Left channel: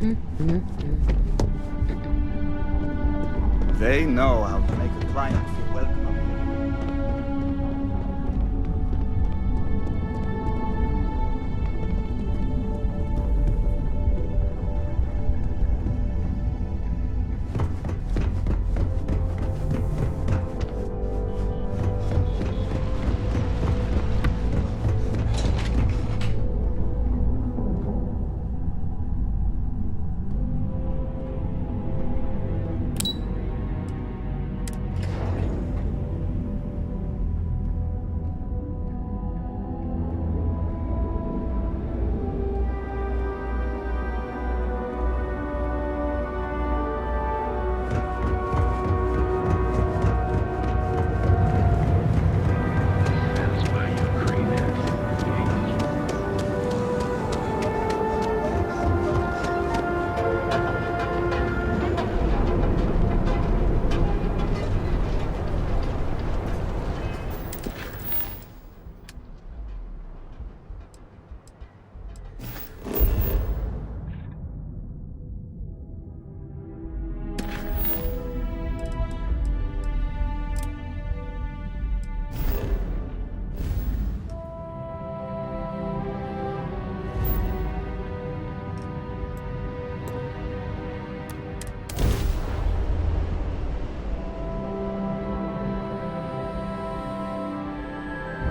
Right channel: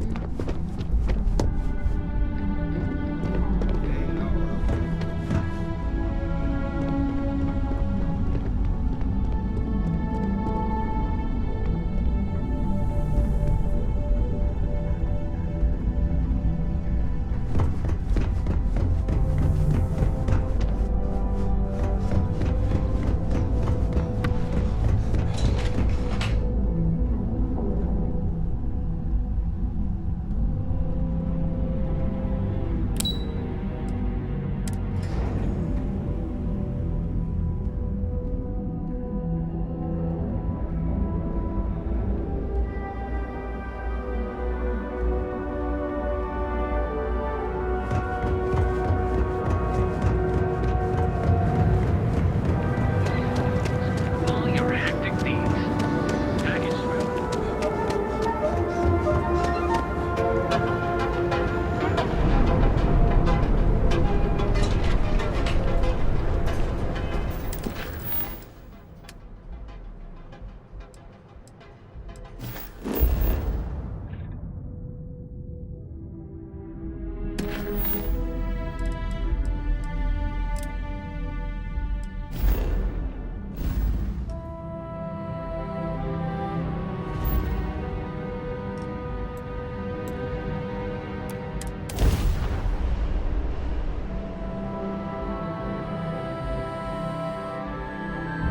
They know how to make a client feel welcome.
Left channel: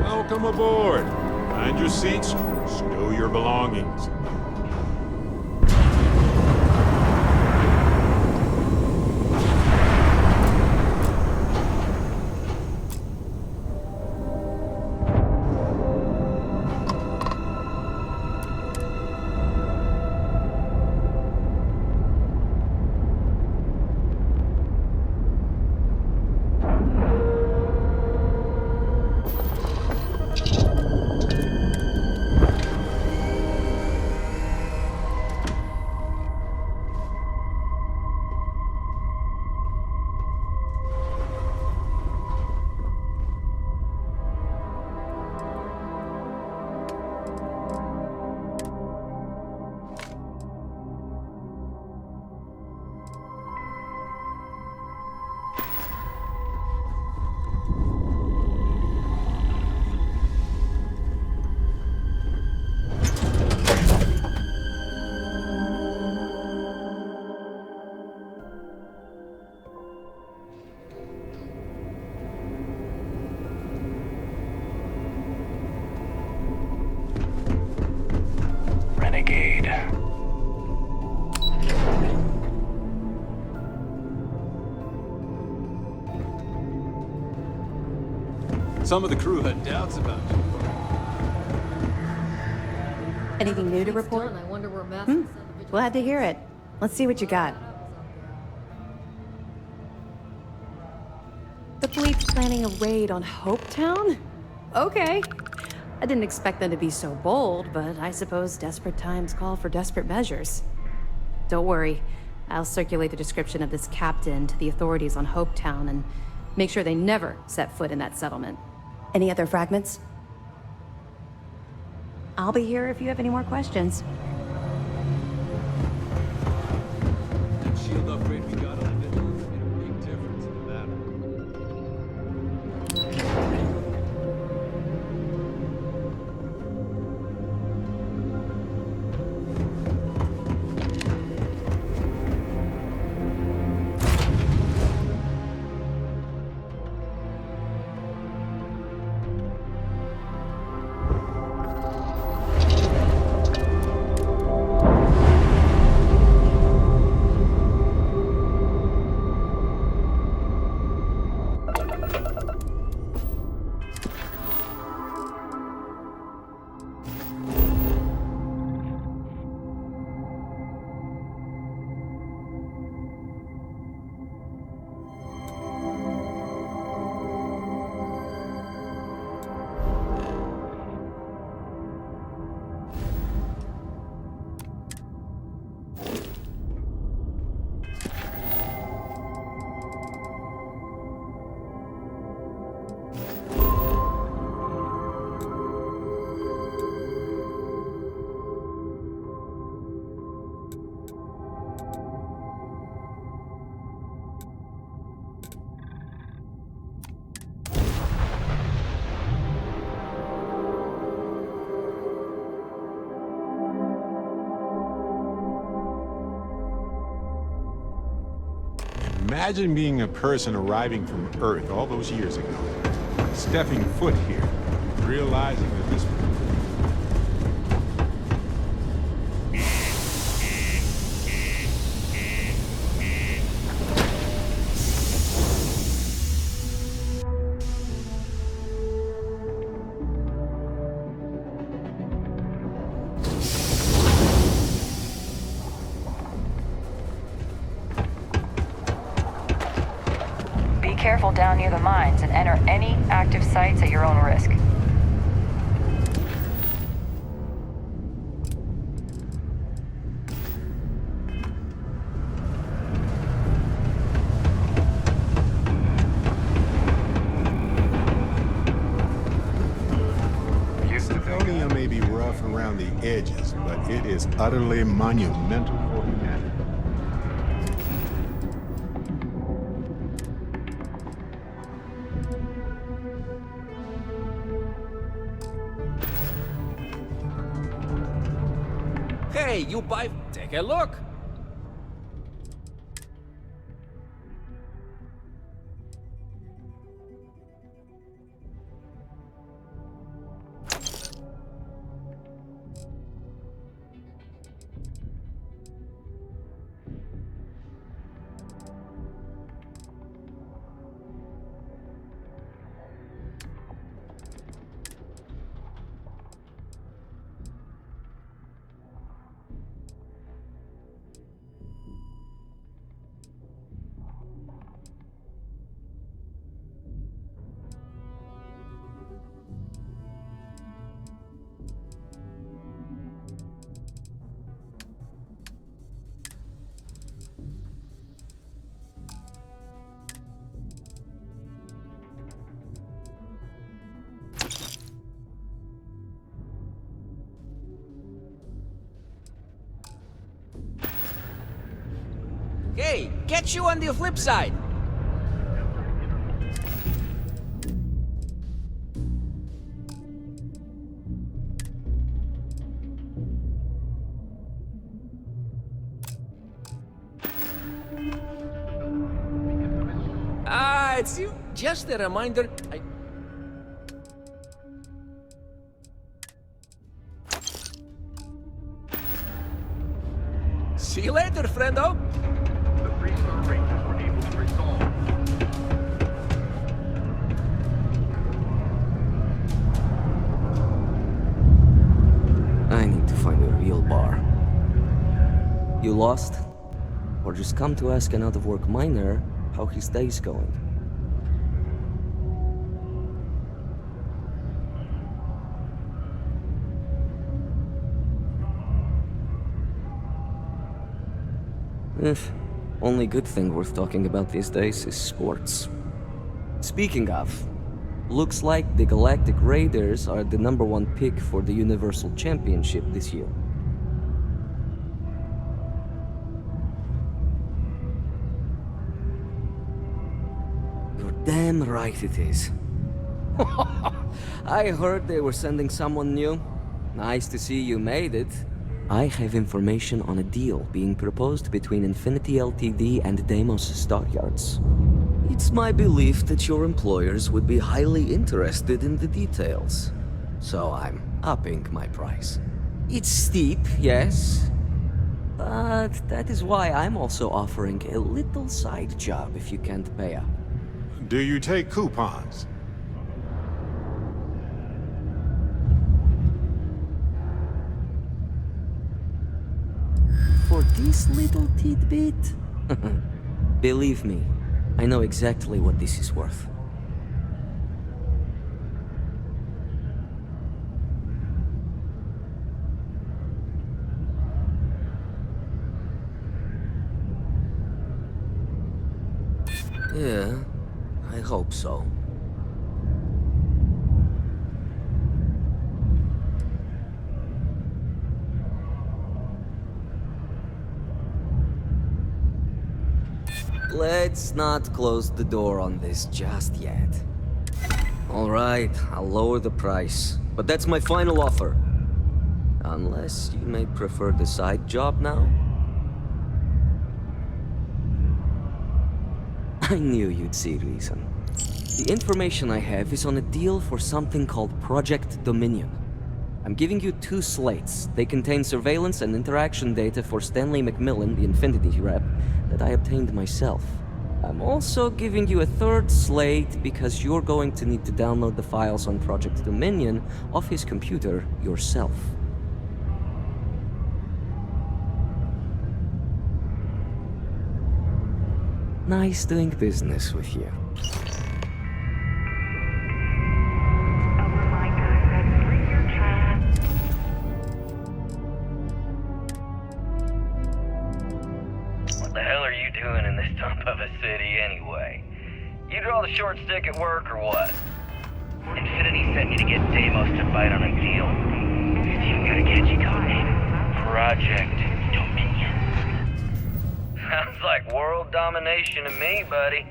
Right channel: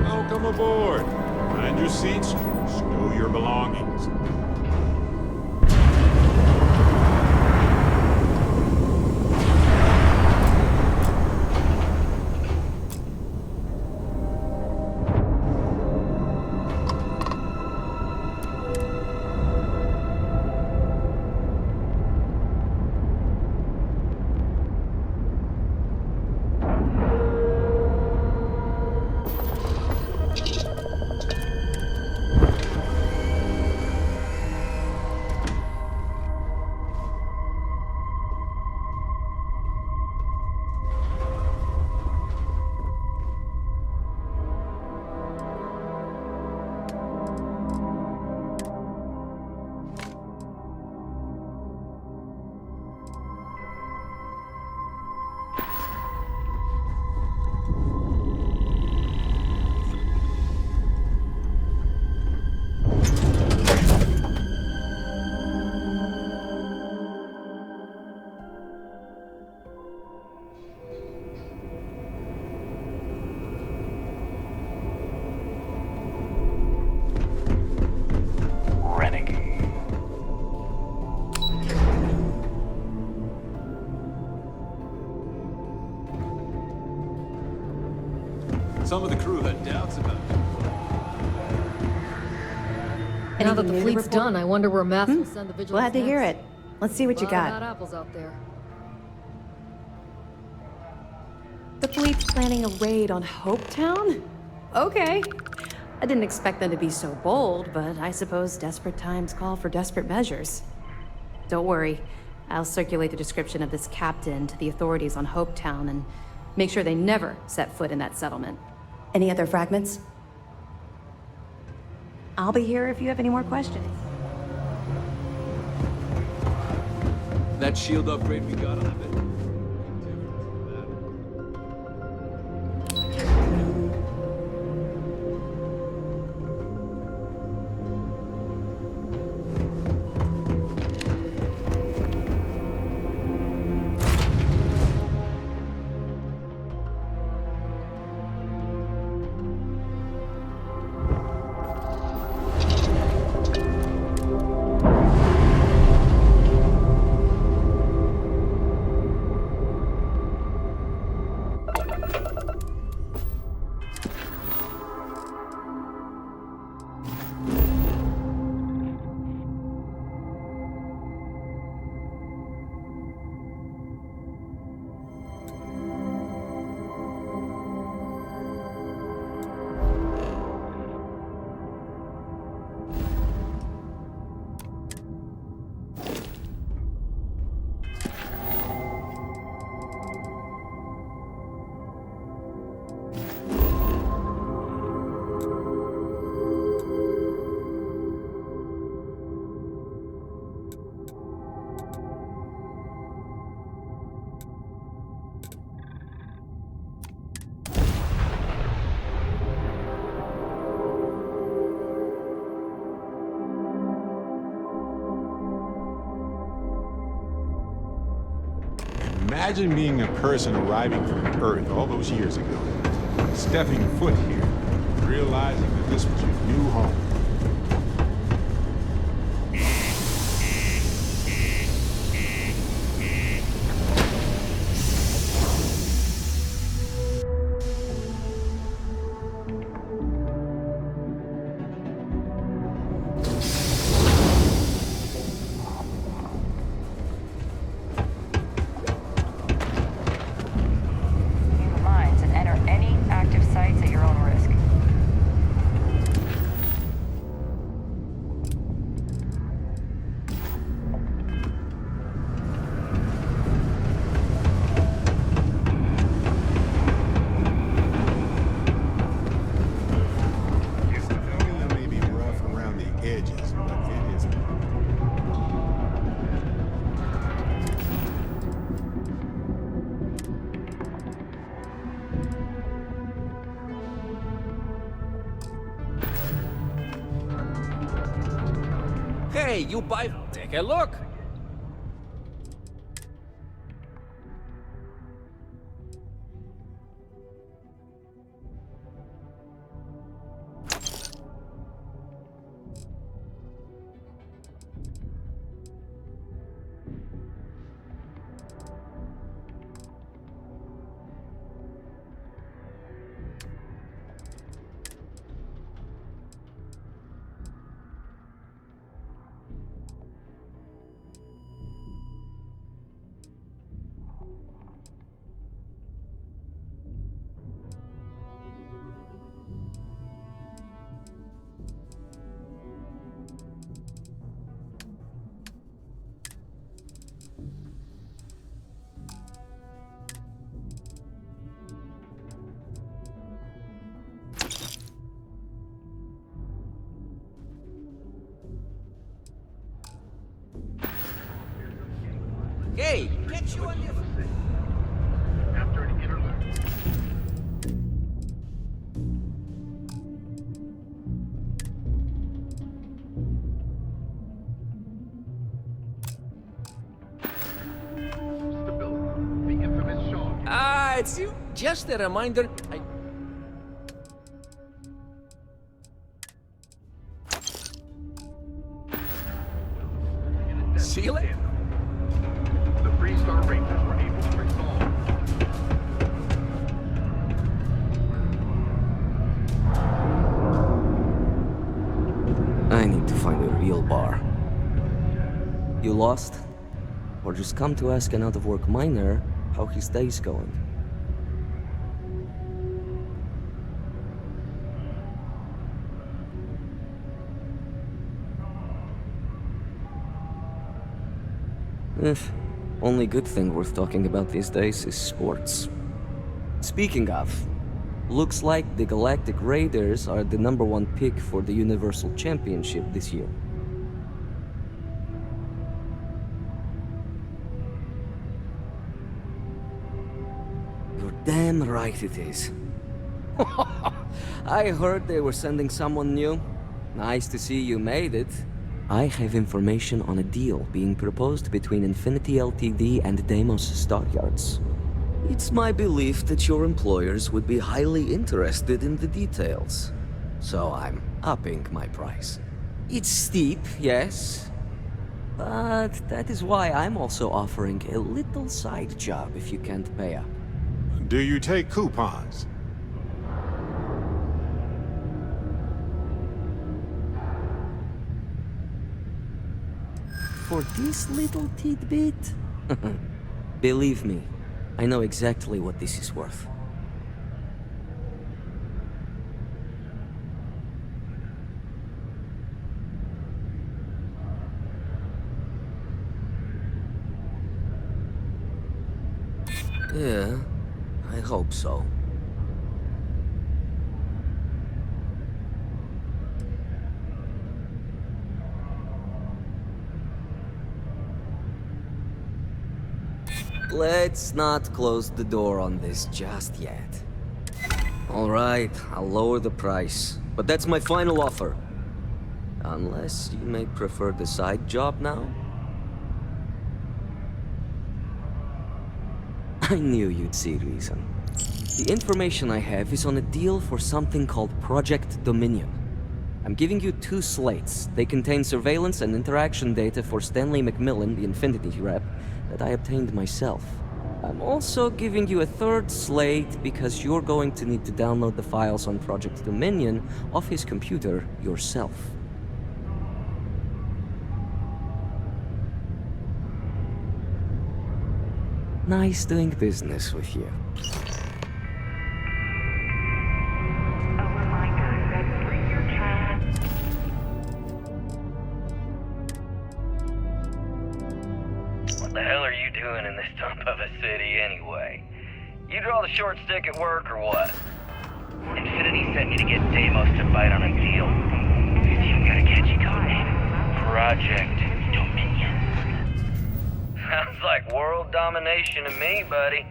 Welcome aboard. Find your seats, stow your belongings. Some of the crew had doubts about you. Now that Anything the new to fleet's report? done, I wonder where Matt will send the vigilance. Glad to hear next. it. Let's see what you A lot of got. bad apples out there. The fleet's planning a raid on Hopetown? Okay. I didn't expect them to be so bold, but I suppose desperate times call for desperate measures. Don't worry. I'll circulate the description of this captain to the authorities on Hopetown and make sure they never set foot in that settlement. Any other fragments? I'll be here if you have any more questions. That shield upgrade we got on the bit made a big difference in the battle. Imagine being a person arriving from Earth all those years ago, stepping foot here, realizing that this was your new home. Be careful down near the mines and enter any active sites at your own risk. Estonia may be rough around the edges, but it is utterly monumental. Hey, you buy... Take a look! Hey, catch you on the flip side! Ah, it's you. Just a reminder. See you later, friendo. The Freestar Rangers were able to resolve. I need to find a real bar. You lost? Or just come to ask an out-of-work miner how his day's going? Only good thing worth talking about these days is sports. Speaking of, looks like the Galactic Raiders are the #1 pick for the Universal Championship this year. You're damn right it is. I heard they were sending someone new. Nice to see you made it. I have information on a deal being proposed between Infinity Ltd and Deimos Stockyards. It's my belief that your employers would be highly interested in the details. So I'm upping my price. It's steep, yes. But that is why I'm also offering a little side job if you can't pay up. Do you take coupons? For this little tidbit? Believe me, I know exactly what this is worth. Yeah, I hope so. Let's not close the door on this just yet. All right, I'll lower the price, but that's my final offer. Unless you may prefer the side job now? I knew you'd see reason. The information I have is on a deal for something called Project Dominion. I'm giving you 2 slates. They contain surveillance and interaction data for Stanley McMillan, the Infinity rep, that I obtained myself. I'm also giving you a 3rd slate because you're going to need to download the files on Project Dominion off his computer yourself. Nice doing business with you. What the hell are you doing in this dump of a city anyway? You draw the short stick at work or what? Infinity sent me to get Deimos to bite on a deal. It's even got a catchy code name. Project Dominion. Sounds like world domination to me, buddy.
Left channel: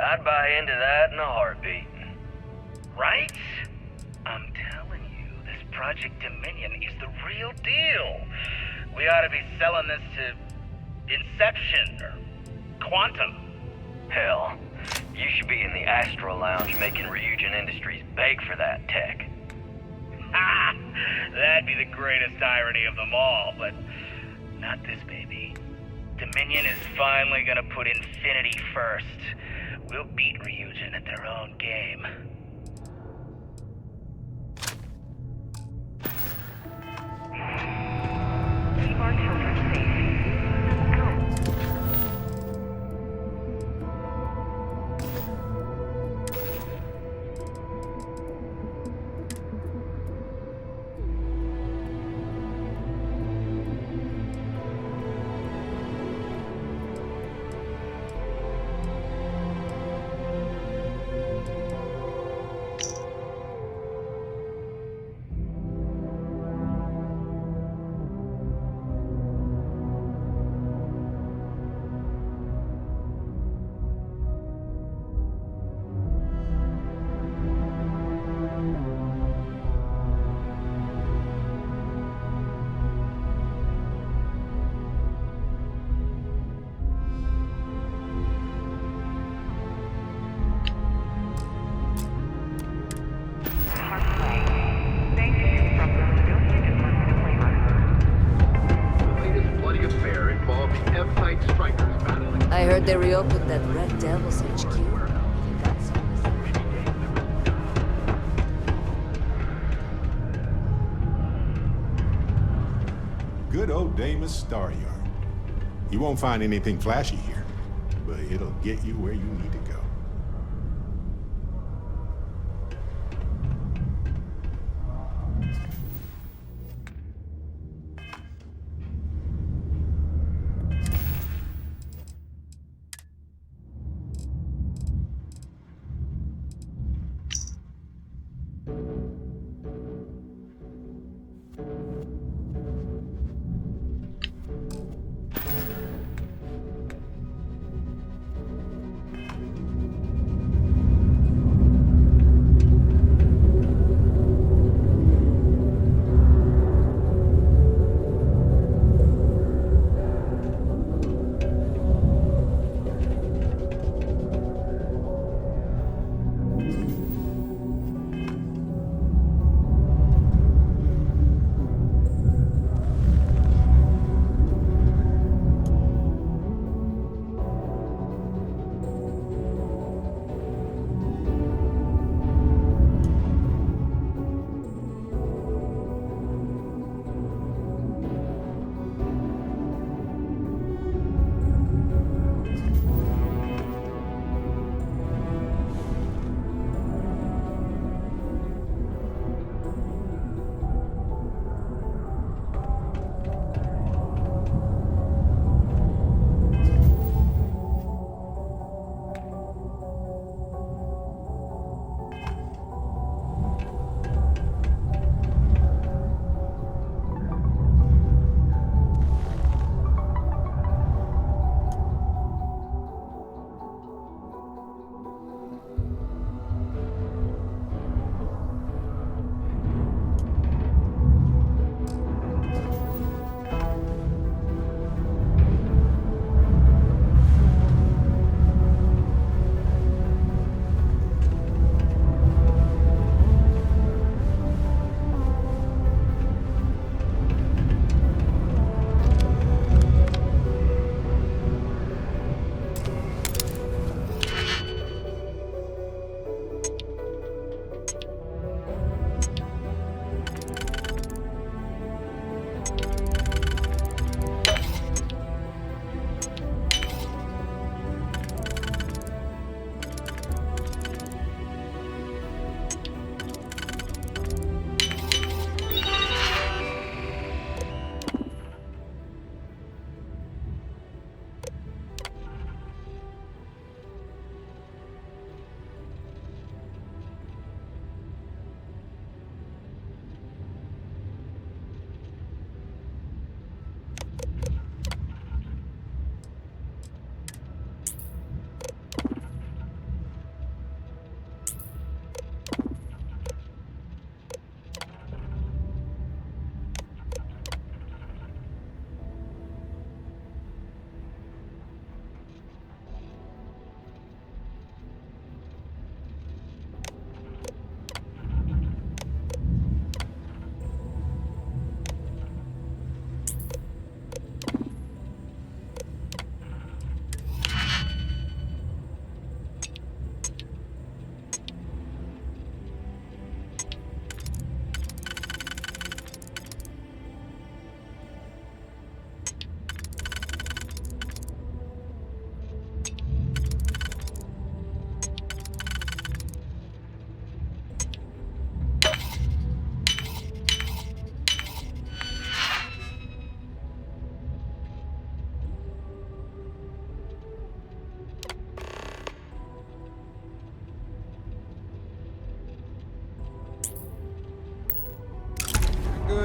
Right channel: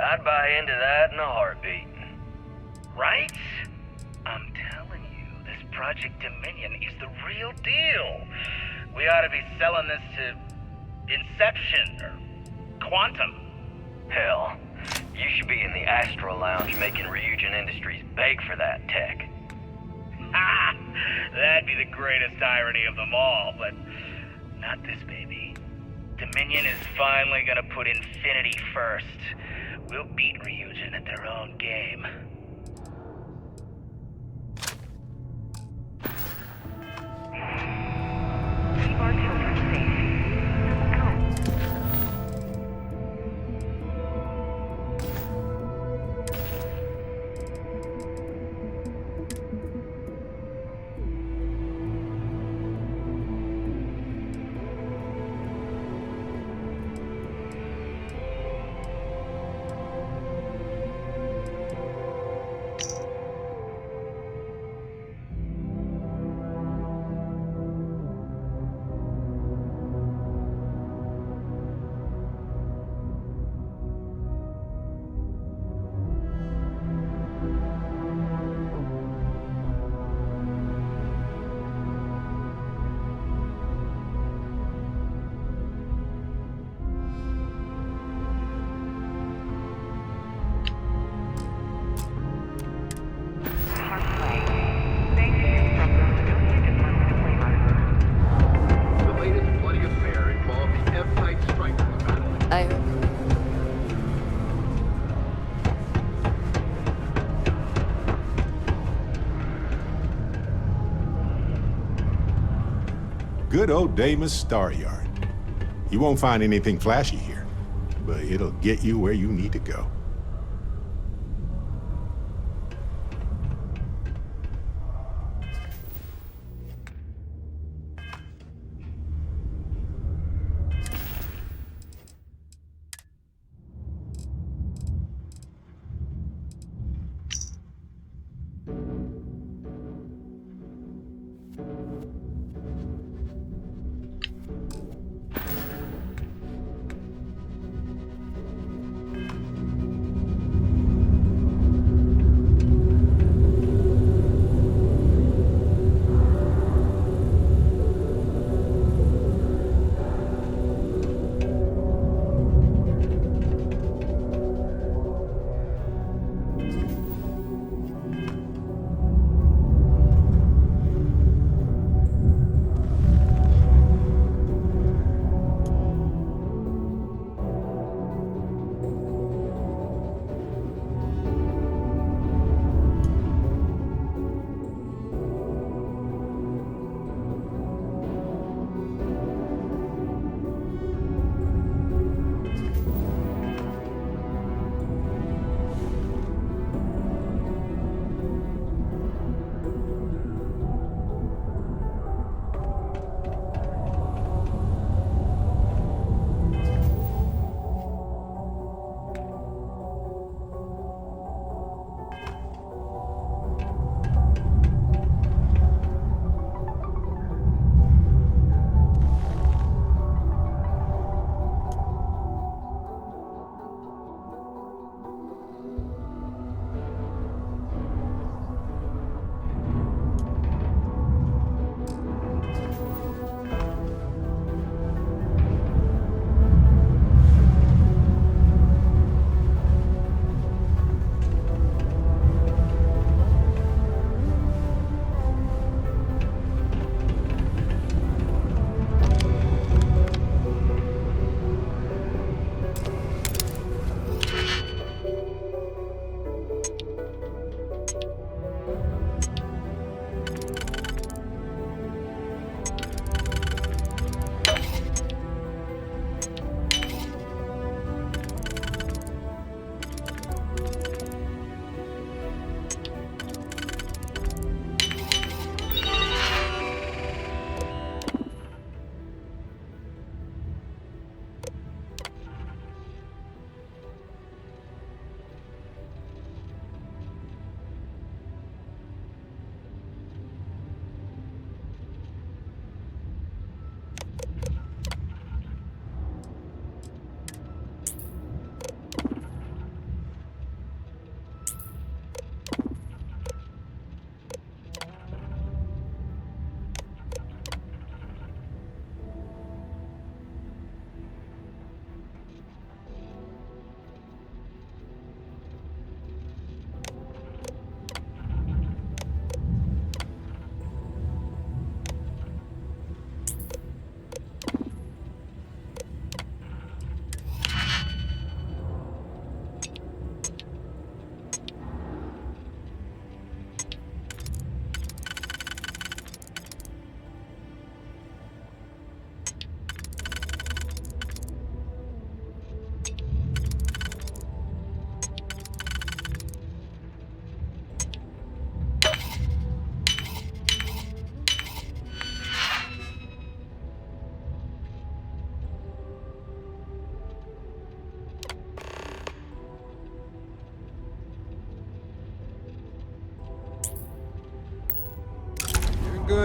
I'd buy into that in a heartbeat. Right? I'm telling you, this Project Dominion is the real deal. We ought to be selling this to Inception or Quantum. Hell, you should be in the Astro Lounge making Ryujin Industries beg for that tech. Ha! That'd be the greatest irony of them all, but not this baby. Dominion is finally gonna put Infinity first. We'll beat Ryujin at their own game. Keep our children safe. I heard they reopened that Red Devil's HQ. Good old Deimos Star Yard. You won't find anything flashy here, but it'll get you where you need to go.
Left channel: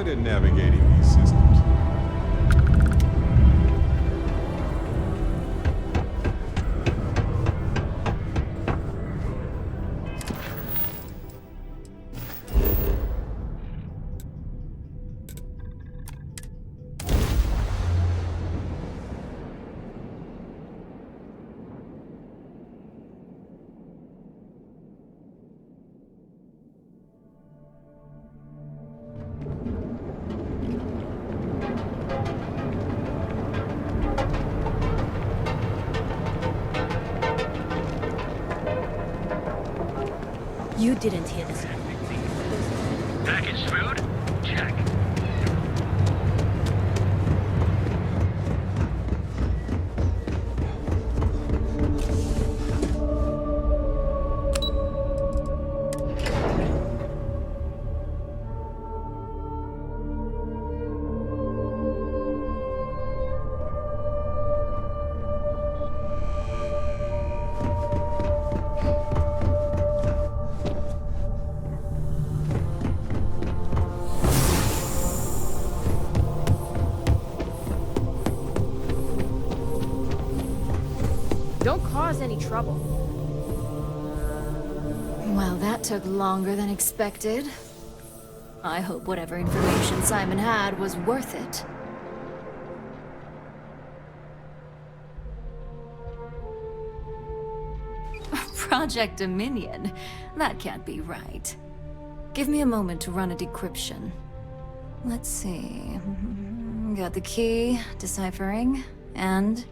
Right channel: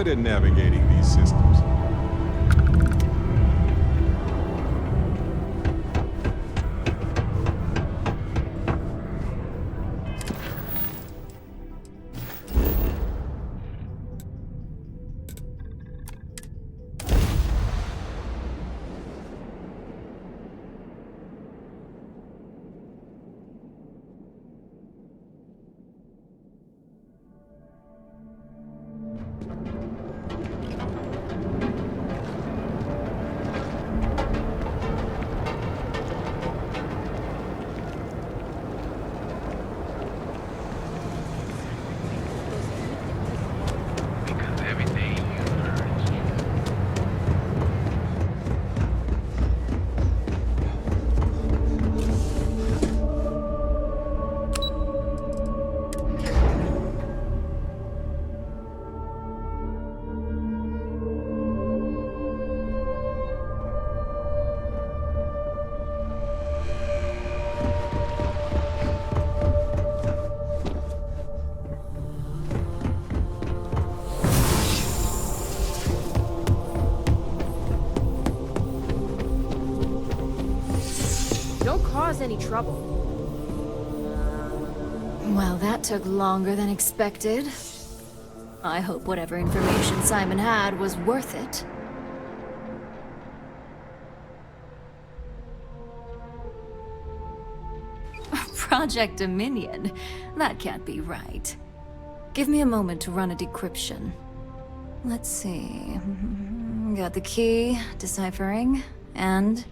good at navigating these systems. You didn't hit. Packaged food? Would you have anything? Don't cause any trouble. Well, that took longer than expected. I hope whatever information Simon had was worth it. Project Dominion? That can't be right. Give me a moment to run a decryption. Let's see. Got the key, deciphering, and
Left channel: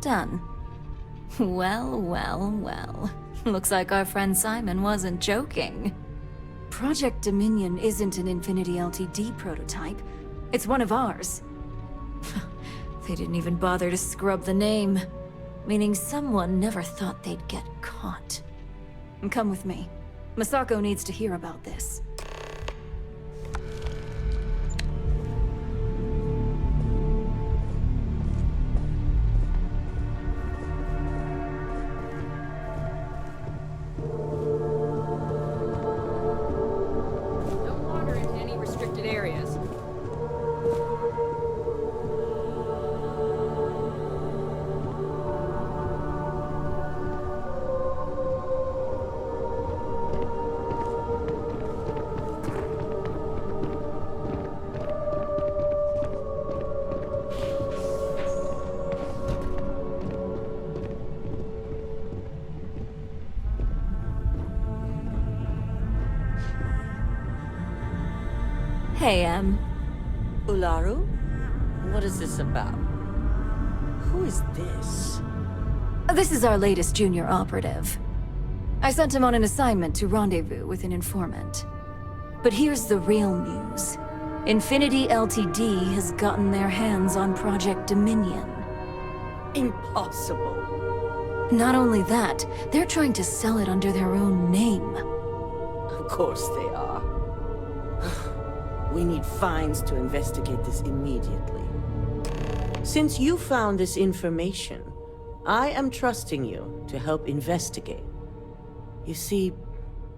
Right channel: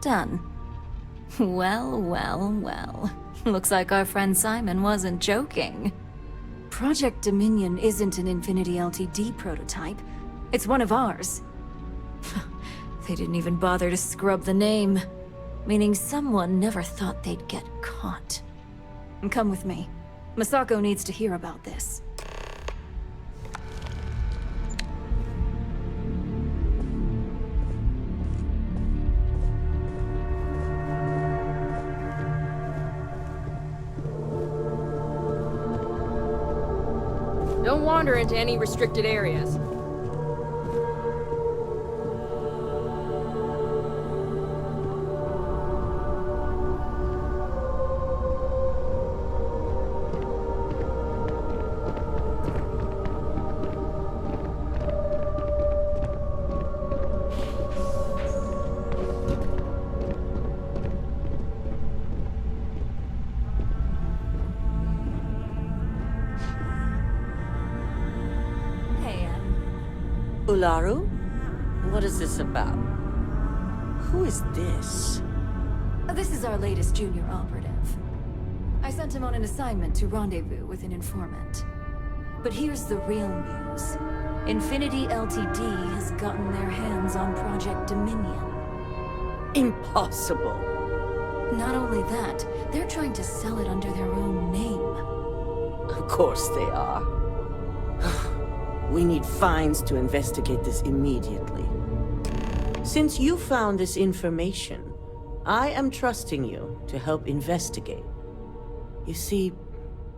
done. Well, well, well. Looks like our friend Simon wasn't joking. Project Dominion isn't an Infinity Ltd prototype. It's one of ours. They didn't even bother to scrub the name. Meaning someone never thought they'd get caught. Come with me. Masako needs to hear about this. Don't wander into any restricted areas. Hey, Ularu? What is this about? Who is this? This is our latest junior operative. I sent him on an assignment to rendezvous with an informant. But here's the real news. Infinity Ltd has gotten their hands on Project Dominion. Impossible. Not only that, they're trying to sell it under their own name. Of course they are. We need fines to investigate this immediately. Since you found this information, I am trusting you to help investigate. You see,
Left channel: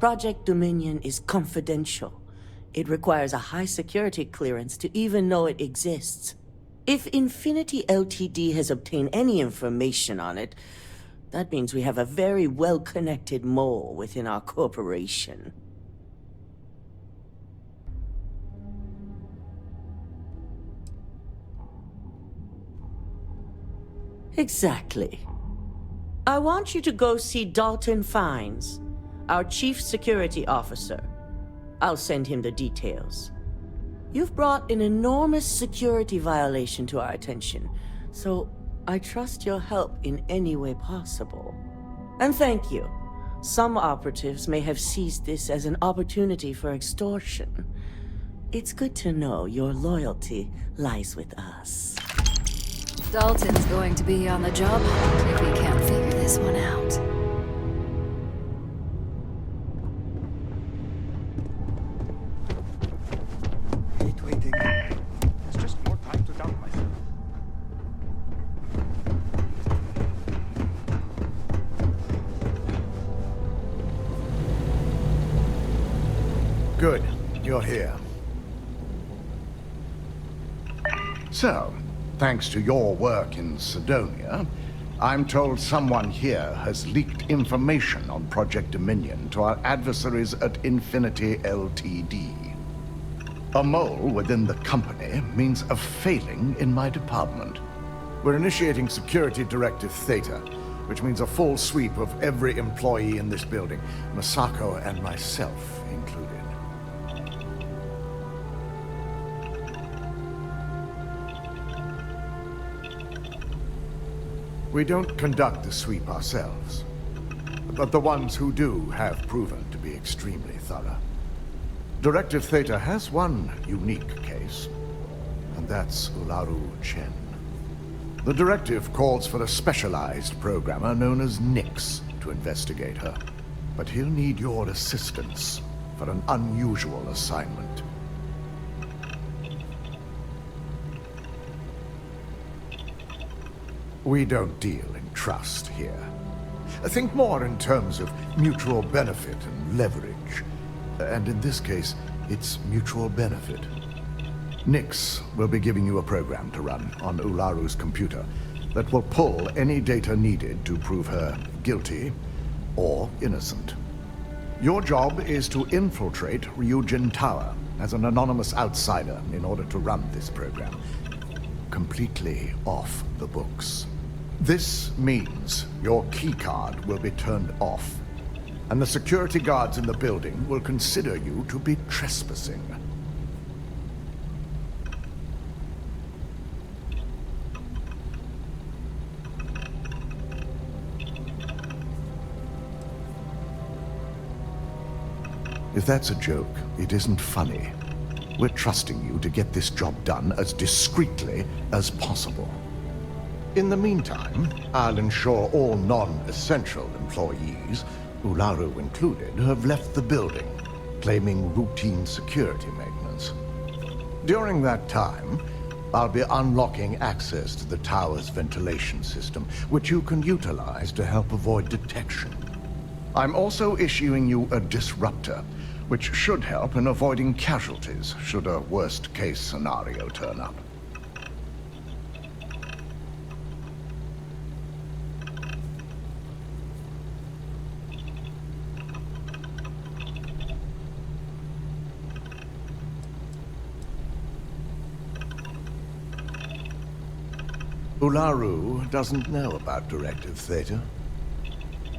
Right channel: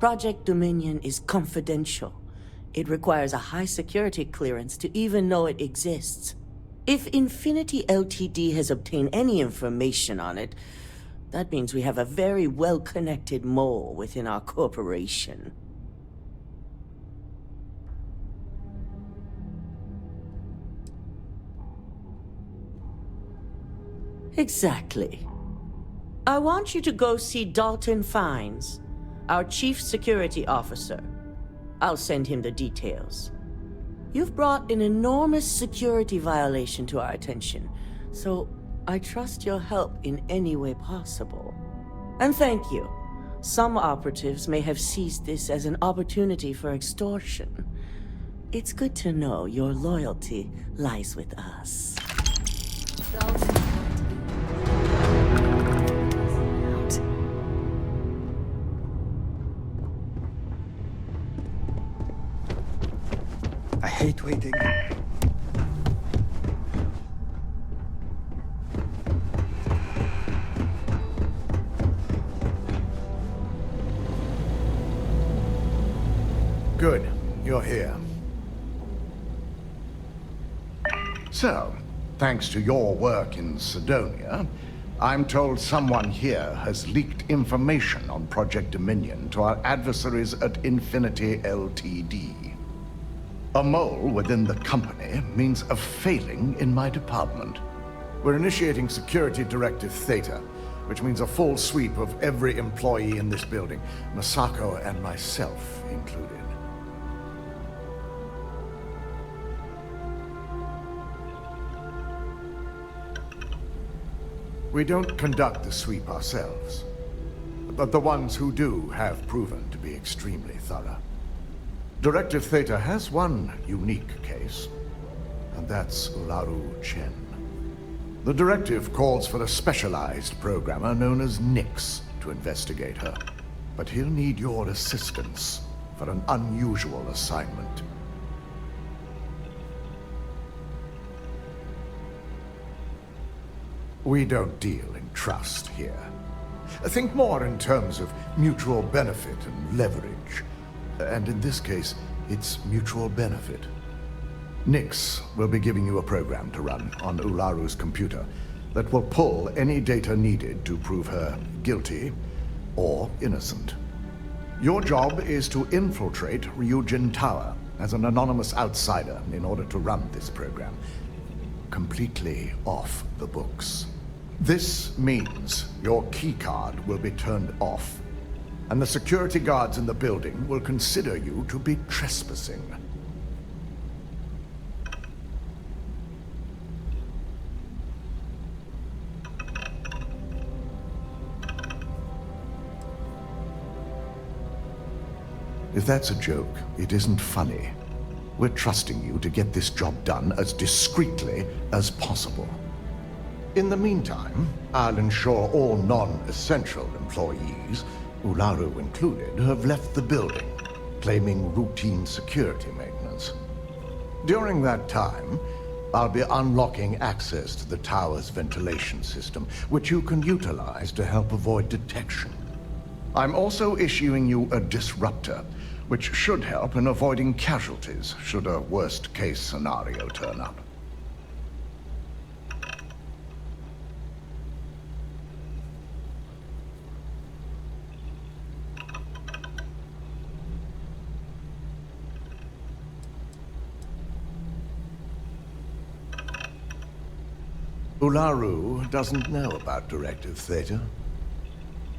Project Dominion is confidential. It requires a high security clearance to even know it exists. If Infinity Ltd has obtained any information on it, that means we have a very well-connected mole within our corporation. Exactly. I want you to go see Dalton Fiennes, our chief security officer. I'll send him the details. You've brought an enormous security violation to our attention, so I trust your help in any way possible. And thank you. Some operatives may have seized this as an opportunity for extortion. It's good to know your loyalty lies with us. Dalton's going to be on the job hunt if we can't figure this one out. I hate waiting. It's just more time to doubt myself. Good. You're here. So, thanks to your work in Sidonia, I'm told someone here has leaked information on Project Dominion to our adversaries at Infinity Ltd. A mole within the company means a failing in my department. We're initiating Security Directive Theta, which means a full sweep of every employee in this building, Masako and myself included. We don't conduct the sweep ourselves, but the ones who do have proven to be extremely thorough. Directive Theta has one unique case, and that's Ularu Chen. The directive calls for a specialized programmer known as Nix to investigate her, but he'll need your assistance for an unusual assignment. We don't deal in trust here. Think more in terms of mutual benefit and leverage. And in this case, it's mutual benefit. Nix will be giving you a program to run on Ularu's computer that will pull any data needed to prove her guilty or innocent. Your job is to infiltrate Ryujin Tower as an anonymous outsider in order to run this program completely off the books. This means your keycard will be turned off, and the security guards in the building will consider you to be trespassing. If that's a joke, it isn't funny. We're trusting you to get this job done as discreetly as possible. In the meantime, I'll ensure all non-essential employees, Ularu included, have left the building, claiming routine security maintenance. During that time, I'll be unlocking access to the tower's ventilation system, which you can utilize to help avoid detection. I'm also issuing you a disruptor, which should help in avoiding casualties should a worst-case scenario turn up. Ularu doesn't know about Directive Theta,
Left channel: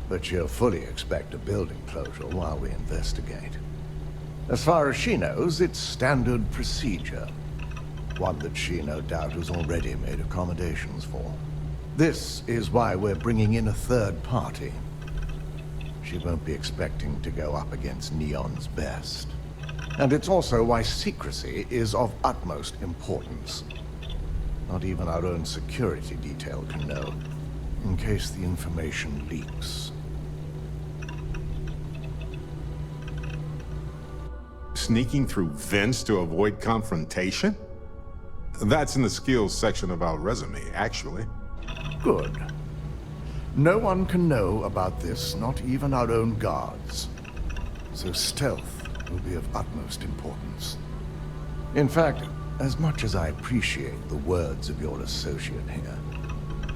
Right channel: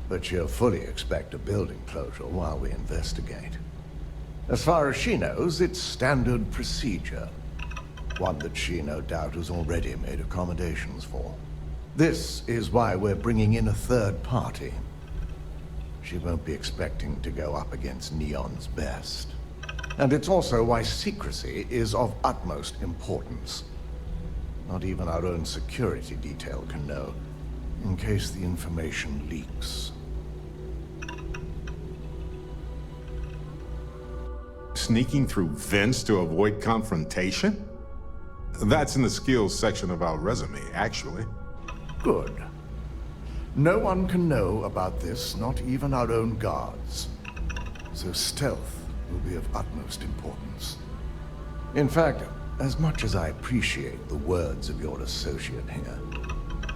but she'll fully expect a building closure while we investigate. As far as she knows, it's standard procedure, one that she no doubt has already made accommodations for. This is why we're bringing in a third party. She won't be expecting to go up against Neon's best. And it's also why secrecy is of utmost importance. Not even our own security detail can know, in case the information leaks. Sneaking through vents to avoid confrontation? That's in the skills section of our resume, actually. Good. No one can know about this, not even our own guards. So stealth will be of utmost importance. In fact, as much as I appreciate the words of your associate here,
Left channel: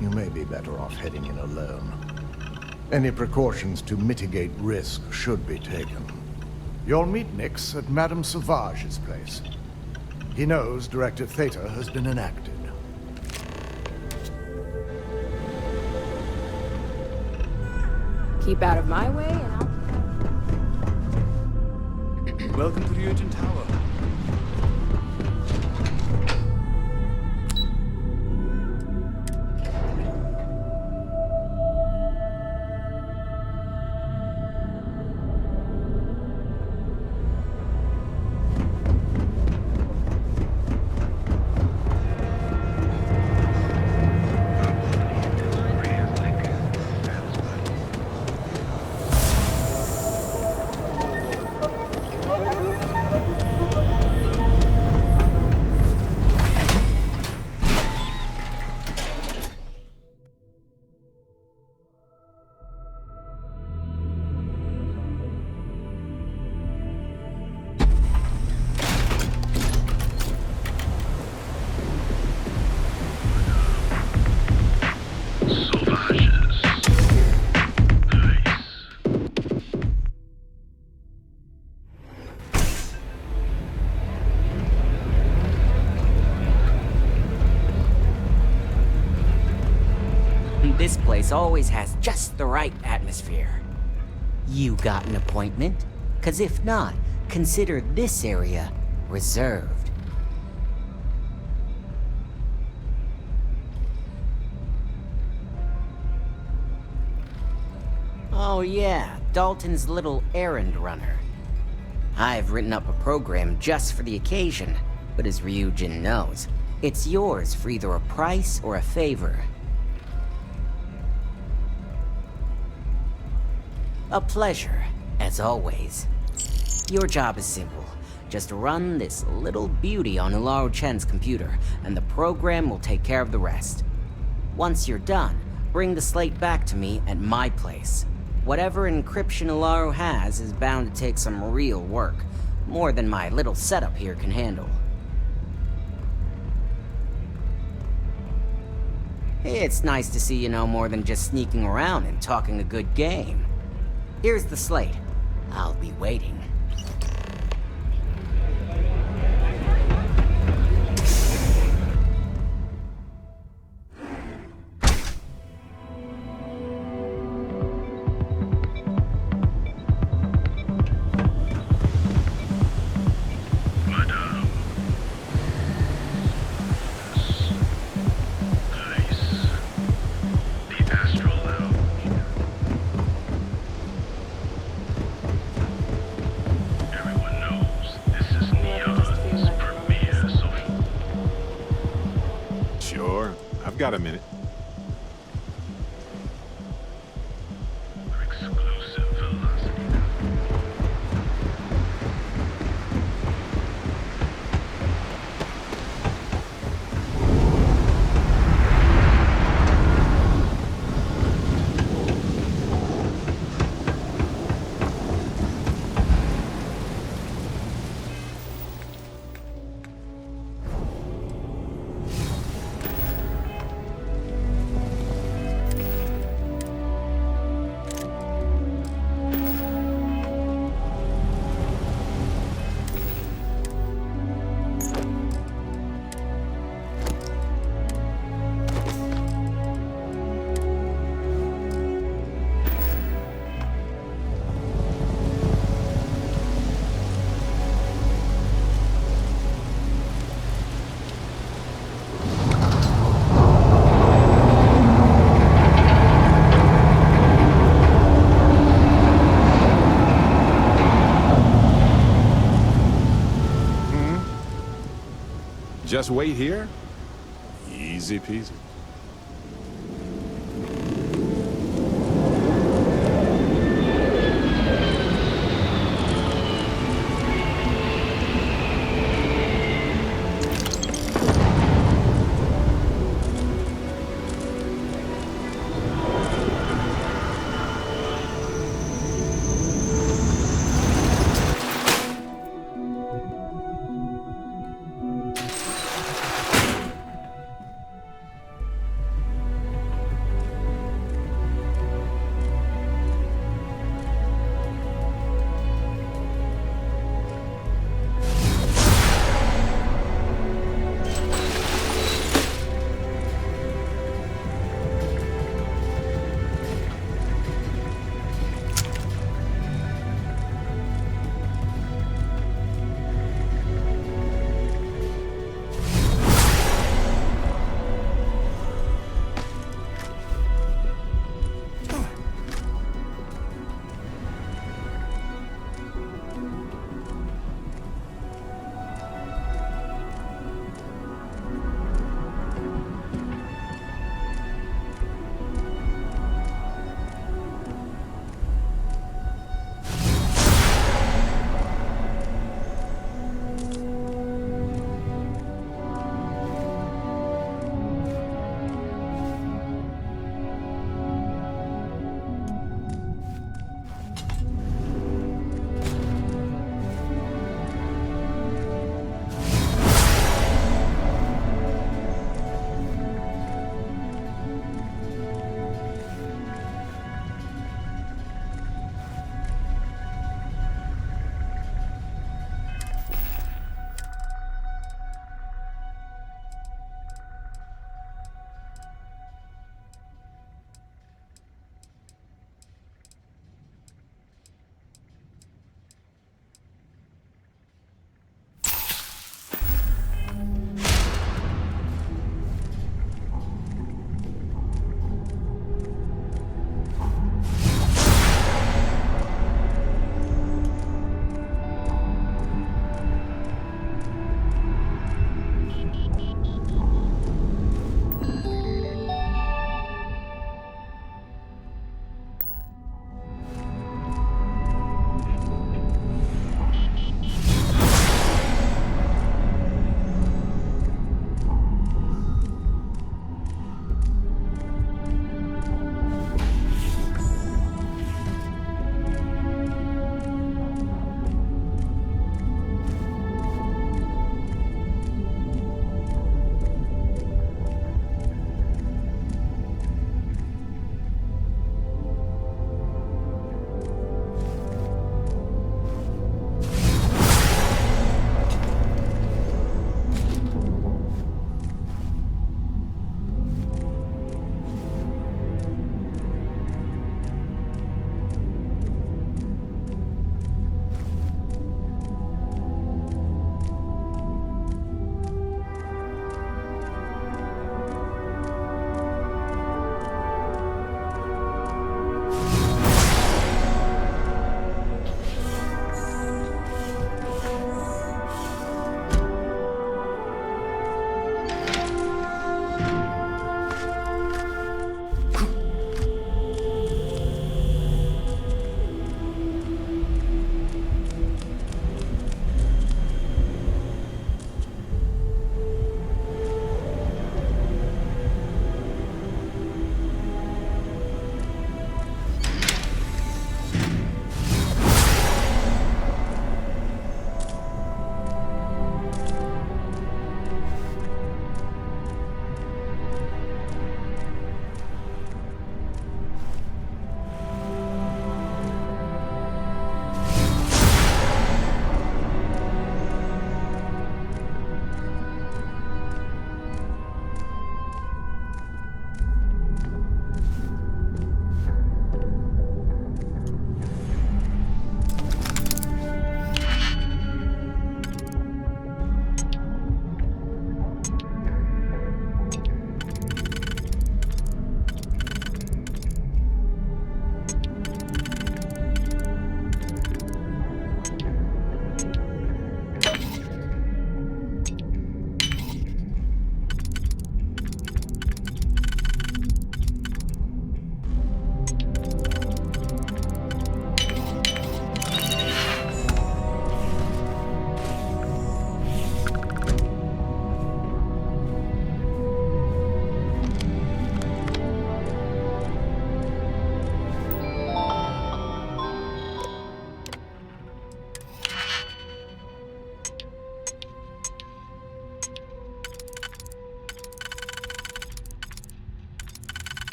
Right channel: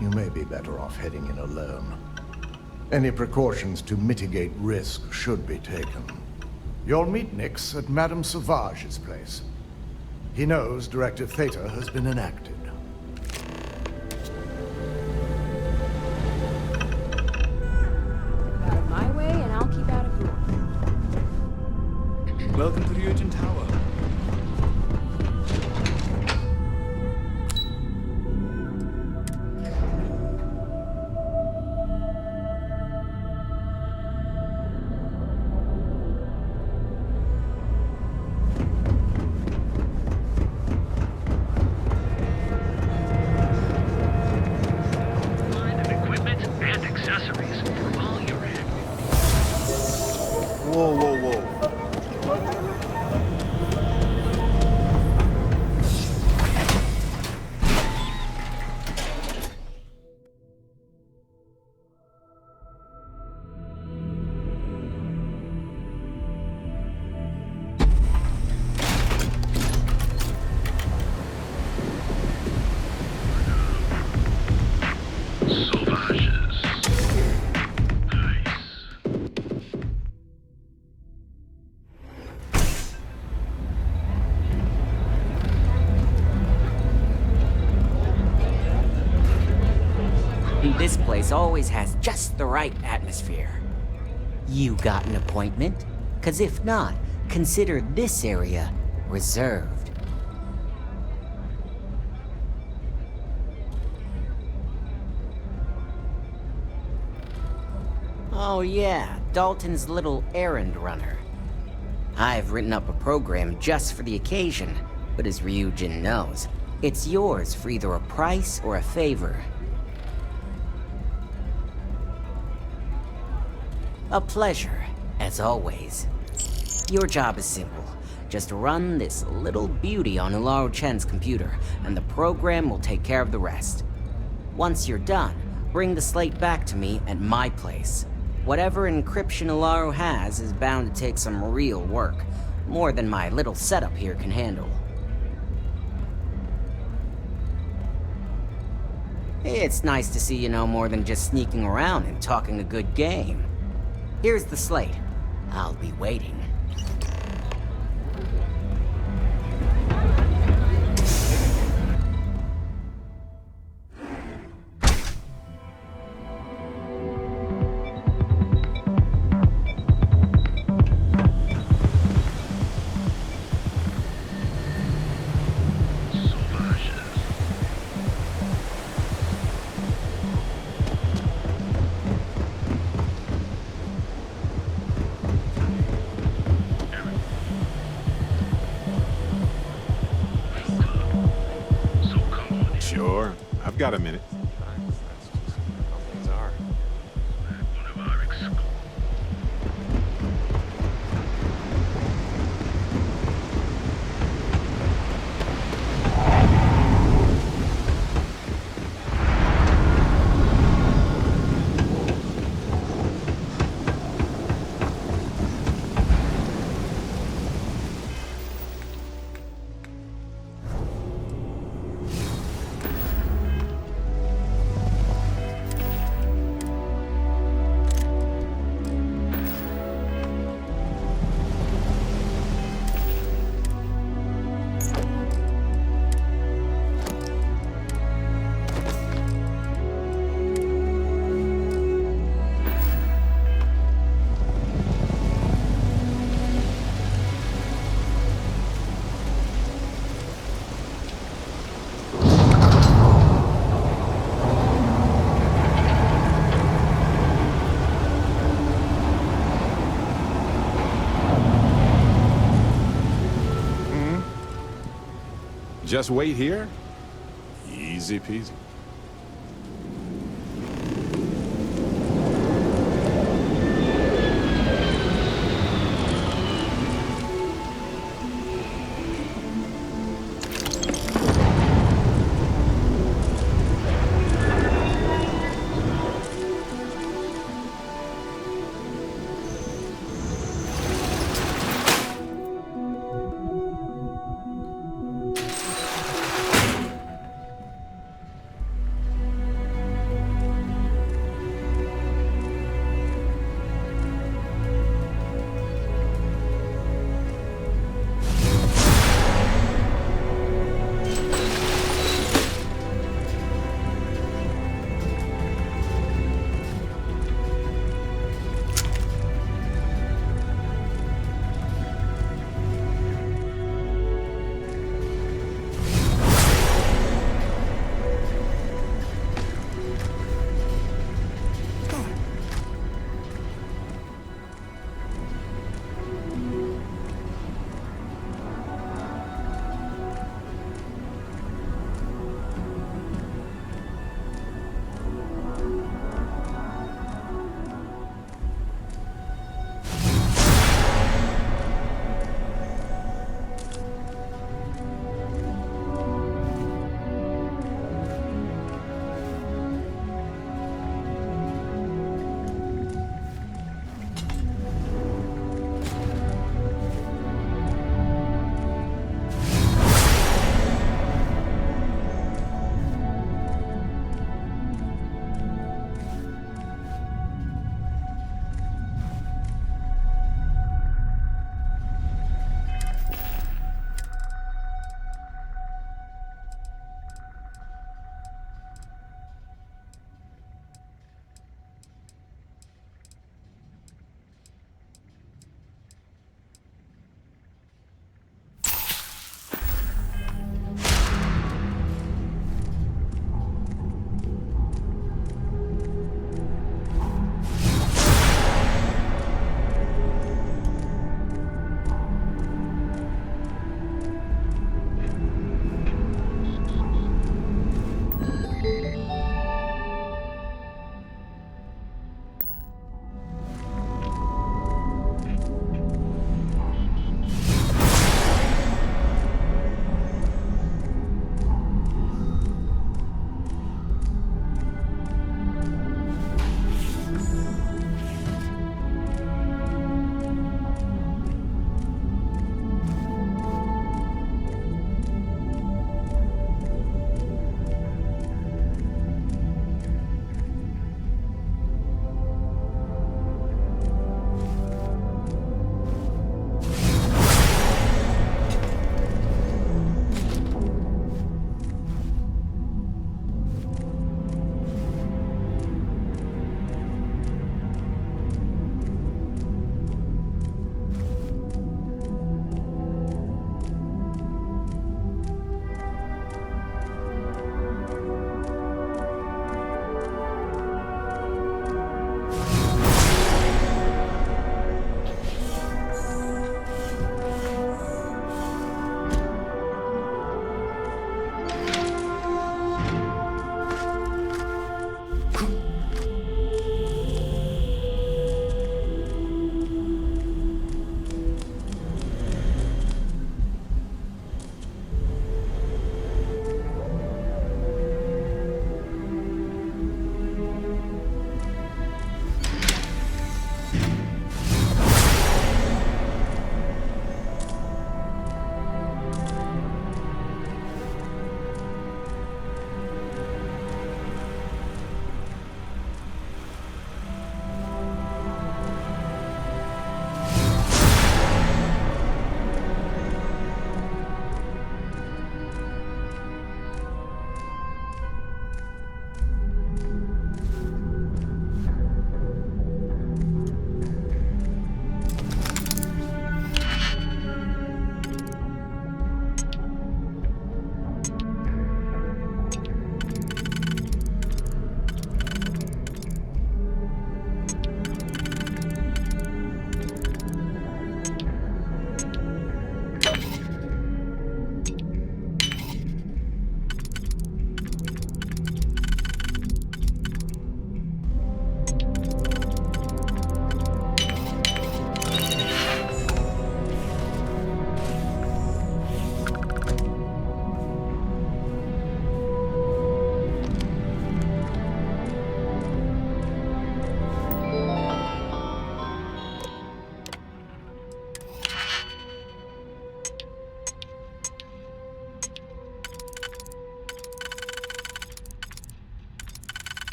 you may be better off heading in alone. Any precautions to mitigate risk should be taken. You'll meet Nix at Madame Savage's place. He knows Directive Theta has been enacted. Keep out of my way, and I'll keep out of yours. Welcome to Ryujin Tower. This place always has just the right atmosphere. You got an appointment? 'Cause if not, consider this area reserved. Oh yeah, Dalton's little errand runner. I've written up a program just for the occasion, but as Ryujin knows, it's yours for either a price or a favor. A pleasure, as always. Your job is simple. Just run this little beauty on Ularu Chen's computer, and the program will take care of the rest. Once you're done, bring the slate back to me at my place. Whatever encryption Ularu has is bound to take some real work, more than my little setup here can handle. It's nice to see you know more than just sneaking around and talking a good game. Here's the slate. I'll be waiting. Sure, I've got a minute. Just wait here? Easy peasy.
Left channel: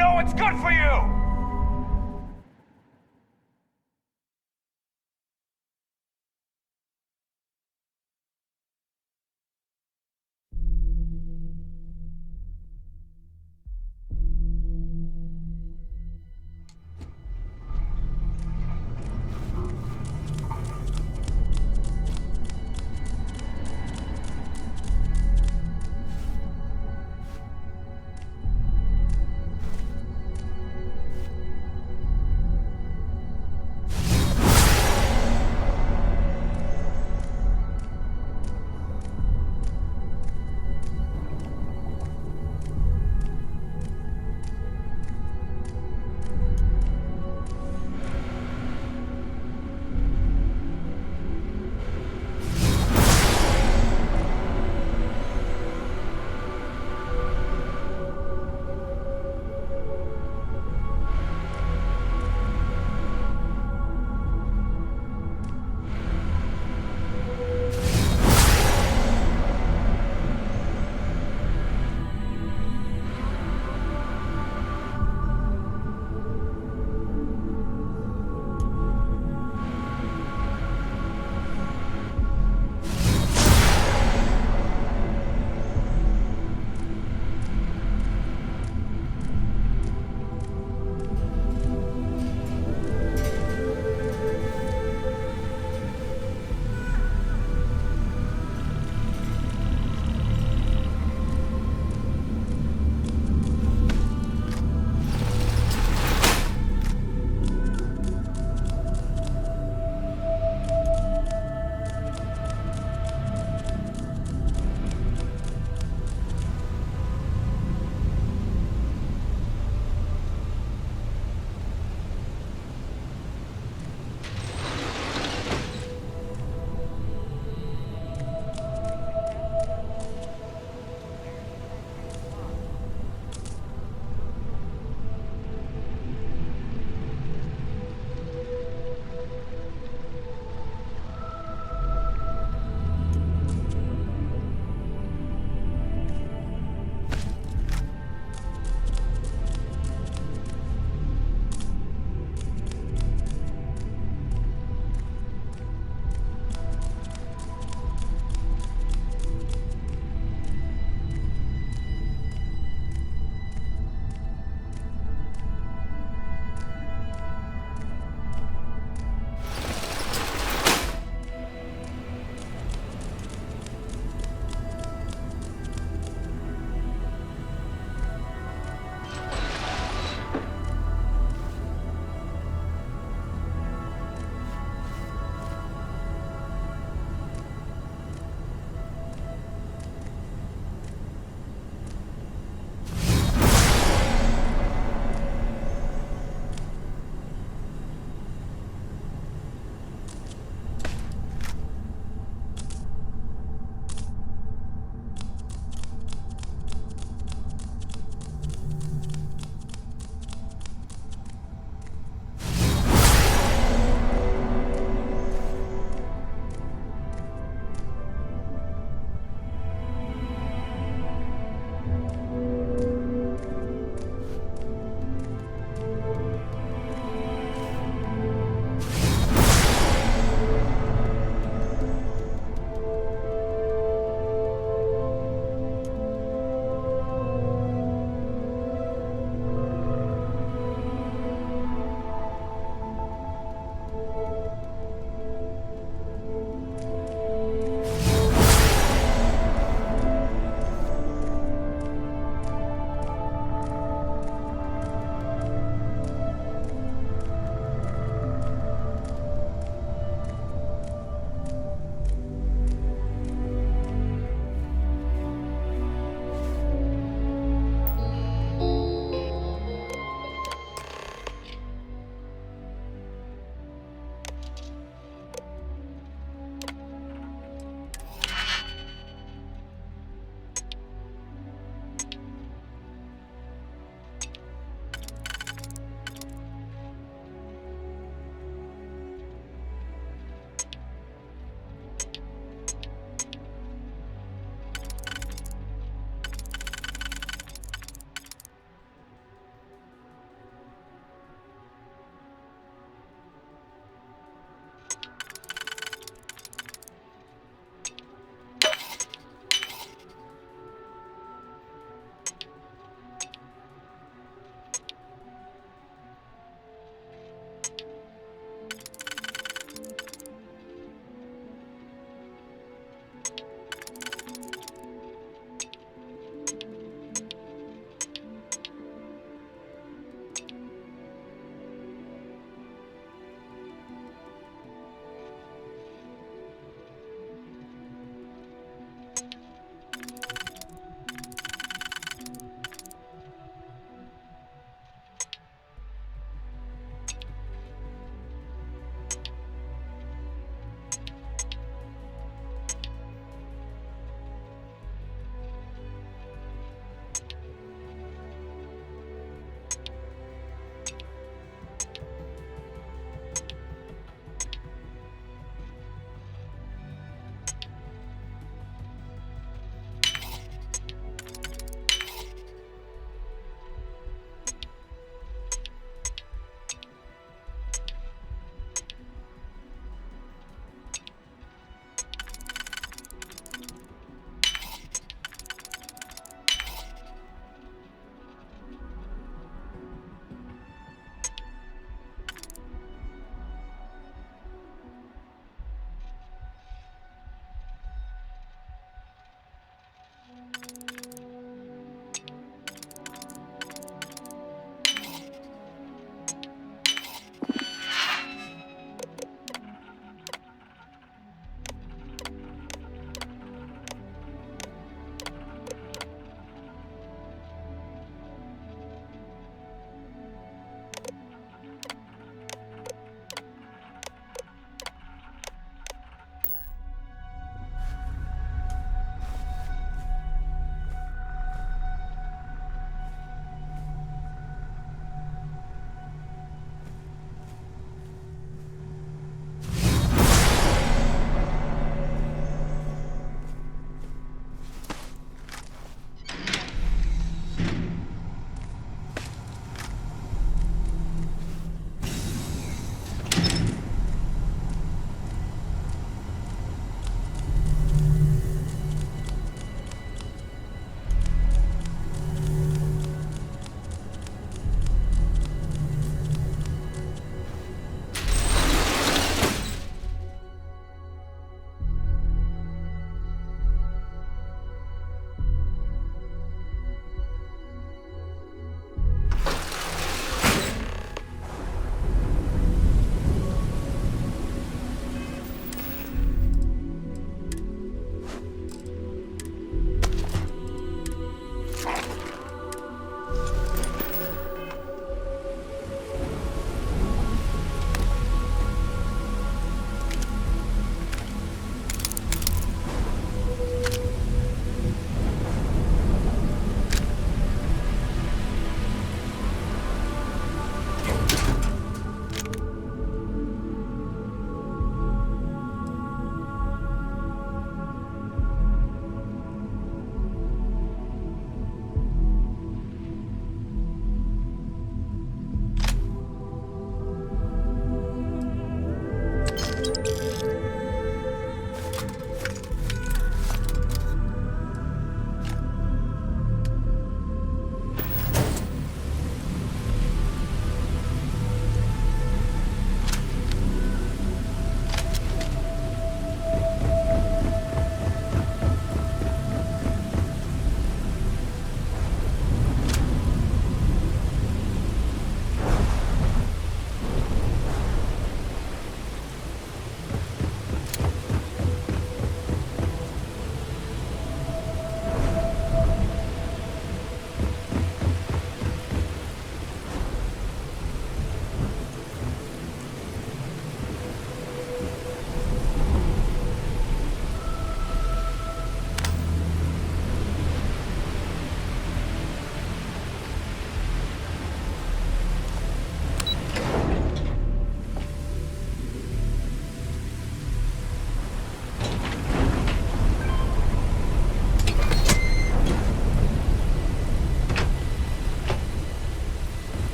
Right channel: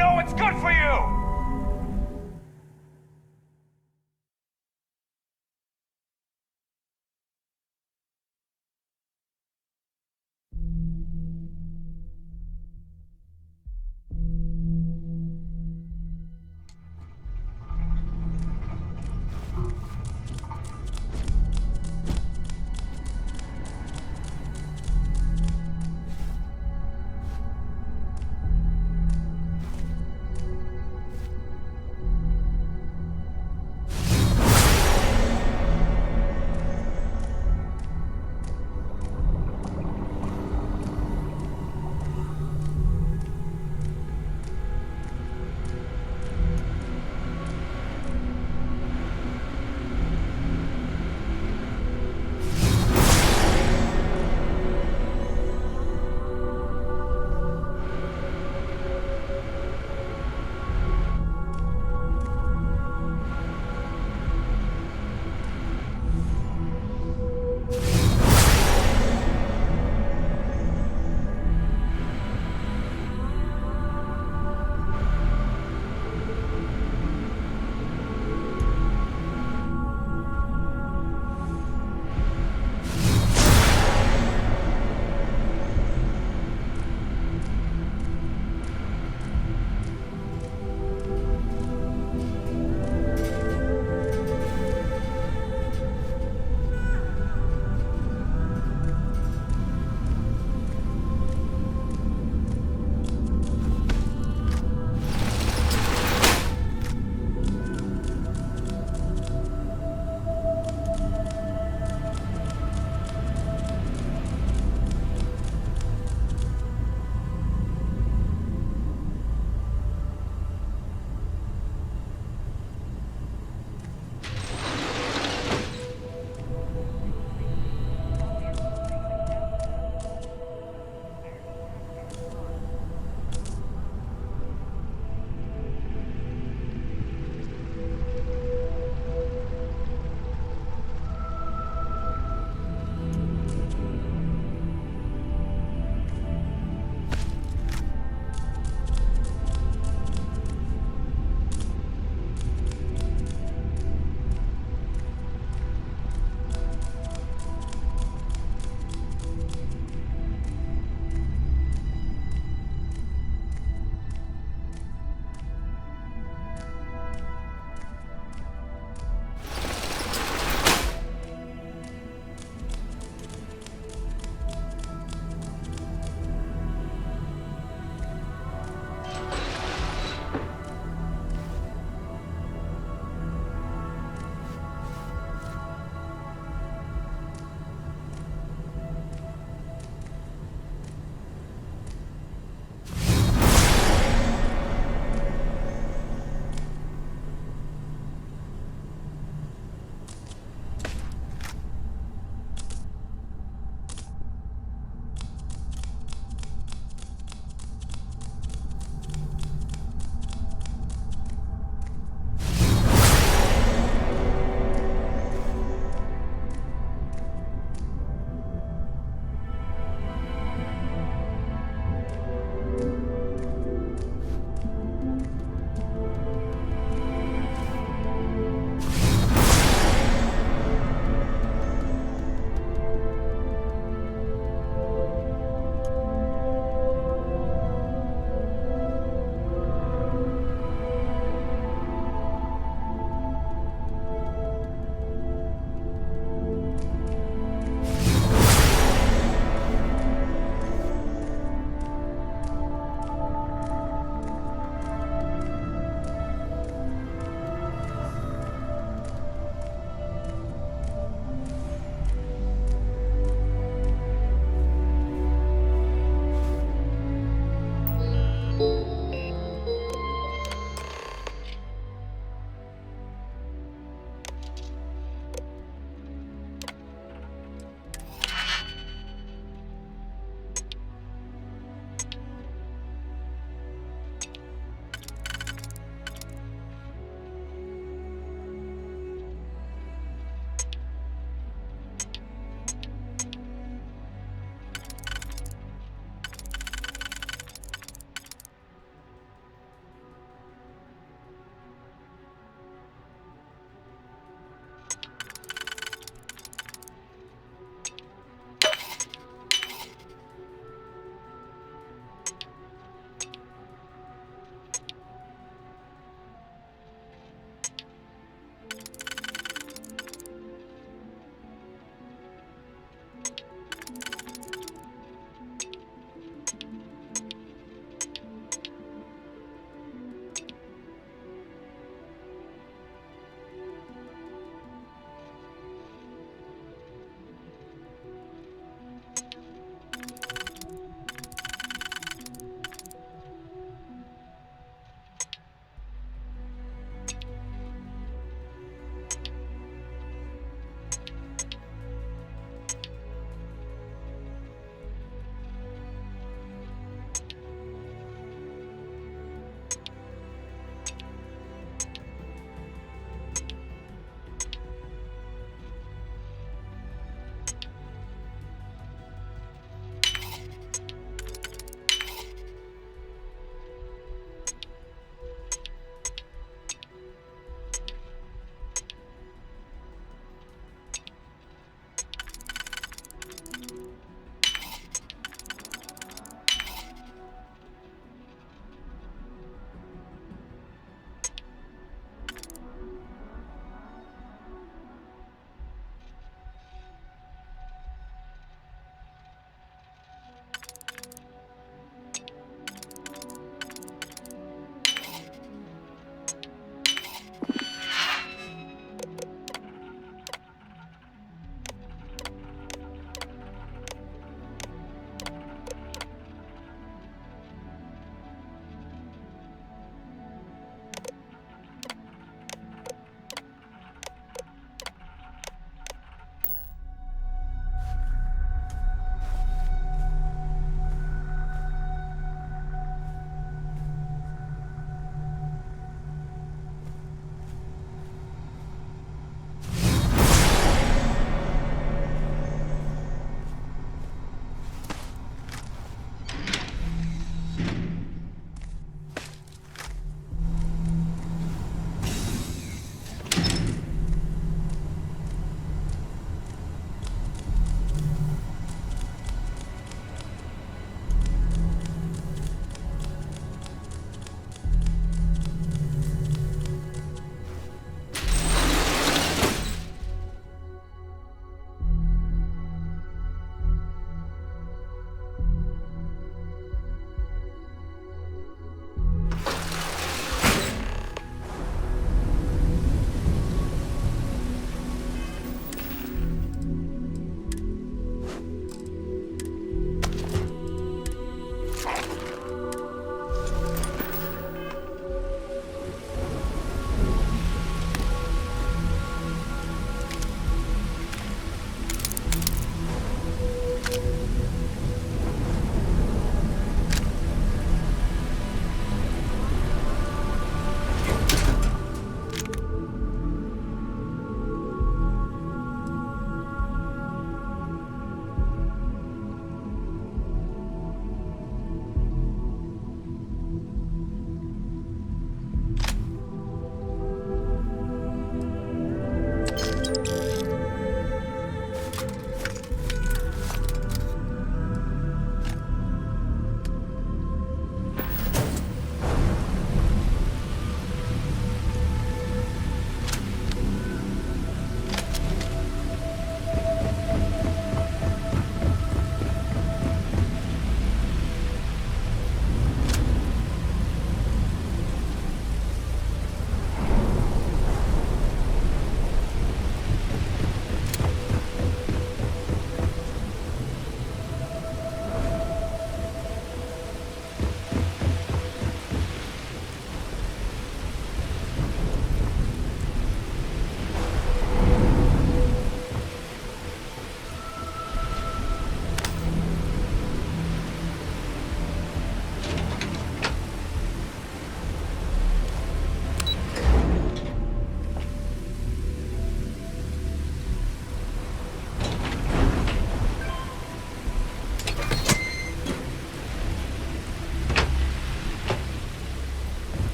know what's good for you!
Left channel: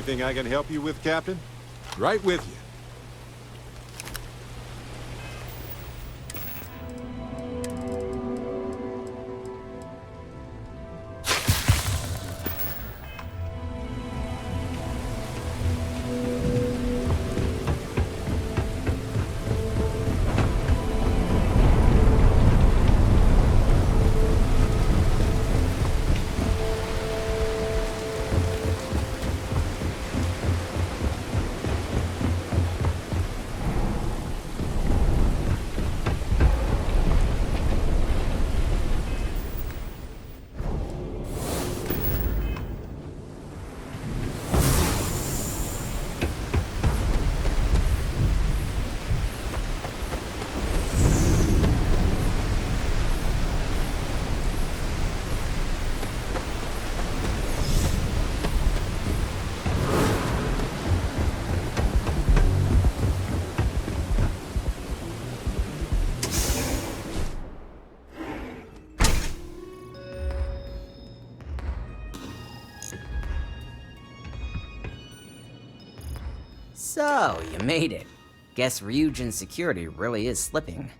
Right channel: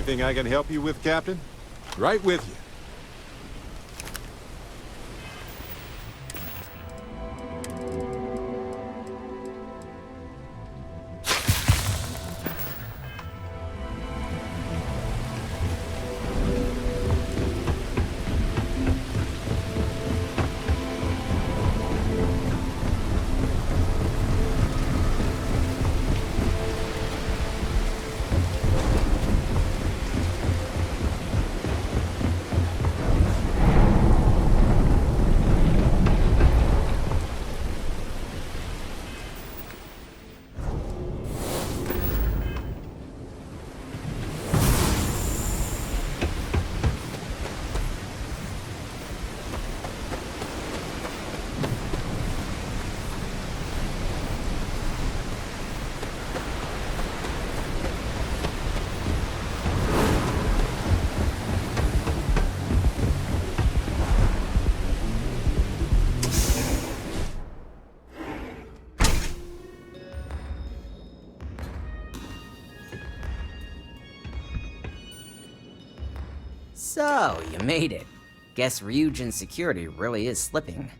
Anything I can help you with, Captain? Right with you. So, you made it. Guess Ryujin's security really is slipping.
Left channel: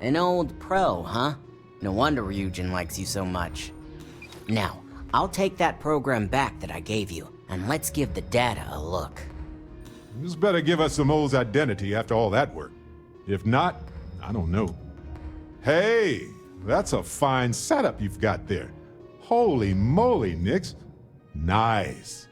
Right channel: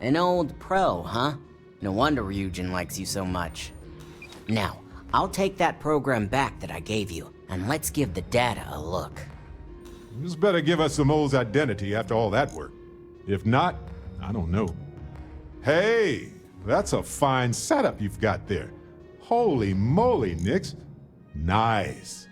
An old pro, huh? No wonder Ryujin likes you so much. Now, I'll take that program back that I gave you, and let's give the data a look. This better give us Samo's identity after all that work. If not, I don't know. Hey, that's a fine setup you've got there. Holy moly, Nix. Nice.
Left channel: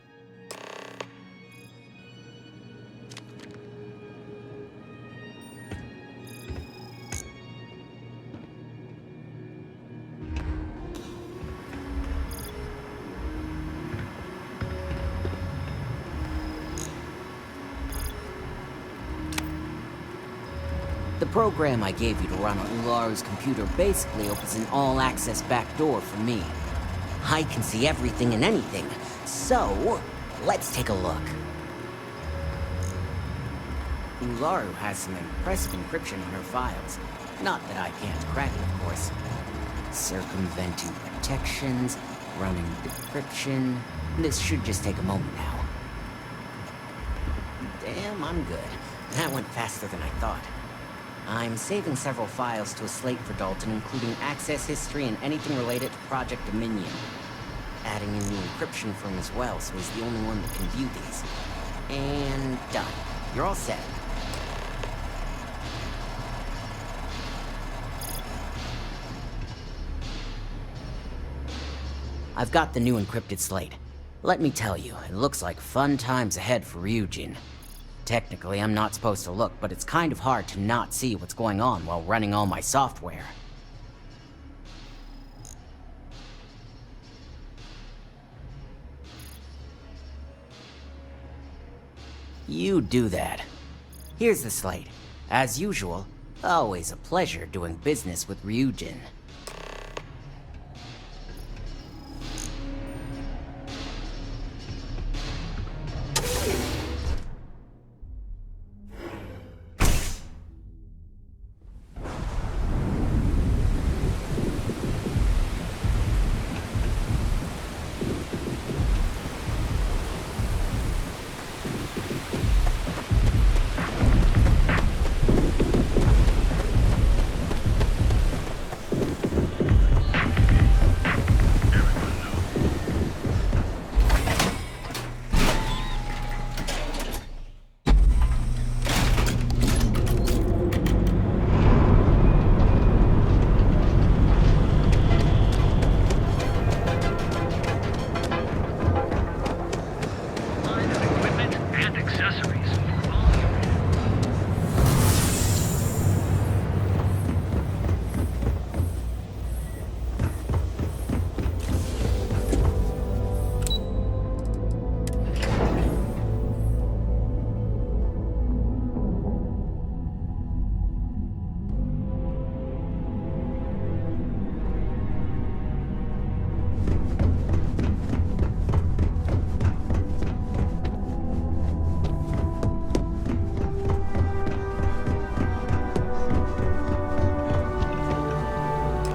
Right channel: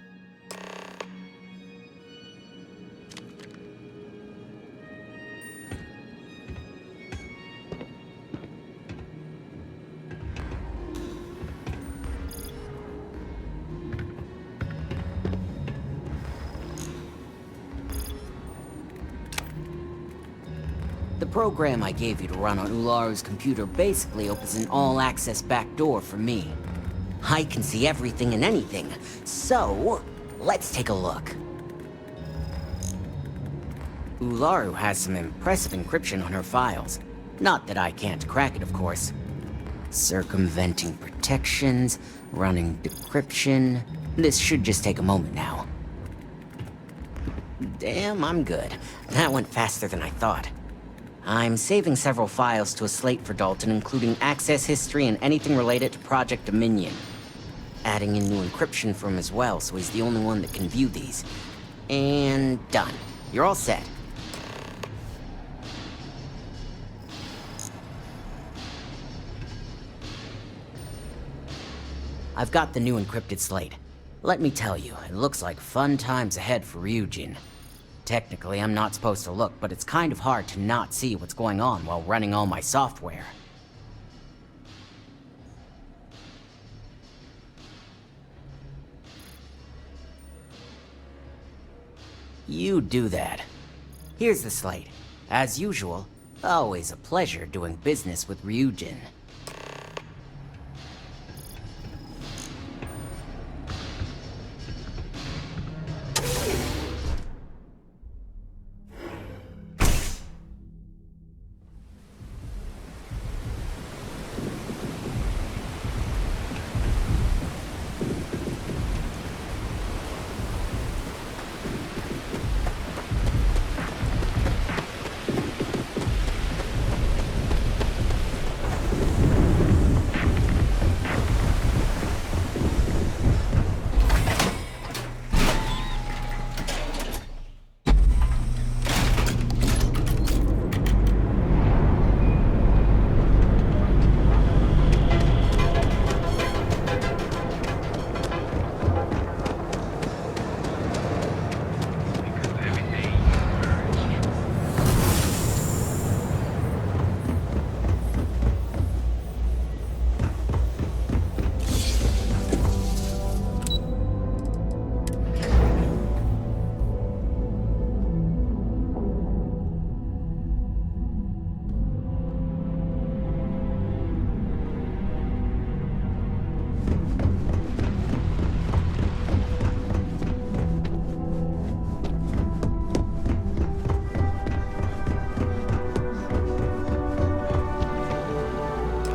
The program I gave you to run on Ularu's computer basically opens an all-access backdoor for me. I can see everything and anything, so let's take a look. Ularu has some impressive encryption on her files. Not that I can't crack it, of course. Circumventing protections, running decryption. This should just take a moment now. Damn, I'm good. That went faster than I thought. I'm saving several files to a slate for Dalton, including access history and anything related to Project Dominion. Adding in new encryption for him as well, so he's the only one that can view these. And done. You're all set. I've got the new encrypted slate. Let me tell you, it looks like fun times ahead for Ryujin. Technically, I'm not supposed to look, but it's kind of hard to not see what's going on while running all my software. You do that. Here's the slate. As usual, always a pleasure doing business with Ryujin.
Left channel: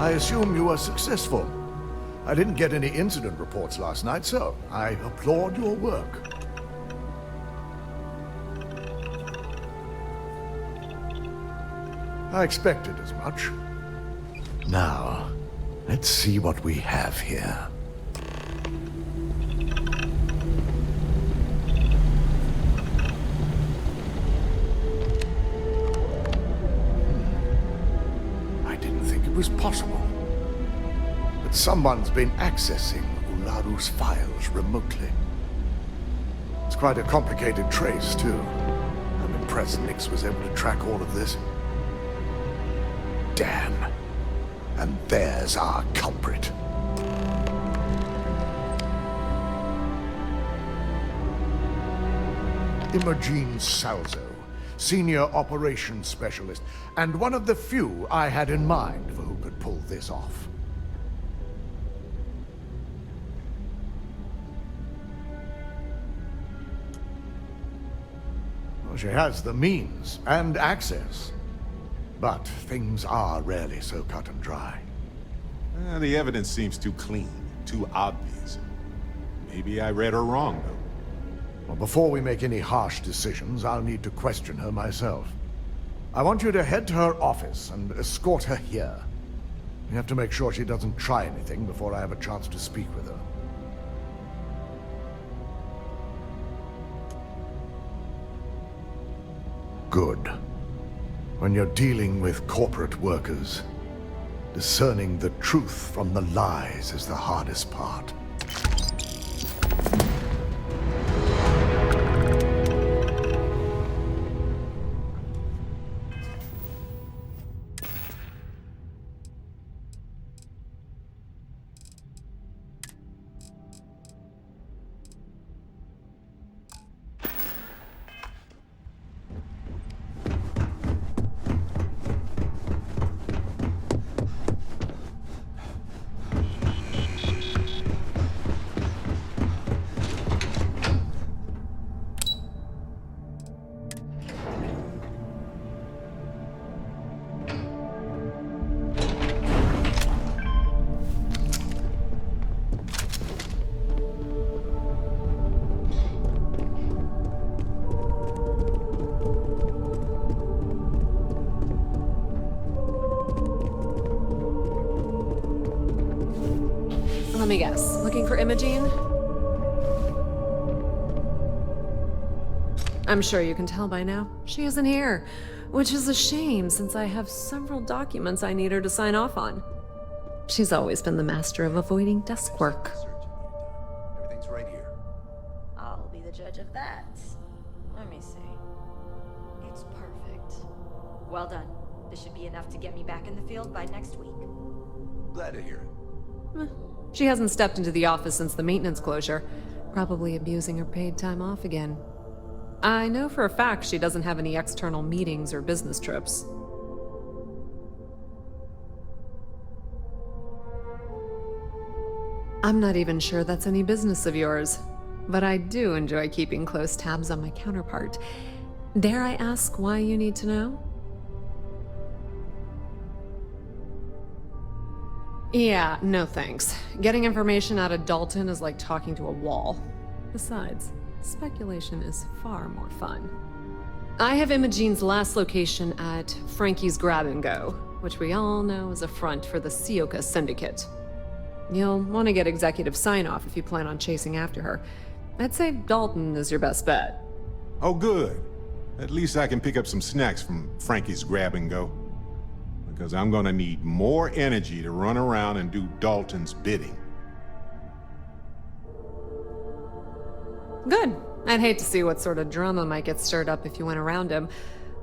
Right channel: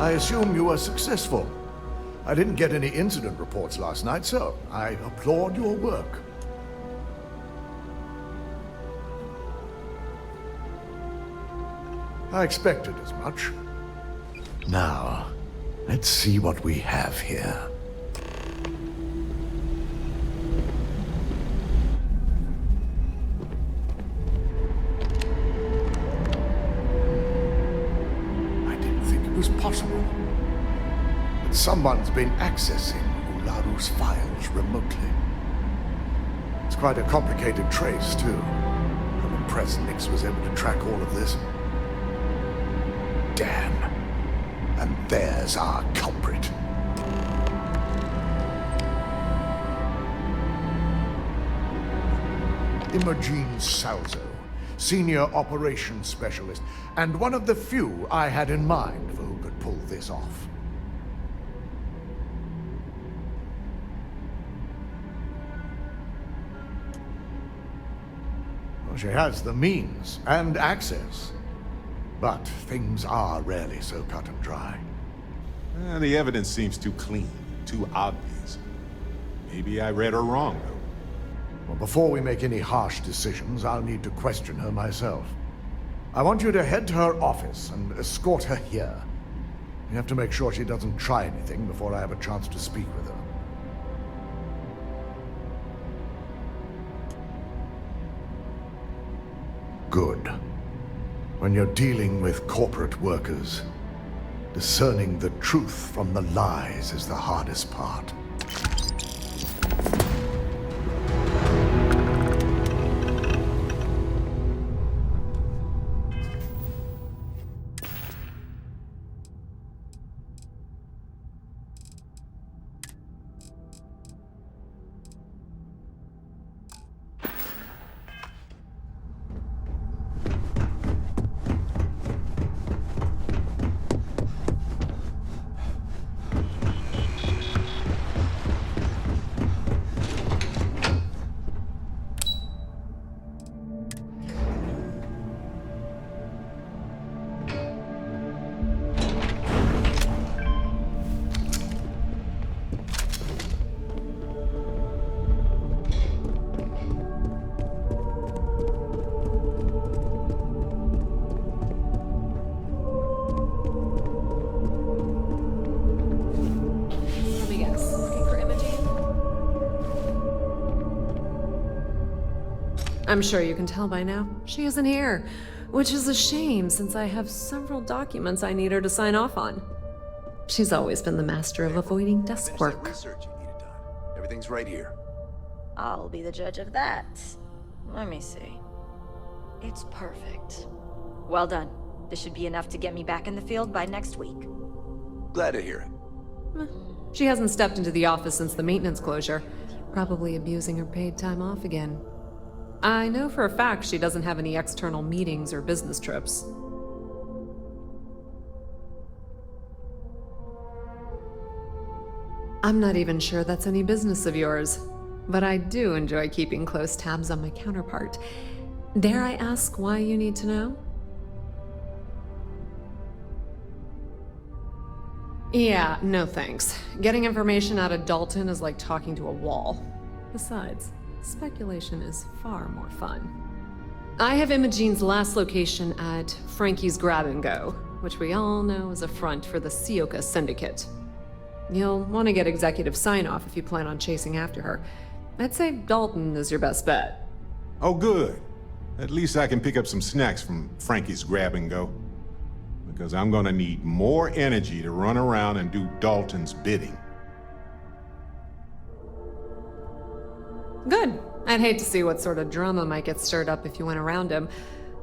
I assume you are successful. I didn't get any incident reports last night, so I applaud your work. I expected as much. Now, let's see what we have here. I didn't think it was possible. But someone's been accessing Ularu's files remotely. It's quite a complicated trace, too. I'm impressed Nix was able to track all of this. Damn. And there's our culprit. Imogene Salzo, Senior Operations Specialist, and one of the few I had in mind for who could pull this off. Well, she has the means and access. But things are rarely so cut and dry. The evidence seems too clean, too obvious. Maybe I read her wrong, though. Well, before we make any harsh decisions, I'll need to question her myself. I want you to head to her office and escort her here. You have to make sure she doesn't try anything before I have a chance to speak with her. Good. When you're dealing with corporate workers, discerning the truth from the lies is the hardest part. Let me guess. Looking for Imogene? I'm sure you can tell by now. She isn't here, which is a shame since I have several documents I need her to sign off on. She's always been the master of avoiding desk work. Everything's right here. I'll be the judge of that. Let me see. It's perfect. Well done. This should be enough to get me back in the field by next week. Glad to hear it. She hasn't stepped into the office since the maintenance closure. Probably abusing her paid time off again. I know for a fact she doesn't have any external meetings or business trips. I'm not even sure that's any business of yours, but I do enjoy keeping close tabs on my counterpart. Dare I ask why you need to know? Yeah, no thanks. Getting information out of Dalton is like talking to a wall. Besides, speculation is far more fun. I have Imogene's last location at Frankie's Grab and Go, which we all know is a front for the Sioka Syndicate. You'll want to get executive sign-off if you plan on chasing after her. I'd say Dalton is your best bet. Oh, good. At least I can pick up some snacks from Frankie's Grab and Go. Because I'm gonna need more energy to run around and do Dalton's bidding. Good. I'd hate to see what sort of drama might get stirred up if you went around him.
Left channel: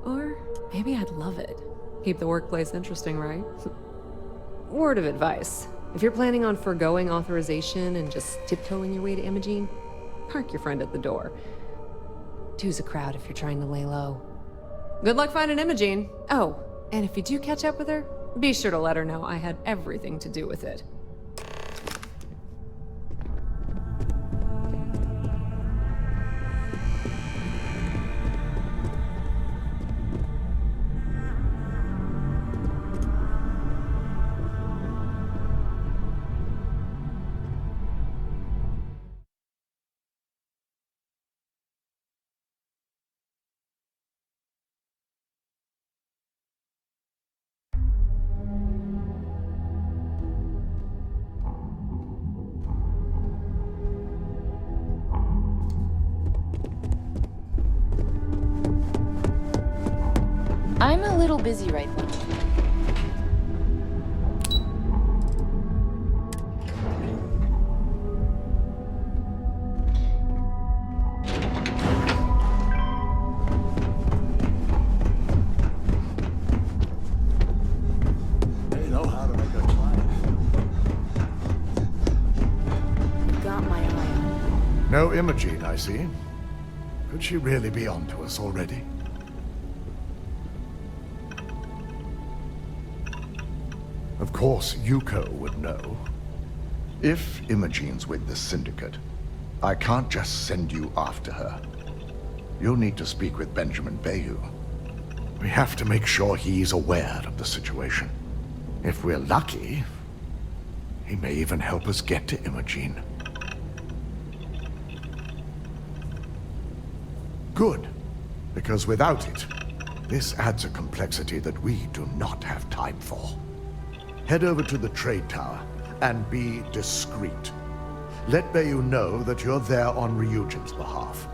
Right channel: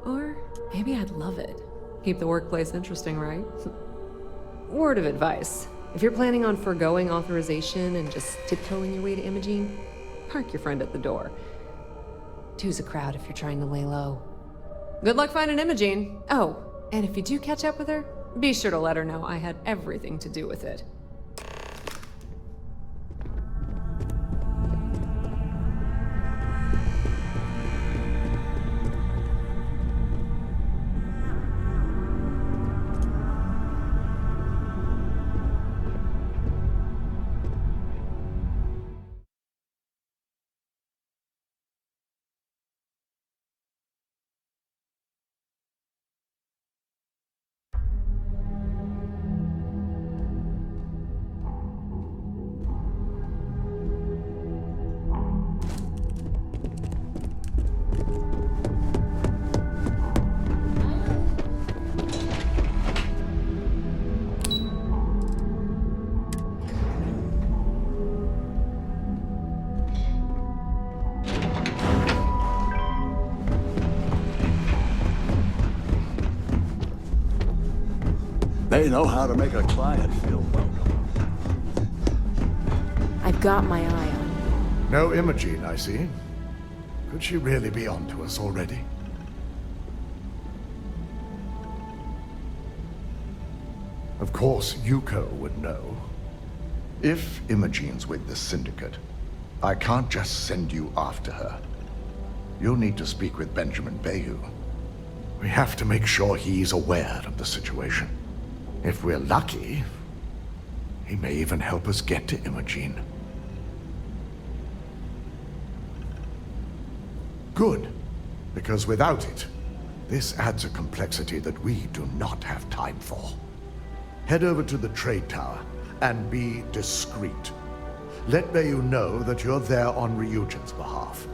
Or maybe I'd love it. Keep the workplace interesting, right? Word of advice. If you're planning on forgoing authorization and just tiptoeing your way to Imogene, park your friend at the door. Two's a crowd if you're trying to lay low. Good luck finding Imogene. Oh, and if you do catch up with her, be sure to let her know I had everything to do with it. busy right now. They know how to make a client feel welcome. I've got my eye on her. No Imogene, I see. Could she really be onto us already? Of course, Yuko would know. If Imogene's with the Syndicate, I can't just send you after her. You'll need to speak with Benjamin Bayou. We have to make sure he's aware of the situation. If we're lucky, he may even help us get to Imogene. Good, because without it, this adds a complexity that we do not have time for. Head over to the trade tower and be discreet. Let Bayou know that you're there on Ryujin's behalf.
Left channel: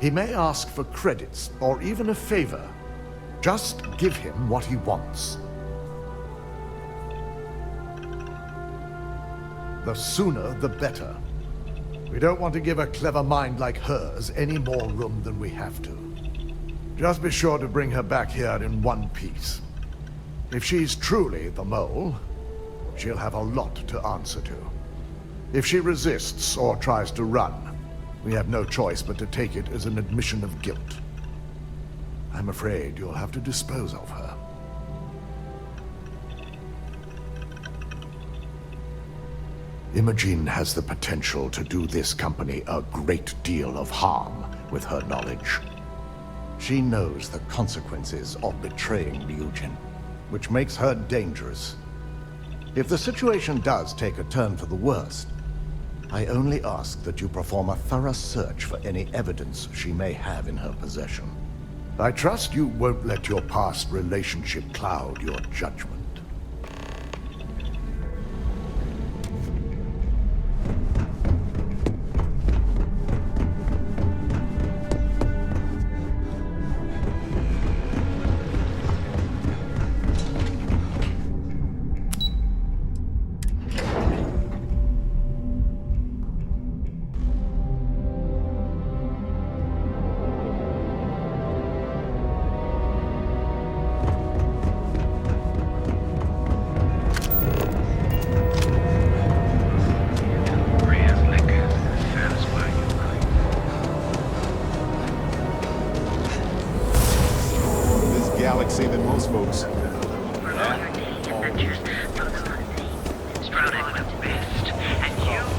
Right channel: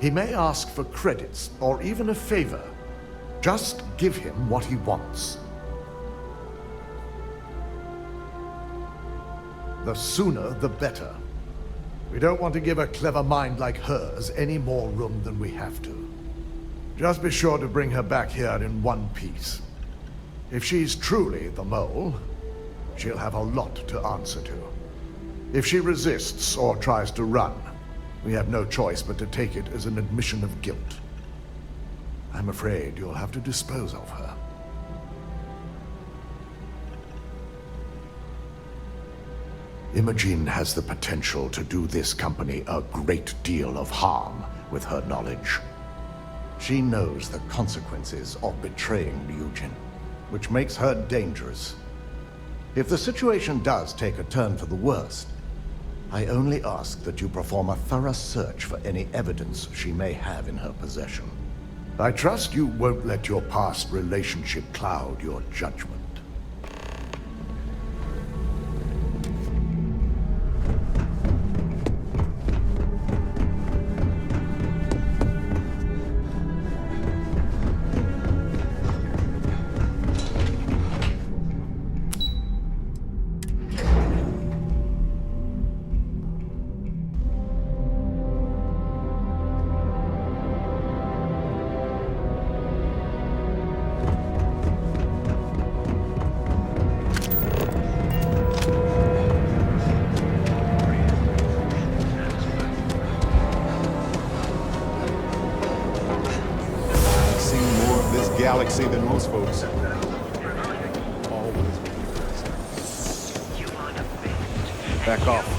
He may ask for credits or even a favor. Just give him what he wants. The sooner, the better. We don't want to give a clever mind like hers any more room than we have to. Just be sure to bring her back here in one piece. If she's truly the mole, she'll have a lot to answer to. If she resists or tries to run, we have no choice but to take it as an admission of guilt. I'm afraid you'll have to dispose of her. Imogene has the potential to do this company a great deal of harm with her knowledge. She knows the consequences of betraying Ryujin, which makes her dangerous. If the situation does take a turn for the worst, I only ask that you perform a thorough search for any evidence she may have in her possession. I trust you won't let your past relationship cloud your judgment. Galaxy than most folks. Back off.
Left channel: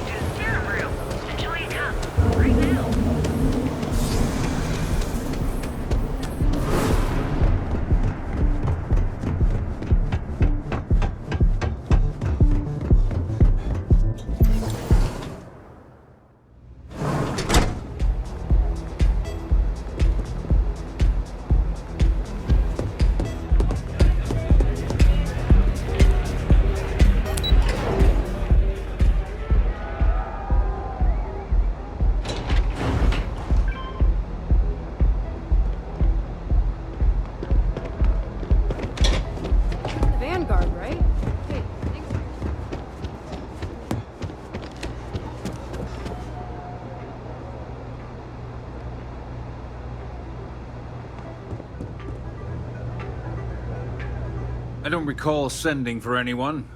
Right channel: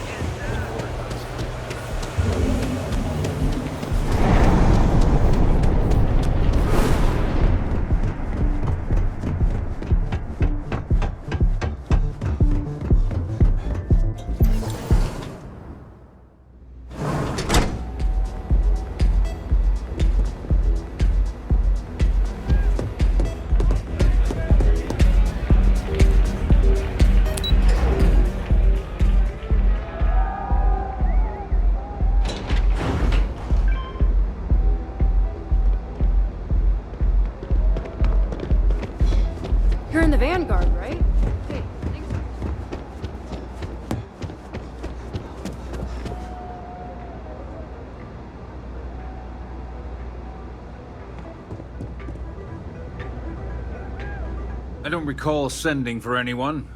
You're in the Vanguard, right? Hey, thanks. I don't recall sending for anyone.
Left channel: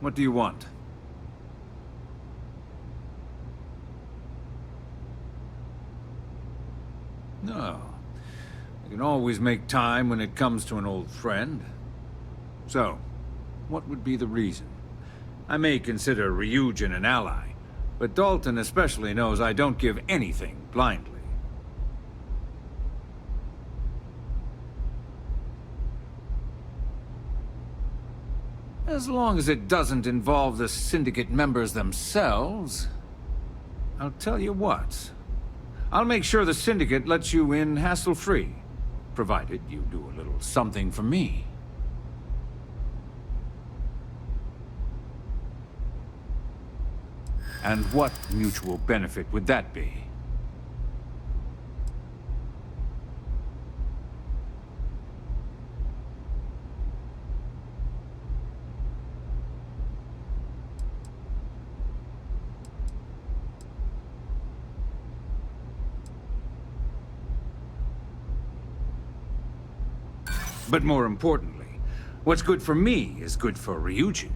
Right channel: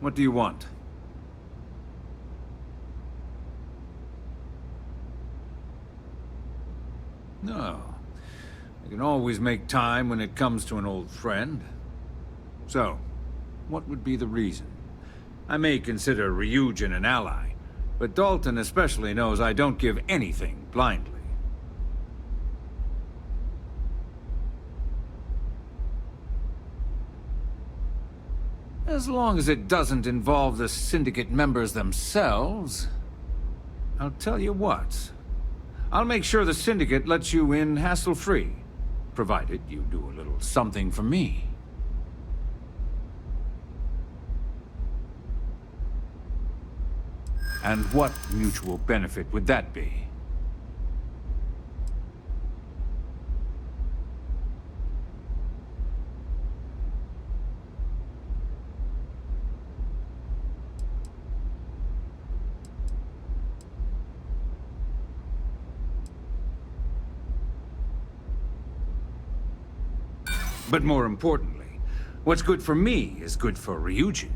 What do you want? No. I can always make time when it comes to an old friend. So, what would be the reason? I may consider Ryujin an ally, but Dalton especially knows I don't give anything blindly. As long as it doesn't involve the Syndicate members themselves, I'll tell you what. I'll make sure the Syndicate lets you in hassle-free, provided you do a little something for me. And what mutual benefit would that be? But more importantly, what's good for me is good for Ryujin.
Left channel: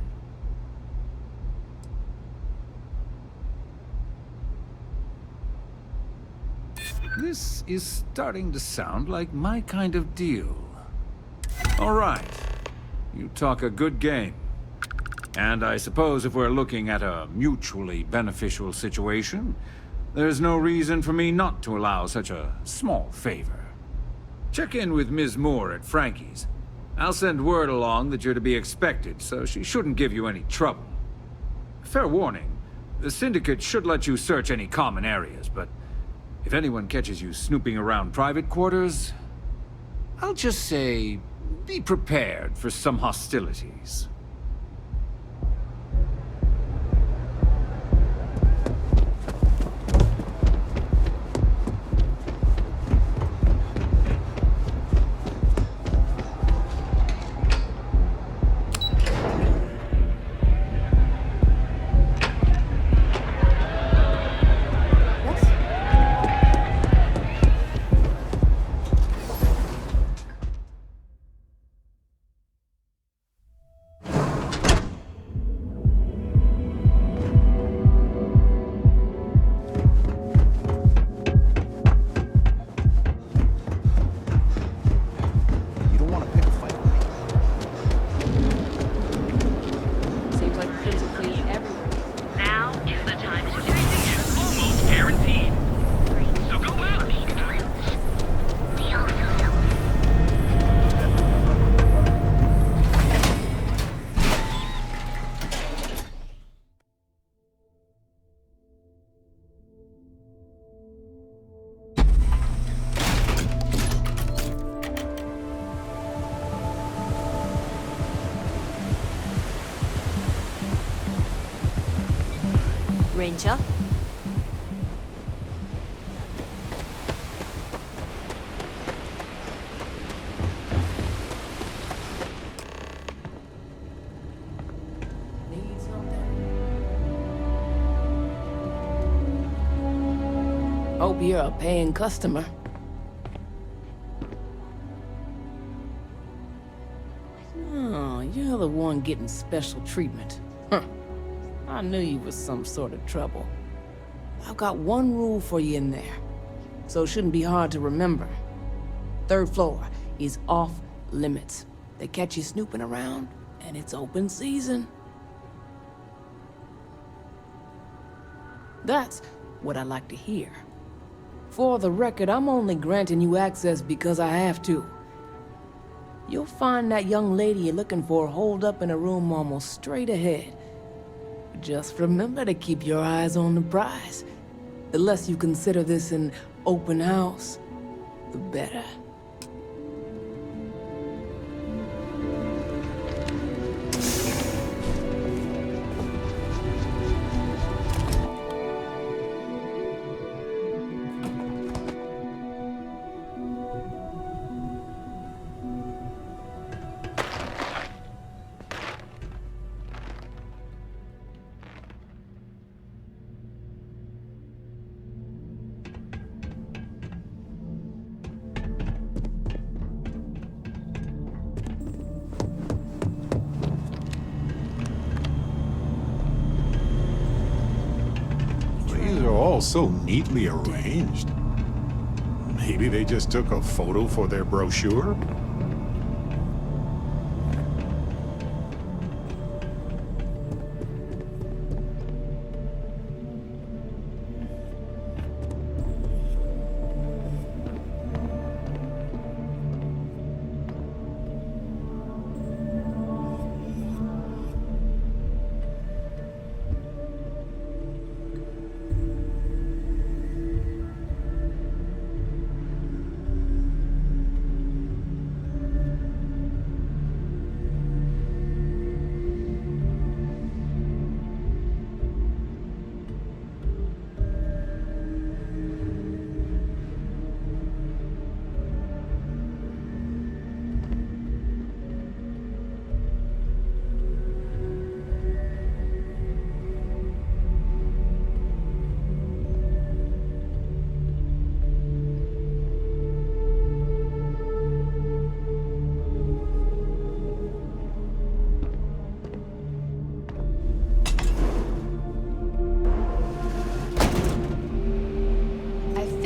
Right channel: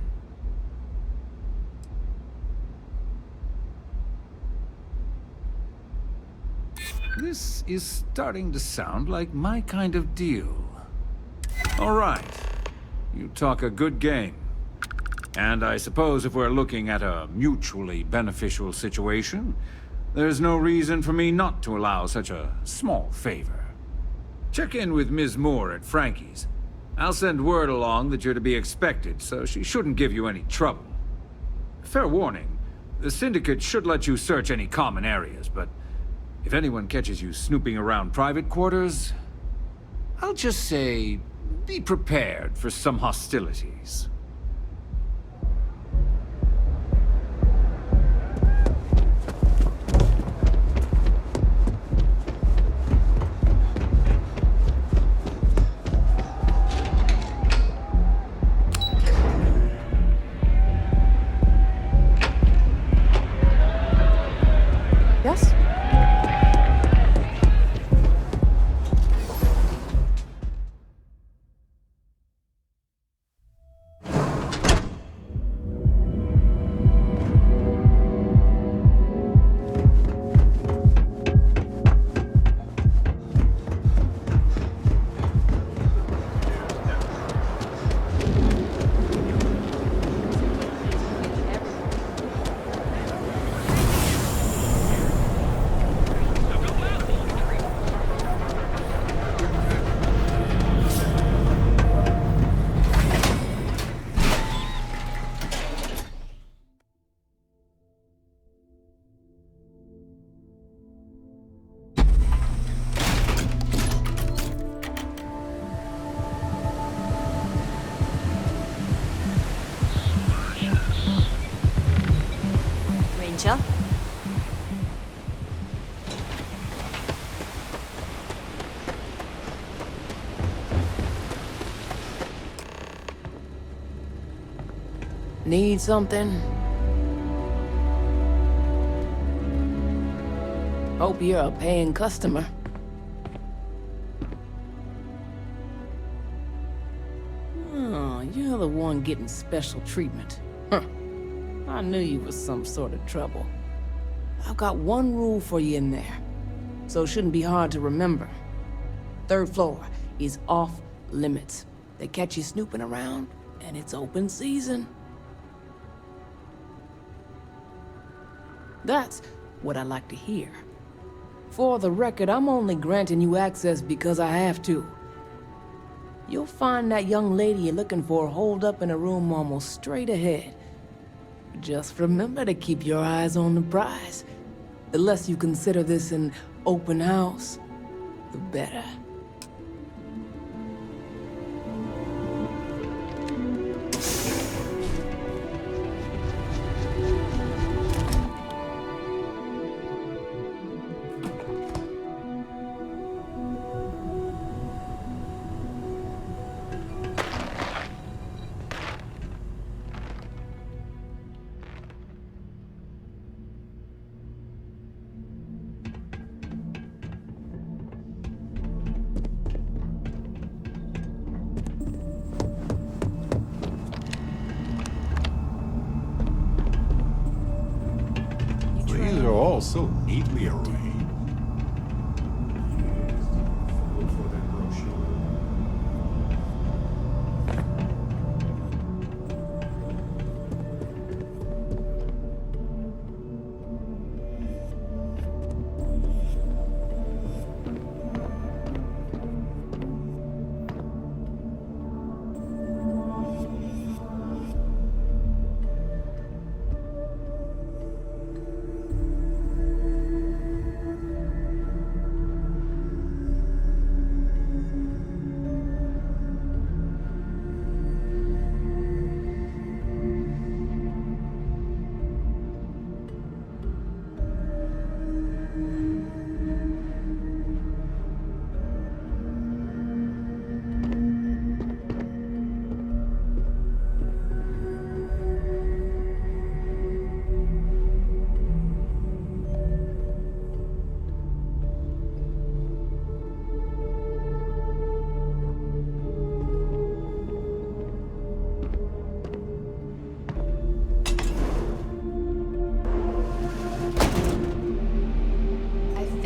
This is starting to sound like my kind of deal. All right. You talk a good game. And I suppose if we're looking at a mutually beneficial situation, there's no reason for me not to allow such a small favor. Check in with Ms. Moore at Frankie's. I'll send word along that you're to be expected, so she shouldn't give you any trouble. Fair warning, the Syndicate should let you search any common areas, but if anyone catches you snooping around private quarters, I'll just say, be prepared for some hostilities. Yes? Seems like the kids are cleaning everywhere. Now is the time to transition. Almost guaranteed. So go out. Ranger? Need something? Hope you're a paying customer. Oh, you're the one getting special treatment. Huh. I knew you was some sort of trouble. I've got one rule for you in there, so it shouldn't be hard to remember. Third floor is off limits. They catch you snooping around, and it's open season. That's what I like to hear. For the record, I'm only granting you access because I have to. You'll find that young lady you're looking for holed up in a room almost straight ahead. Just remember to keep your eyes on the prize. The less you consider this an open house, the better. These are all so neatly arranged. Maybe they just took a photo for their brochure?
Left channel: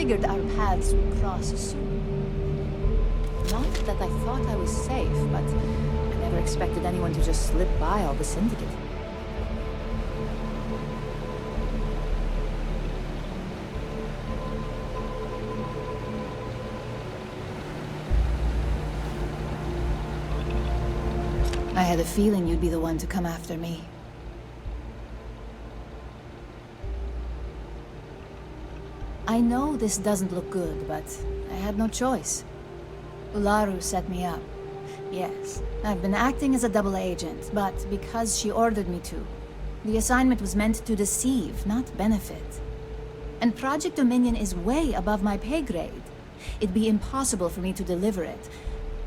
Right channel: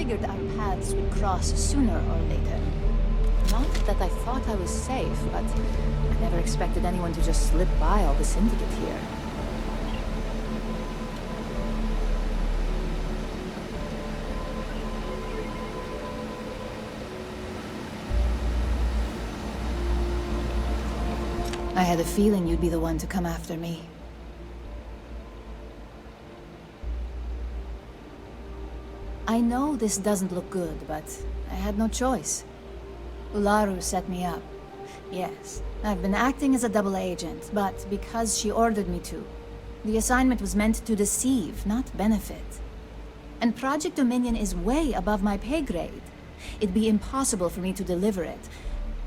figured our paths would cross sooner or later. Not that I thought I was safe, but I never expected anyone to just slip by all the Syndicate here. I had a feeling you'd be the one to come after me. I know this doesn't look good, but I had no choice. Ularu set me up. Yes, I've been acting as a double agent, but because she ordered me to. The assignment was meant to deceive, not benefit. And Project Dominion is way above my pay grade. It'd be impossible for me to deliver it.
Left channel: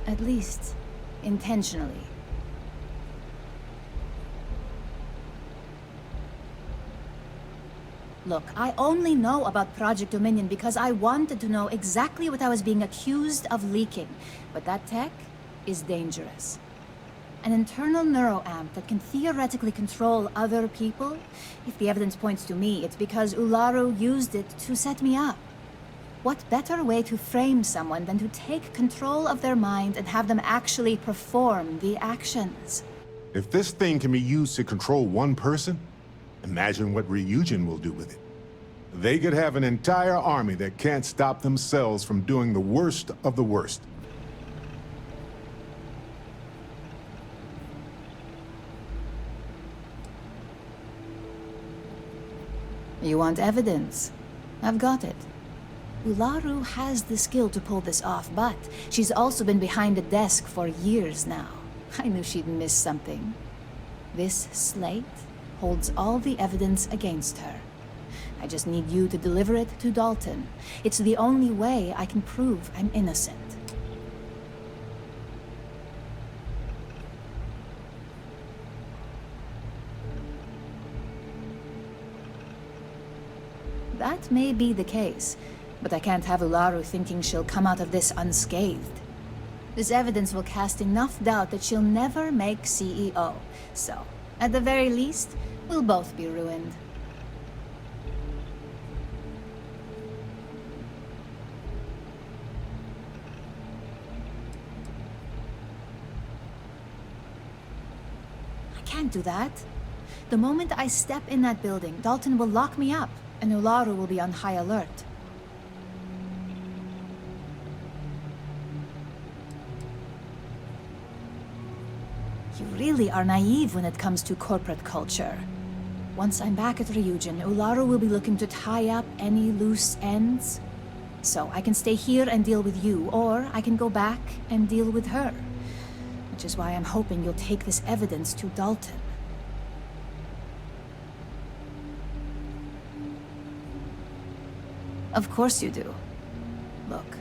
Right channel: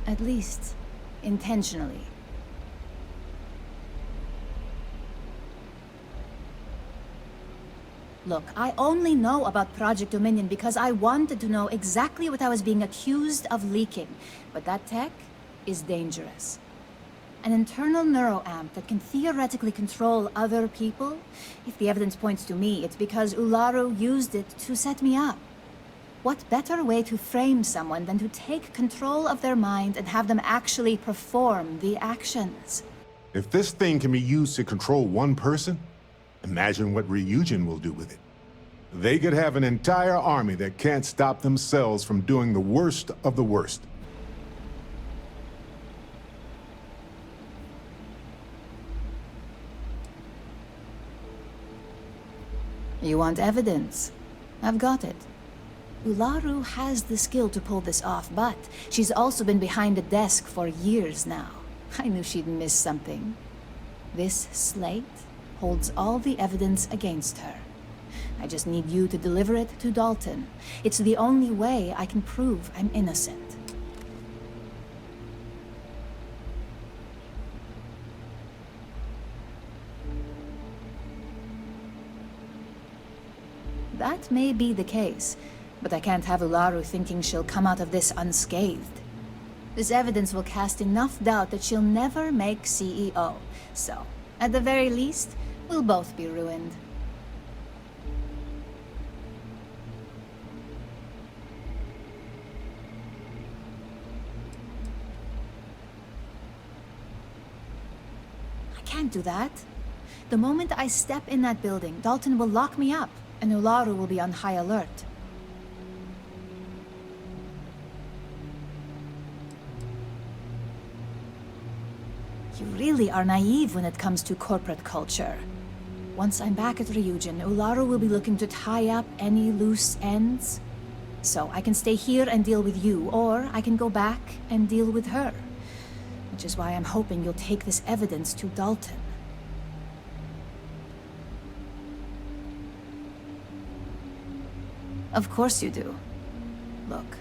At least, intentionally. Look, I only know about Project Dominion because I wanted to know exactly what I was being accused of leaking. But that tech is dangerous. An internal neuroamp that can theoretically control other people? If the evidence points to me, it's because Ularu used it to set me up. What better way to frame someone than to take control of their mind and have them actually perform the actions? If this thing can be used to control one person, imagine what Ryujin will do with it. They could have an entire army that can't stop themselves from doing the worst of the worst. You want evidence? I've got it. Ularu has the skill to pull this off, but she's also been behind a desk for years now. I knew she'd miss something. This slate holds all the evidence against her. I just need you to deliver it to Dalton. It's the only way I can prove I'm innocent. That may be the case, but I can't have Ularu thinking she'll come out of this unscathed. This evidence will cast enough doubt that she'll never make CEO. So, at the very least, we'll both be ruined. I can't do that. The moment I step in that building, Dalton will lock me up, and Ularu will be on high alert. You really are naive when it comes to corporate culture. Once I'm back at Ryujin, Ularu will be looking to tie up any loose ends. So I can stay here and deal with you, or I can go back and deal with her. Which is why I'm hoping you'll take this evidence to Dalton. Of course you do. Look,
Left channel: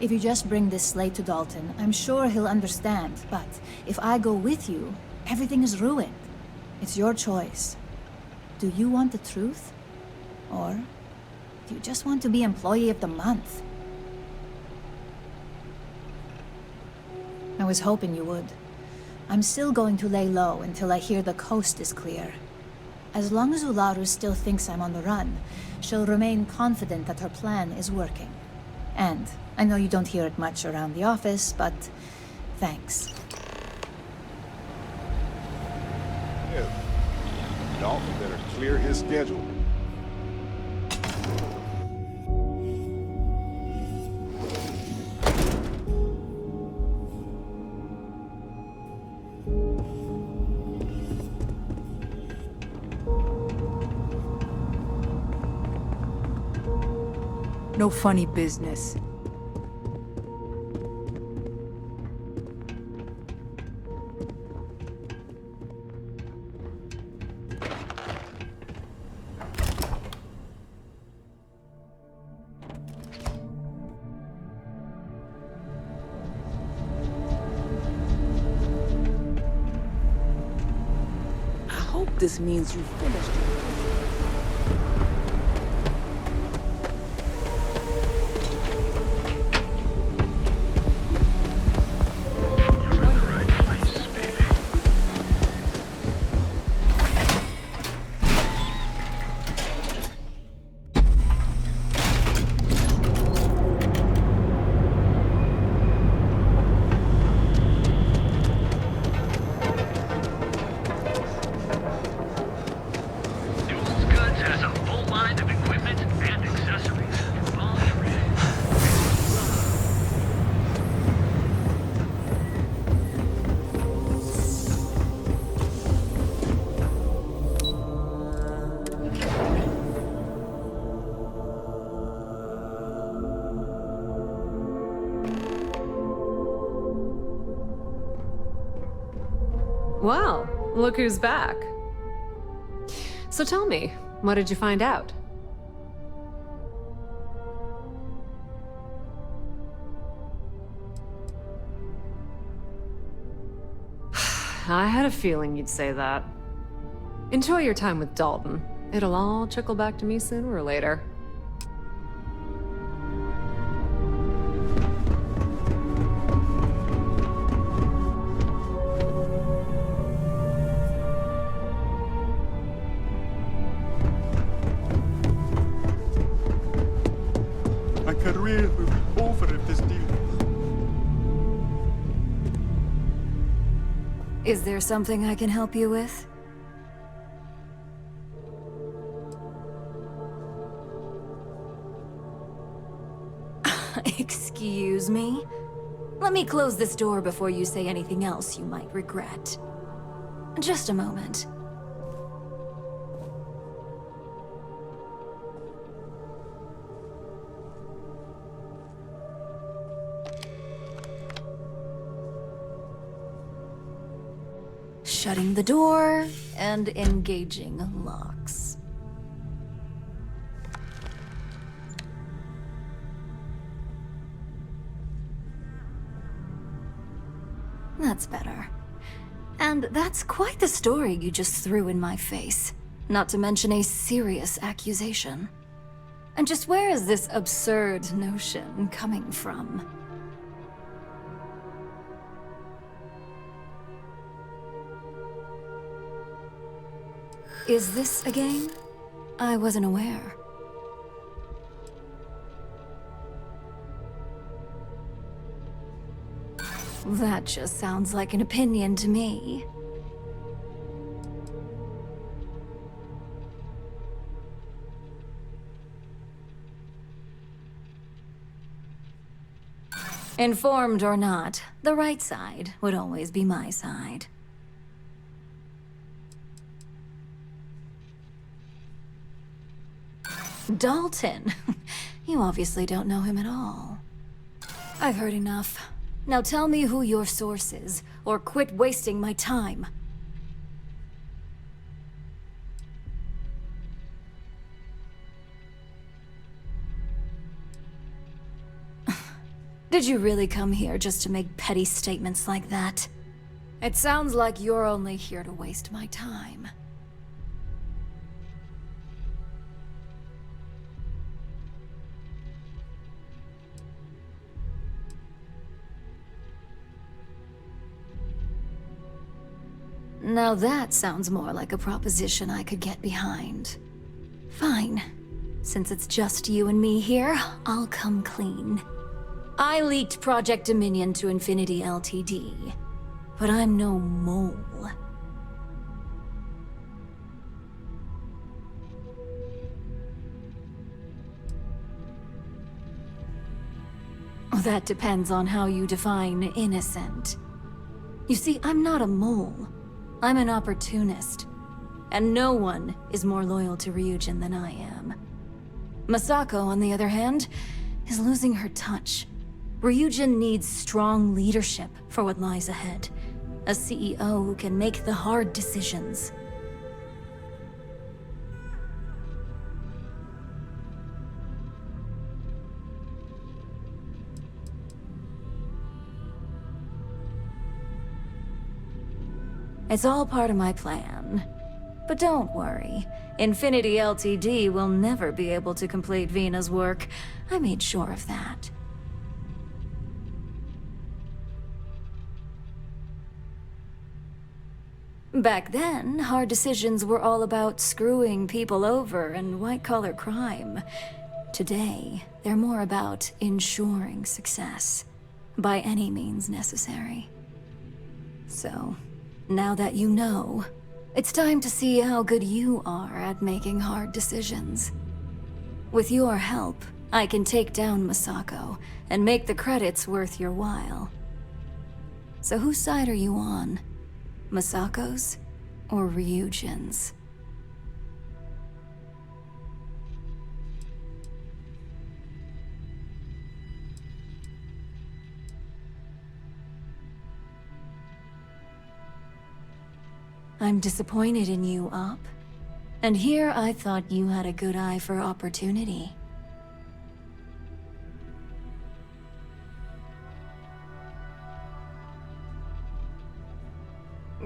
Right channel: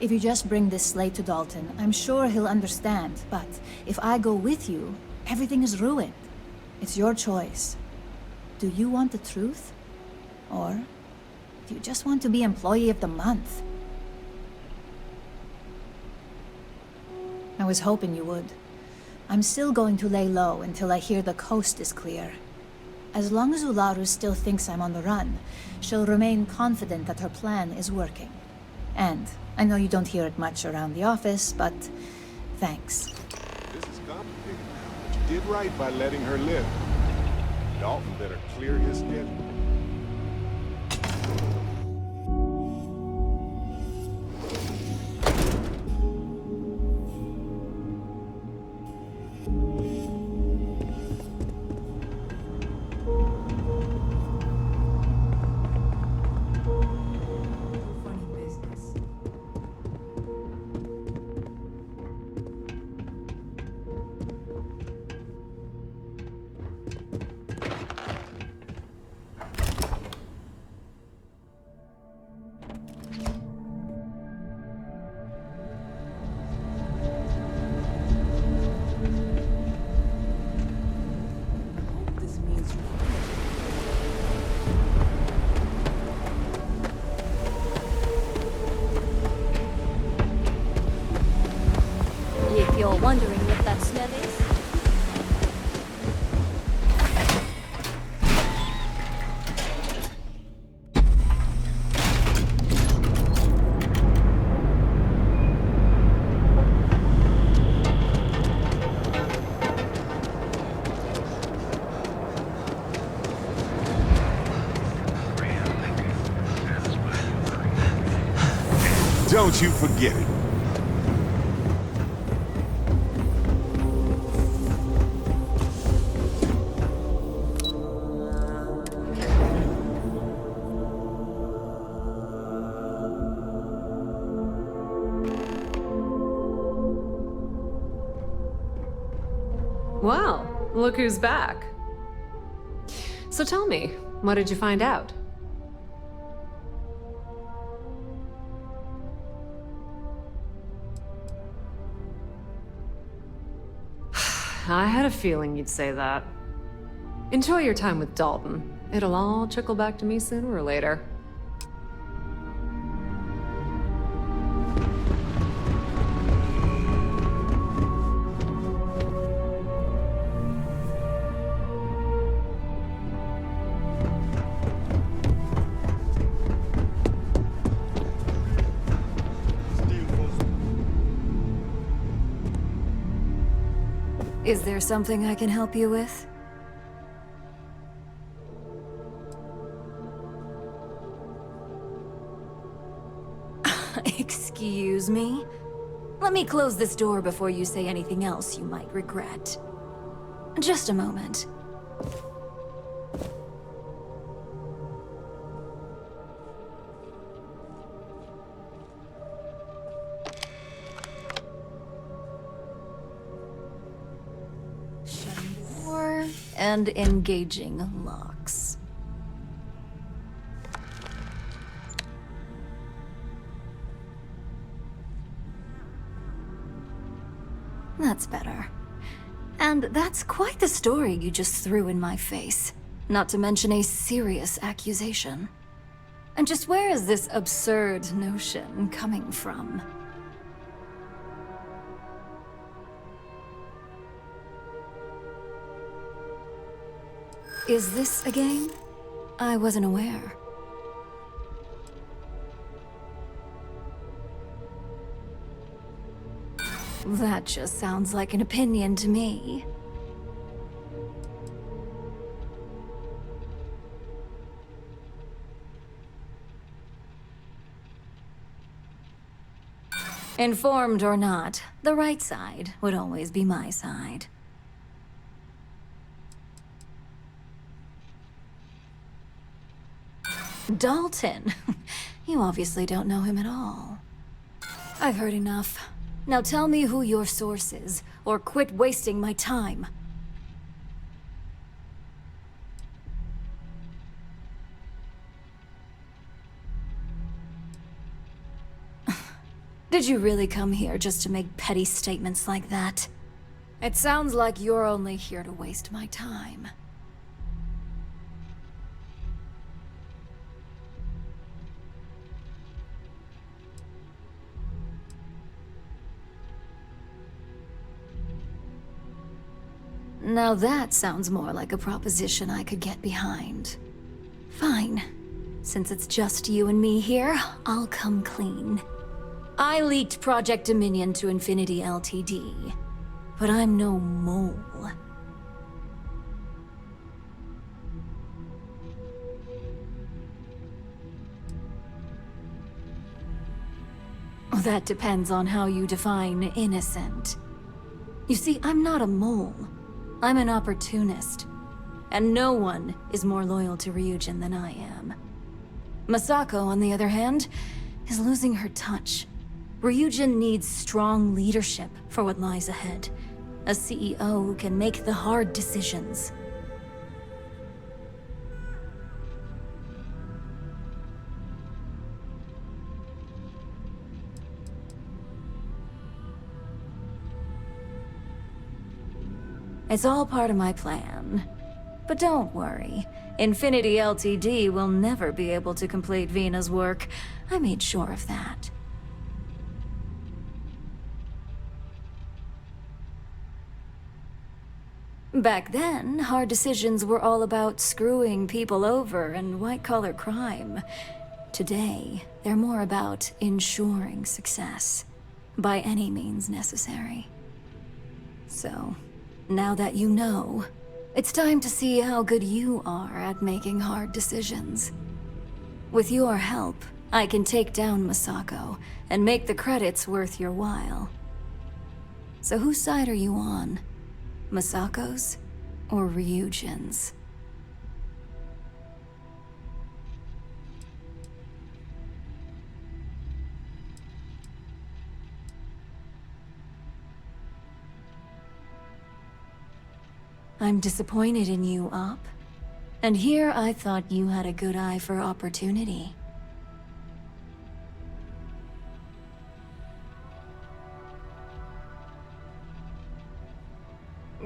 if you just bring this slate to Dalton, I'm sure he'll understand, but if I go with you, everything is ruined. It's your choice. Do you want the truth? Or do you just want to be Employee of the Month? I was hoping you would. I'm still going to lay low until I hear the coast is clear. As long as Ularu still thinks I'm on the run, she'll remain confident that her plan is working. And I know you don't hear it much around the office, but thanks. You did right by letting her live. Dalton better clear his schedule. No funny business. I hope this means you finished. Wondering what that smell is. get it. Well, look who's back. So tell me, what did you find out? I had a feeling you'd say that. Enjoy your time with Dalton. It'll all trickle back to me sooner or later. My career will be over if this deal falls. Is there something I can help you with? Excuse me? Let me close this door before you say anything else you might regret. Just a moment. Shutting the door and engaging locks. That's better. And that's quite the story you just threw in my face. Not to mention a serious accusation. And just where is this absurd notion coming from? Is this a game? I wasn't aware. That just sounds like an opinion to me. Informed or not, the right side would always be my side. Dalton? You obviously don't know him at all. I've heard enough. Now tell me who your source is, or quit wasting my time. Did you really come here just to make petty statements like that? It sounds like you're only here to waste my time. Now that sounds more like a proposition I could get behind. Fine. Since it's just you and me here, I'll come clean. I leaked Project Dominion to Infinity Ltd. But I'm no mole. That depends on how you define innocent. You see, I'm not a mole. I'm an opportunist. And no one is more loyal to Ryujin than I am. Masako, on the other hand, is losing her touch. Ryujin needs strong leadership for what lies ahead. A CEO who can make the hard decisions. It's all part of my plan. But don't worry. Infinity Ltd. will never be able to complete Vina's work. I made sure of that. Back then, hard decisions were all about screwing people over and white-collar crime. Today, they're more about ensuring success, by any means necessary. So, now that you know, it's time to see how good you are at making hard decisions. With your help, I can take down Masako and make the credits worth your while. So whose side are you on? Masako's or Ryujin's? I'm disappointed in you, Op. And here I thought you had a good eye for opportunity.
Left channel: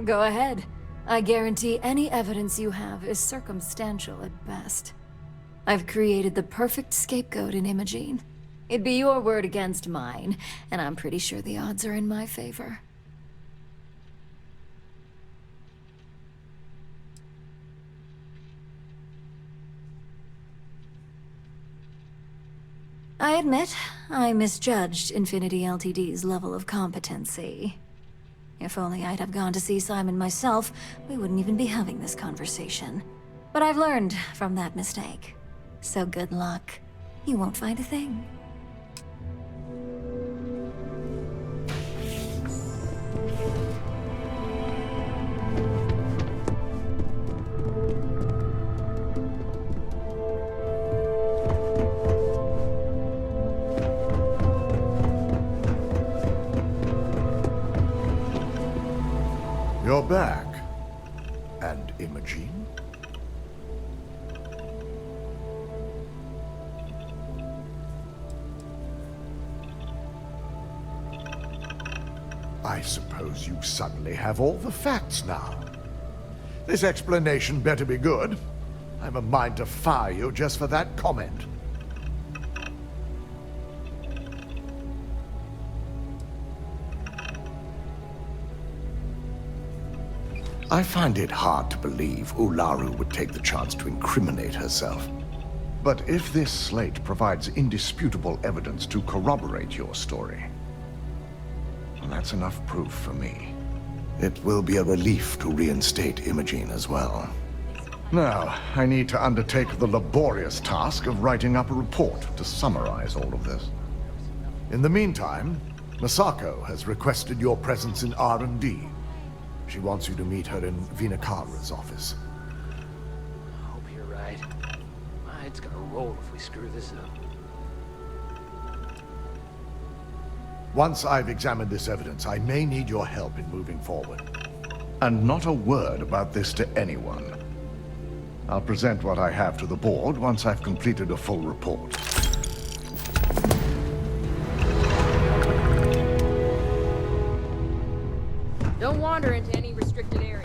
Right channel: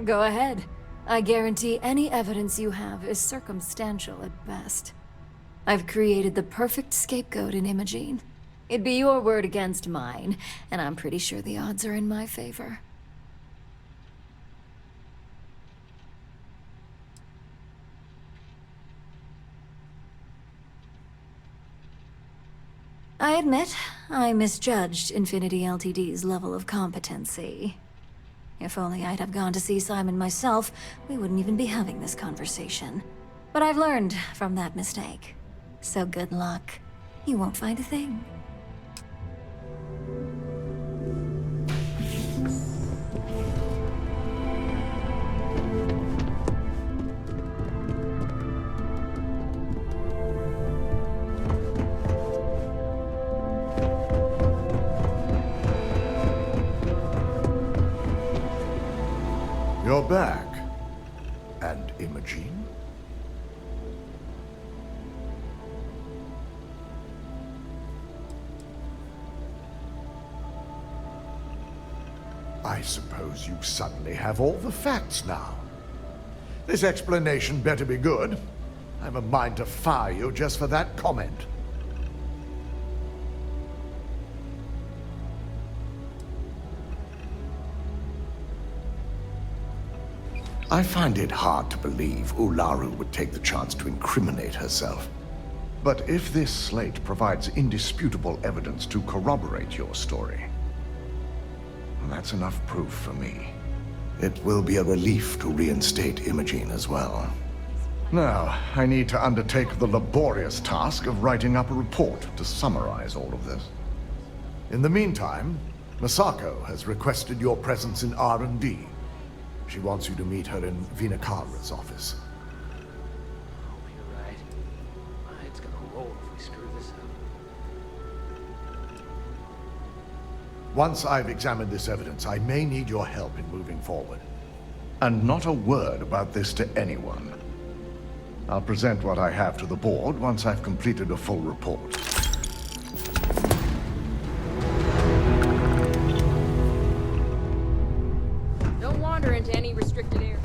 Go ahead. I guarantee any evidence you have is circumstantial at best. I've created the perfect scapegoat in Imogene. It'd be your word against mine, and I'm pretty sure the odds are in my favor. I admit, I misjudged Infinity Ltd's level of competency. If only I'd have gone to see Simon myself, we wouldn't even be having this conversation. But I've learned from that mistake. So good luck. You won't find a thing. You're back. And Imogene? I suppose you suddenly have all the facts now. This explanation better be good. I have a mind to fire you just for that comment. I find it hard to believe Ularu would take the chance to incriminate herself. But if this slate provides indisputable evidence to corroborate your story, well, that's enough proof for me. It will be a relief to reinstate Imogene as well. Now, I need to undertake the laborious task of writing up a report to summarize all of this. In the meantime, Masako has requested your presence in R&D. She wants you to meet her in Vinakara's office. I hope you're right. My head's gonna roll if we screw this up. Once I've examined this evidence, I may need your help in moving forward. And not a word about this to anyone. I'll present what I have to the board once I've completed a full report. Don't wander into any restricted area.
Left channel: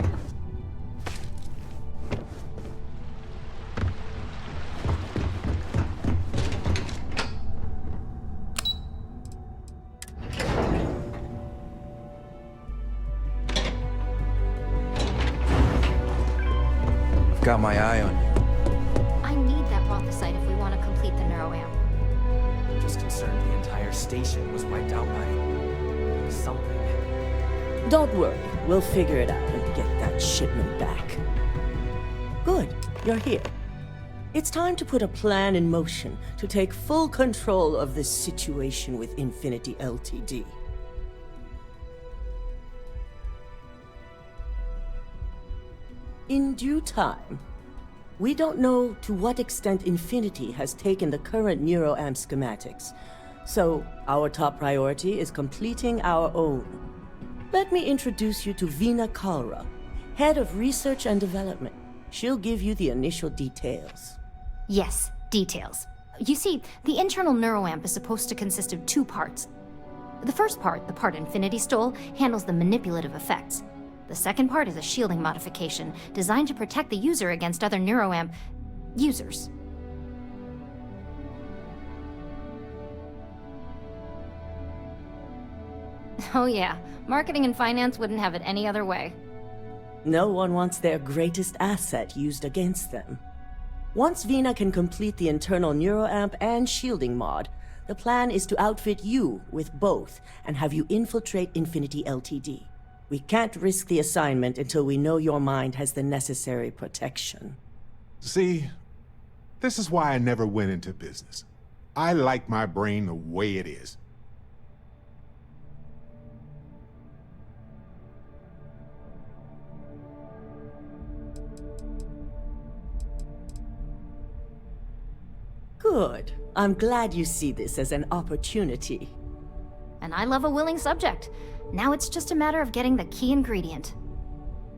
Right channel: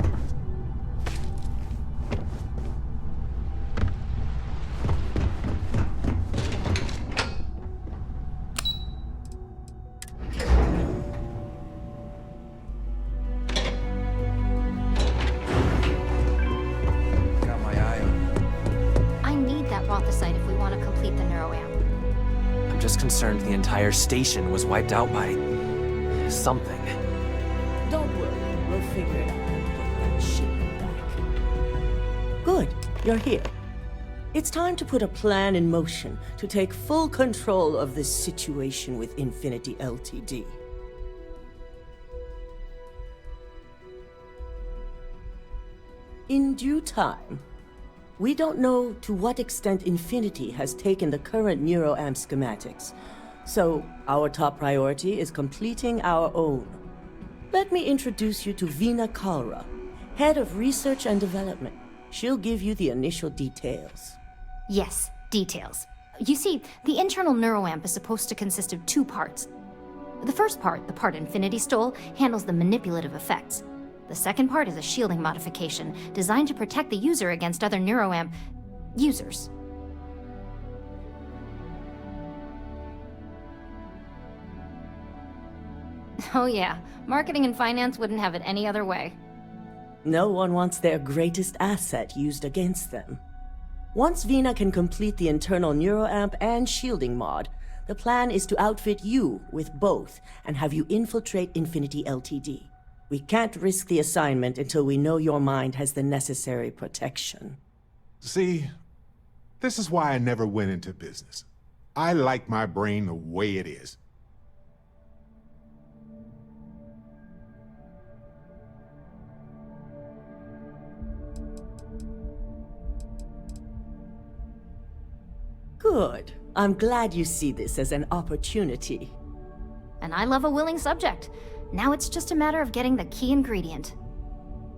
Got my eye on you. I need that Rothicite if we want to complete the neuroamp. I'm just concerned the entire station was wiped out by something. Don't worry, we'll figure it out and get that shipment back. Good, you're here. It's time to put a plan in motion to take full control of this situation with Infinity Ltd. In due time. We don't know to what extent Infinity has taken the current neuroamp schematics, so our top priority is completing our own. Let me introduce you to Vinakara, Head of Research and Development. She'll give you the initial details. Yes, details. You see, the internal neuroamp is supposed to consist of two parts. The first part, the part Infinity stole, handles the manipulative effects. The second part is a shielding modification designed to protect the user against other neuroamp users. Oh yeah, marketing and finance wouldn't have it any other way. No one wants their greatest asset used against them. Once Vina can complete the internal neuroamp and shielding mod, the plan is to outfit you with both and have you infiltrate Infinity Ltd. We can't risk the assignment until we know your mind has the necessary protection. See, this is why I never went into business. I like my brain the way it is. Good. I'm glad you see this as an opportunity. And I love a willing subject. Now it's just a matter of getting the key ingredient.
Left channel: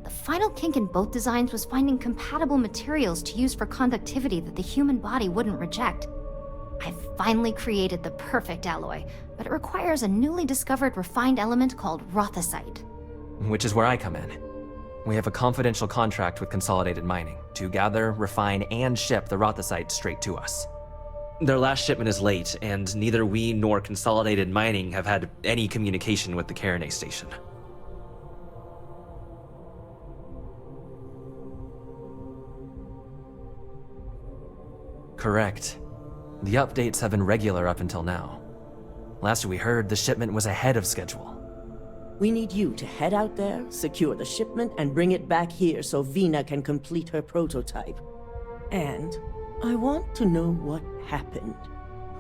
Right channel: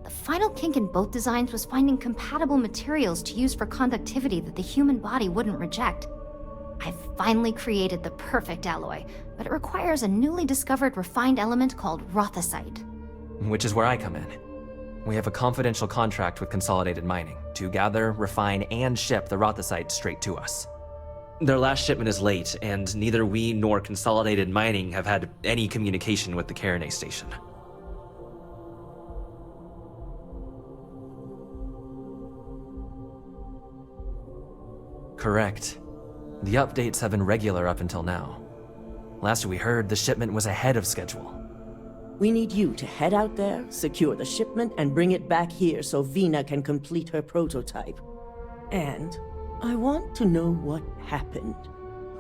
The final kink in both designs was finding compatible materials to use for conductivity that the human body wouldn't reject. I've finally created the perfect alloy, but it requires a newly discovered refined element called rothosite. Which is where I come in. We have a confidential contract with Consolidated Mining to gather, refine, and ship the rothosite straight to us. Their last shipment is late, and neither we nor Consolidated Mining have had any communication with the Carinae station. Correct. The updates have been regular up until now. Last we heard, the shipment was ahead of schedule. We need you to head out there, secure the shipment, and bring it back here so Vina can complete her prototype. And I want to know what happened.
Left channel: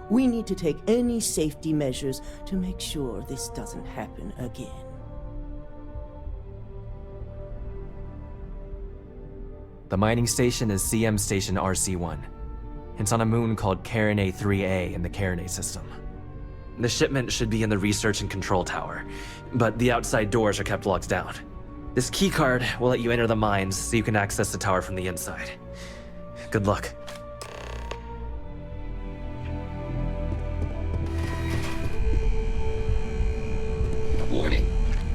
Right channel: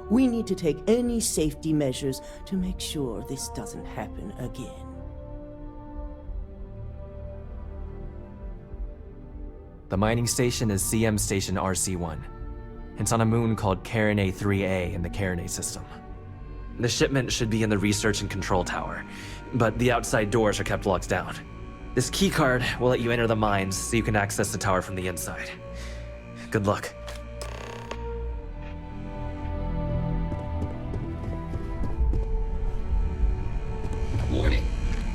We need to take any safety measures to make sure this doesn't happen again. The mining station is CM Station RC-1. It's on a moon called Carinae 3A in the Carinae system. The shipment should be in the research and control tower, but the outside doors are kept locked down. This keycard will let you enter the mines so you can access the tower from the inside. Good luck. Warning.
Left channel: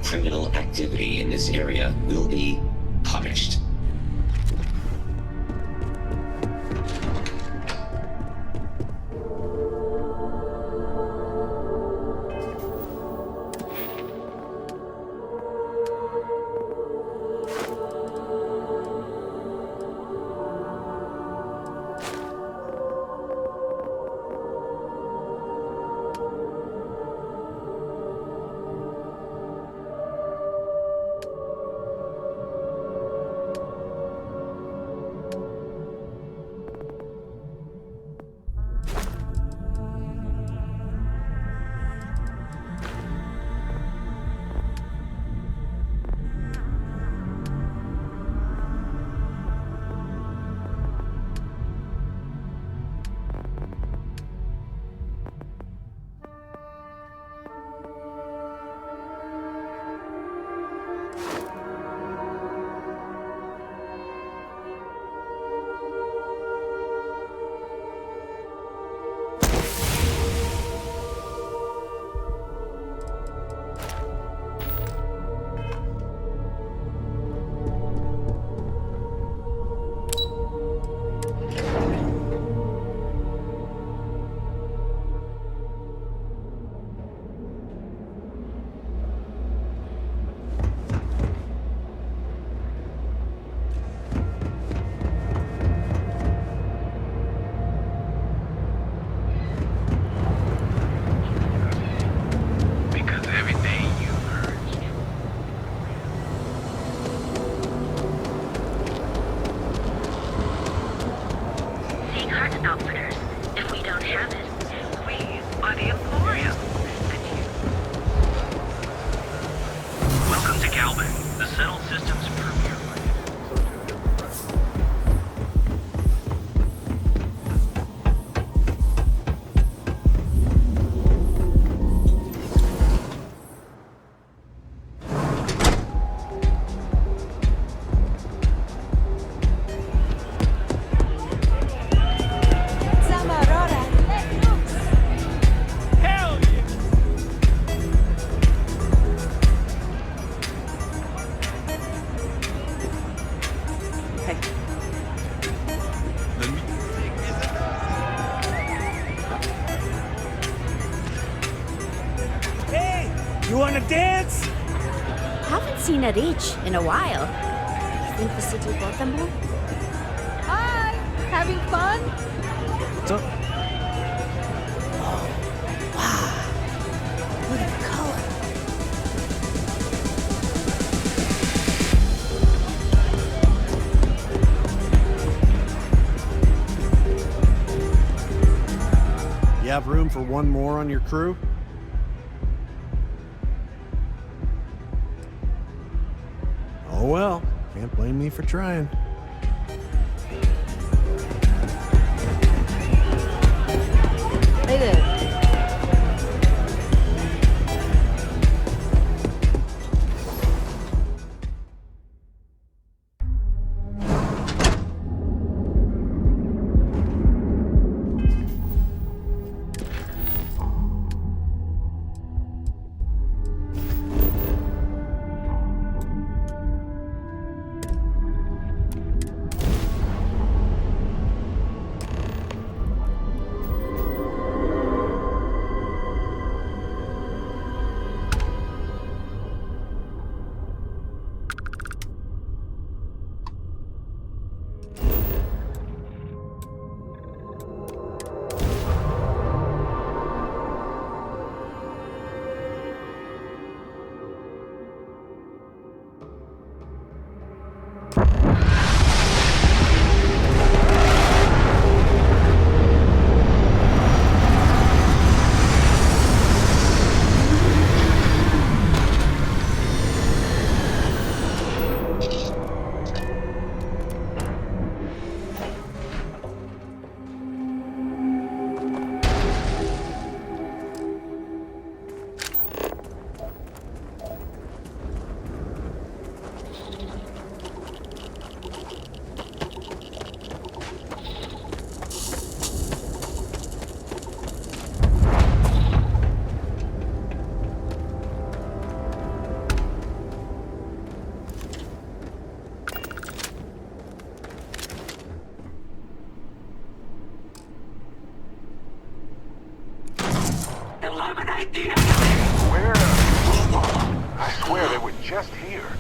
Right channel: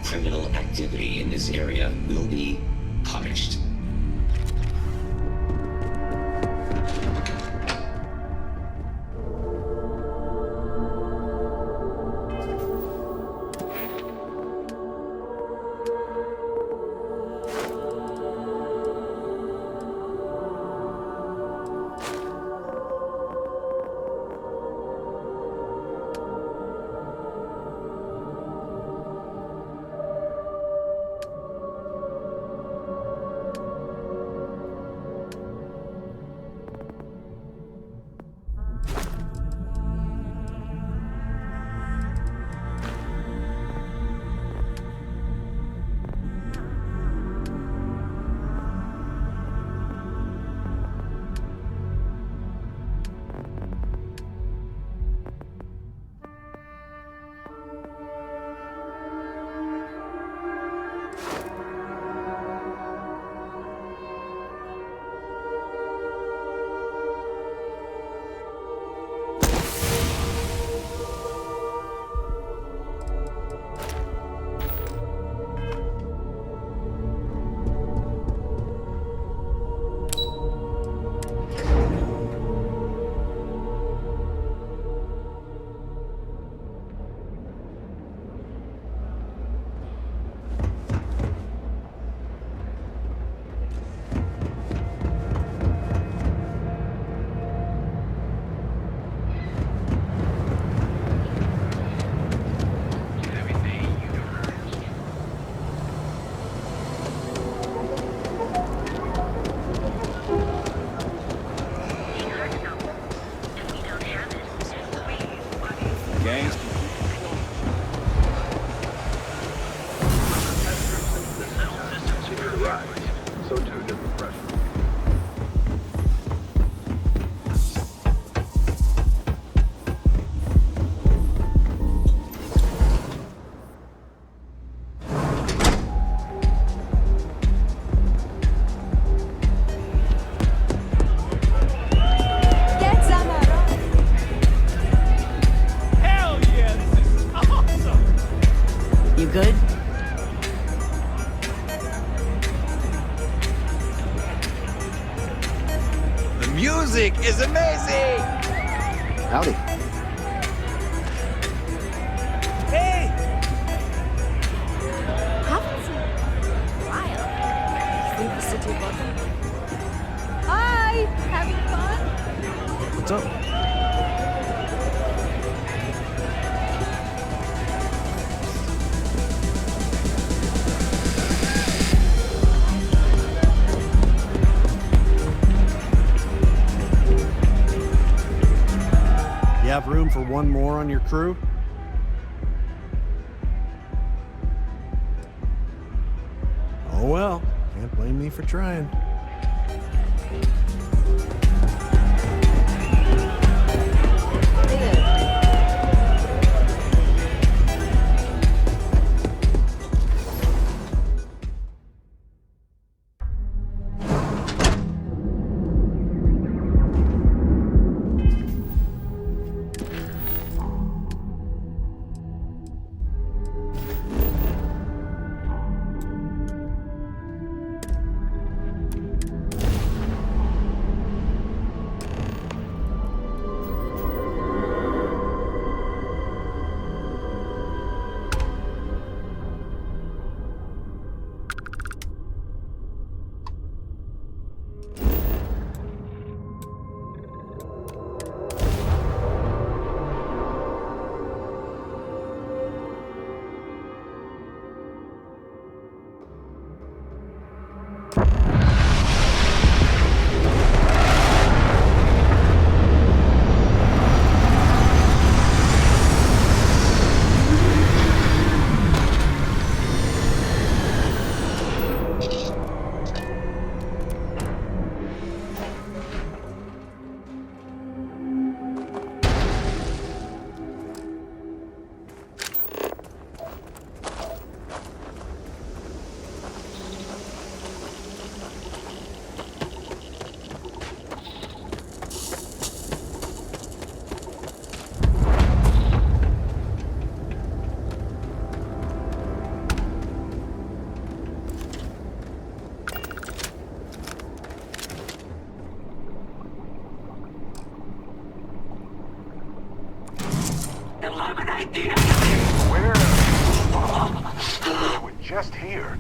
Criminal activity in this area will be punished. You have room for one more on your crew? Oh well, can't blame me for trying. Hey there. Where? They were just here.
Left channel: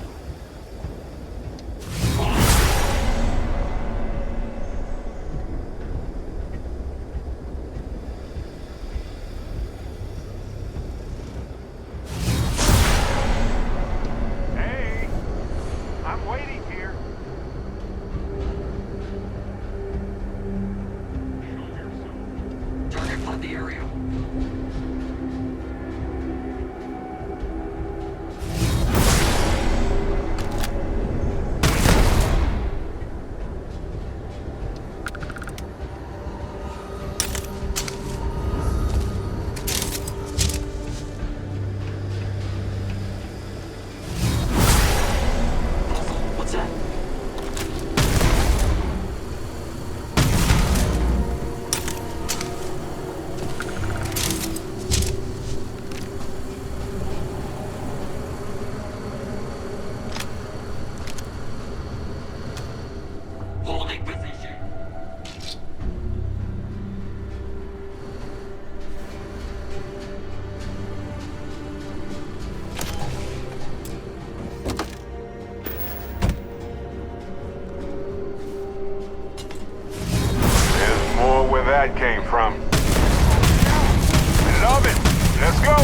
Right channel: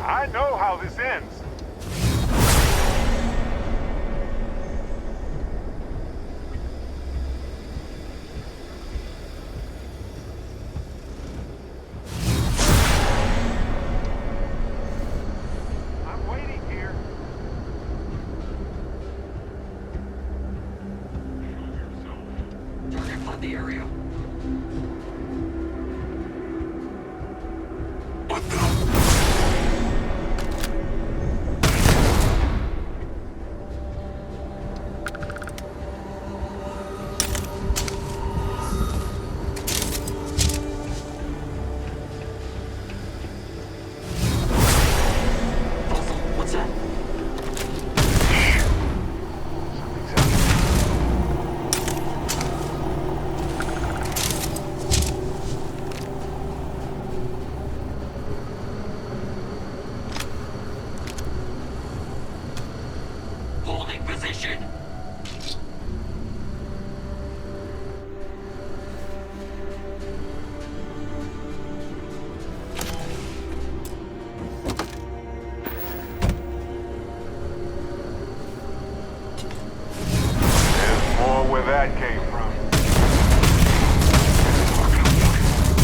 I know how this ends. Hey, I'm waiting here. Show yourself. Target flood the area. Holding position. There's more where that came from. Love it. Let's go.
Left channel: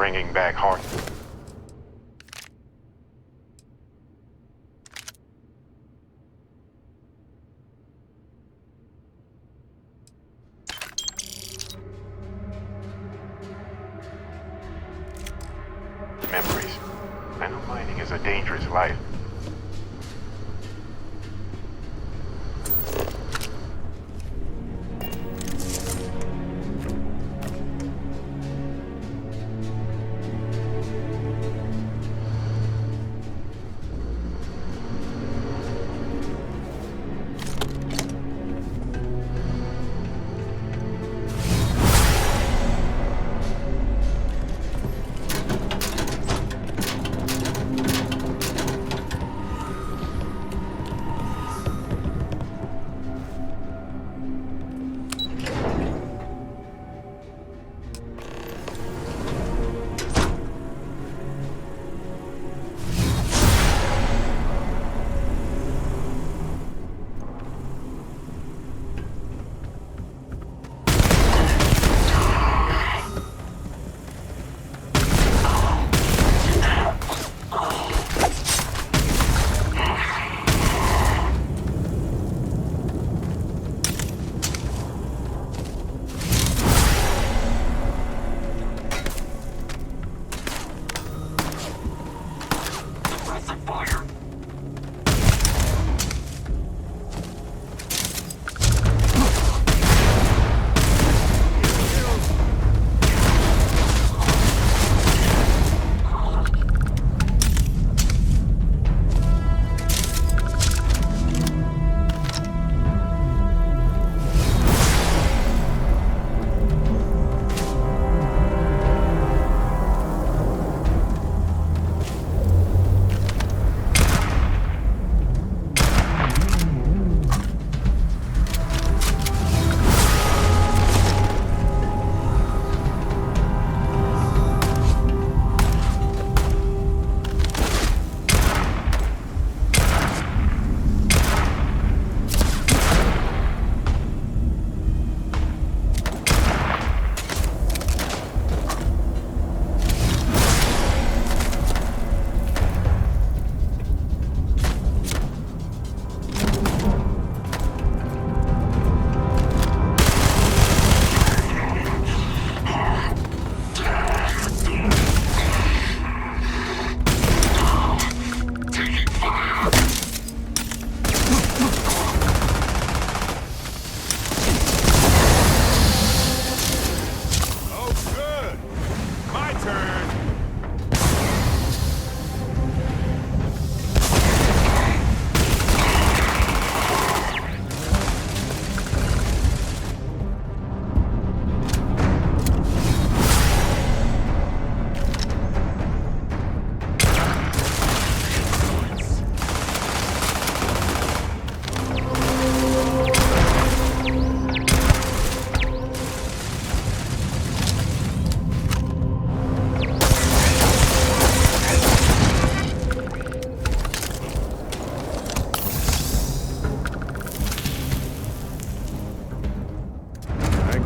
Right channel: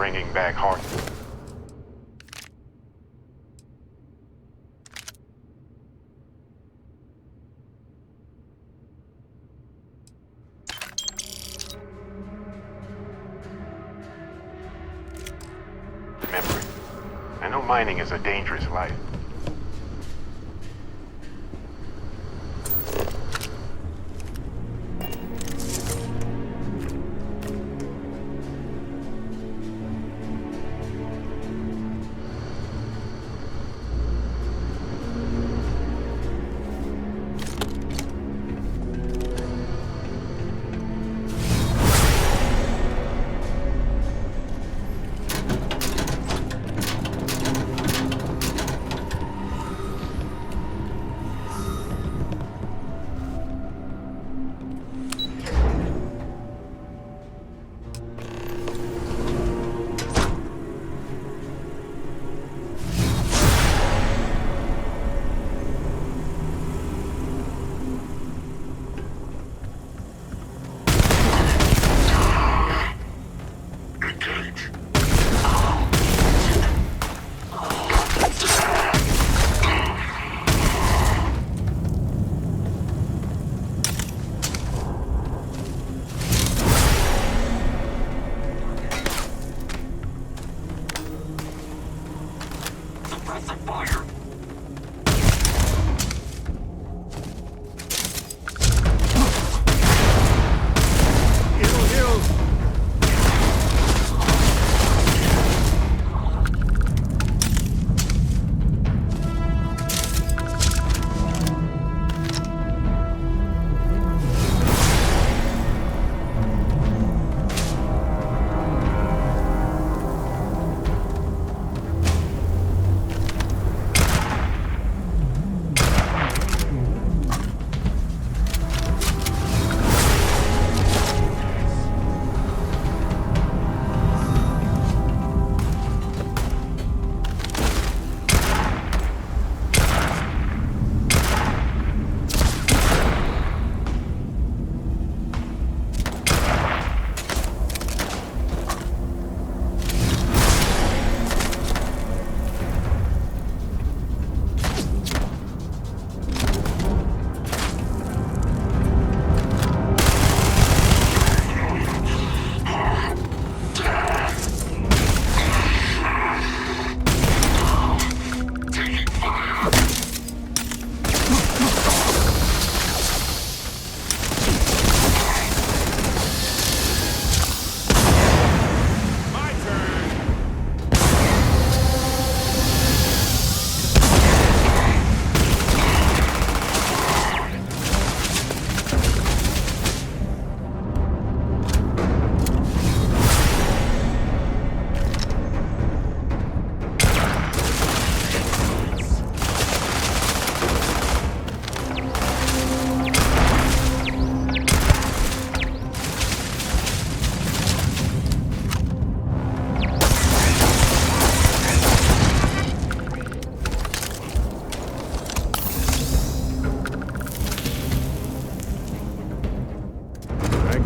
bringing back heart. Memories. I know mining is a dangerous life.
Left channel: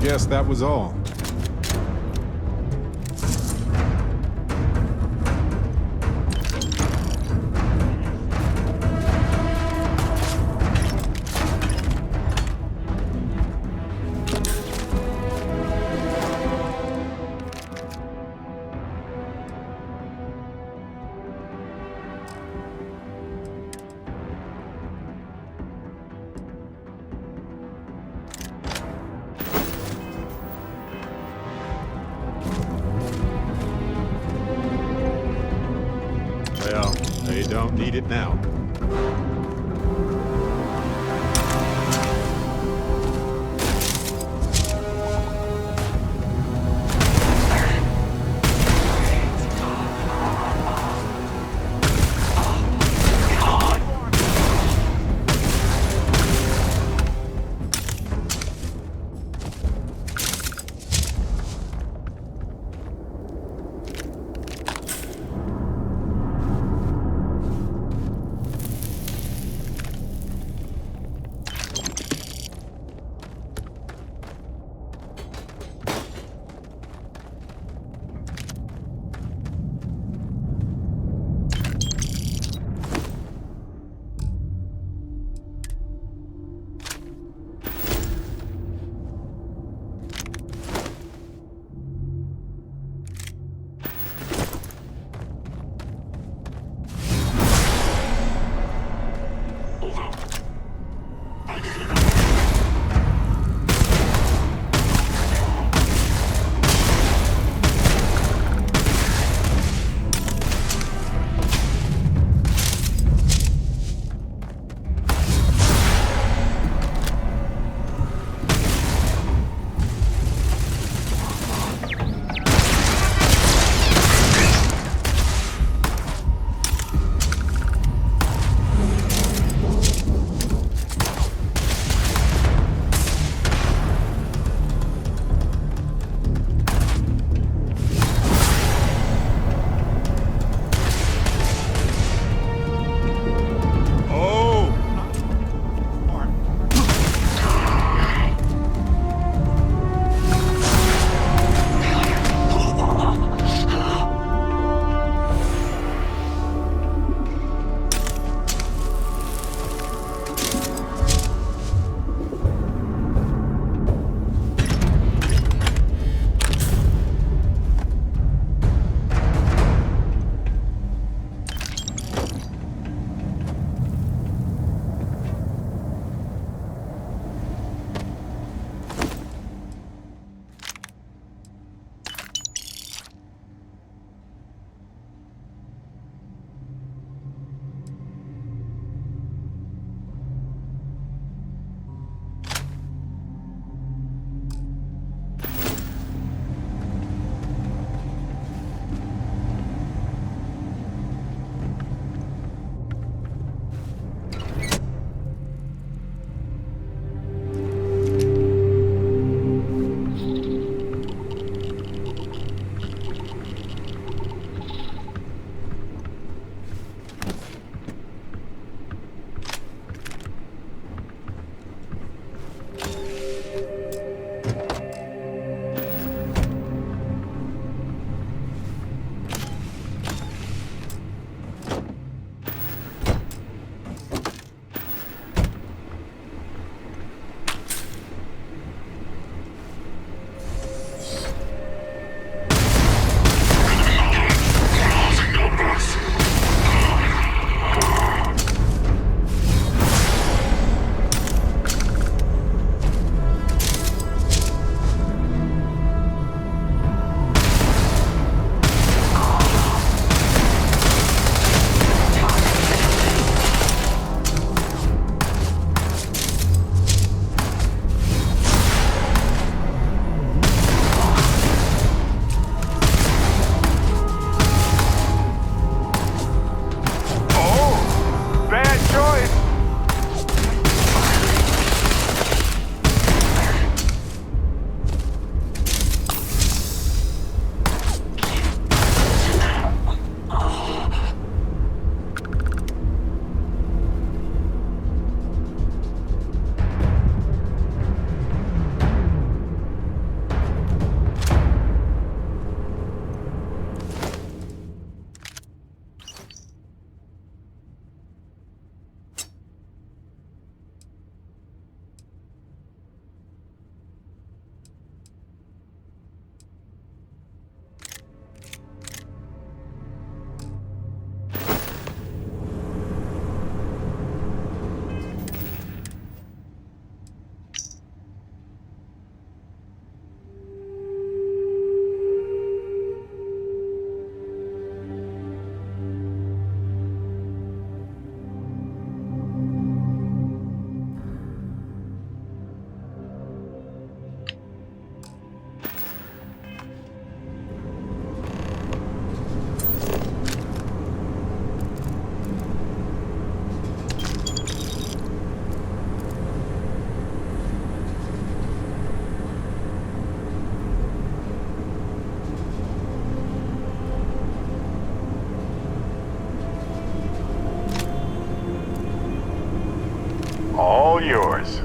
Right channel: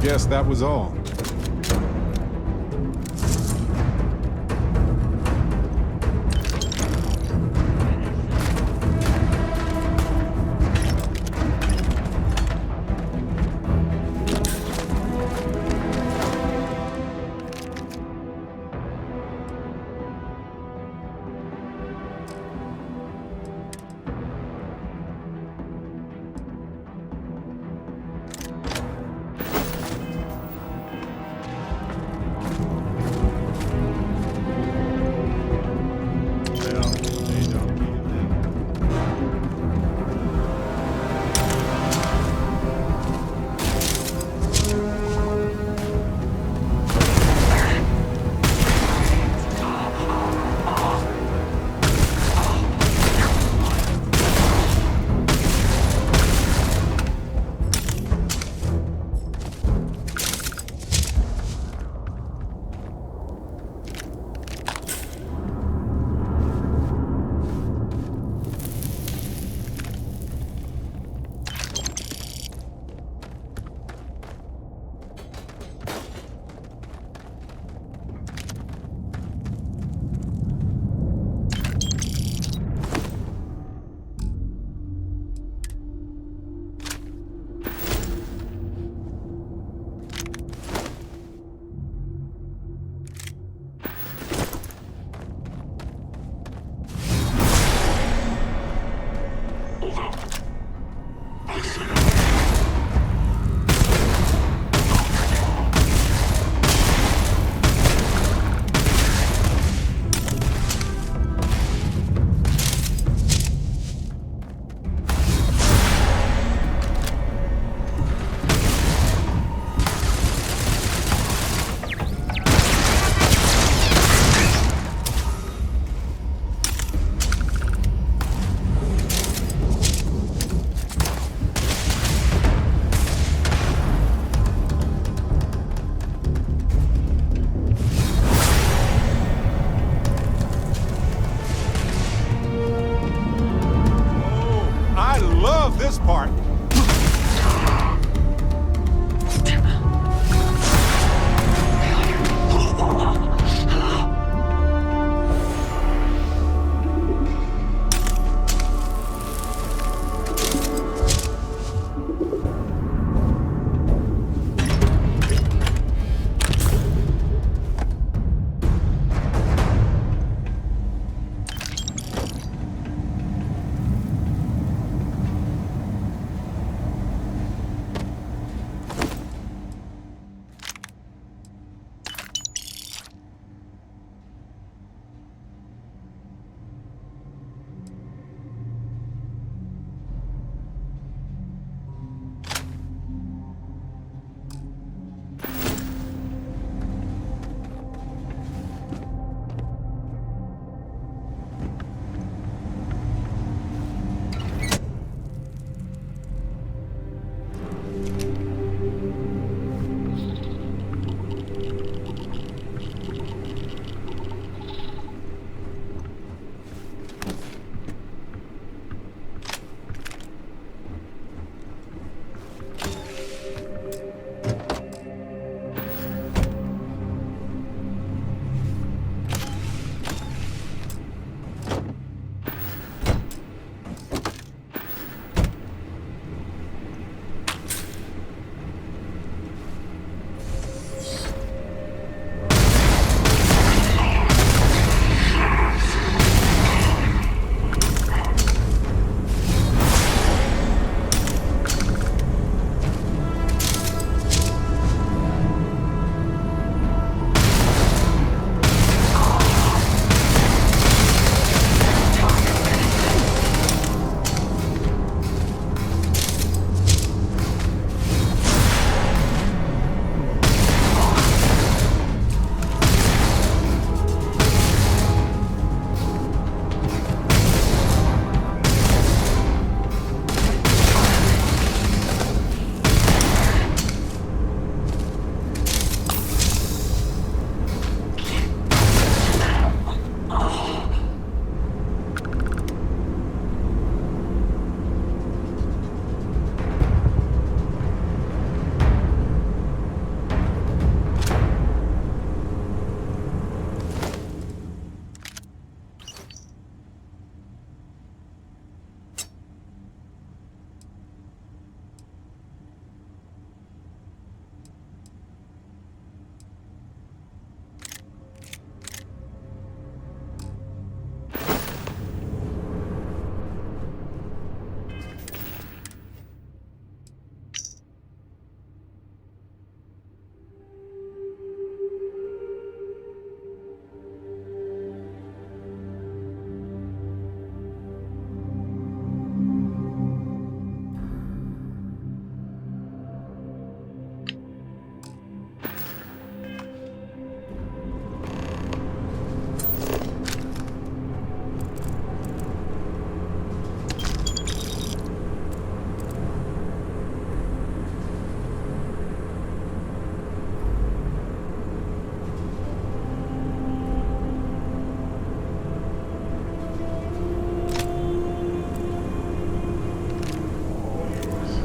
Guess that was all. Don't need it now. yours.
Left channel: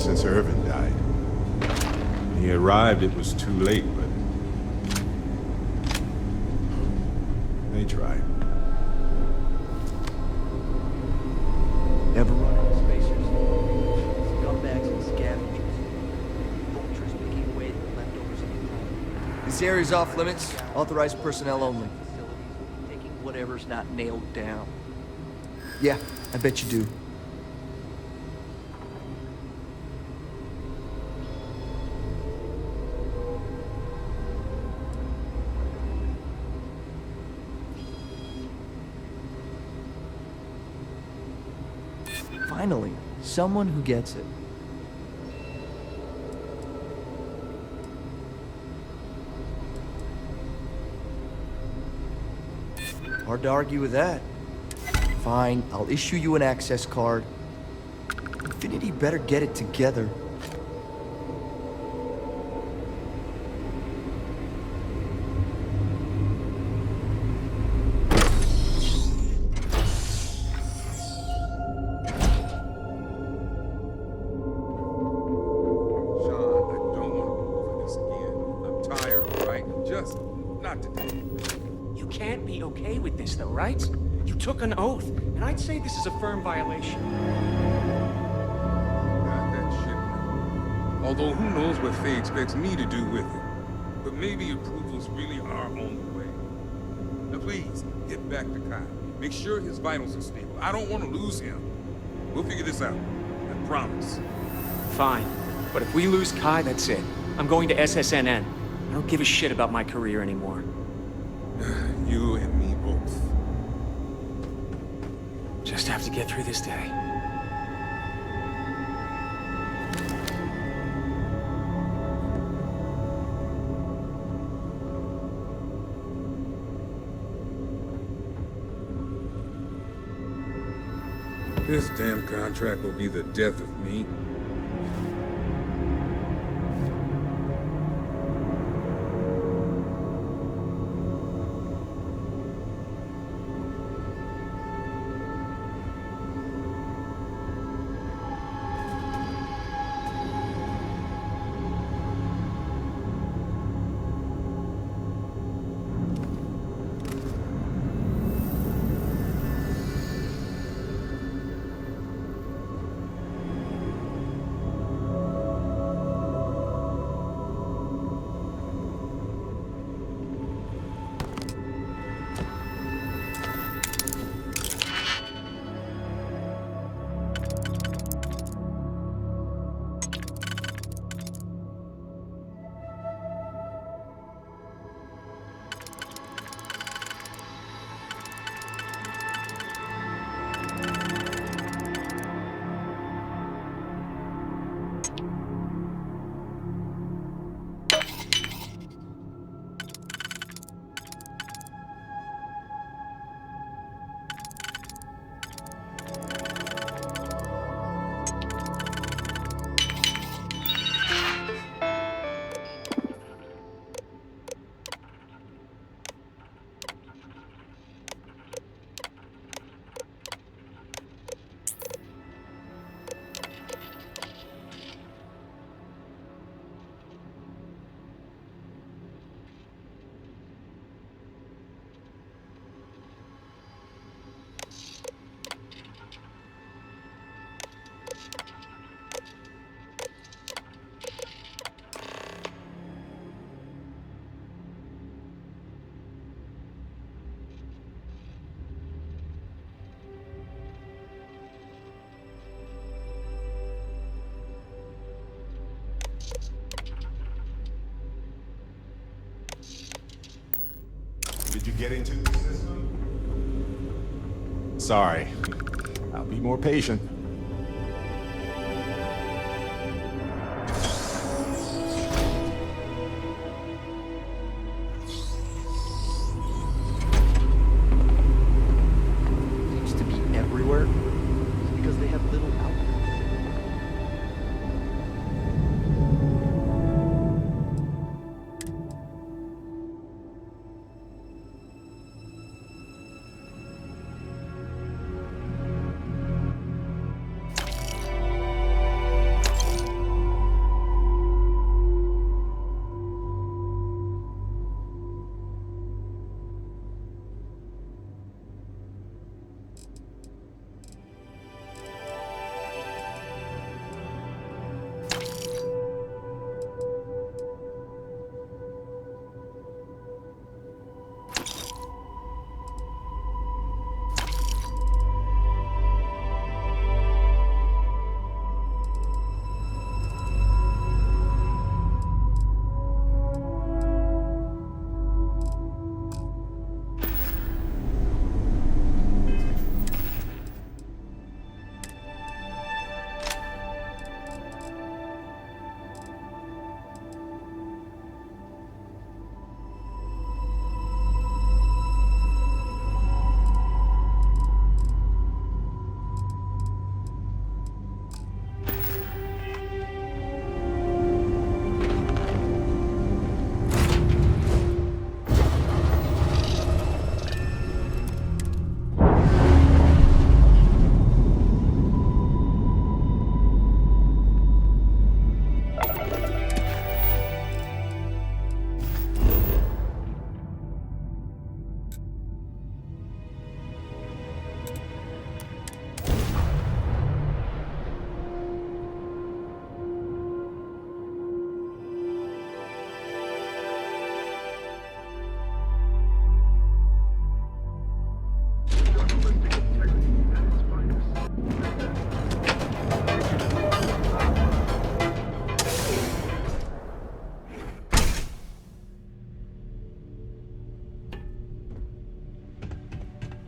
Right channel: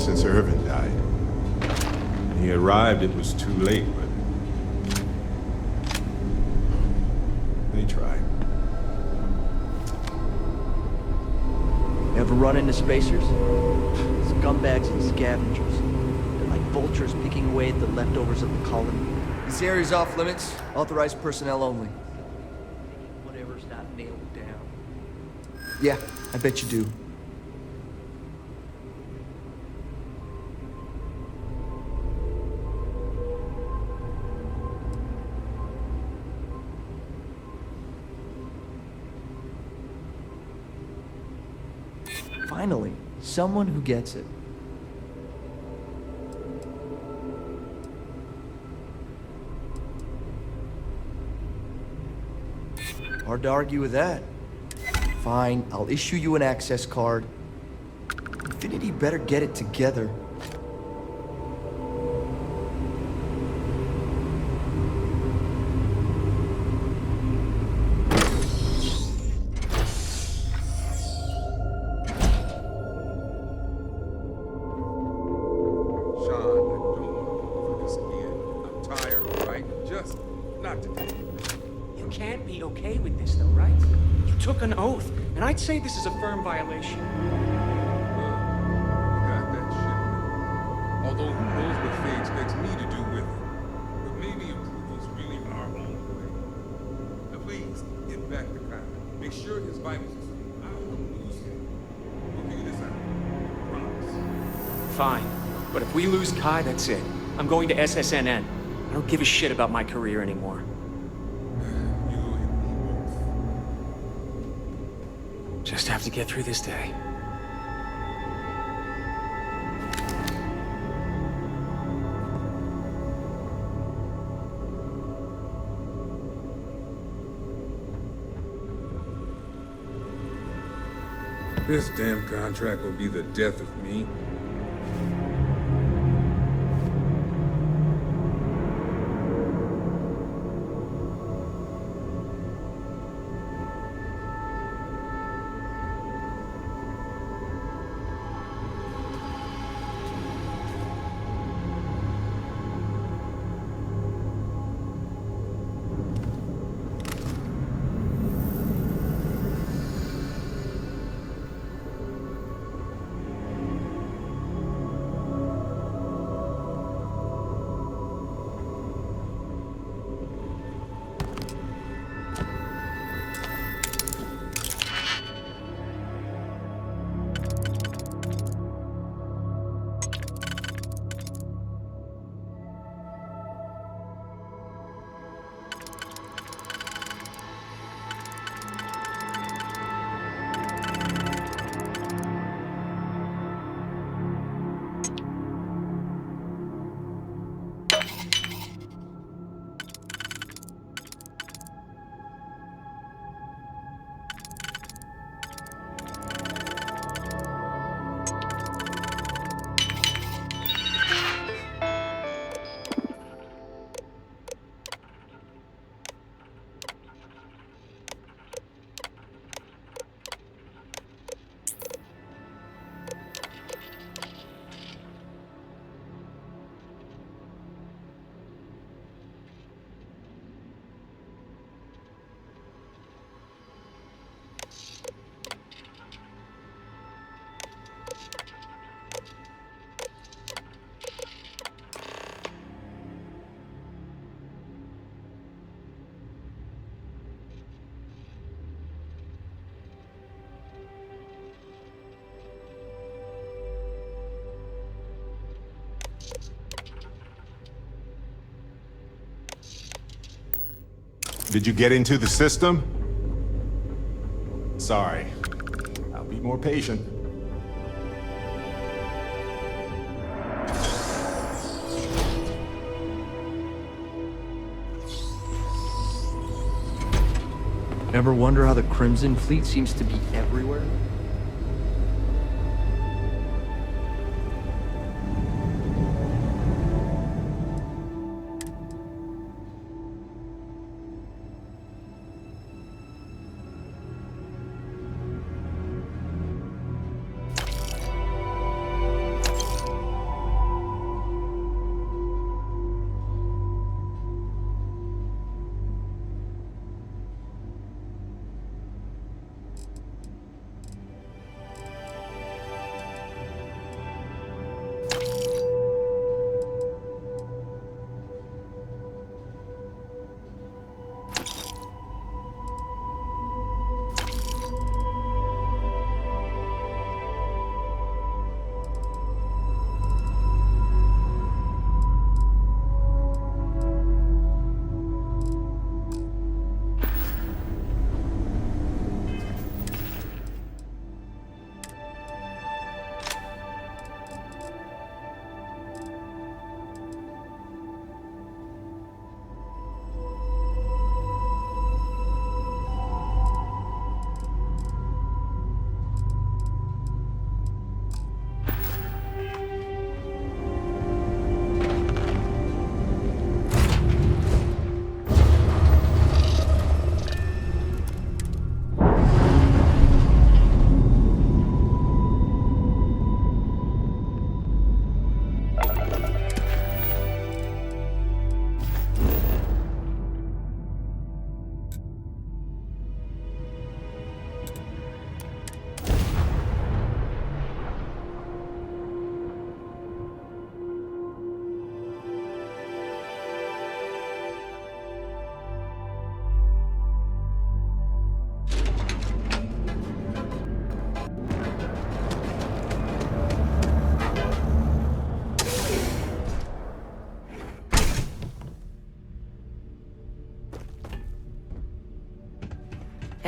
since Irvin died. When he arrived, it was too late, but they tried. Ever run into spacers? Scumbags and scavengers. They're like vultures picking away at the leftovers of the colony. This area's off limits. Authorized personnel only. Taking whatever's not nailed down. Yeah, I bet you do. Finally, someone who gets it. Hard to argue with that. Fine, I'll issue you an access card. Infinity better get it together. You can't be okay with this, though, right? You took an oath, and I'd say this is a firm violation. Got that shipment. Although who knows what Faye expects me to do with it. But maybe approvals really are on the way. Now please, get back to Kai. Make sure his vitals are stable. I don't want to lose him. We'll figure this out. I promise. Fine. But if we lose Kai, that's it. I'm going to SSNN. I don't give a shit about my career anymore. You and me both. Just have to get through this day. This damn contract will be the death of me. Did you get into the system? Sorry. I'll be more patient. Ever wonder how the Crimson Fleet seems to be everywhere? Because they have little outposts.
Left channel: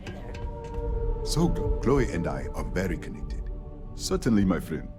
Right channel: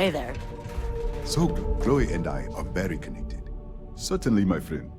Hey there. So, Chloe and I are very connected. Certainly, my friend.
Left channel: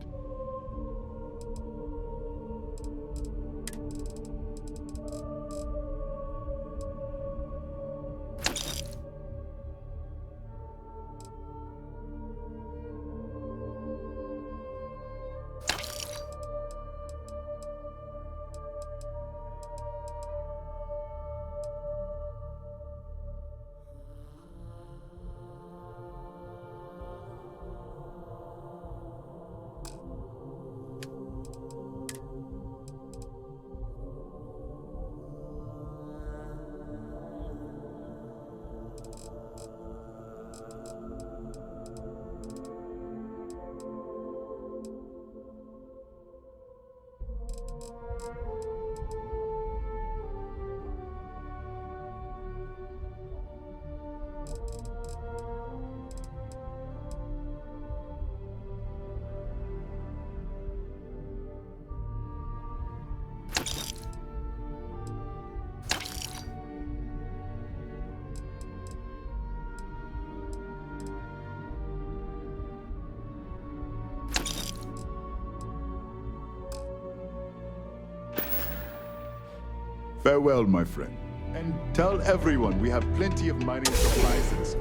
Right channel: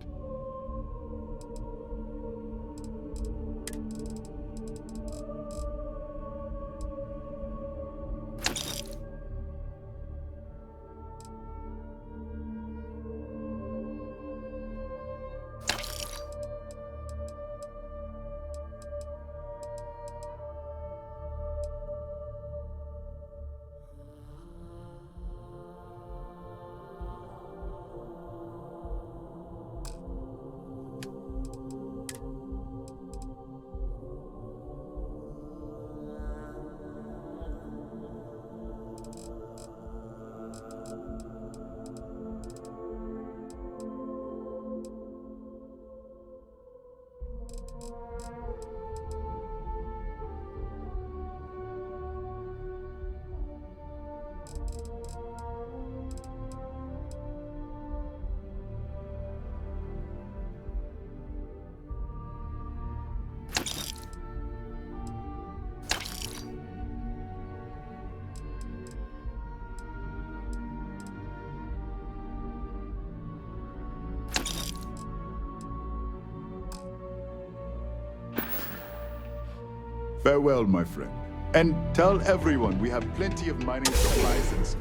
Farewell, my friend. And tell everyone we have plenty of mining supplies and stuff.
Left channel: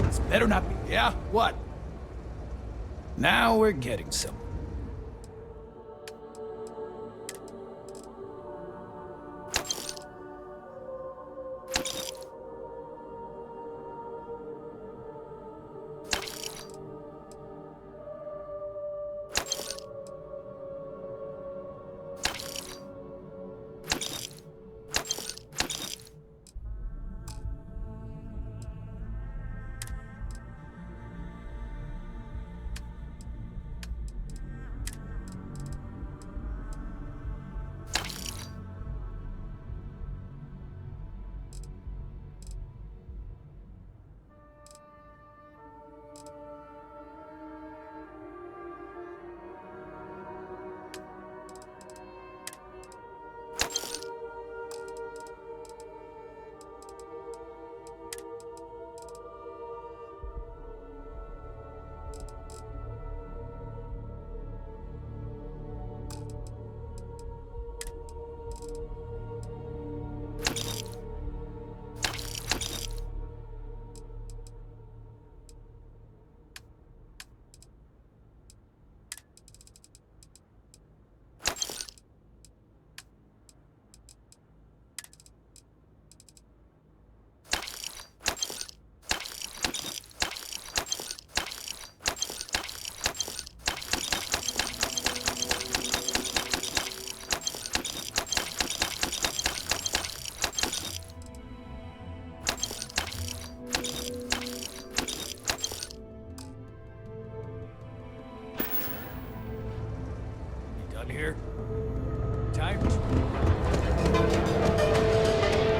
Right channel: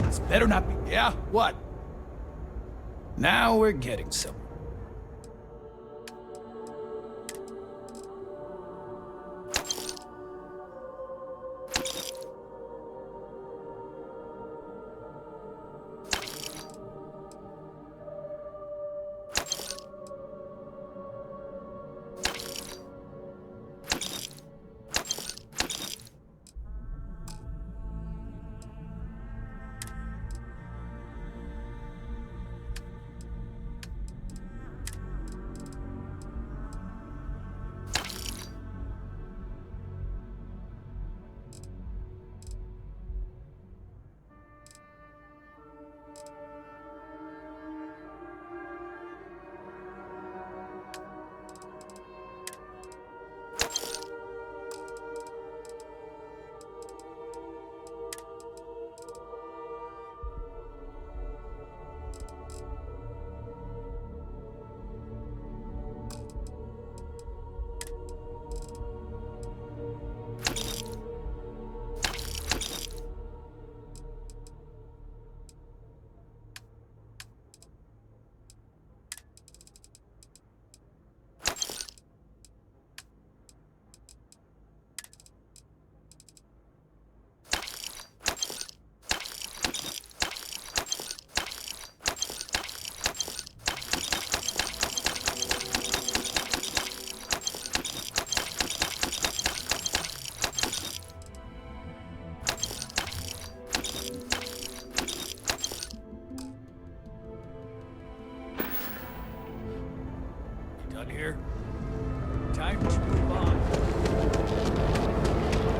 This better not be, yeah? What? Now we're getting somewhere. Done here? Time to move on.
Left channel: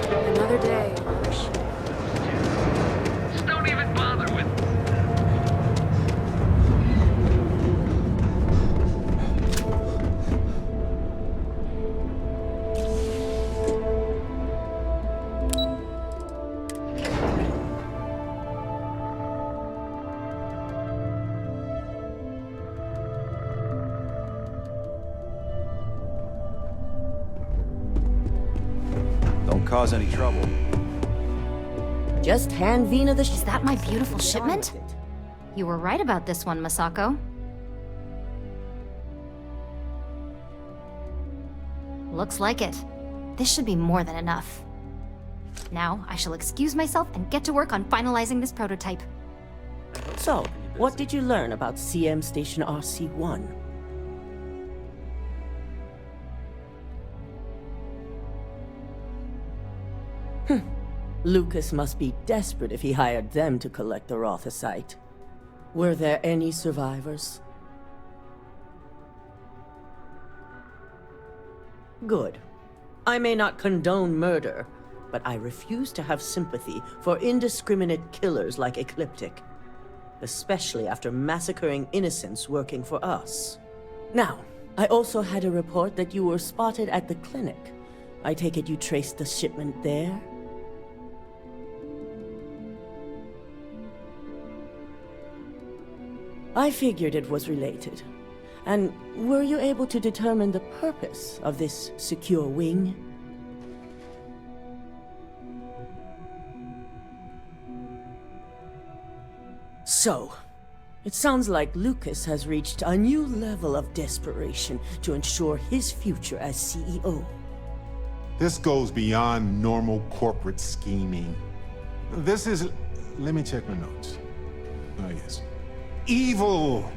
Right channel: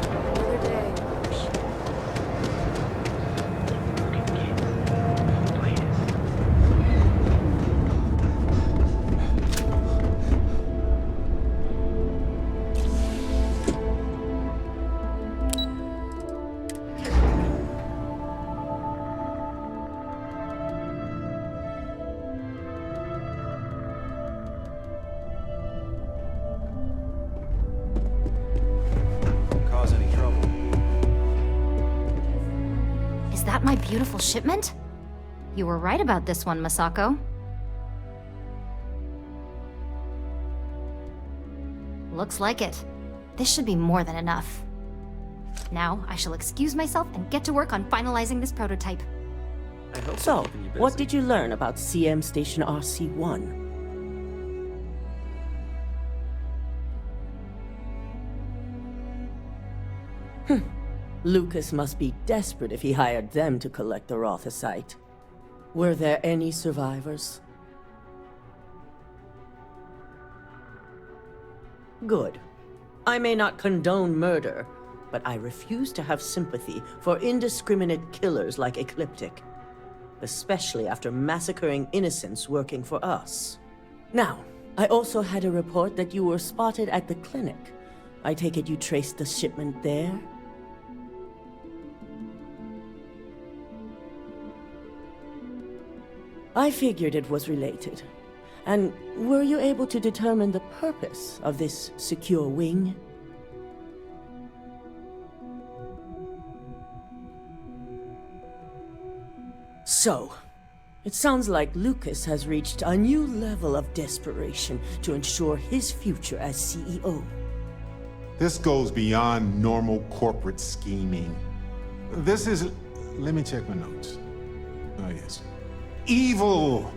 Another day, Marsh. Don't even bother with cause any trouble. Just hand Vina the Is that my beautiful shipment? You were right about this one, Masako. Looks like it. This should be more than enough. Now, I shall excuse myself and get to work on finalizing this prototype. So, what did you learn about CM Station RC-1? Lucas must be desperate if he hired them to collect the Rothosite. Were there any survivors? Good. I may not condone murder, but I refuse to have sympathy for indiscriminate killers like Ecliptic. especially after massacring innocents working for us. Now, I also had a report that you were spotted at the clinic. I take it you traced the shipment there? I figured it was related. And were you able to determine the purpose of this secure wing? So, it sounds like Lucas has reached a new level of desperation to ensure his future as CEO. This goes beyond normal corporate scheming. This is... let me check my notes. Oh, yes. Evil!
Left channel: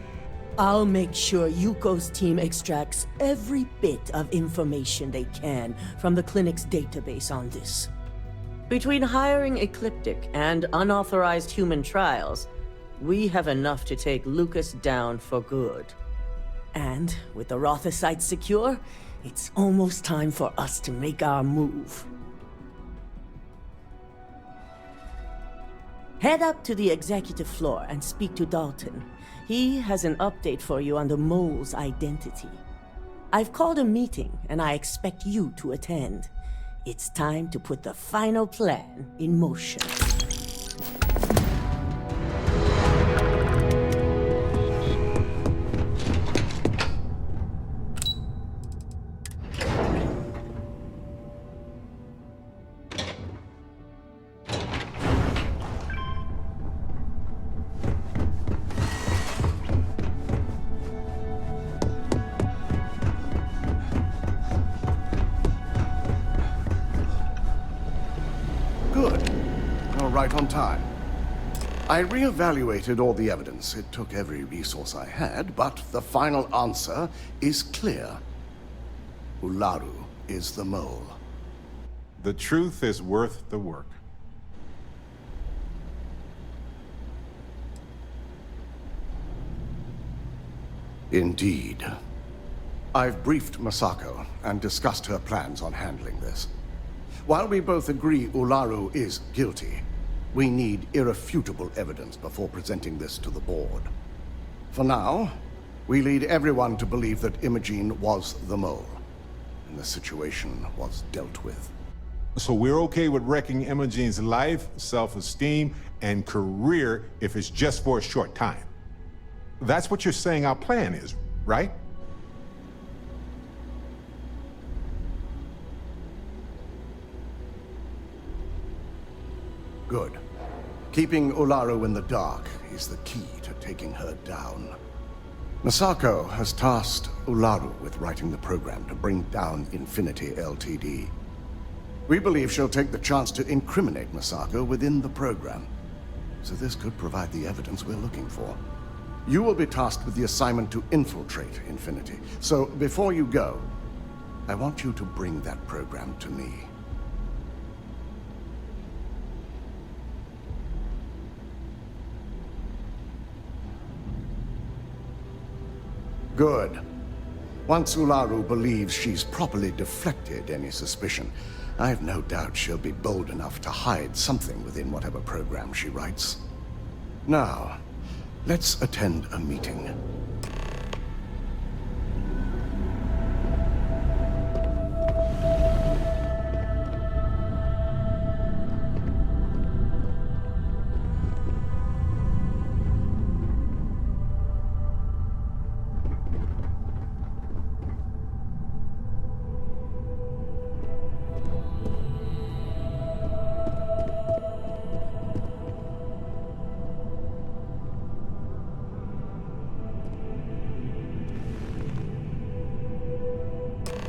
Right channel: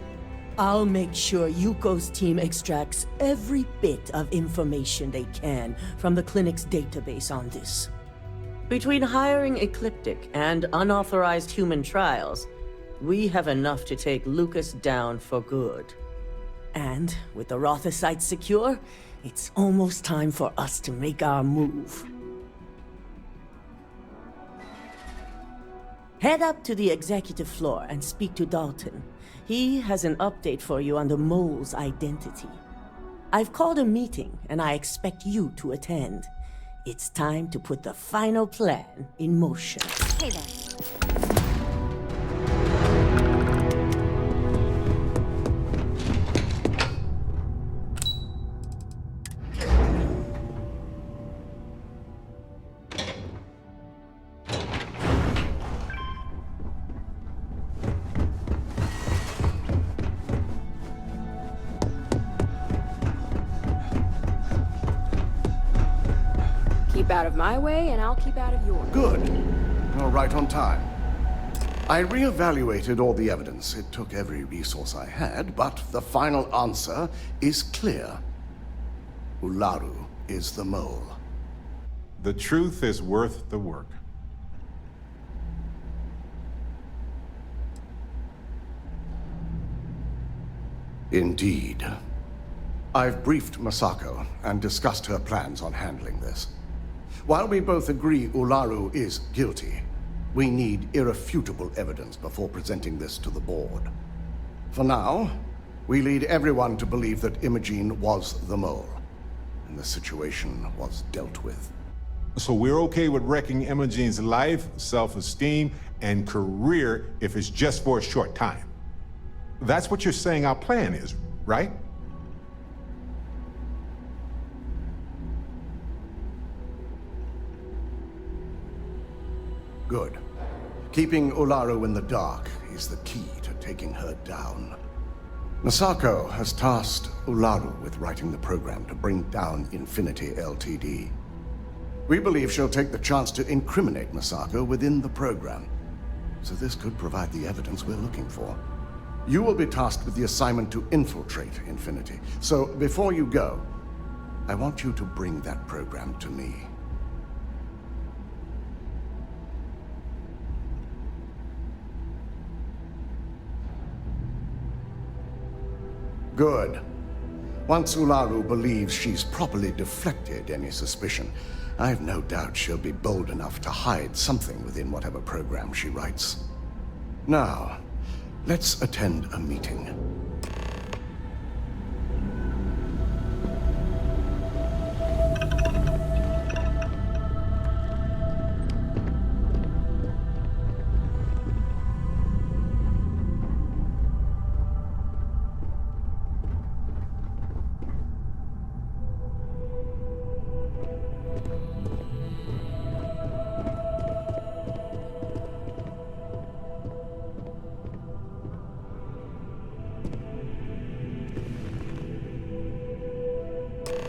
I'll make sure Yuko's team extracts every bit of information they can from the clinic's database on this. Between hiring Ecliptic and unauthorized human trials, we have enough to take Lucas down for good. And with the Rothicites secure, it's almost time for us to make our move. Head up to the executive floor and speak to Dalton. He has an update for you on the mole's identity. I've called a meeting, and I expect you to attend. It's time to put the final plan in motion. My way, and I'll keep out of yours. Good. You're right on time. I reevaluated all the evidence. It took every resource I had, but the final answer is clear. Ularu is the mole. The truth is worth the work. Indeed. I've briefed Masako and discussed her plans on handling this. While we both agree Ularu is guilty, we need irrefutable evidence before presenting this to the board. For now, we lead everyone to believe that Imogene was the mole, and the situation was dealt with. So we're okay with wrecking Imogene's life, self-esteem, and career if it's just for a short time. That's what you're saying our plan is, right? Good. Keeping Ularu in the dark is the key to taking her down. Masako has tasked Ularu with writing the program to bring down Infinity Ltd. We believe she'll take the chance to incriminate Masako within the program. So this could provide the evidence we're looking for. You will be tasked with the assignment to infiltrate Infinity. So before you go, I want you to bring that program to me. Good. Once Ularu believes she's properly deflected any suspicion, I've no doubt she'll be bold enough to hide something within whatever program she writes. Now, let's attend a meeting.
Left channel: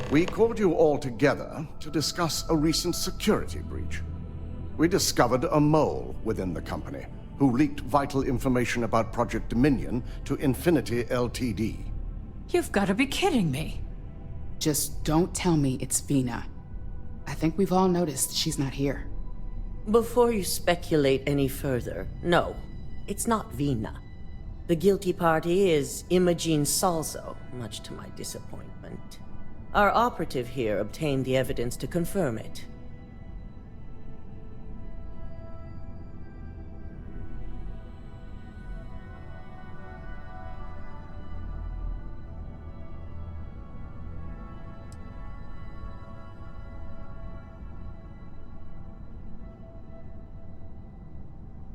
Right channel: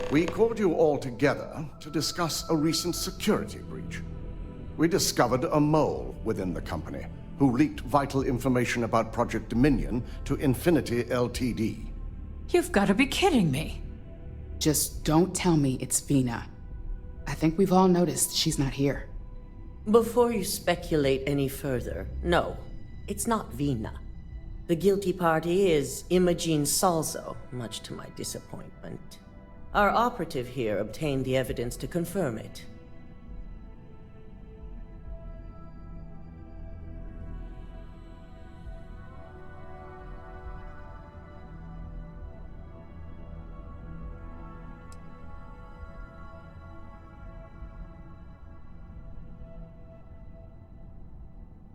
We called you all together to discuss a recent security breach. We discovered a mole within the company who leaked vital information about Project Dominion to Infinity Ltd. You've got to be kidding me. Just don't tell me it's Vina. I think we've all noticed she's not here. Before you speculate any further, no, it's not Vina. The guilty party is Imogene Salzo, much to my disappointment. Our operative here obtained the evidence to confirm it.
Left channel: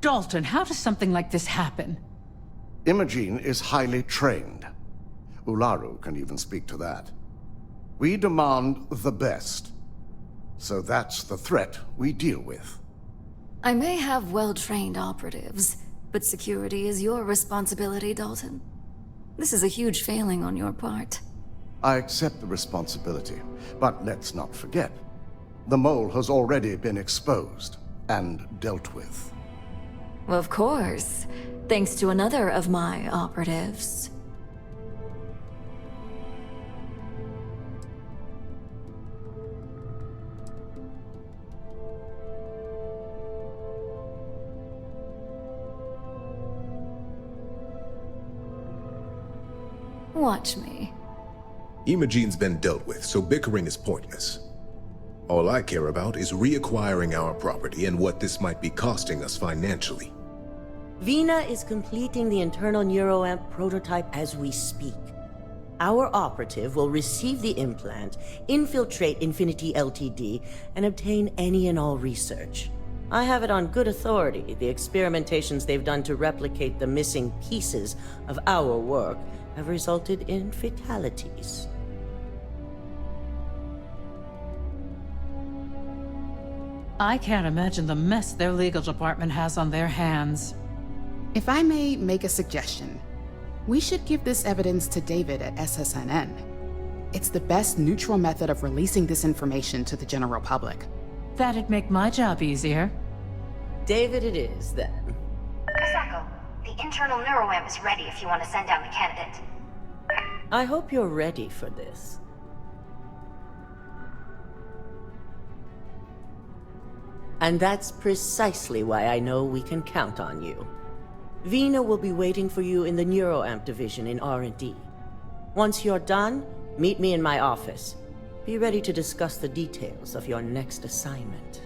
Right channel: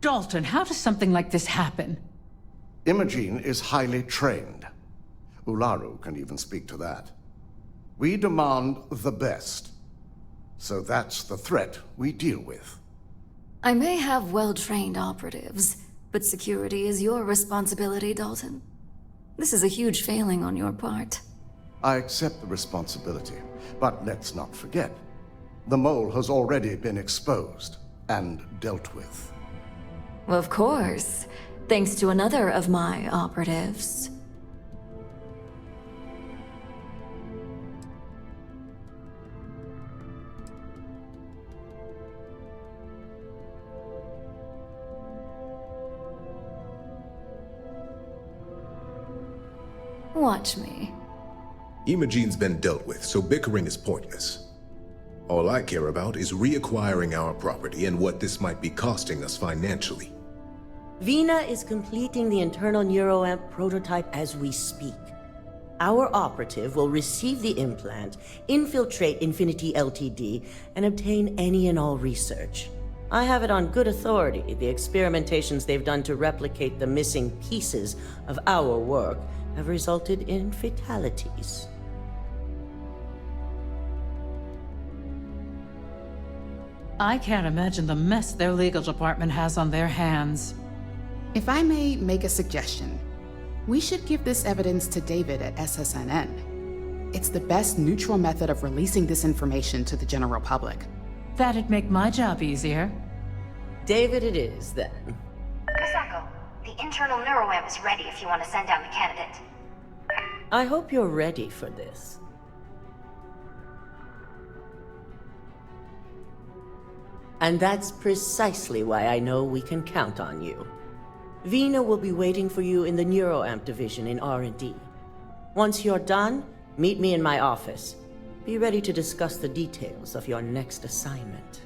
Dalton, how does something like this happen? Imogene is highly trained. Ularu can even speak to that. We demand the best. So that's the threat we deal with. I may have well-trained operatives, but security is your responsibility, Dalton. This is a huge failing on your part. I accept the responsibility, but let's not forget. The mole has already been exposed and dealt with. Of course, thanks to another of my operatives. Watch me. Imogene's been dealt with, so bickering is pointless. All I care about is reacquiring our property and what this might be costing us financially. Vina is completing the internal neuroamp prototype as we speak. Our operative will receive the implant, infiltrate Infinity Ltd, and obtain any and all research. I have it on good authority. The experimentations they've done to replicate the missing pieces of our work have resulted in fatalities. I can't imagine the mess their legal department has on their hands. If I may make a suggestion, we should give this evidence to David at SSNN. It's the best neutral method of releasing this information to the general public. That'd make my job easier. David it is, then. Misako, the internal neuroamp is ready if you want to send down the candidate. I hope you're ready for this. And that's precisely why I know we can count on you. Vina will be waiting for you in the neuroamp division in R&D. Once you're done, meet me in my office. Be ready to discuss the details of your next assignment.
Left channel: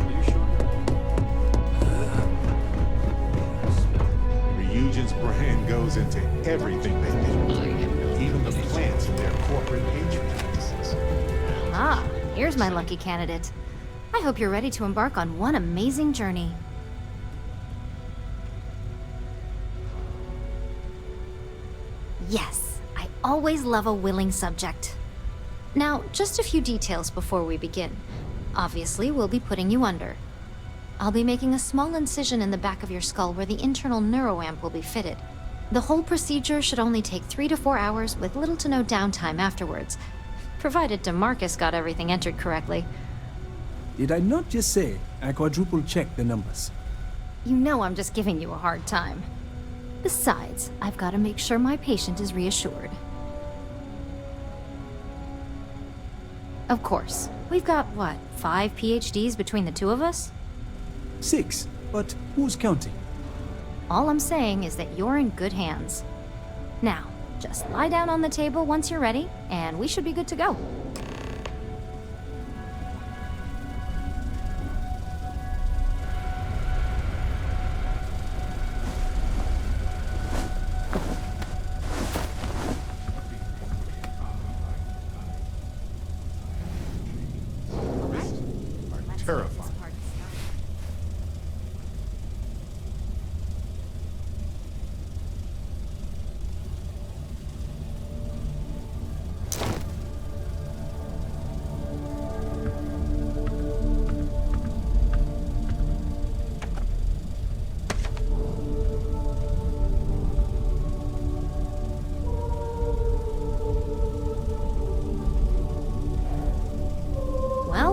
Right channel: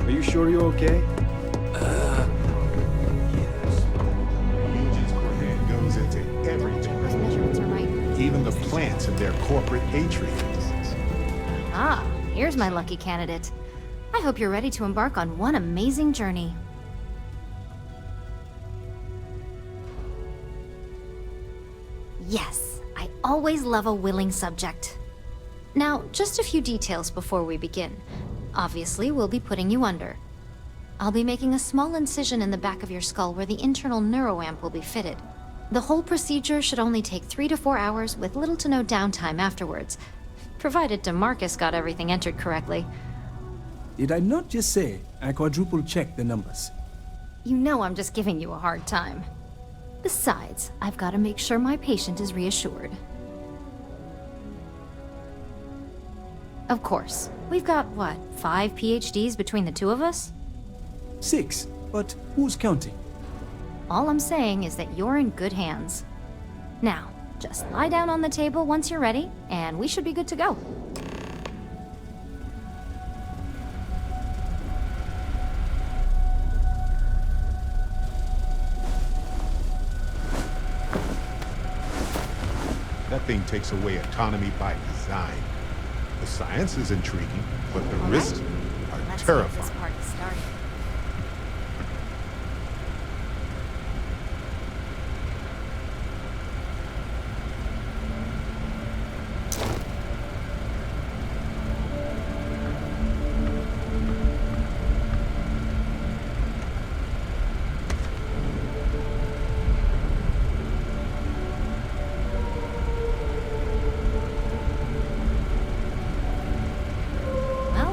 Are you sure you're okay? Ryujin's brand goes into everything they do, even the plants in their corporate atriums. Ah, here's my lucky candidate. I hope you're ready to embark on one amazing journey. Yes, I always love a willing subject. Now, just a few details before we begin. Obviously, we'll be putting you under. I'll be making a small incision in the back of your skull where the internal neuroamp will be fitted. The whole procedure should only take 3 to 4 hours with little to no downtime afterwards, provided DeMarcus got everything entered correctly. Did I not just say I quadruple-checked the numbers? You know I'm just giving you a hard time. Besides, I've got to make sure my patient is reassured. Of course. We've got, what, 5 PhDs between the two of us? 6, but who's counting? All I'm saying is that you're in good hands. Now, just lie down on the table once you're ready, and we should be good to go. That thing takes away autonomy by design. The science is intriguing, but the risks are terrifying.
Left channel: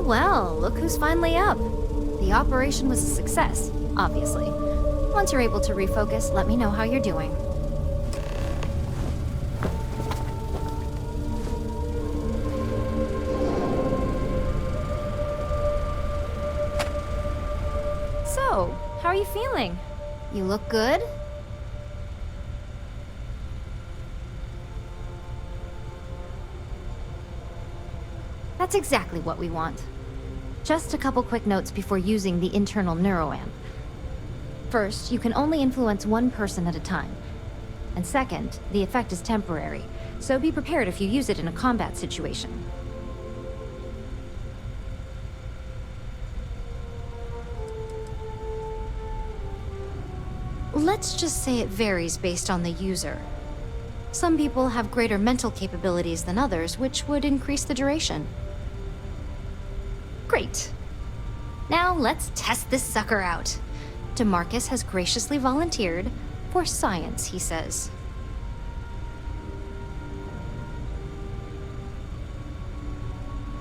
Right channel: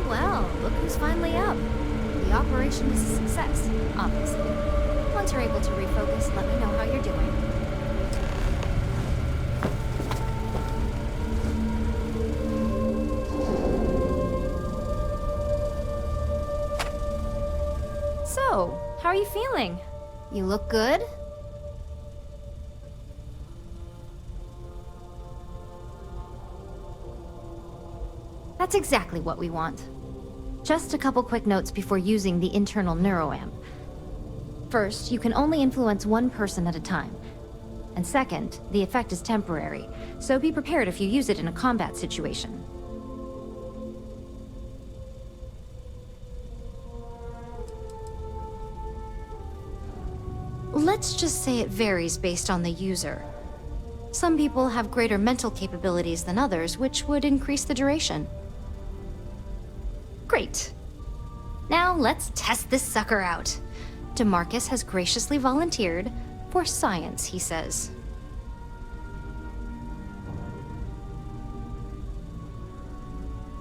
Well, look who's finally up. The operation was a success, obviously. Once you're able to refocus, let me know how you're doing. So, how are you feeling? You look good? That's exactly what we want. Just a couple quick notes before using the internal neuroamp. First, you can only influence one person at a time. And second, the effect is temporary, so be prepared if you use it in a combat situation. Let's just say it varies based on the user. Some people have greater mental capabilities than others, which would increase the duration. Great. Now let's test this sucker out. DeMarcus has graciously volunteered for science, he says.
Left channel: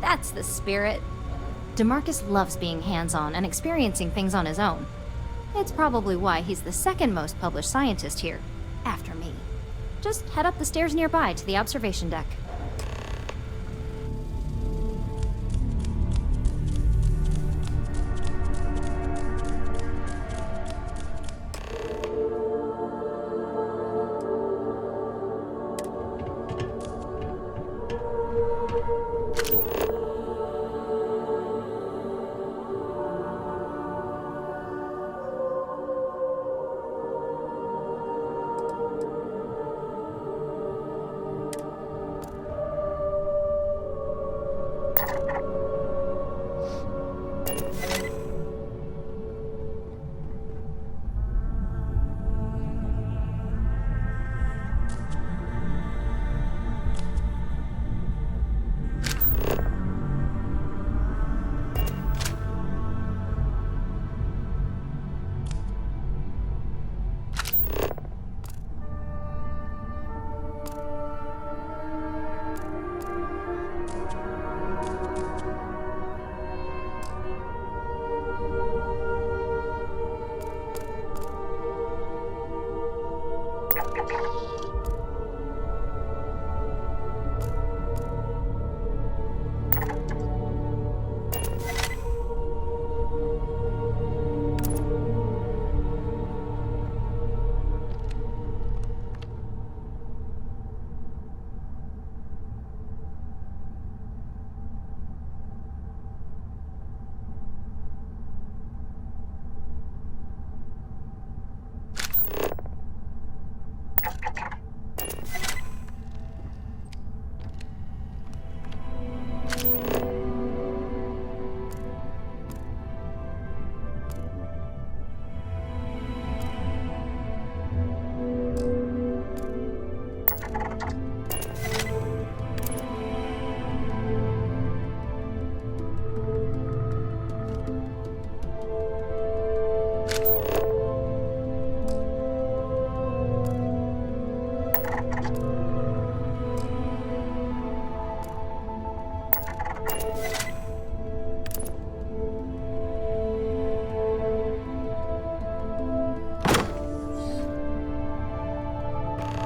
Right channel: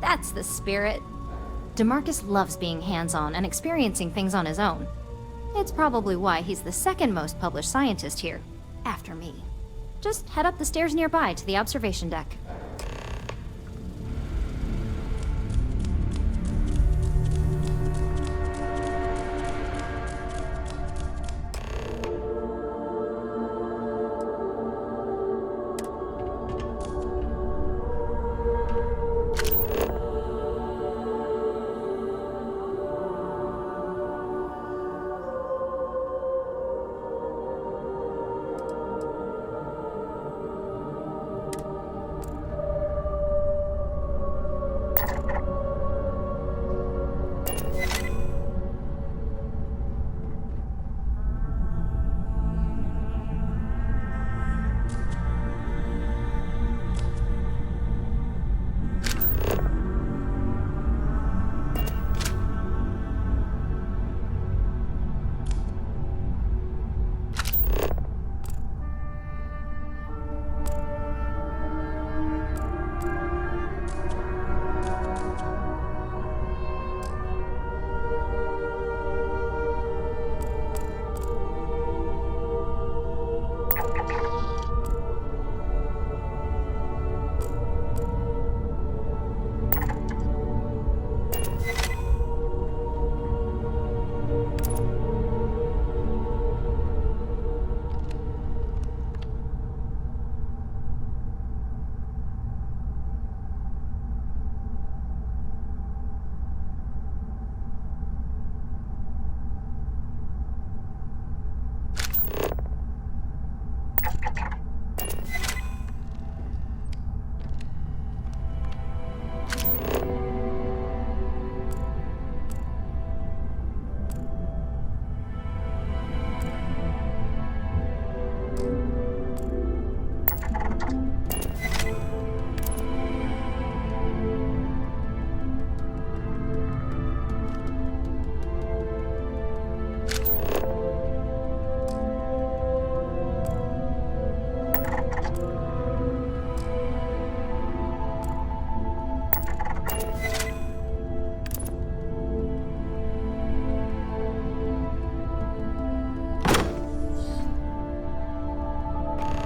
That's the spirit. DeMarcus loves being hands-on and experiencing things on his own. It's probably why he's the second most published scientist here, after me. Just head up the stairs nearby to the observation deck.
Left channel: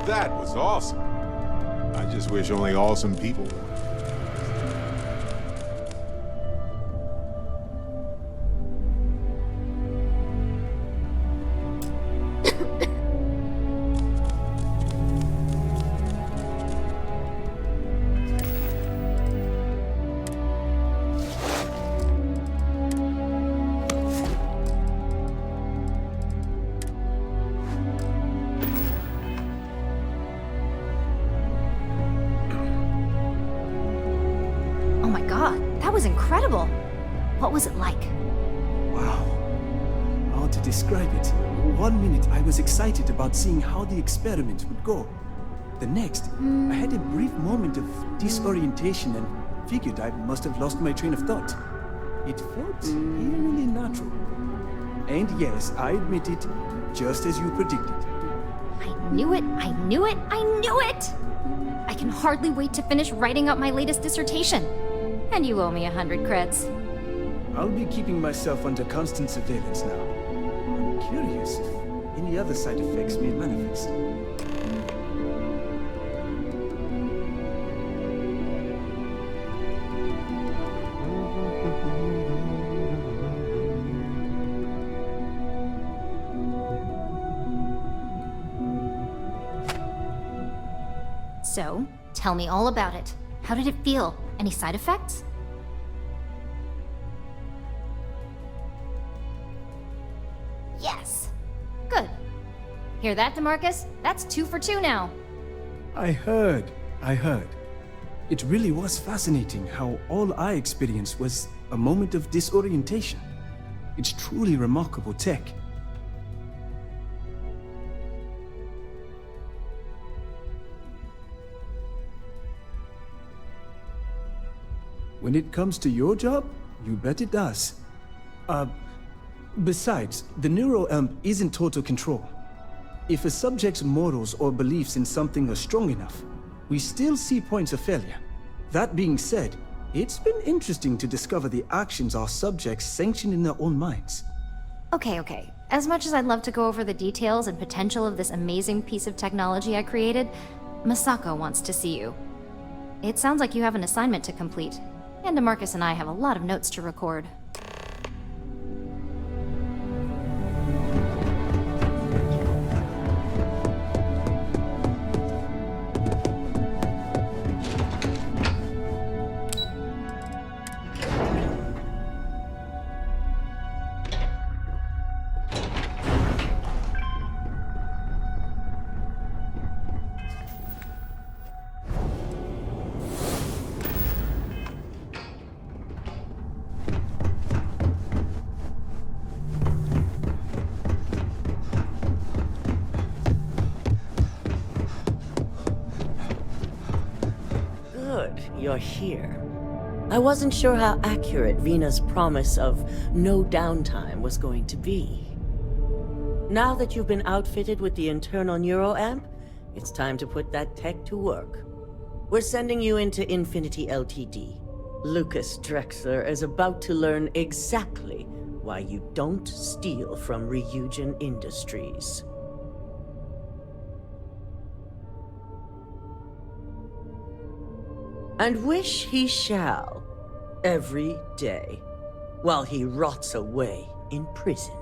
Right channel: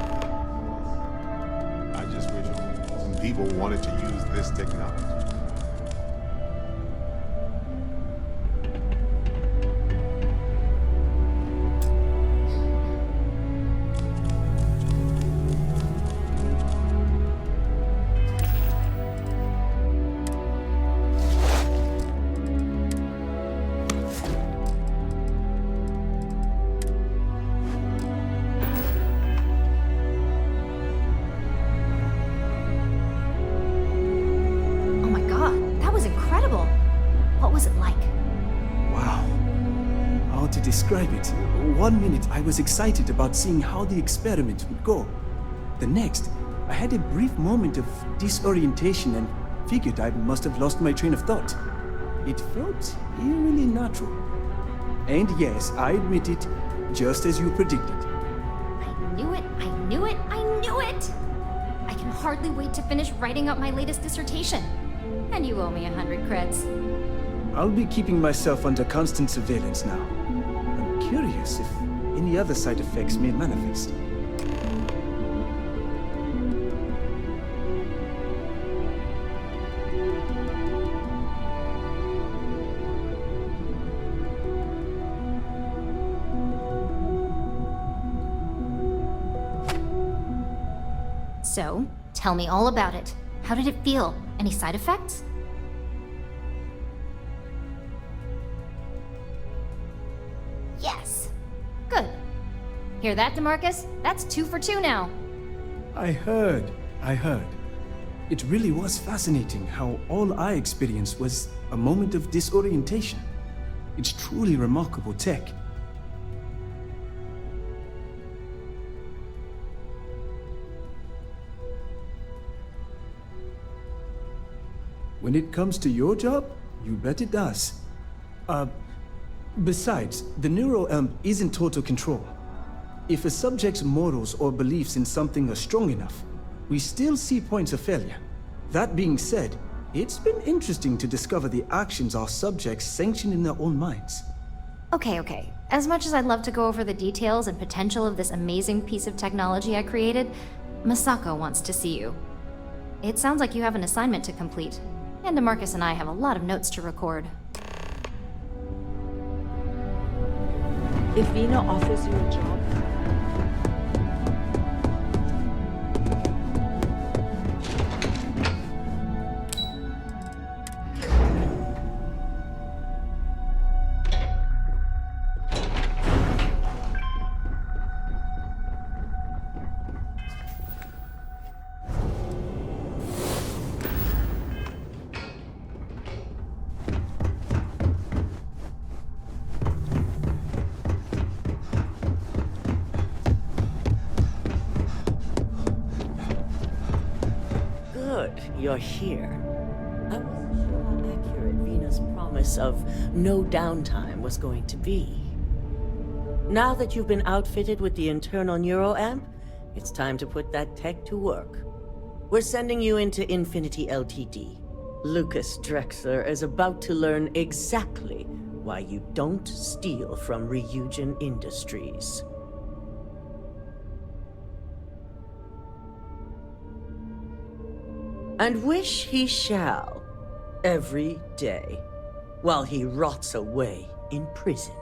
That was awesome. I just wish only awesome people wanted to use this technology. Oh my god, that was incredible. What was it like? Wow. How to describe it? 1 minute I was excited about seeing how the experiment would go. The next, I had a brief moment of disorientation and figured I must have lost my train of thought. It felt eerily natural. And yes, I admit it, just as you predicted. I knew it, I knew it, I knew it! I can hardly wait to finish writing up my latest dissertation. And you owe me 100 creds. I'll be keeping myself under constant surveillance now. I'm curious if any other side effects may manifest. So, tell me all about it. How did it feel? Any side effects? Hear that, DeMarcus? That's 2 for 2 now. I heard. It really was fascinating how all I experienced was a moment of disorientation. It's truly remarkable tech. When it comes to your job, you bet it does. Besides, the neuroamp isn't total control. If a subject's morals or beliefs in something are strong enough, we still see points of failure. That being said, it's been interesting to discover the actions our subjects sanction in their own minds. Okay. As much as I'd love to go over the details and potential of this amazing piece of technology I created, Masako wants to see you. It sounds like you have an assignment to complete, and DeMarcus and I have a lot of notes to record. If Vina offers you a job, You're here. I wasn't sure how accurate Vina's promise of no downtime was going to be. Now that you've been outfitted with the internal neuroamp, it's time to put that tech to work. We're sending you into Infinity Ltd. Lucas Drexler is about to learn exactly why you don't steal from Ryujin Industries. And wish he shall, every day, while he rots away in prison.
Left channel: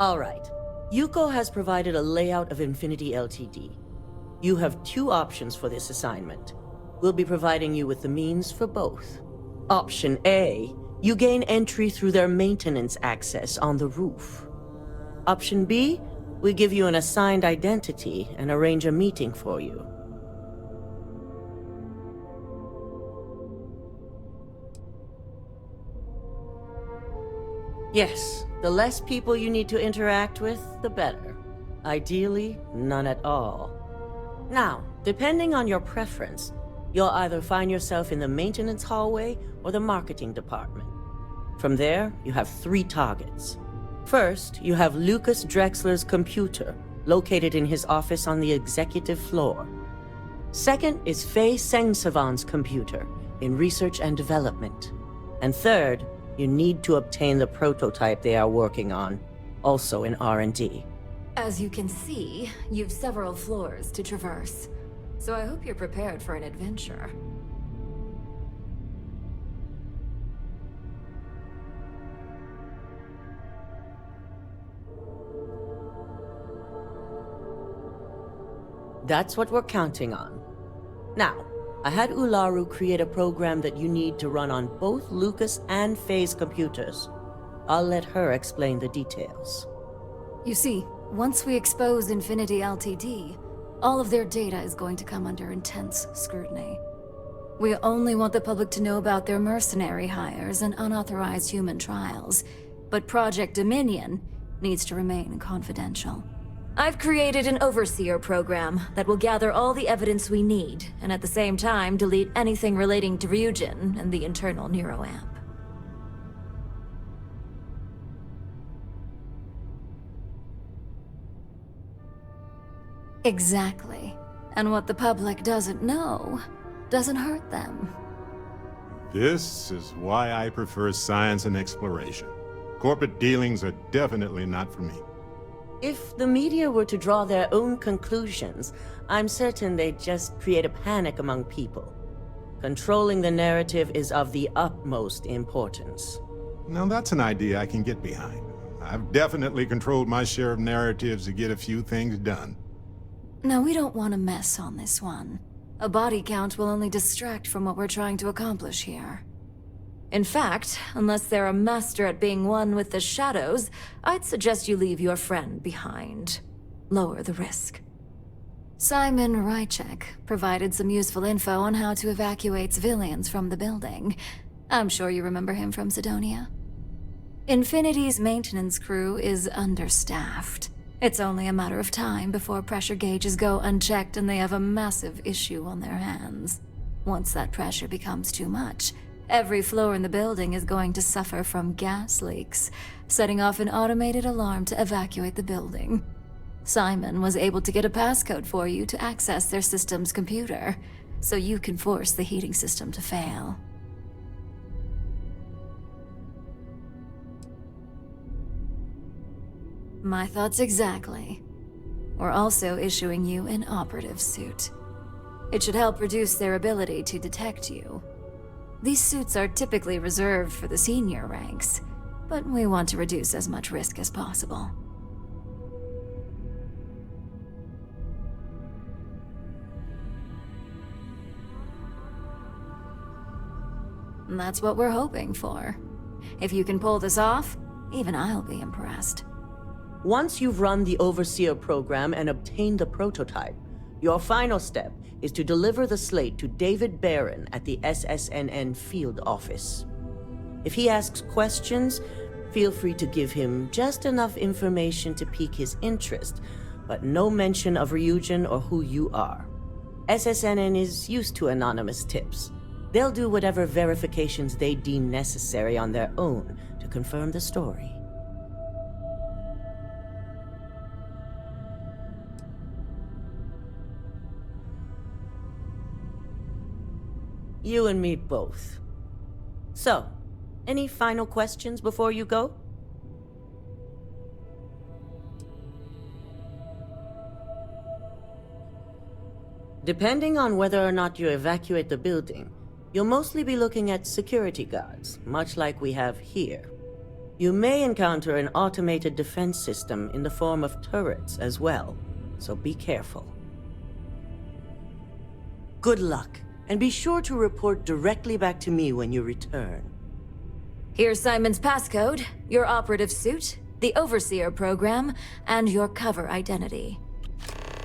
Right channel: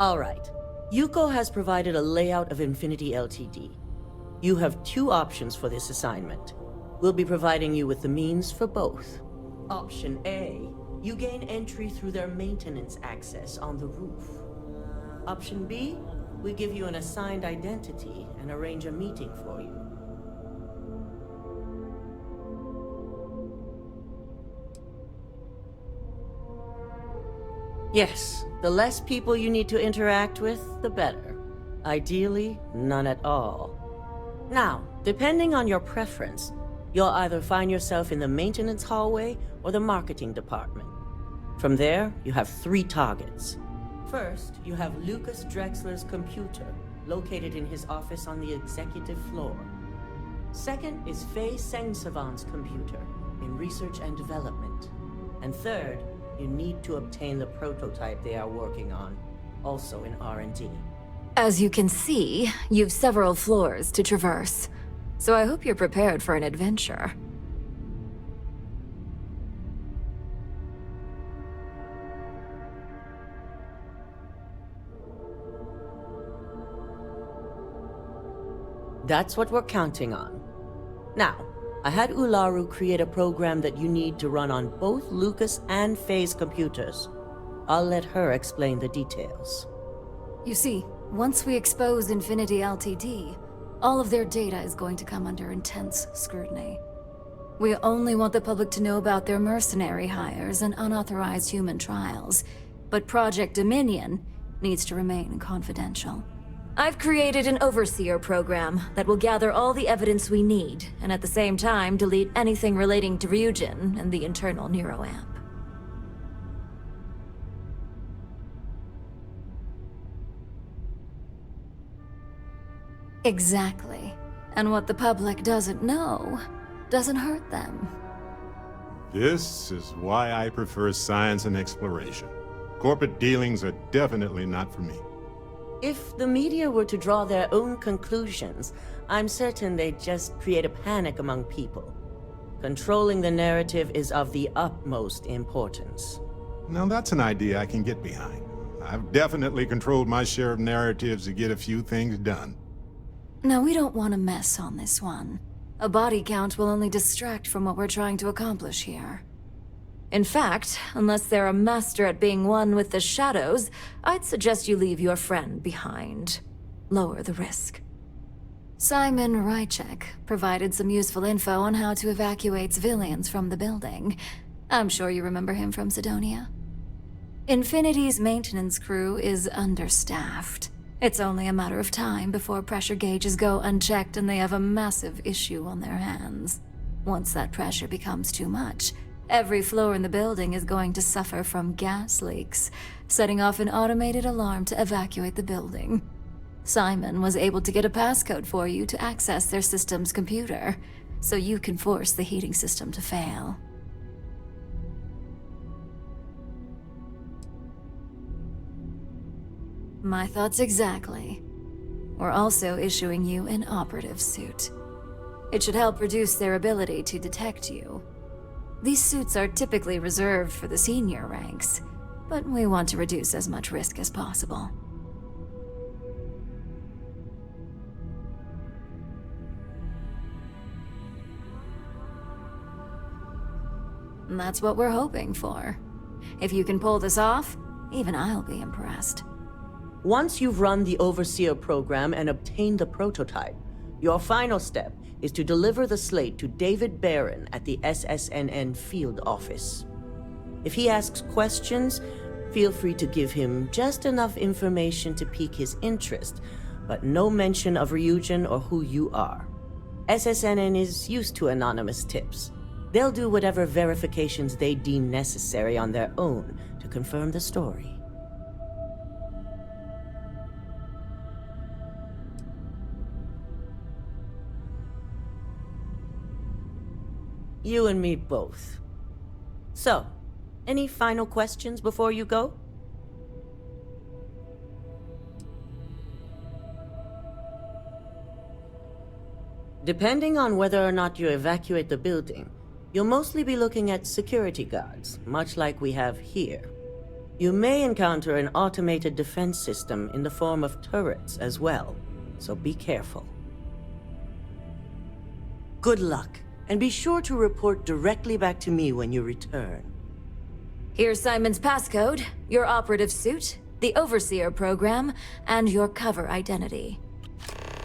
All right, Yuko has provided a layout of Infinity Ltd. You have 2 options for this assignment. We'll be providing you with the means for both. Option A, you gain entry through their maintenance access on the roof. Option B, we give you an assigned identity and arrange a meeting for you. Yes, the less people you need to interact with, the better. Ideally, none at all. Now, depending on your preference, you'll either find yourself in the maintenance hallway or the marketing department. From there, you have 3 targets. First, you have Lucas Drexler's computer, located in his office on the executive floor. Second is Faye Sengsavan's computer, in research and development. And third, you need to obtain the prototype they are working on, also in R&D. As you can see, you've several floors to traverse, so I hope you're prepared for an adventure. That's what we're counting on. Now, I had Ularu create a program that you need to run on both Lucas and Faye's computers. I'll let her explain the details. You see, once we expose Infinity Ltd., all of their data is going to come under intense scrutiny. We only want the public to know about their mercenary hires and unauthorized human trials, but Project Dominion needs to remain confidential. I've created an overseer program that will gather all the evidence we need, and at the same time delete anything relating to Ryujin and the internal neuroamp. Exactly. And what the public doesn't know doesn't hurt them. This is why I prefer science and exploration. Corporate dealings are definitely not for me. If the media were to draw their own conclusions, I'm certain they'd just create a panic among people. Controlling the narrative is of the utmost importance. Now that's an idea I can get behind. I've definitely controlled my share of narratives to get a few things done. Now, we don't want to mess on this one. A body count will only distract from what we're trying to accomplish here. In fact, unless they're a master at being one with the shadows, I'd suggest you leave your friend behind. lower the risk. Simon Rychek provided some useful info on how to evacuate civilians from the building. I'm sure you remember him from Sidonia. Infinity's maintenance crew is understaffed. It's only a matter of time before pressure gauges go unchecked and they have a massive issue on their hands. Once that pressure becomes too much, every floor in the building is going to suffer from gas leaks, setting off an automated alarm to evacuate the building. Simon was able to get a passcode for you to access their system's computer, so you can force the heating system to fail. My thoughts exactly. We're also issuing you an operative suit. It should help reduce their ability to detect you. These suits are typically reserved for the senior ranks, but we want to reduce as much risk as possible. And that's what we're hoping for. If you can pull this off, even I'll be impressed. Once you've run the Overseer program and obtained the prototype, your final step is to deliver the slate to David Barron at the SSNN field office. If he asks questions, feel free to give him just enough information to pique his interest, but no mention of Ryujin or who you are. SSNN is used to anonymous tips. They'll do whatever verifications they deem necessary on their own to confirm the story. You and me both. So, any final questions before you go? Depending on whether or not you evacuate the building, you'll mostly be looking at security guards, much like we have here. You may encounter an automated defense system in the form of turrets as well, so be careful. Good luck, and be sure to report directly back to me when you return. Here's Simon's passcode, your operative suit, the Overseer program, and your cover identity.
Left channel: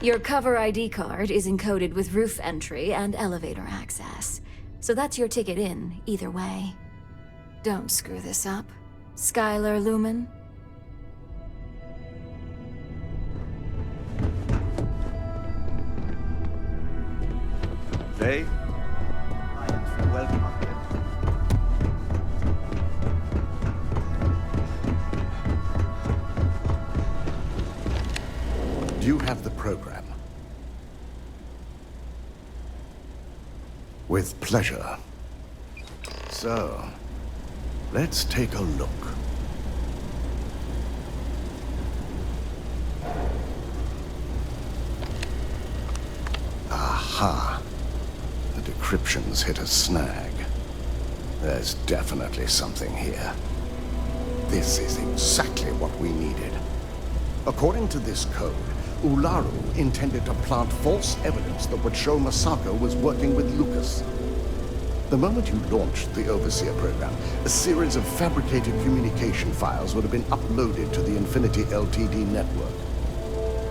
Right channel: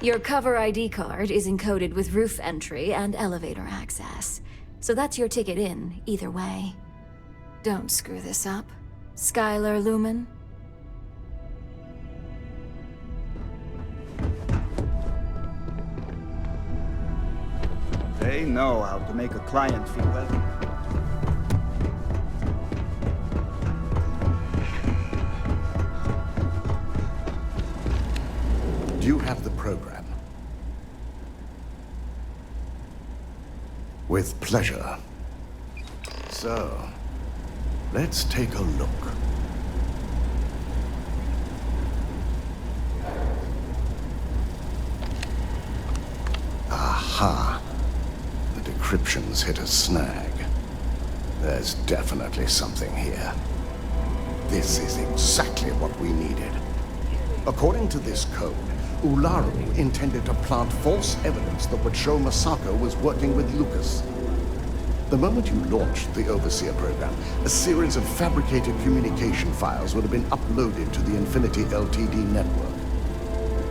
Your cover ID card is encoded with roof entry and elevator access, so that's your ticket in, either way. Don't screw this up, Skylar Lumen. They know how to make a client feel welcome. Do you have the program? With pleasure. So, let's take a look. Aha. The decryption's hit a snag. There's definitely something here. This is exactly what we needed. According to this code, Ularu intended to plant false evidence that would show Masako was working with Lucas. The moment you launched the Overseer program, a series of fabricated communication files would have been uploaded to the Infinity Ltd network.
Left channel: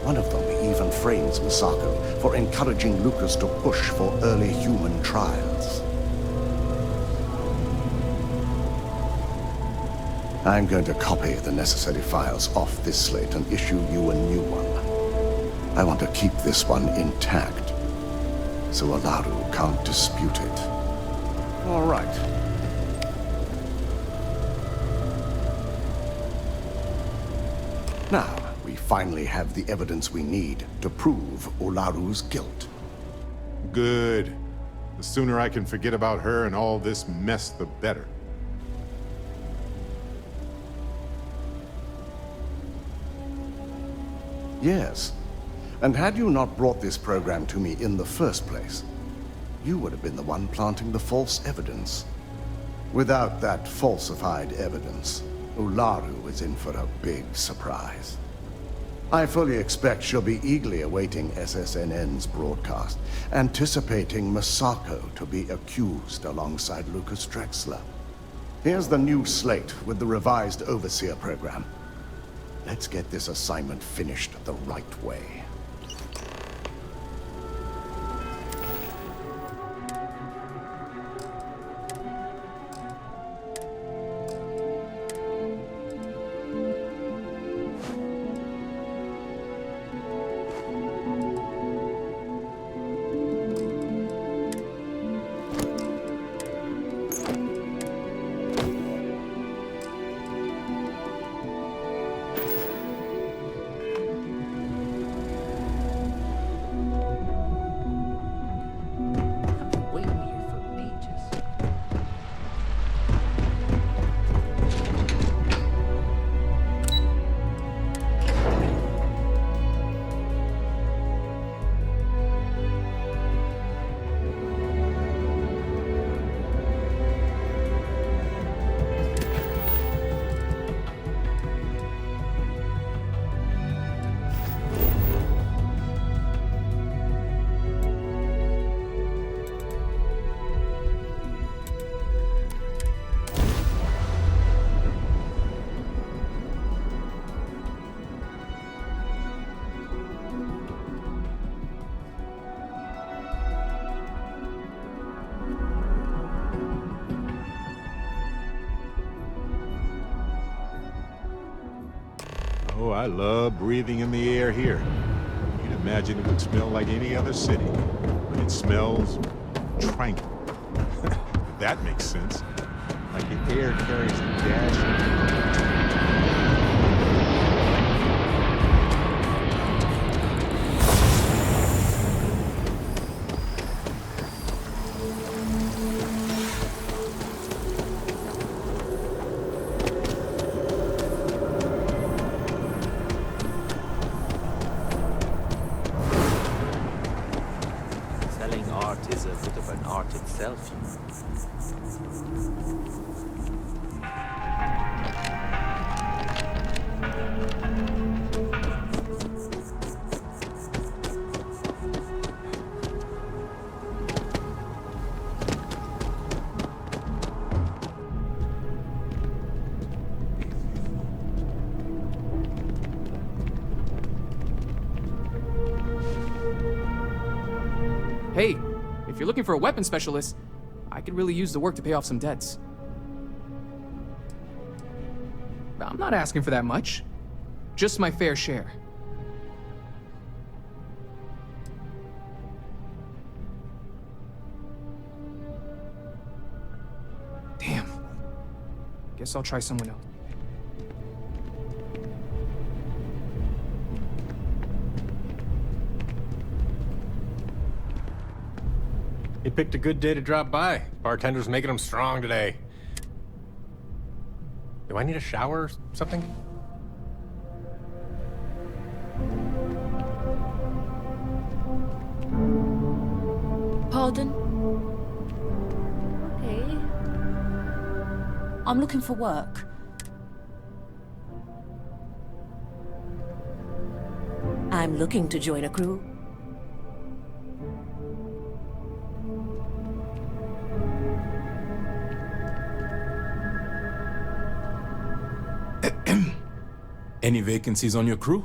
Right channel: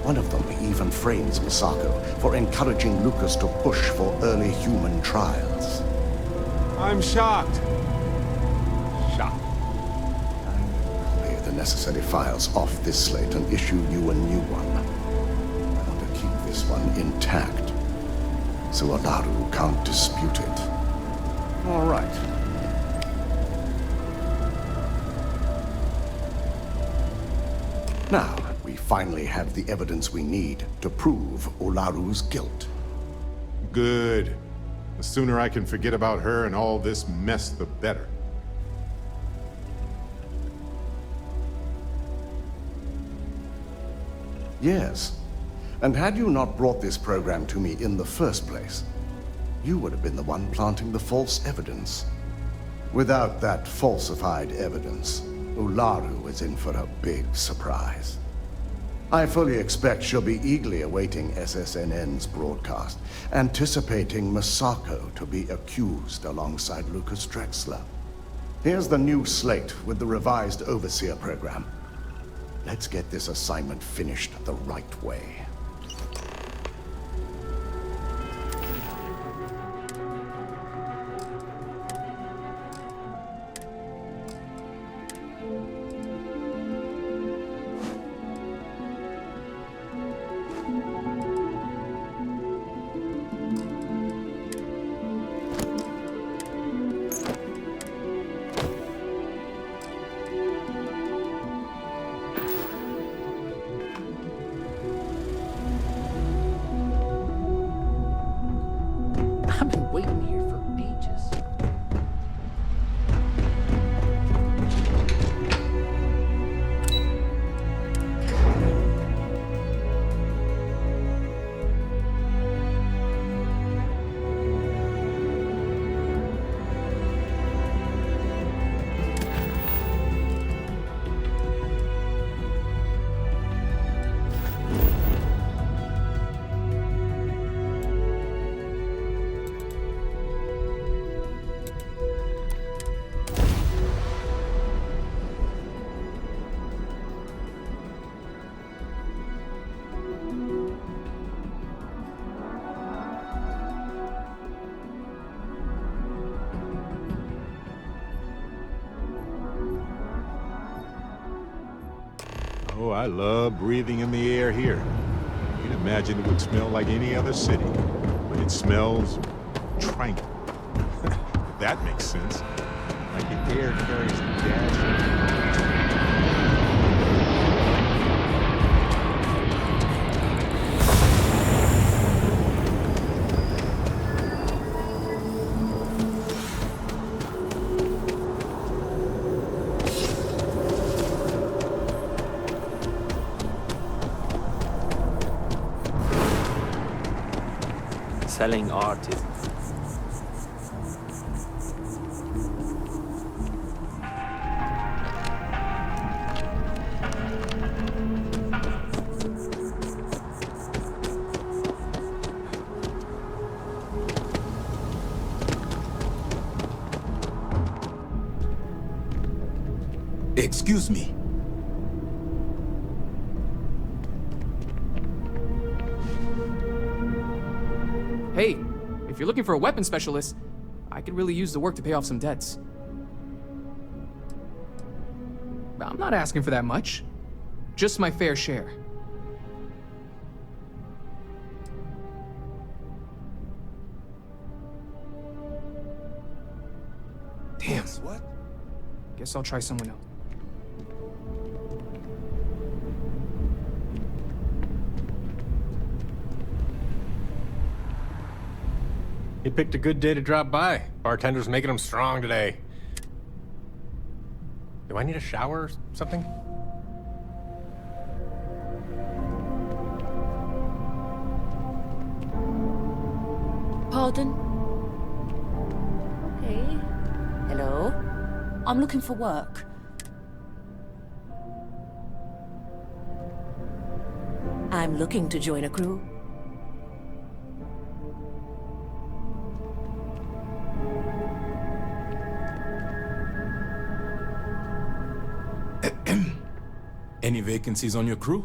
One of them even frames Masako for encouraging Lucas to push for early human trials. I'm shocked. I'm going to copy the necessary files off this slate and issue you a new one. I want to keep this one intact, so Ularu can't dispute it. All right. Now, we finally have the evidence we need to prove Ularu's guilt. Good. The sooner I can forget about her and all this mess, the better. Yes. And had you not brought this program to me in the first place, you would have been the one planting the false evidence. Without that falsified evidence, Ularu is in for a big surprise. I fully expect she'll be eagerly awaiting SSNN's broadcast, anticipating Masako to be accused alongside Lucas Drexler. Here's the new slate with the revised Overseer program. Let's get this assignment finished the right way. I've been waiting here for ages. Oh, I love breathing in the air here. You'd imagine it would smell like any other city, but it smells tranquil. If that makes sense. Like the air carries a dash. Selling art is a bit of an art itself. Excuse me. Hey, if you're looking for a weapon specialist, I could really use the work to pay off some debts. I'm not asking for that much. Just my fair share. Damn. Guess I'll try someone else. He picked a good day to drop by. Bartender's making him strong today. Do I need a shower or something? Pardon? Okay. Hello? I'm looking for work. I'm looking to join a crew. Any vacancies on your crew?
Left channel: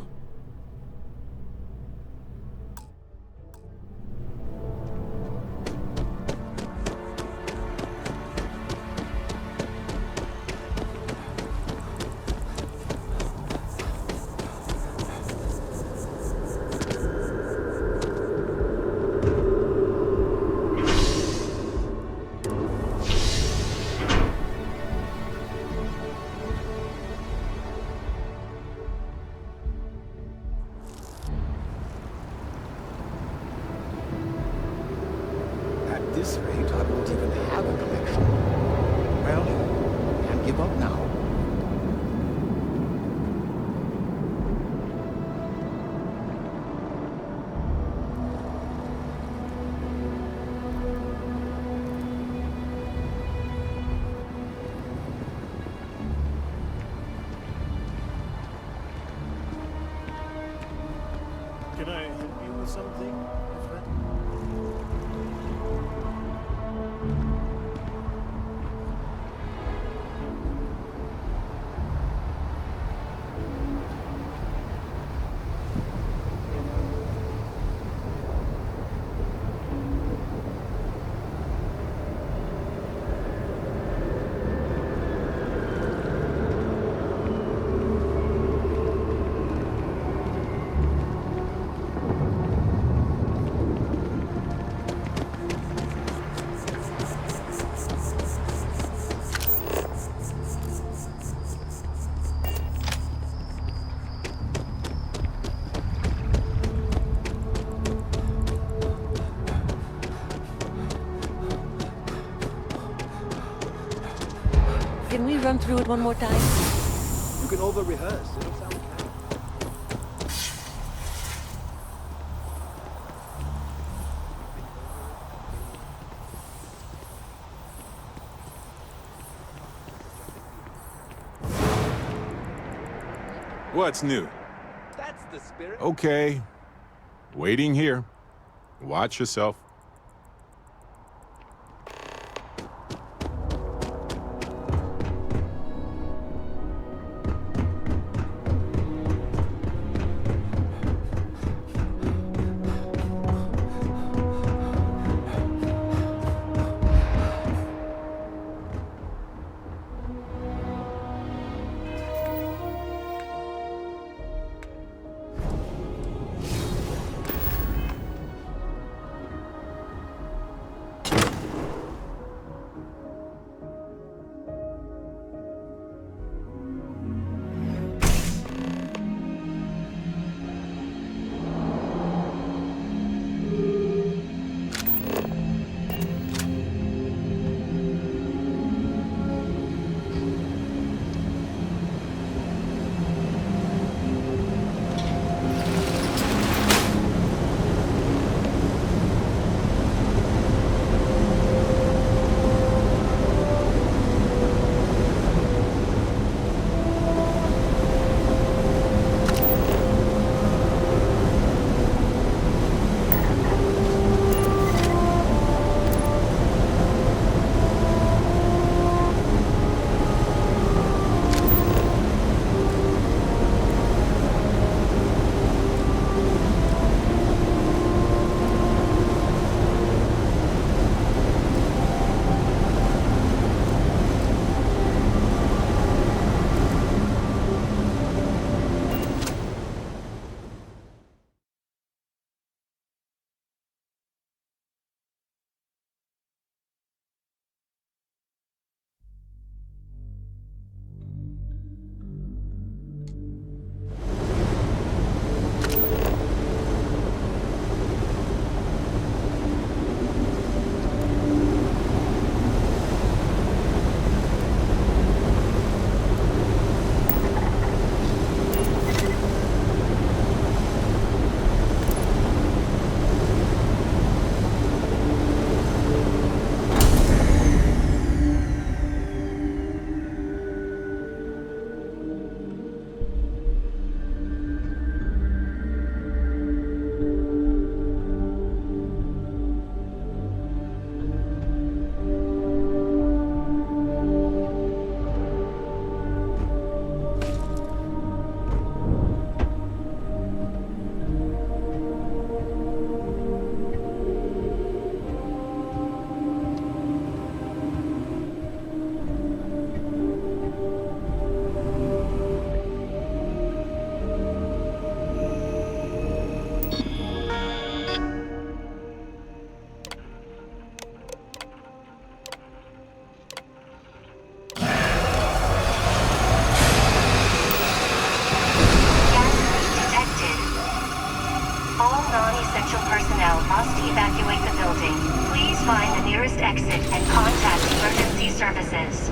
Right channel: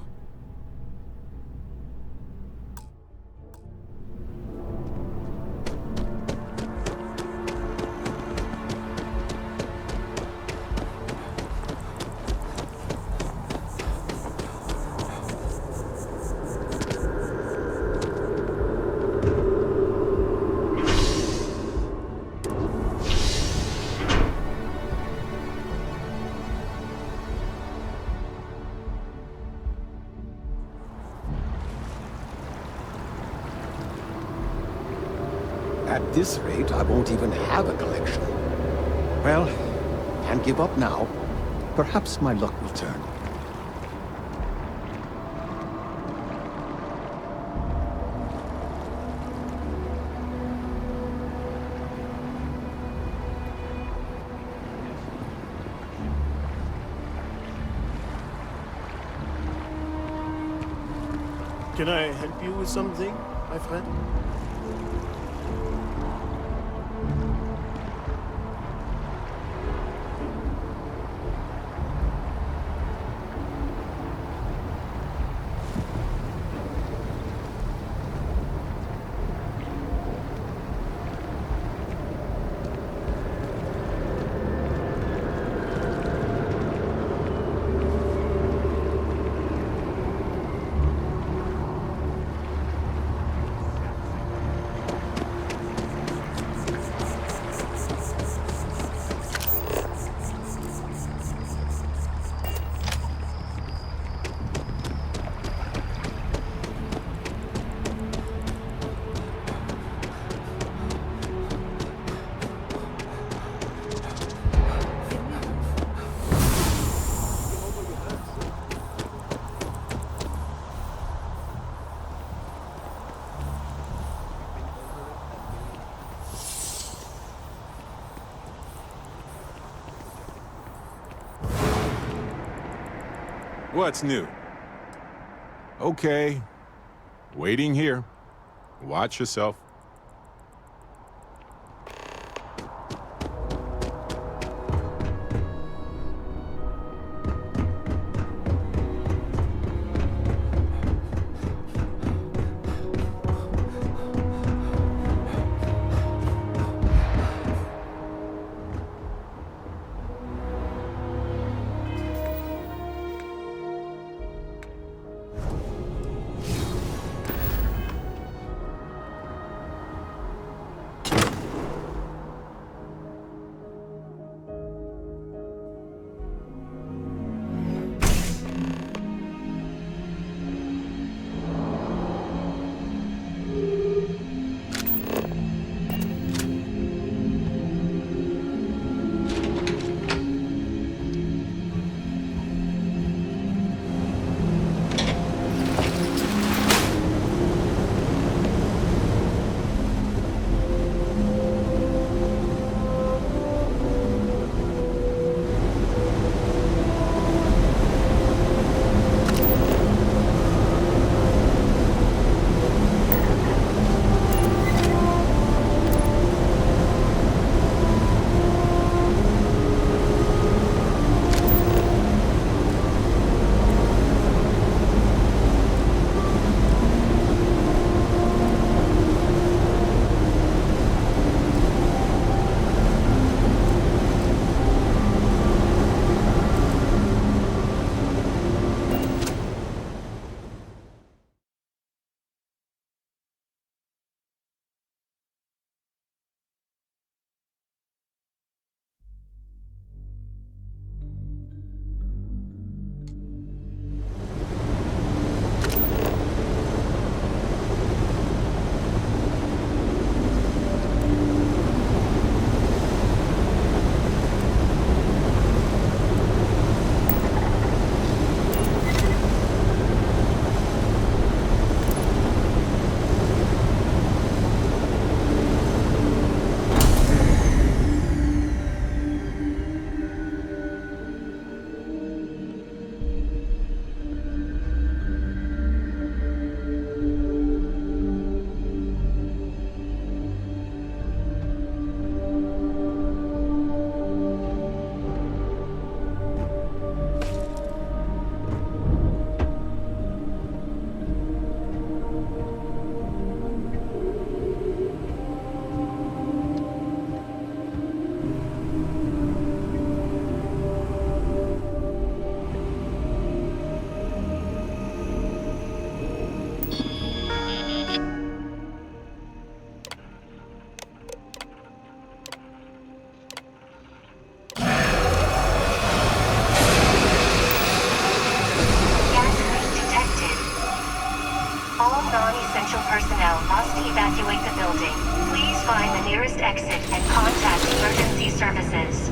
At this rate, I won't even have a collection. Well, can't give up now. Perhaps my luck will turn. Can I help you with something, my friend? run through it one more time? You can over-rehearse. What's new? Okay. Waiting here. Watch yourself. Non-essential personnel must evacuate the building. Please find the nearest exit and contact emergency services.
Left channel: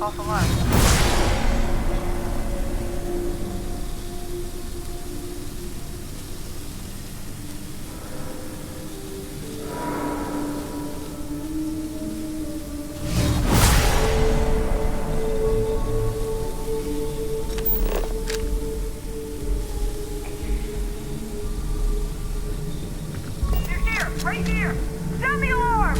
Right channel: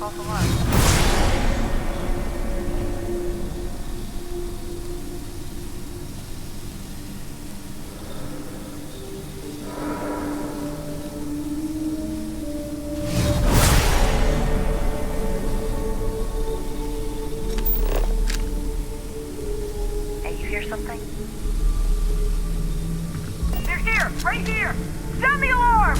False alarm. Hey, you hear something? They're here! Right here! Sound the alarm!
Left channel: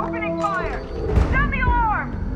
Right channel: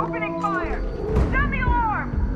Opening fire! Sound the alarm!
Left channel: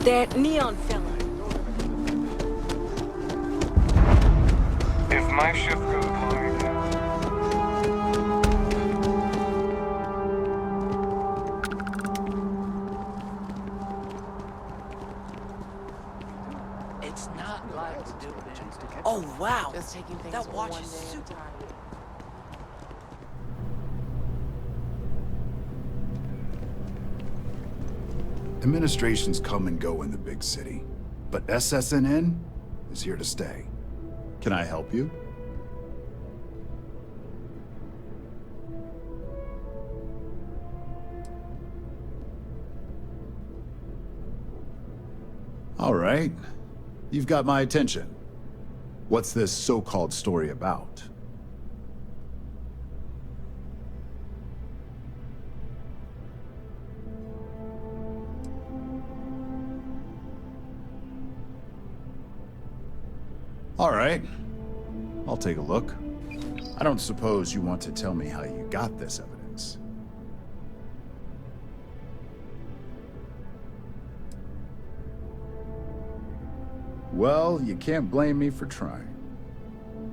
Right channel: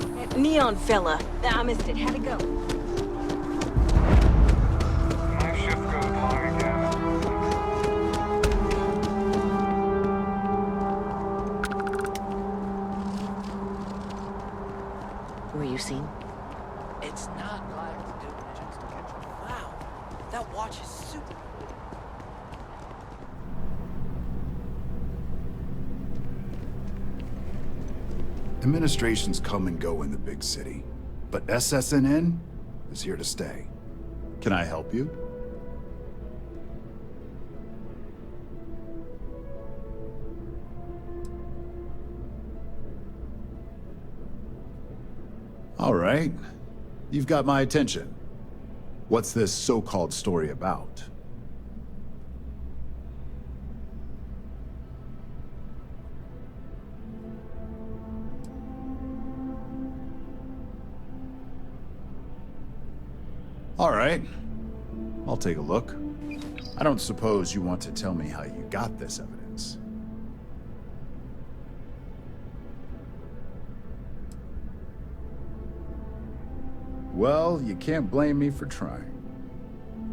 That neon fella. I missed it. How'd it go? If my ship goes long again. Were you seen? It's not like oh wow, that watch is super. Administrations come and go in the big city, but SSNN is here to stay. Can I help you? All right. You've got my attention. What's this so-called story about? All right. I'll take a look. I don't suppose you want to tell me how you got this evidence. Well, you can't blame me for trying.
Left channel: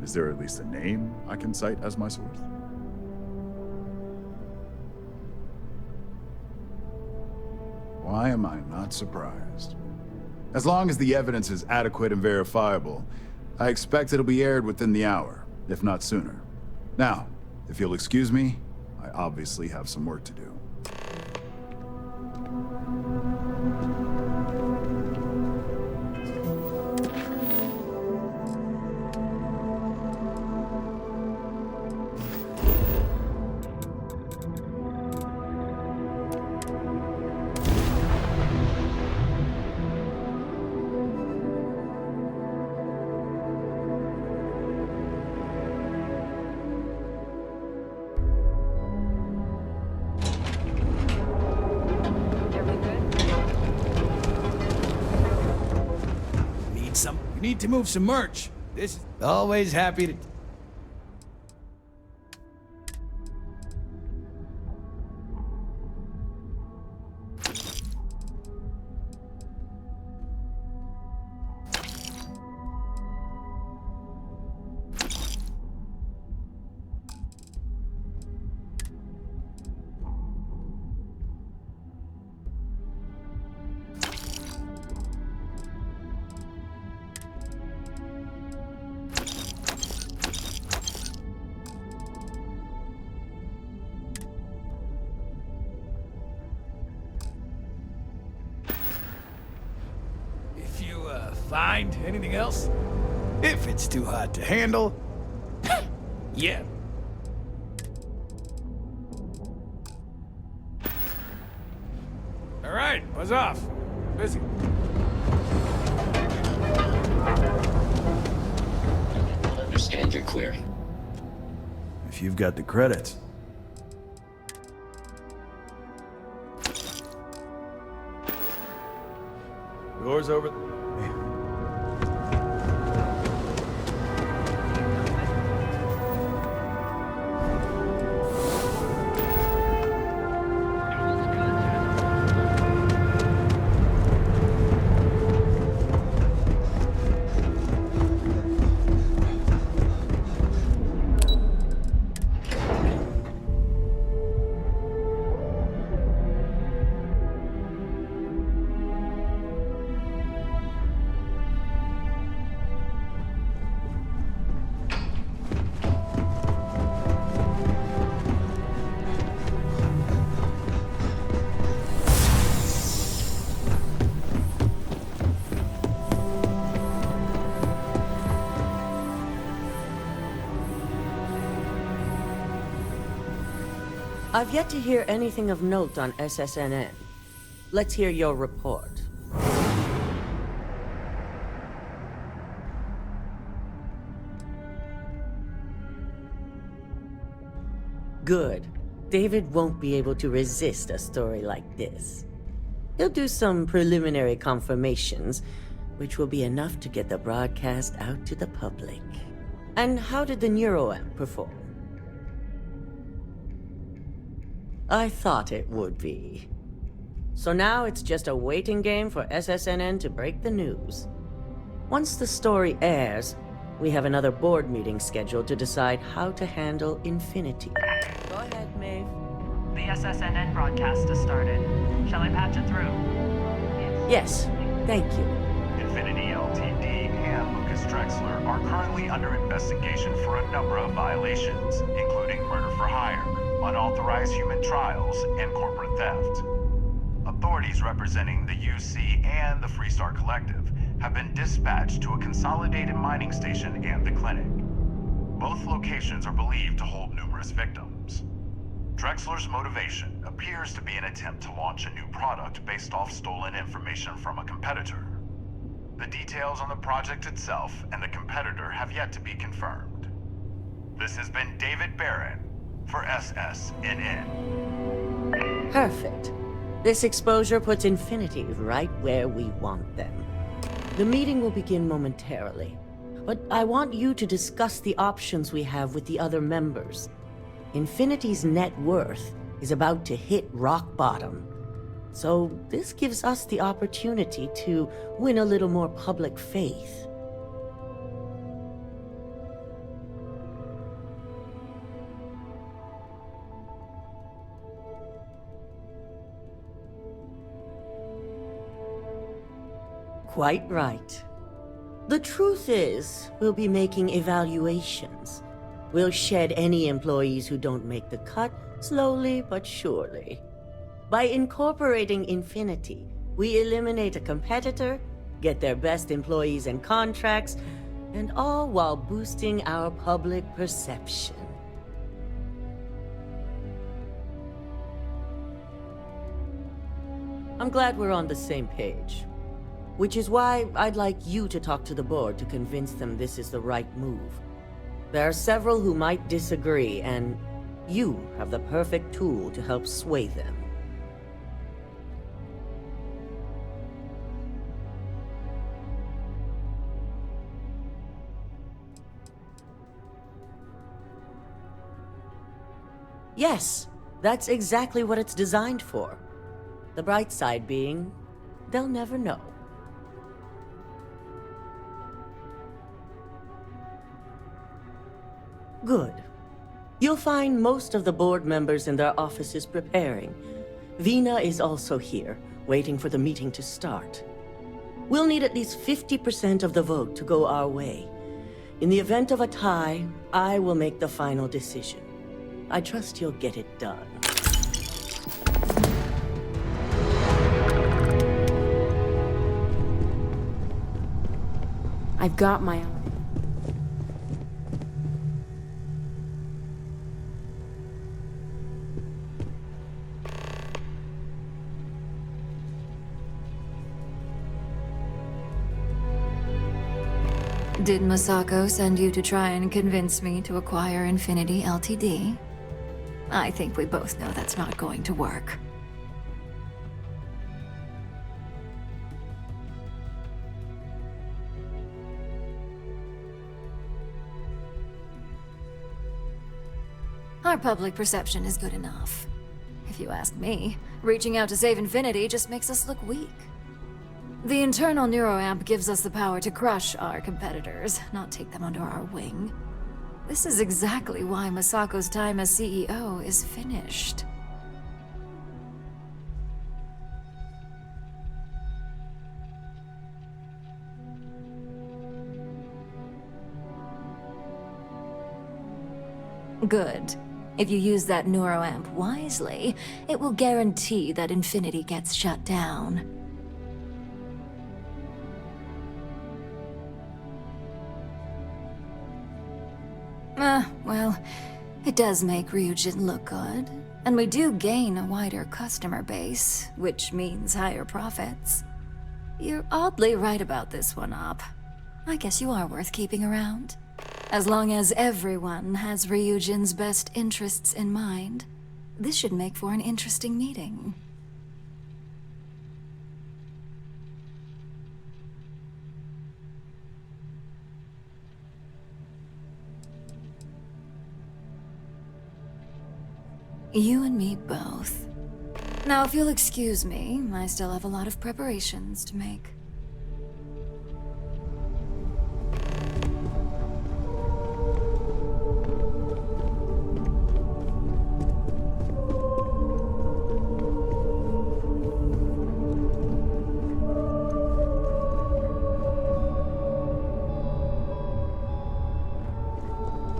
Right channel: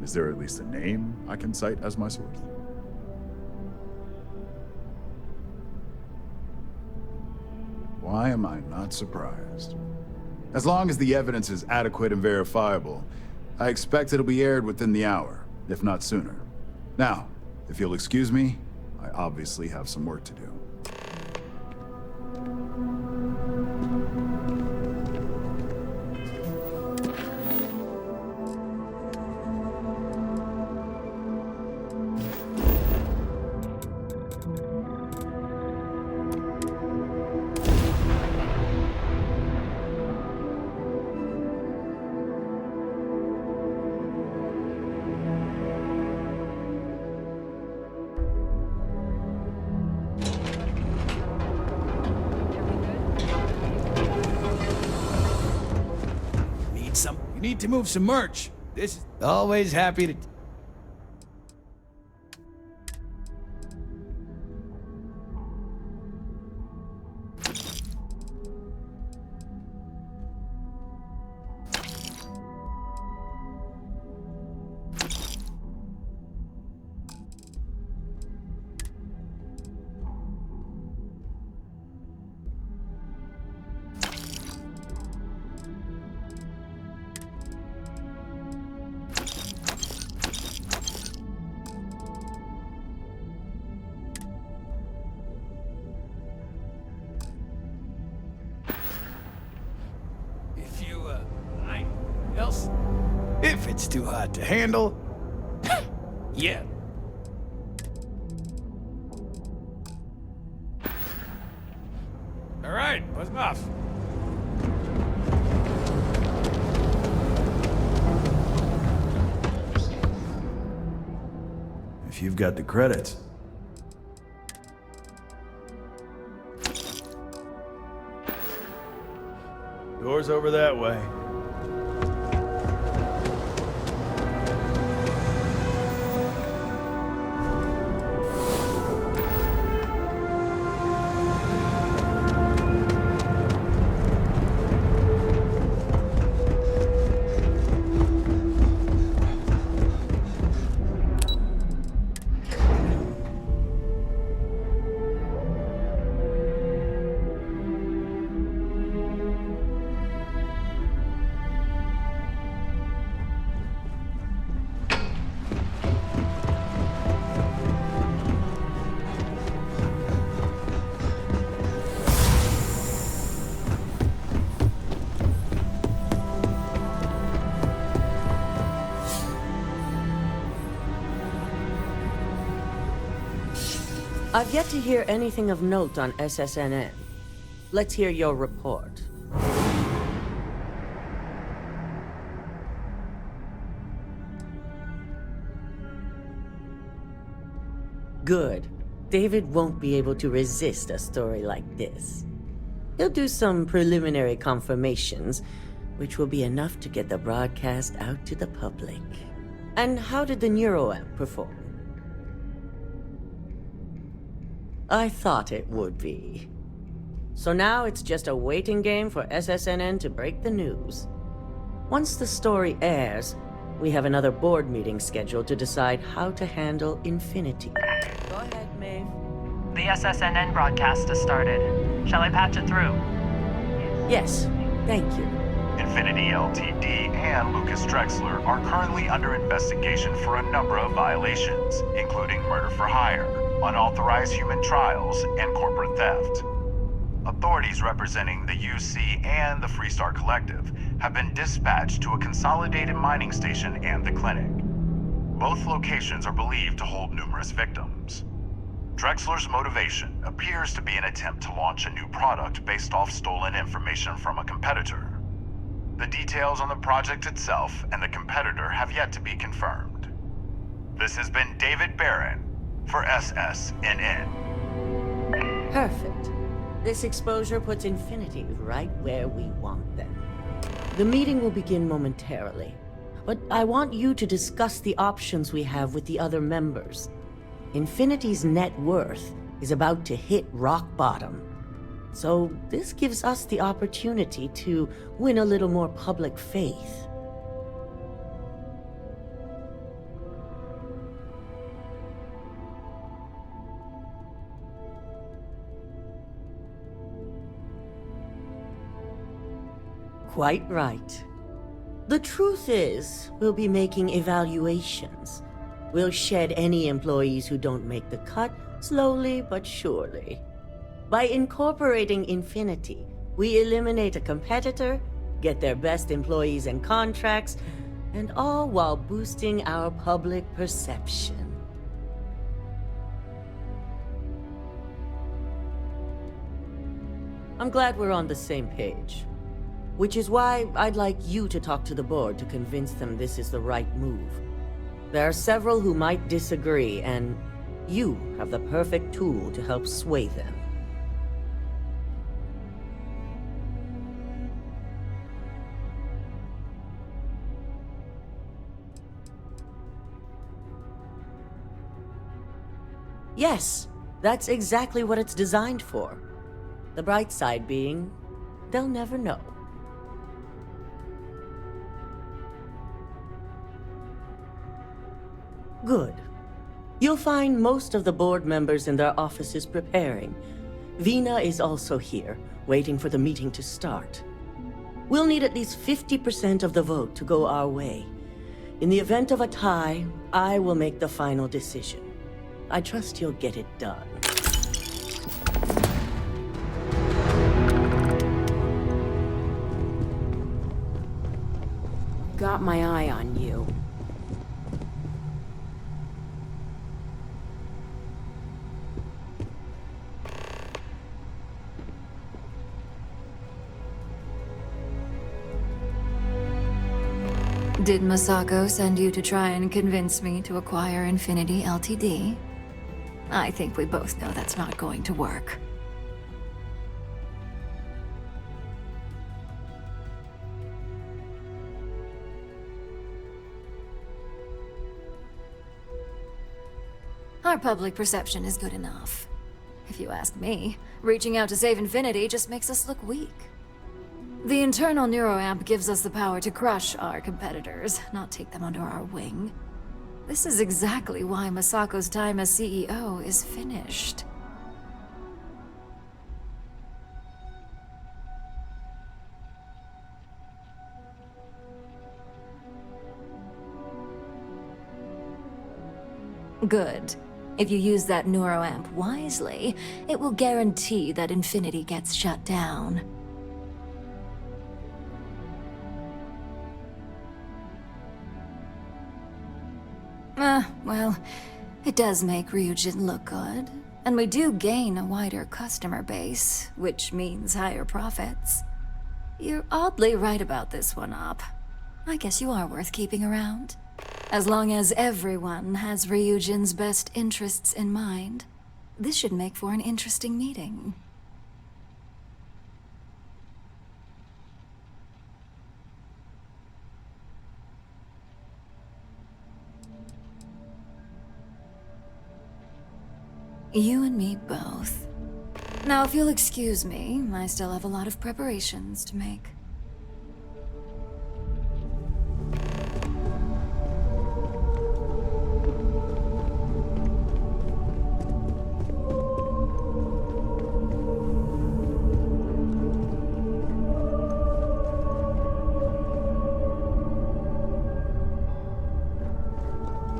Is there at least a name I can cite as my source? Why am I not surprised? As long as the evidence is adequate and verifiable, I expect it'll be aired within the hour, if not sooner. Now, if you'll excuse me, I obviously have some work to do. You need to move some merch. This is always happy to... Find anything else? If it's too hot to handle, yeah. All right, buzz off. Busy. Understand you're clear. If you've got the credits. Door's over that way. I've yet to hear anything of note on SSNN. Let's hear your report. Good. David won't be able to resist a story like this. He'll do some preliminary confirmations, which will be enough to get the broadcast out to the public. And how did the neuroamp perform? I thought it would be. So now it's just a waiting game for SSNN to break the news. Once the story airs, we have another board meeting scheduled to decide how to handle Infinity. Go ahead, Maeve. The SSNN broadcast has started. Shall I patch it through? Yes, thank you. Infinity Ltd. and Lucas Drexler are currently under investigation for a number of violations, including murder for hire, unauthorized human trials, and corporate theft. Authorities representing the UC and the Freestar Collective have been dispatched to a consolidated mining station and the clinic. Both locations are believed to hold numerous victims. Drexler's motivation appears to be an attempt to launch a new product based off stolen information from a competitor. The details on the project itself and the competitor have yet to be confirmed. This has been David Barron for SSNN. Perfect. This exposure puts Infinity right where we want them. The meeting will begin momentarily, but I want you to discuss the options we have with the other members. Infinity's net worth is about to hit rock bottom, so this gives us the opportunity to win a little more public faith. Quite right. The truth is, we'll be making evaluations. We'll shed any employees who don't make the cut, slowly but surely. By incorporating Infinity, we eliminate a competitor, get their best employees and contracts, and all while boosting our public perception. I'm glad we're on the same page. Which is why I'd like you to talk to the board to convince them this is the right move. There are several who might disagree, and you have the perfect tool to help sway them. Yes, that's exactly what it's designed for. The bright side being, they'll never know. Good. You'll find most of the board members in their offices preparing. Vina is also here, waiting for the meeting to start. We'll need at least 50% of the vote to go our way. In the event of a tie, I will make the final decision. I trust you'll get it done. I've got my eye on you. Did Masako send you to try and convince me to acquire Infinity Ltd? I think we both know that's not going to work. Our public perception is good enough. If you ask me, reaching out to save Infinity just makes us look weak. The internal neuroamp gives us the power to crush our competitors, not take them under our wing. This is exactly why Masako's time as CEO is finished. Good. If you use that neuroamp wisely, it will guarantee that Infinity gets shut down. Well, it does make Ryujin look good, and we do gain a wider customer base, which means higher profits. You're oddly right about this one, Op. I guess you are worth keeping around. As long as everyone has Ryujin's best interests in mind, this should make for an interesting meeting. You and me both. Now, if you'll excuse me, I still have a lot of preparations to make.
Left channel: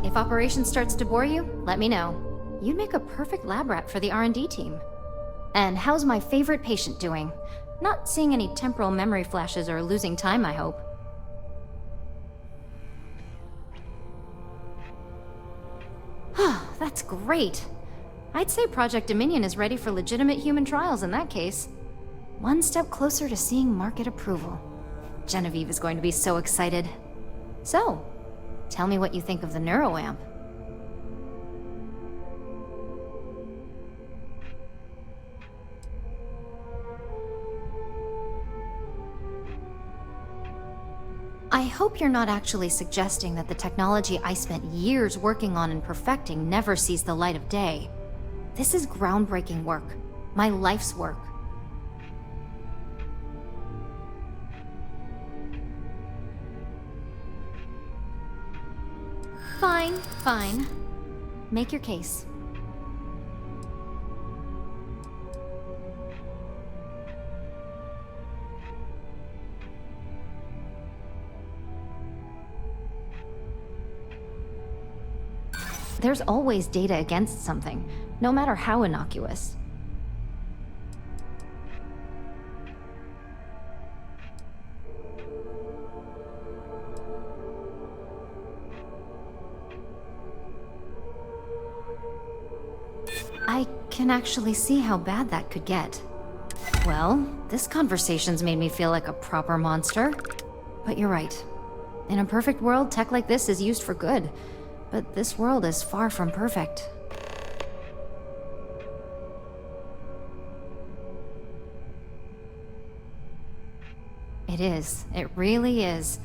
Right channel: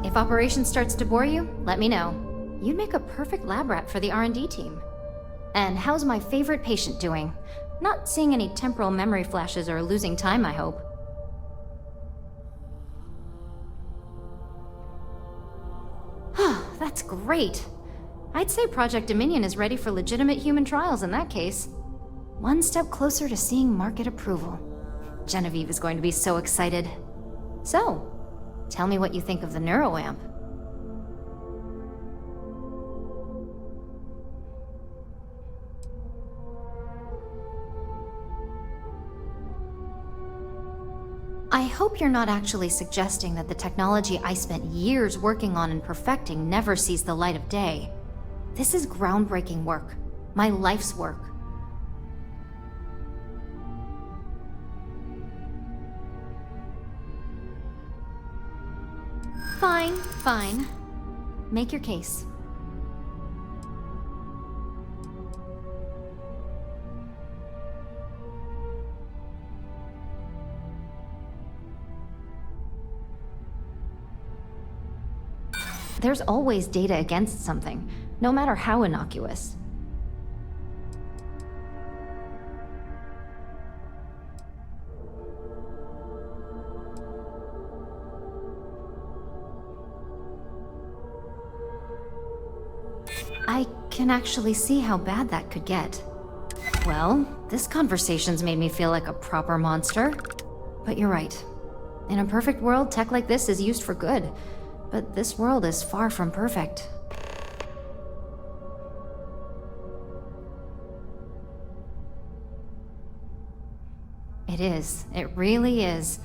If operation starts to bore you, let me know. You'd make a perfect lab rat for the R&D team. And how's my favorite patient doing? Not seeing any temporal memory flashes or losing time, I hope. That's great. I'd say Project Dominion is ready for legitimate human trials in that case. One step closer to seeing market approval. Genevieve is going to be so excited. So, tell me what you think of the neuroamp. I hope you're not actually suggesting that the technology I spent years working on and perfecting never sees the light of day. This is groundbreaking work. My life's work. Fine. Make your case. There's always data against something, no matter how innocuous. I can actually see how bad that could get. Well, this conversation's made me feel like a proper monster. But you're right. In a perfect world, tech like this is used for good. But this world is far from perfect. It is. It really is.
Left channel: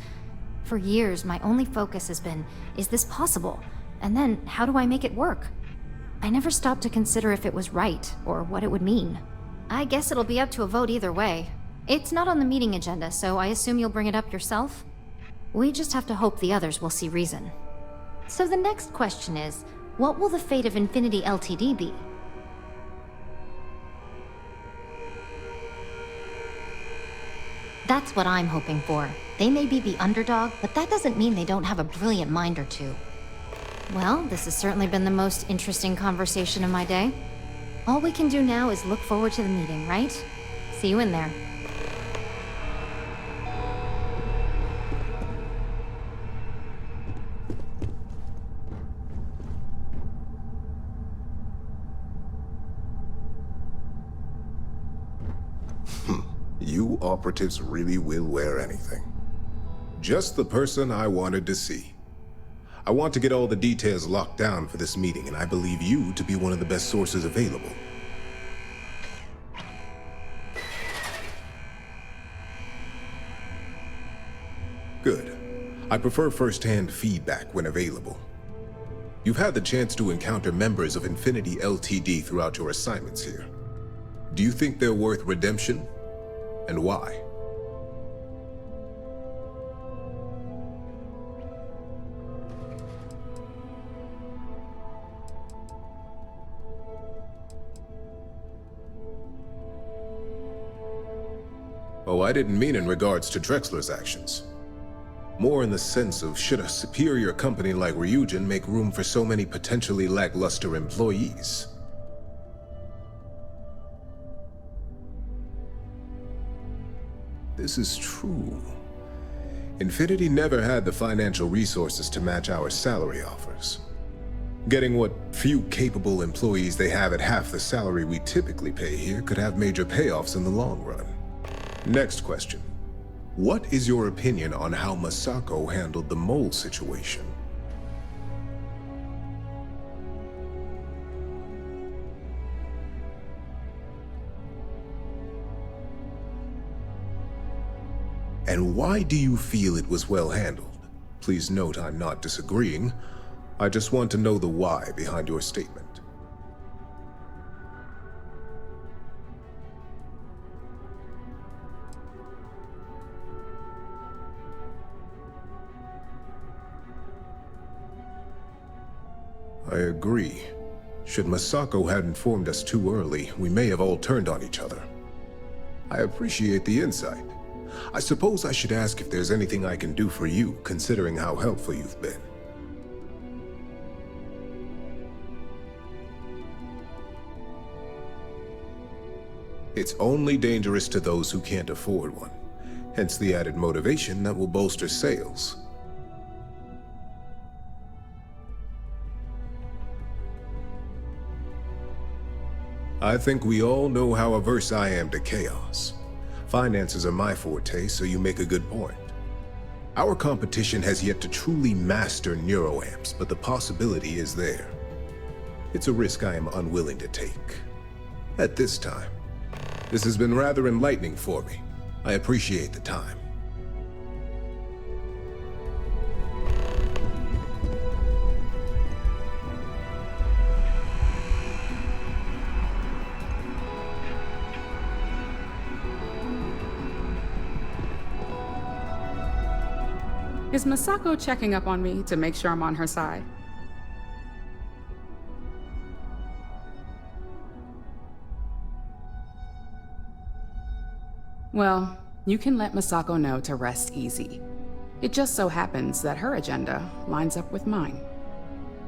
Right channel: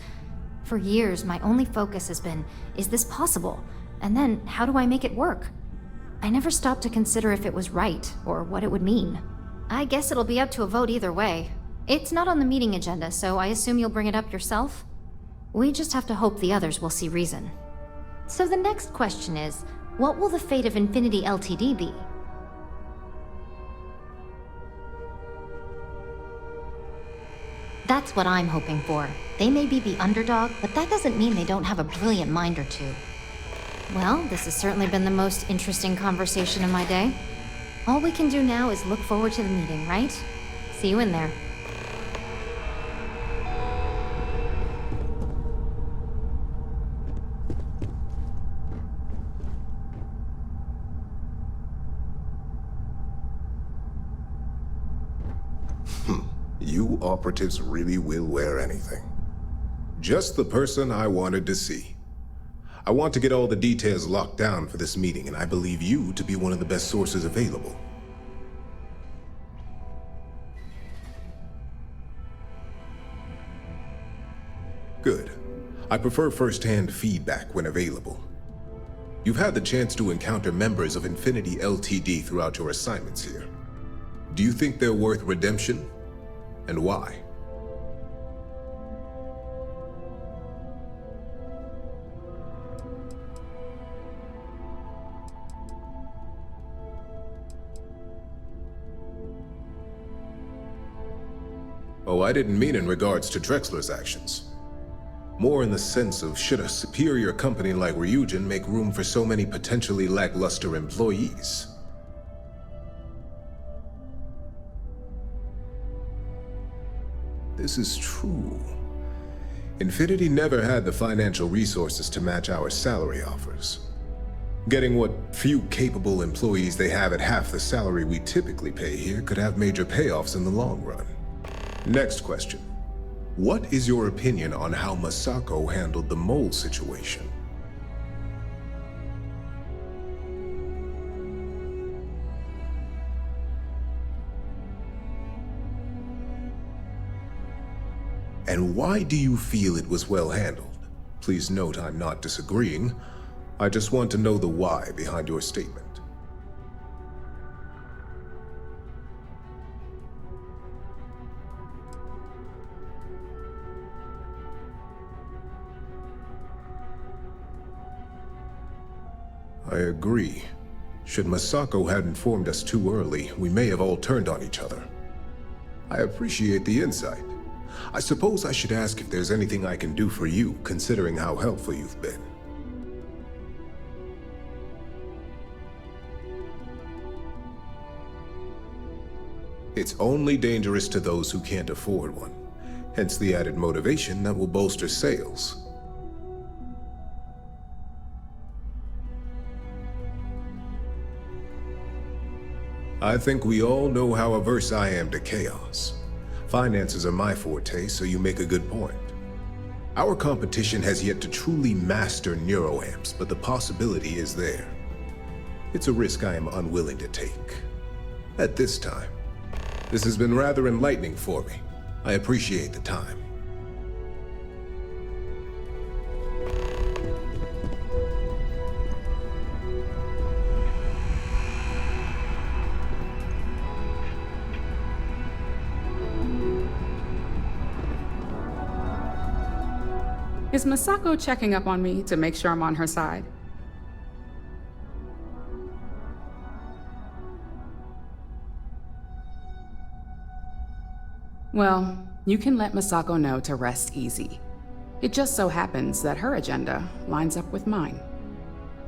For years, my only focus has been, is this possible? And then, how do I make it work? I never stopped to consider if it was right, or what it would mean. I guess it'll be up to a vote either way. It's not on the meeting agenda, so I assume you'll bring it up yourself? We just have to hope the others will see reason. So the next question is, what will the fate of Infinity Ltd be? That's what I'm hoping for. They may be the underdog, but that doesn't mean they don't have a brilliant mind or two. Well, this has certainly been the most interesting conversation of my day. All we can do now is look forward to the meeting, right? See you in there. You operatives really will wear anything. Just the person I wanted to see. I want to get all the details locked down for this meeting, and I believe you to be one of the best sources available. Good. I prefer first-hand feedback when available. You've had the chance to encounter members of Infinity Ltd throughout your assignments here. Do you think they're worth redemption? And why? Oh, I didn't mean in regards to Drexler's actions. More in the sense of, should a superior company like Ryujin make room for so many potentially lackluster employees? This is true. Infinity never had the financial resources to match our salary offers. Getting what few capable employees they have at half the salary we typically pay here could have major payoffs in the long run. Next question. What is your opinion on how Masako handled the mole situation? And why do you feel it was well handled? Please note I'm not disagreeing. I just want to know the why behind your statement. I agree. Should Masako had informed us too early, we may have all turned on each other. I appreciate the insight. I suppose I should ask if there's anything I can do for you, considering how helpful you've been. It's only dangerous to those who can't afford one. Hence the added motivation that will bolster sales. I think we all know how averse I am to chaos. Finances are my forte, so you make a good point. Our competition has yet to truly master neuroamps, but the possibility is there. It's a risk I am unwilling to take. At this time. This has been rather enlightening for me. I appreciate the time. Is Masako checking up on me to make sure I'm on her side? Well, you can let Masako know to rest easy. It just so happens that her agenda lines up with mine.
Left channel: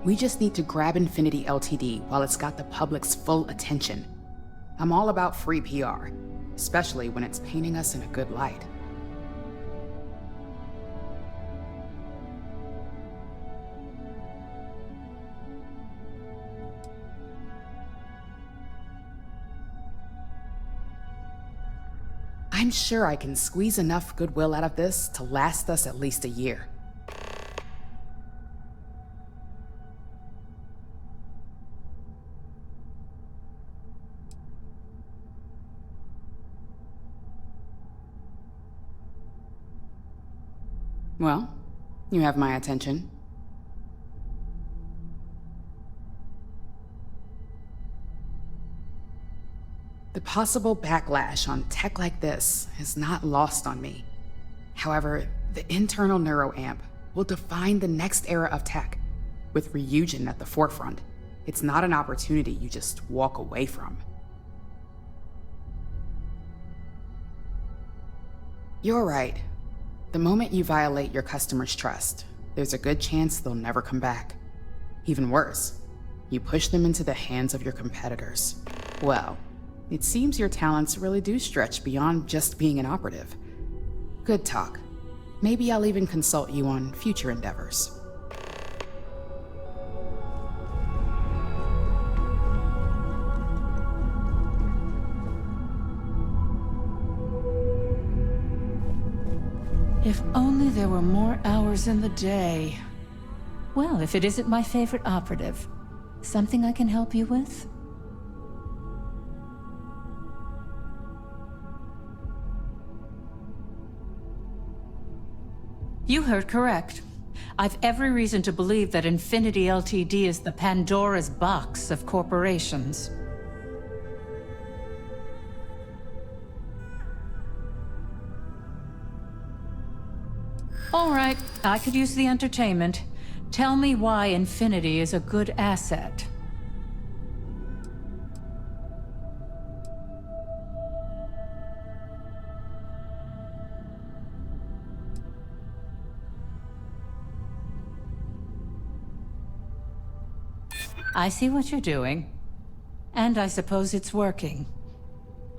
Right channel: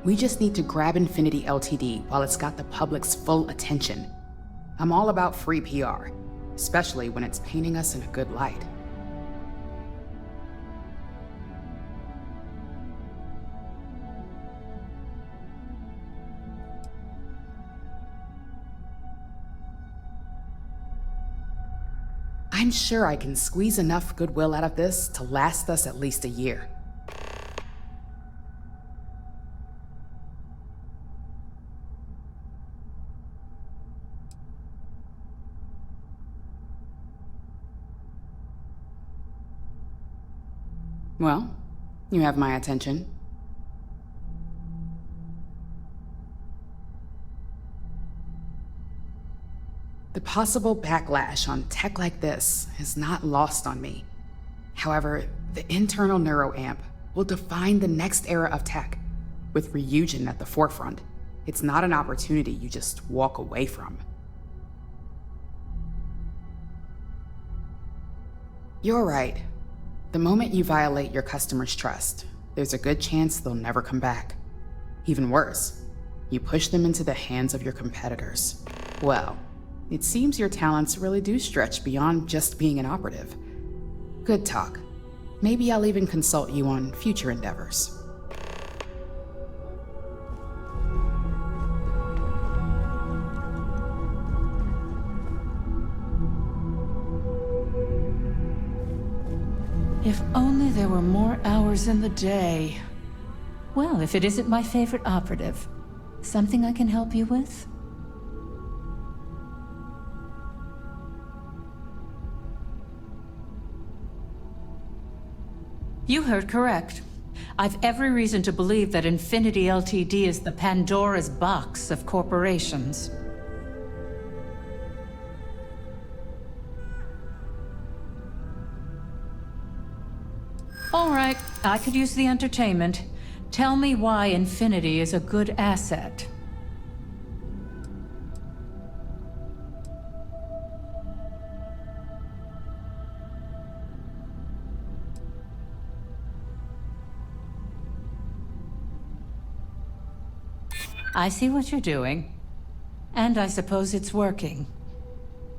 We just need to grab Infinity LTD while it's got the public's full attention. I'm all about free PR, especially when it's painting us in a good light. I'm sure I can squeeze enough goodwill out of this to last us at least a year. Well, you have my attention. The possible backlash on tech like this is not lost on me. However, the internal neuroamp will define the next era of tech, with Ryujin at the forefront. It's not an opportunity you just walk away from. You're right. The moment you violate your customers' trust, there's a good chance they'll never come back. Even worse, you push them into the hands of your competitors. Well, it seems your talents really do stretch beyond just being an operative. Good talk. Maybe I'll even consult you on future endeavors. If only there were more hours in the day. Well, if it isn't my favorite operative, something I can help you with? You heard correct. I've every reason to believe that Infinity LTD is the Pandora's box of corporations. All right, I could use the entertainment. Tell me why Infinity is a good asset. I see what you're doing. And I suppose it's working.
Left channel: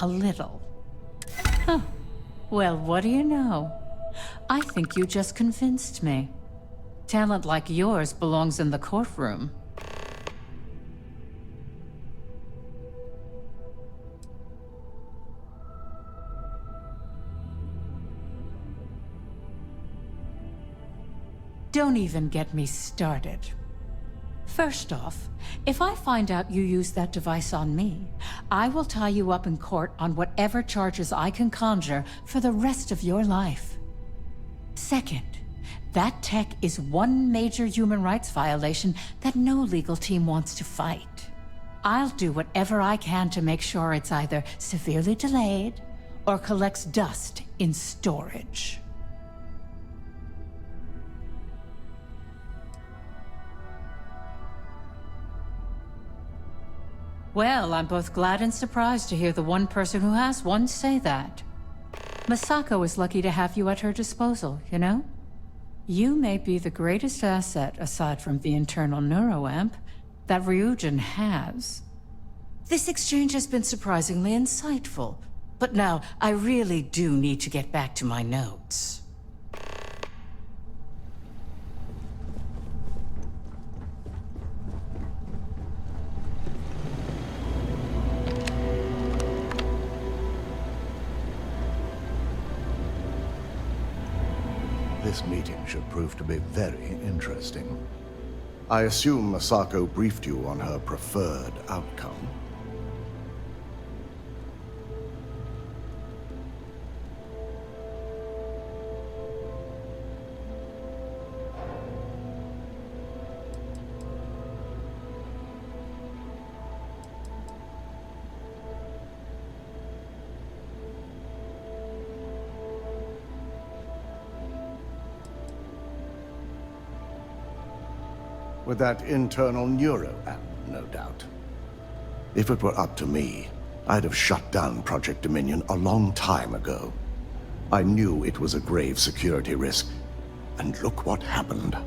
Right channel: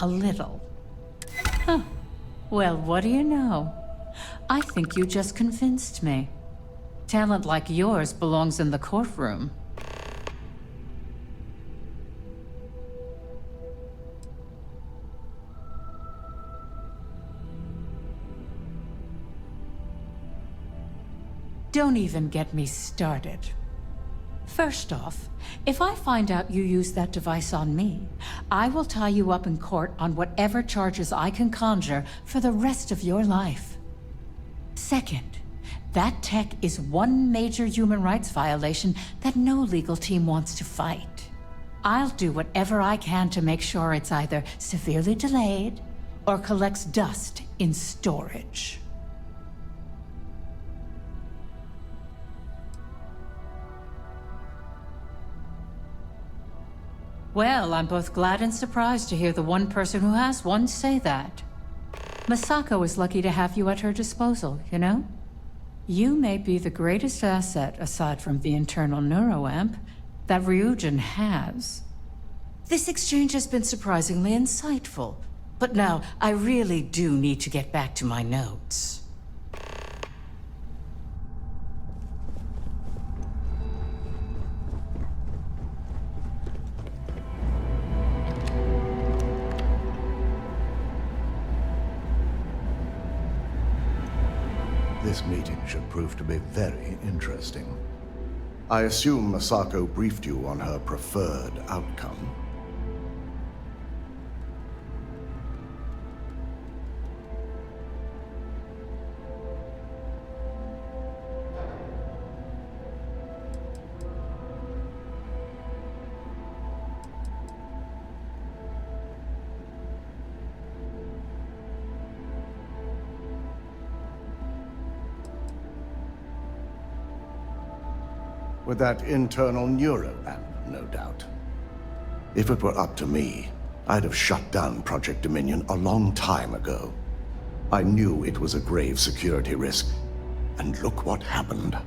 A little. Huh. Well, what do you know? I think you just convinced me. Talent like yours belongs in the courtroom. Don't even get me started. First off, if I find out you used that device on me, I will tie you up in court on whatever charges I can conjure for the rest of your life. Second, that tech is one major human rights violation that no legal team wants to fight. I'll do whatever I can to make sure it's either severely delayed or collects dust in storage. Well, I'm both glad and surprised to hear the one person who has one say that. Masako is lucky to have you at her disposal, you know? You may be the greatest asset, aside from the internal neuroamp, that Ryujin has. This exchange has been surprisingly insightful, but now I really do need to get back to my notes. This meeting should prove to be very interesting. I assume Masako briefed you on her preferred outcome. With that internal neuroamp, no doubt. If it were up to me, I'd have shut down Project Dominion a long time ago. I knew it was a grave security risk, and look what happened.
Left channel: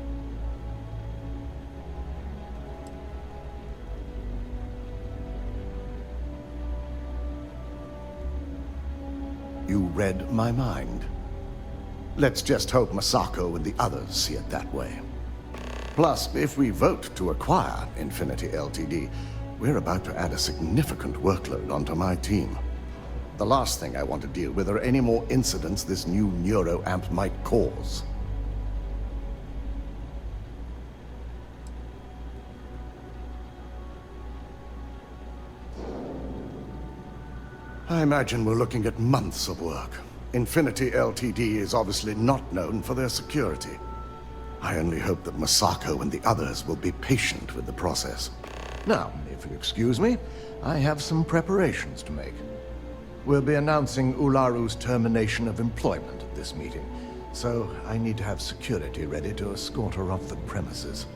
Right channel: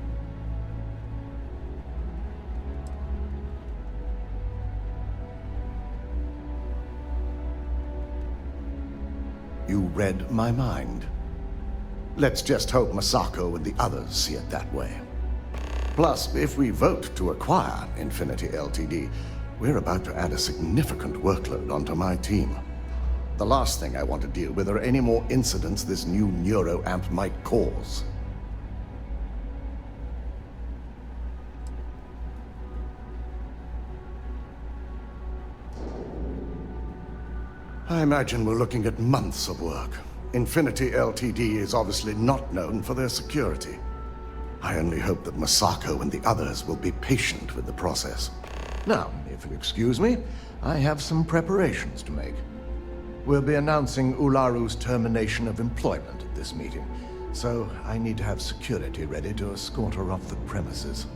You read my mind. Let's just hope Masako and the others see it that way. Plus, if we vote to acquire Infinity Ltd., we're about to add a significant workload onto my team. The last thing I want to deal with are any more incidents this new neuroamp might cause. I imagine we're looking at months of work. Infinity Ltd. is obviously not known for their security. I only hope that Masako and the others will be patient with the process. Now, if you'll excuse me, I have some preparations to make. We'll be announcing Ularu's termination of employment at this meeting, so I need to have security ready to escort her off the premises.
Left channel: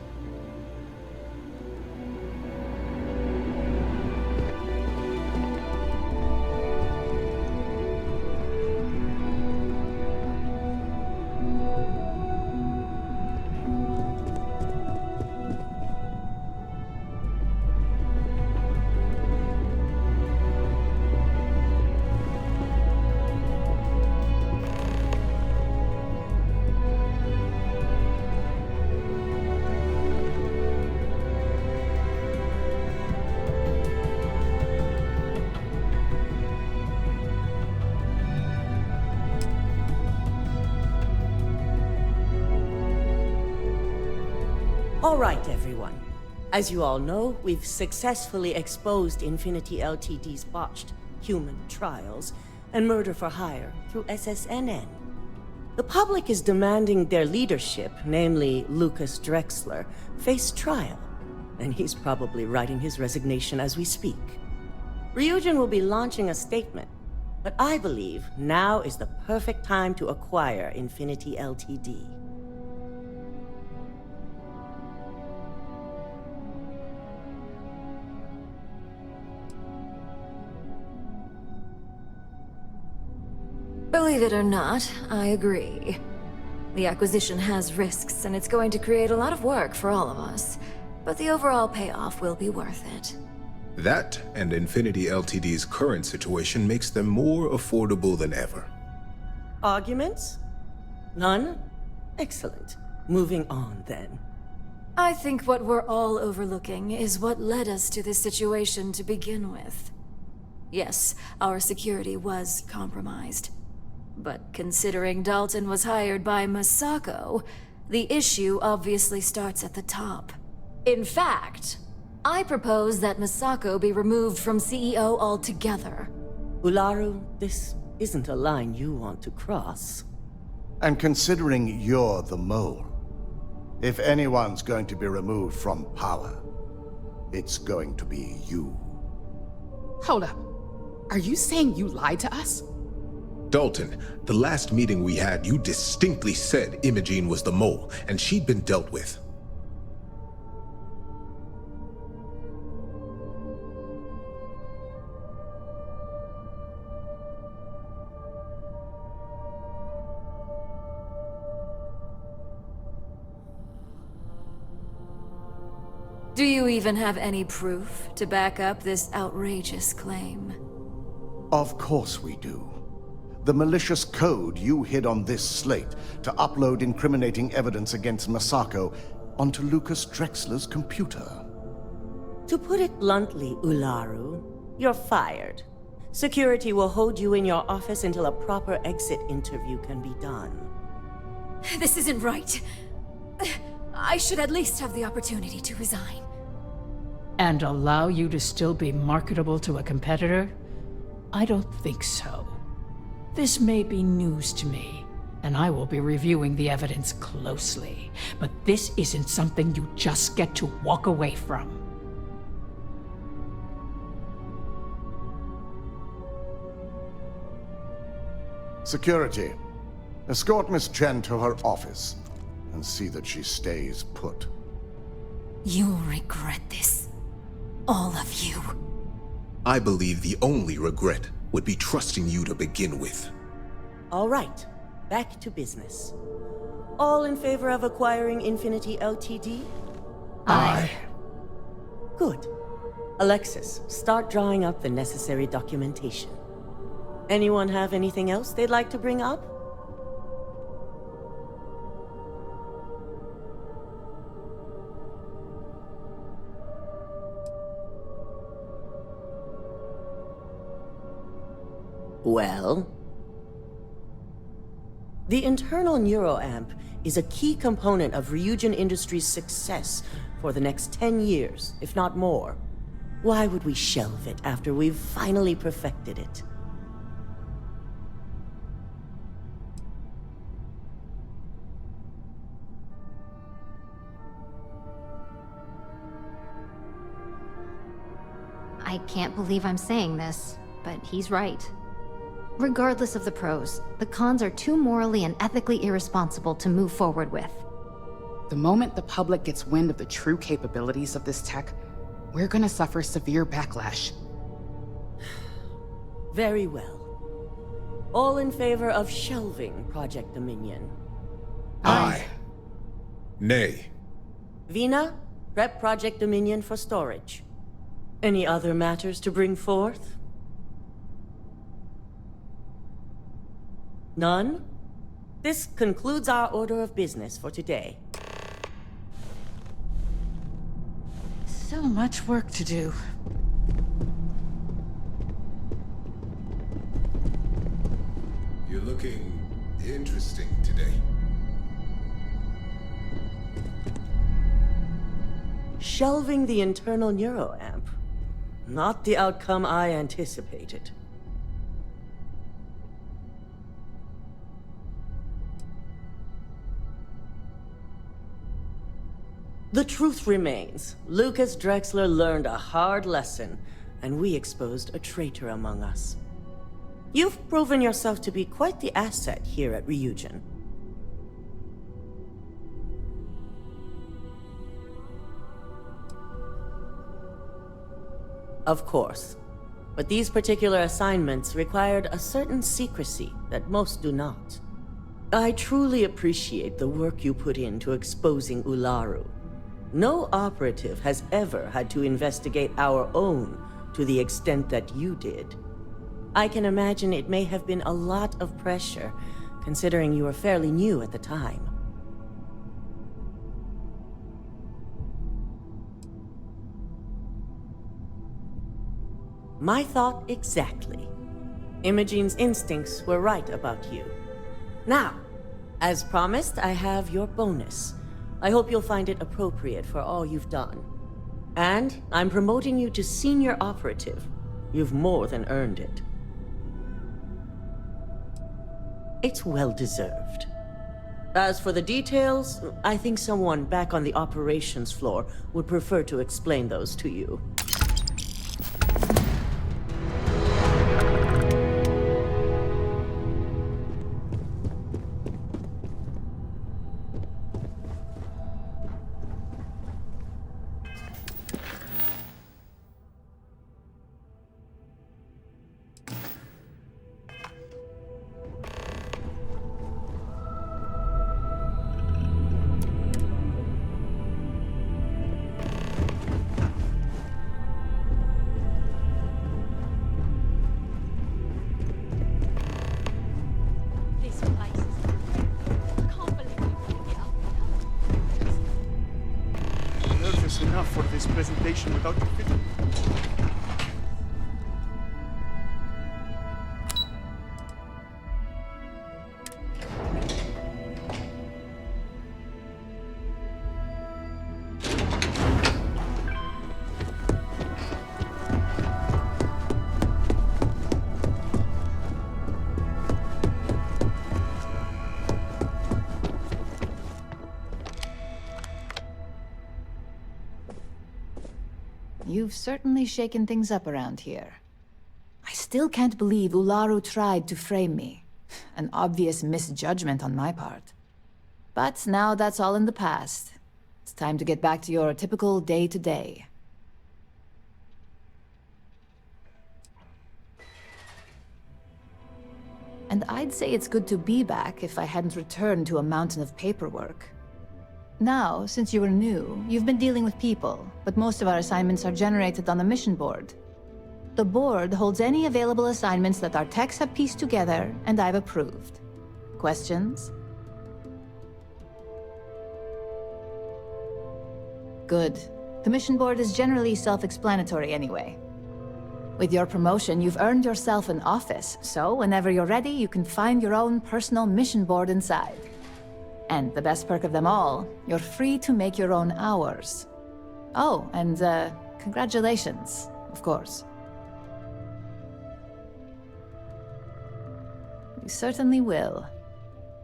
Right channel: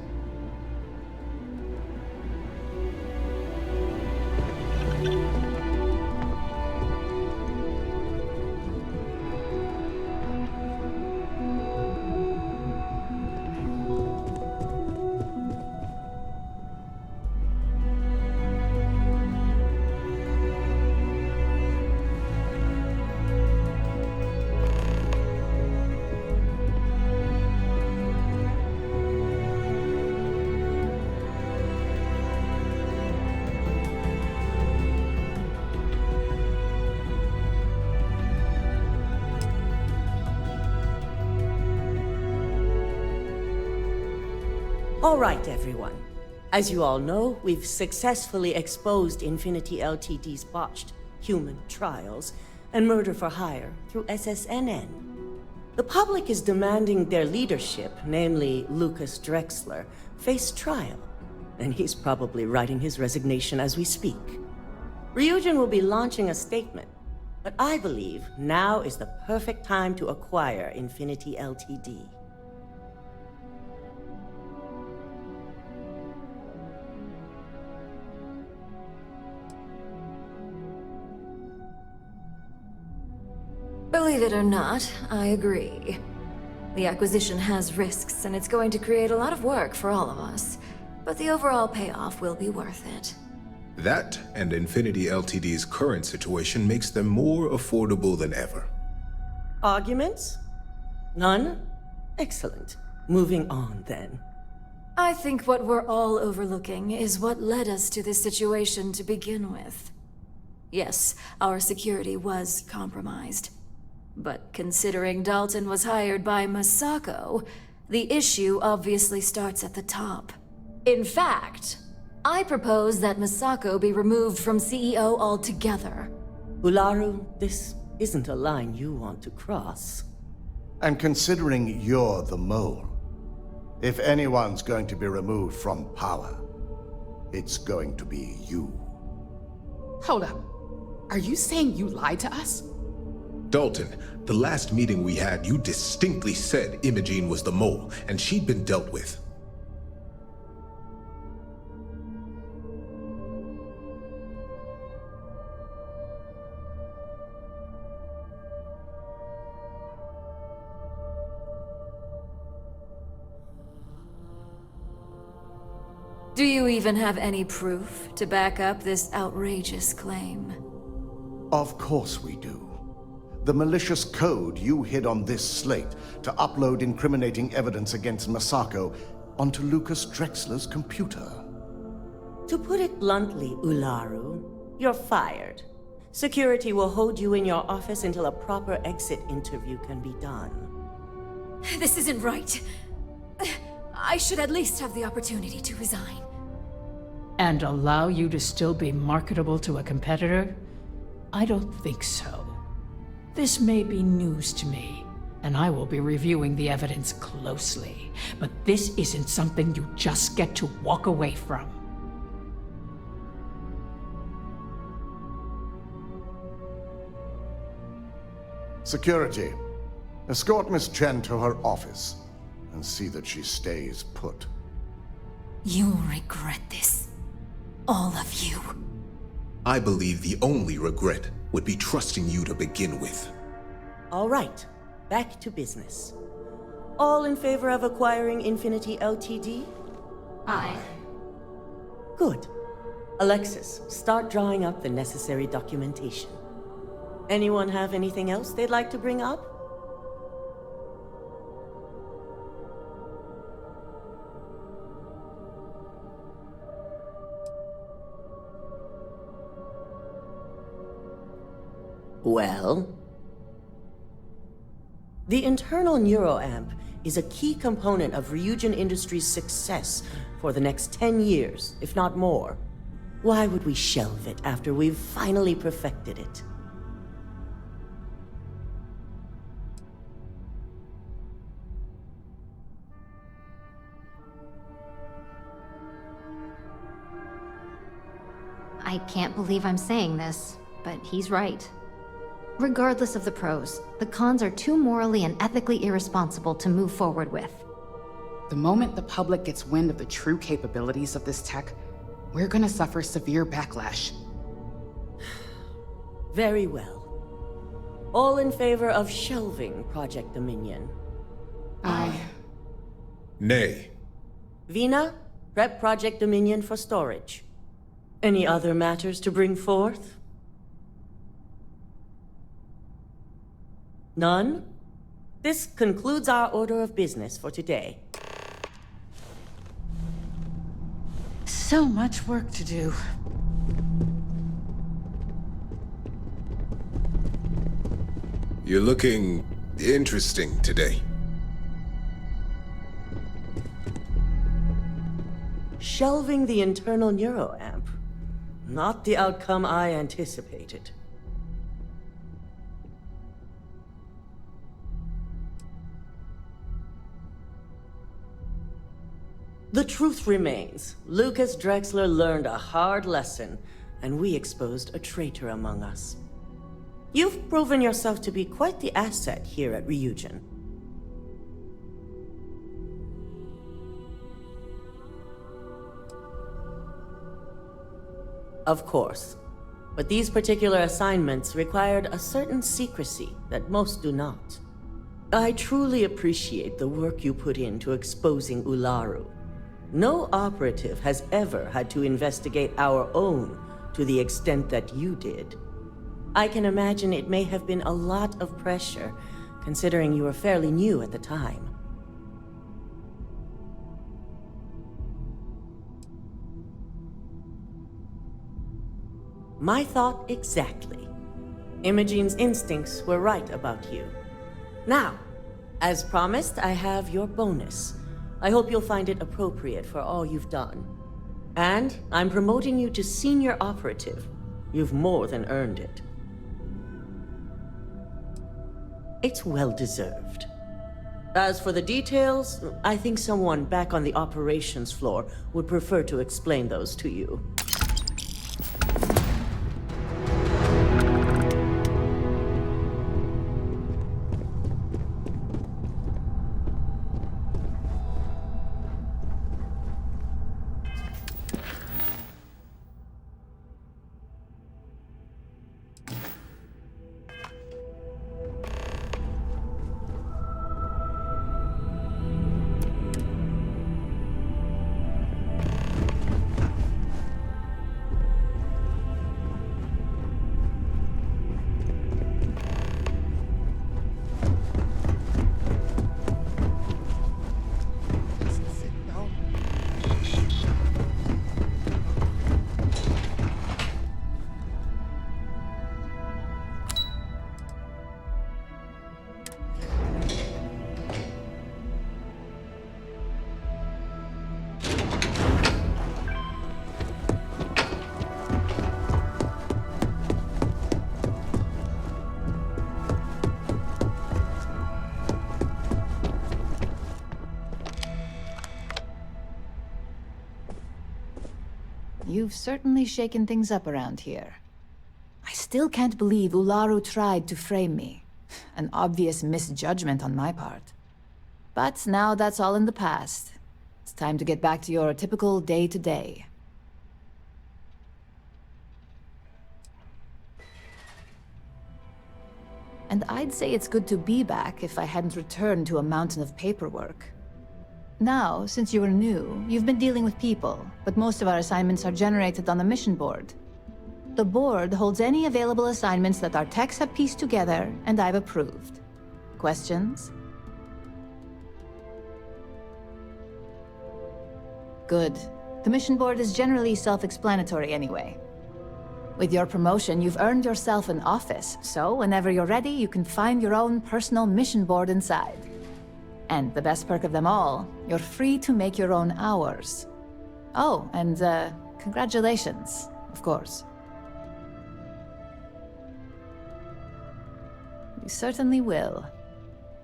All right, everyone. As you all know, we've successfully exposed Infinity Ltd.'s botched human trials and murder for hire through SSNN. The public is demanding their leadership, namely Lucas Drexler, face trial, and he's probably writing his resignation as we speak. Ryujin will be launching a statement, but I believe now is the perfect time to acquire Infinity Ltd. Believe it or not, I agree. The acquisition has risks, and it's going to create a lot of work for all of us. But the overall payoff will be worth it. That and Infinity Ltd's current situation makes them more affordable than ever. Arguments? None? Excellent. Moving on, then. I think what we're all overlooking is what led us to this situation to begin with. Yes, our security was compromised. But considering Dalton was hired by Masako, the issue obviously starts at the top. In fact, I propose that Masako be removed from CEO altogether. Ularu, this isn't a line you want to cross. And considering you're the mole, if anyone's going to be removed from power, it's going to be you. Hold up. Are you saying you lied to us? Dalton, the last meeting we had, you distinctly said Imogene was the mole, and she'd been dealt with. Do you even have any proof to back up this outrageous claim? Of course we do. The malicious code you hid on this slate to upload incriminating evidence against Masako onto Lucas Drexler's computer. To put it bluntly, Ularu, you're fired. Security will hold you in your office until a proper exit interview can be done. This isn't right. I should at least have the opportunity to resign. And allow you to still be marketable to a competitor? I don't think so. This may be news to me, and I will be reviewing the evidence closely. But this isn't something you just get to walk away from. Security, escort Miss Chen to her office and see that she stays put. You'll regret this. All of you. I believe the only regret would be trusting you to begin with. All right, back to business. All in favor of acquiring Infinity Ltd? Aye. Good. Alexis, start drawing up the necessary documentation. Anyone have anything else they'd like to bring up? Well? The internal neuroamp is a key component of Ryujin Industries' success for the next 10 years, if not more. Why would we shelve it after we've finally perfected it? I can't believe I'm saying this, but he's right. Regardless of the pros, the cons are too morally and ethically irresponsible to move forward with. The moment the public gets wind of the true capabilities of this tech, we're gonna suffer severe backlash. Very well. All in favor of shelving Project Dominion? Aye. Nay. Vina, prep Project Dominion for storage. Any other matters to bring forth? None? This concludes our order of business for today. So much work to do. You're looking interesting today. Shelving the internal neuroamp. Not the outcome I anticipated. The truth remains. Lucas Drexler learned a hard lesson, and we exposed a traitor among us. You've proven yourself to be quite the asset here at Ryujin. Of course. But these particular assignments required a certain secrecy that most do not. I truly appreciate the work you put into exposing Ularu. No operative has ever had to investigate our own to the extent that you did. I can imagine it may have been a lot of pressure, considering you were fairly new at the time. My thought exactly. Imogene's instincts were right about you. Now, as promised, I have your bonus. I hope you'll find it appropriate for all you've done. And I'm promoting you to senior operative. You've more than earned it. It's well deserved. As for the details, I think someone back on the operations floor would prefer to explain those to you. You've certainly shaken things up around here. I still can't believe Ularu tried to frame me. An obvious misjudgment on my part. But now that's all in the past. It's time to get back to your typical day-to-day. And I'd say it's good to be back if I hadn't returned to a mountain of paperwork. Now, since you are new, you've been dealing with people, but most of our assignments are generated on the mission board. The board holds any available assignments that our techs have pieced together, and I've approved. Questions? Good. The mission board is generally self-explanatory anyway. With your promotion, you've earned yourself an office, so whenever you're ready, you can find your own personal mission board inside. And the best perk of them all, you're free to make your own hours. Oh, and congratulations, of course. You certainly will.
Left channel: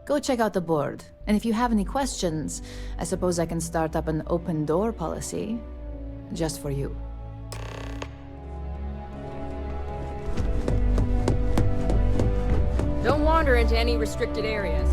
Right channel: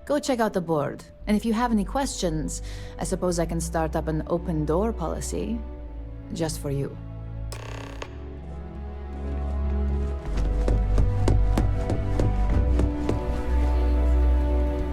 Go check out the board, and if you have any questions, I suppose I can start up an open door policy, just for you. Don't wander into any restricted areas.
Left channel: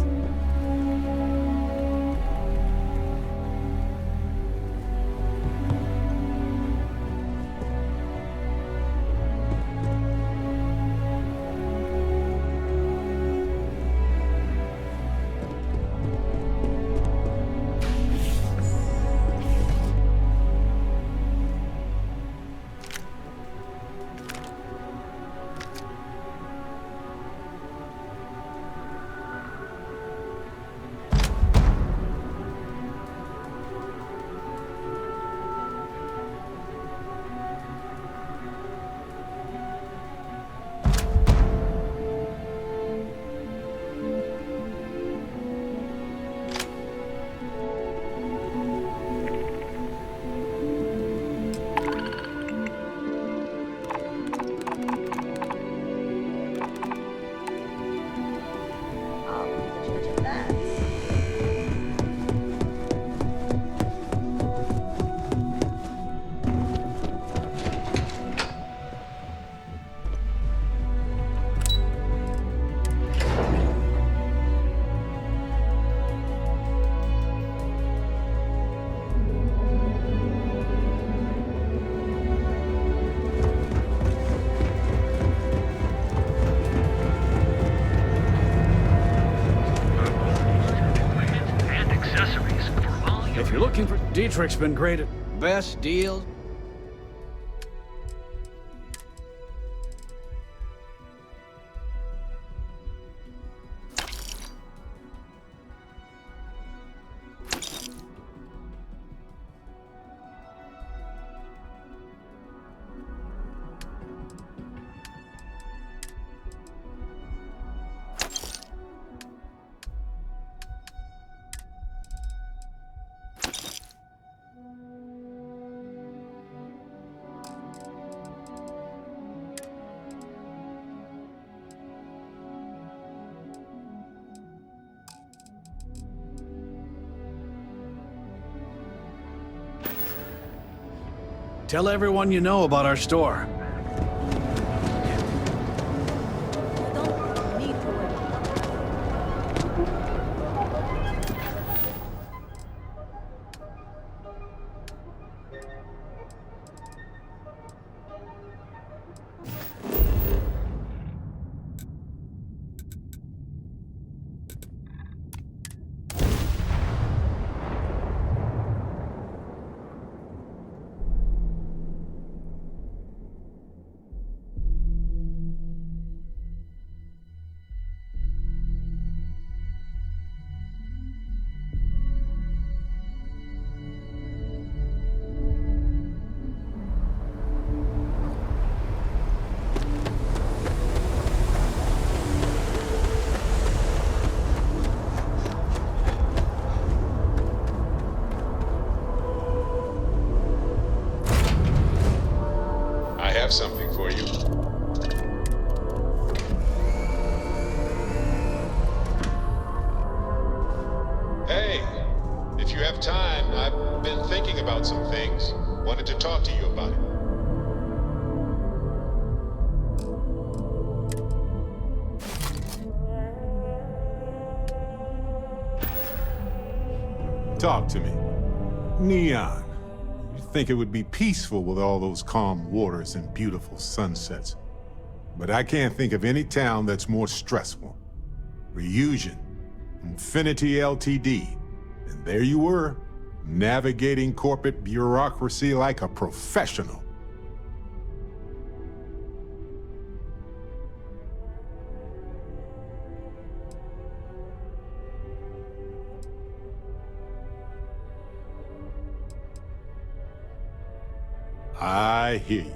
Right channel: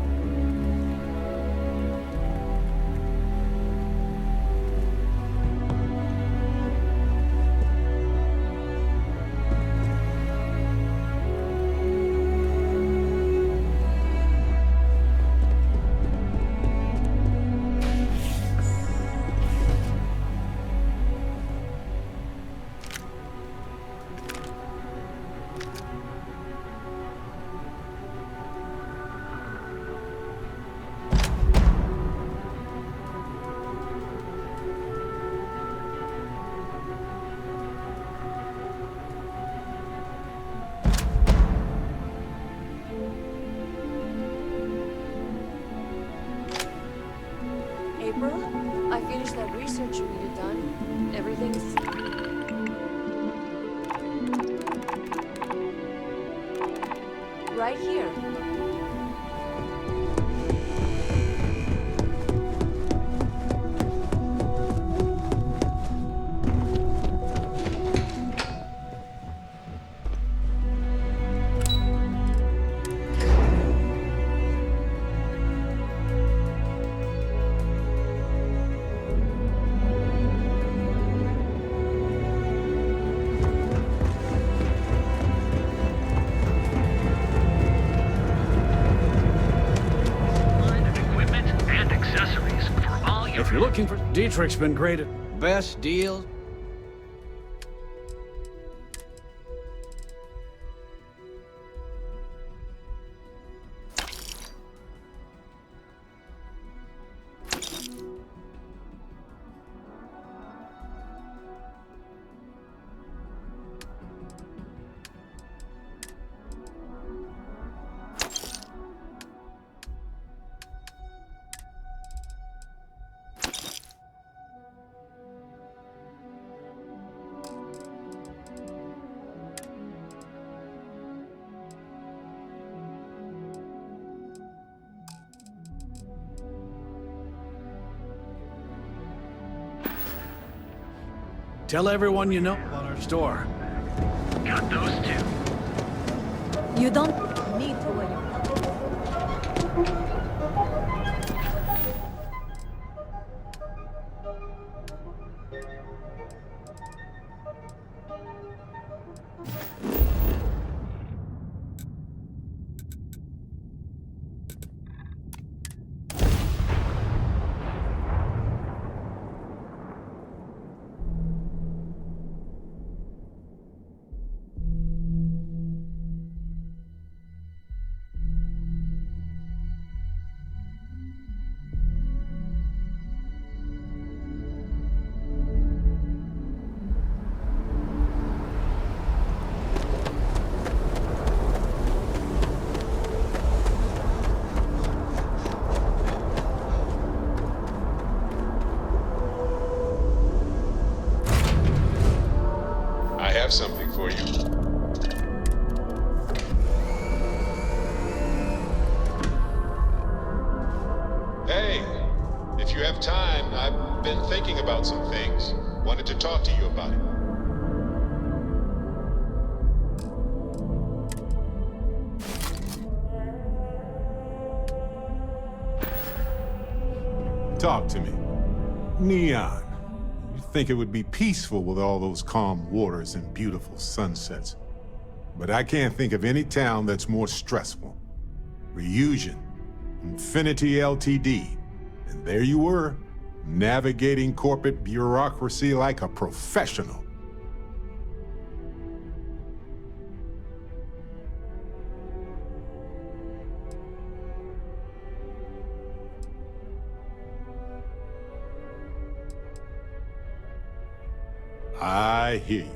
If you're looking for... Dietrich's been great at best deals. Tell everyone you know about our store. Got those two. You don't need to worry. I have something for you. Hey, if you have time, I've been thinking about some things. Wanted to talk to you about it. Talk to me. Neon. You'd think it would be peaceful with all those calm waters and beautiful sunsets. But I can't think of any town that's more stressful. Ryujin, Infinity Ltd. And there you were, navigating corporate bureaucracy like a professional. I hear you.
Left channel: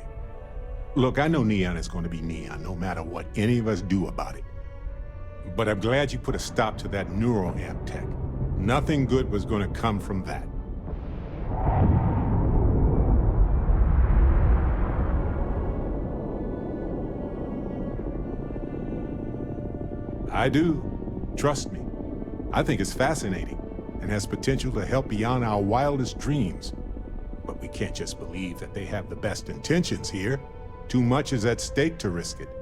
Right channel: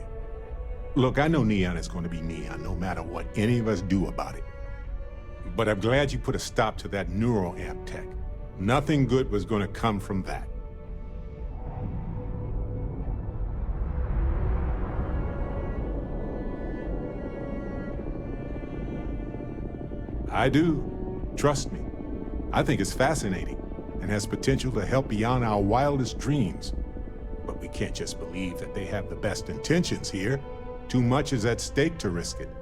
Look, I know Neon is going to be Neon, no matter what any of us do about it. But I'm glad you put a stop to that neural amp tech. Nothing good was going to come from that. I do. Trust me. I think it's fascinating and has potential to help beyond our wildest dreams. But we can't just believe that they have the best intentions here. Too much is at stake to risk it.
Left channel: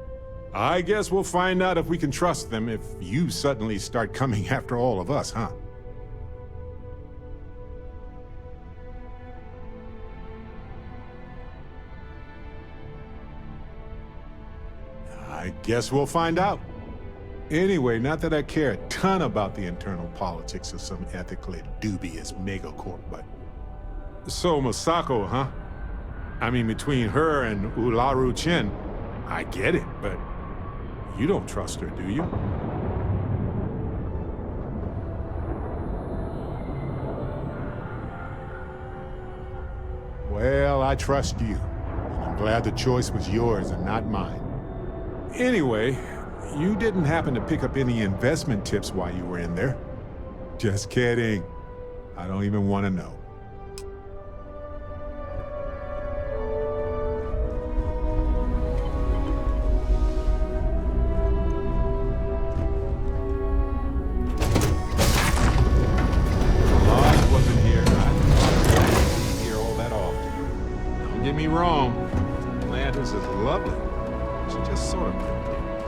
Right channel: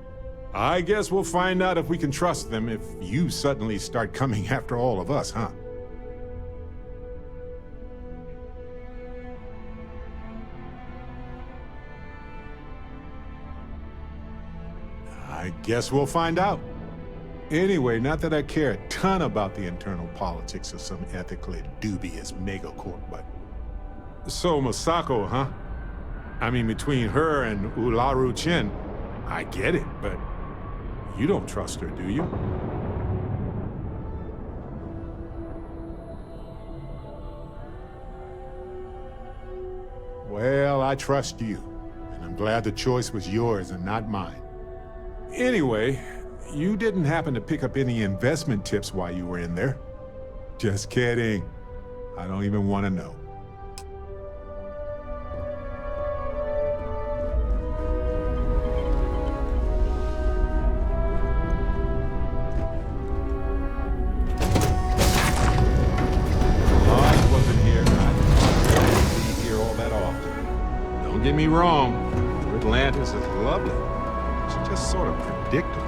I guess we'll find out if we can trust them if you suddenly start coming after all of us, huh? I guess we'll find out. Anyway, not that I care a ton about the internal politics of some ethically dubious megacorp, but... So, Masako, huh? I mean, between her and Ularu Chin, I get it, but you don't trust her, do you? Well, I trust you, and I'm glad the choice was yours and not mine. Anyway, you didn't happen to pick up any investment tips while you were in there? Just kidding. I don't even want to know. Don't get me wrong, Atlantis is lovely. It's just sort of predictable.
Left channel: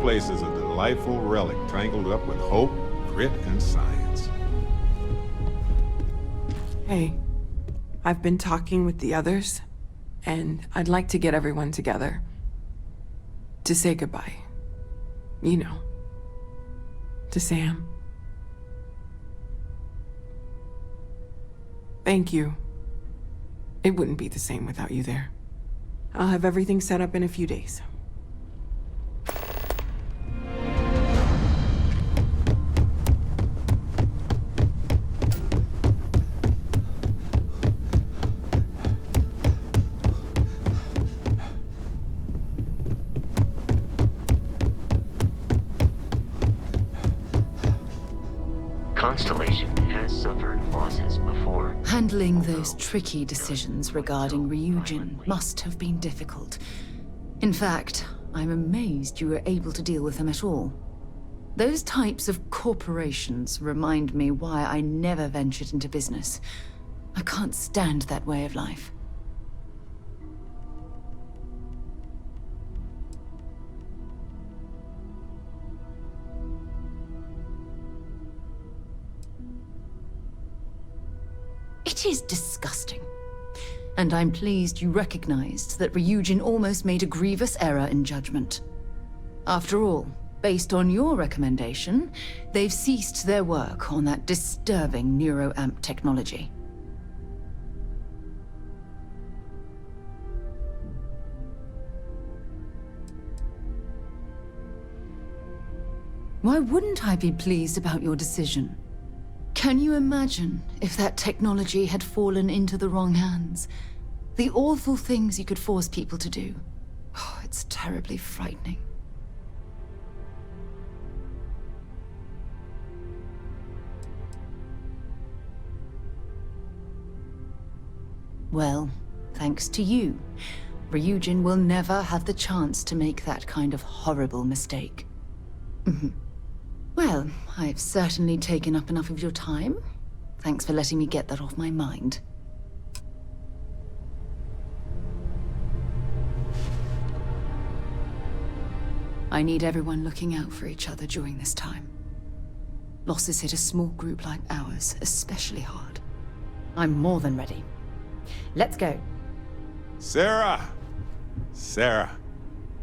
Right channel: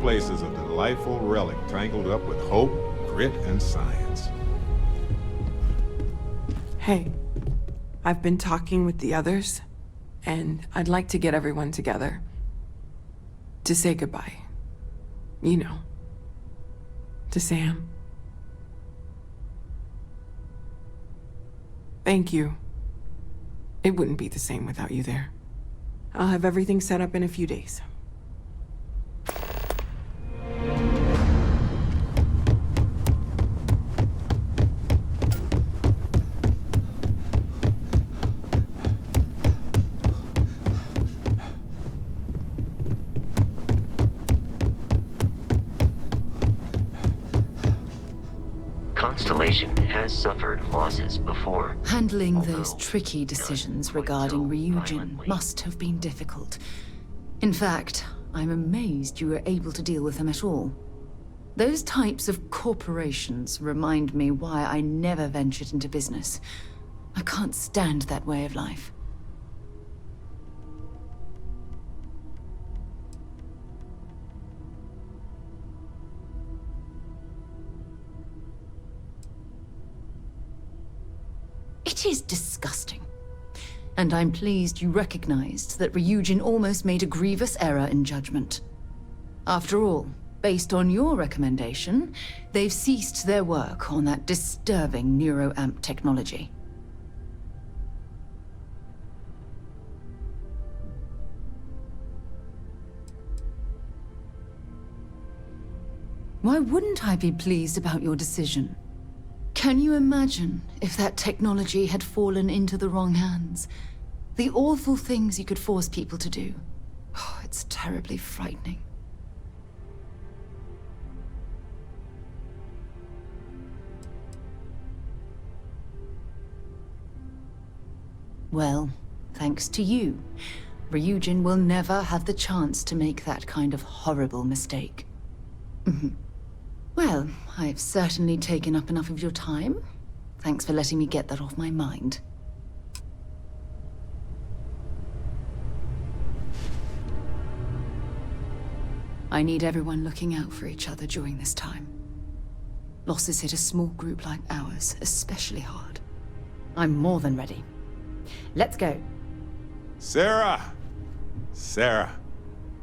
Place is a delightful relic tangled up with hope, grit, and science. Hey, I've been talking with the others, and I'd like to get everyone together. To say goodbye. You know. To Sam. Thank you. It wouldn't be the same without you there. I'll have everything set up in a few days. Constellation has suffered losses before. Handling those tricky decisions regarding Ryujin must have been difficult. In fact, I'm amazed you were able to deal with them at all. Those types of corporations remind me why I never ventured into business. I can't stand that way of life. It is disgusting. And I'm pleased you recognized that Ryujin almost made a grievous error in judgment. After all, based on your recommendation, they've ceased their work on that disturbing neuroamp technology. Why wouldn't I be pleased about your decision? Can you imagine if that technology had fallen into the wrong hands? The awful things you could force people to do. Oh, it's terribly frightening. Well, thanks to you, Ryujin will never have the chance to make that kind of horrible mistake. Well, I've certainly taken up enough of your time. Thanks for letting me get that off my mind. I need everyone looking out for each other during this time. Losses hit a small group like ours especially hard. I'm more than ready. Let's go. Sarah! Sarah,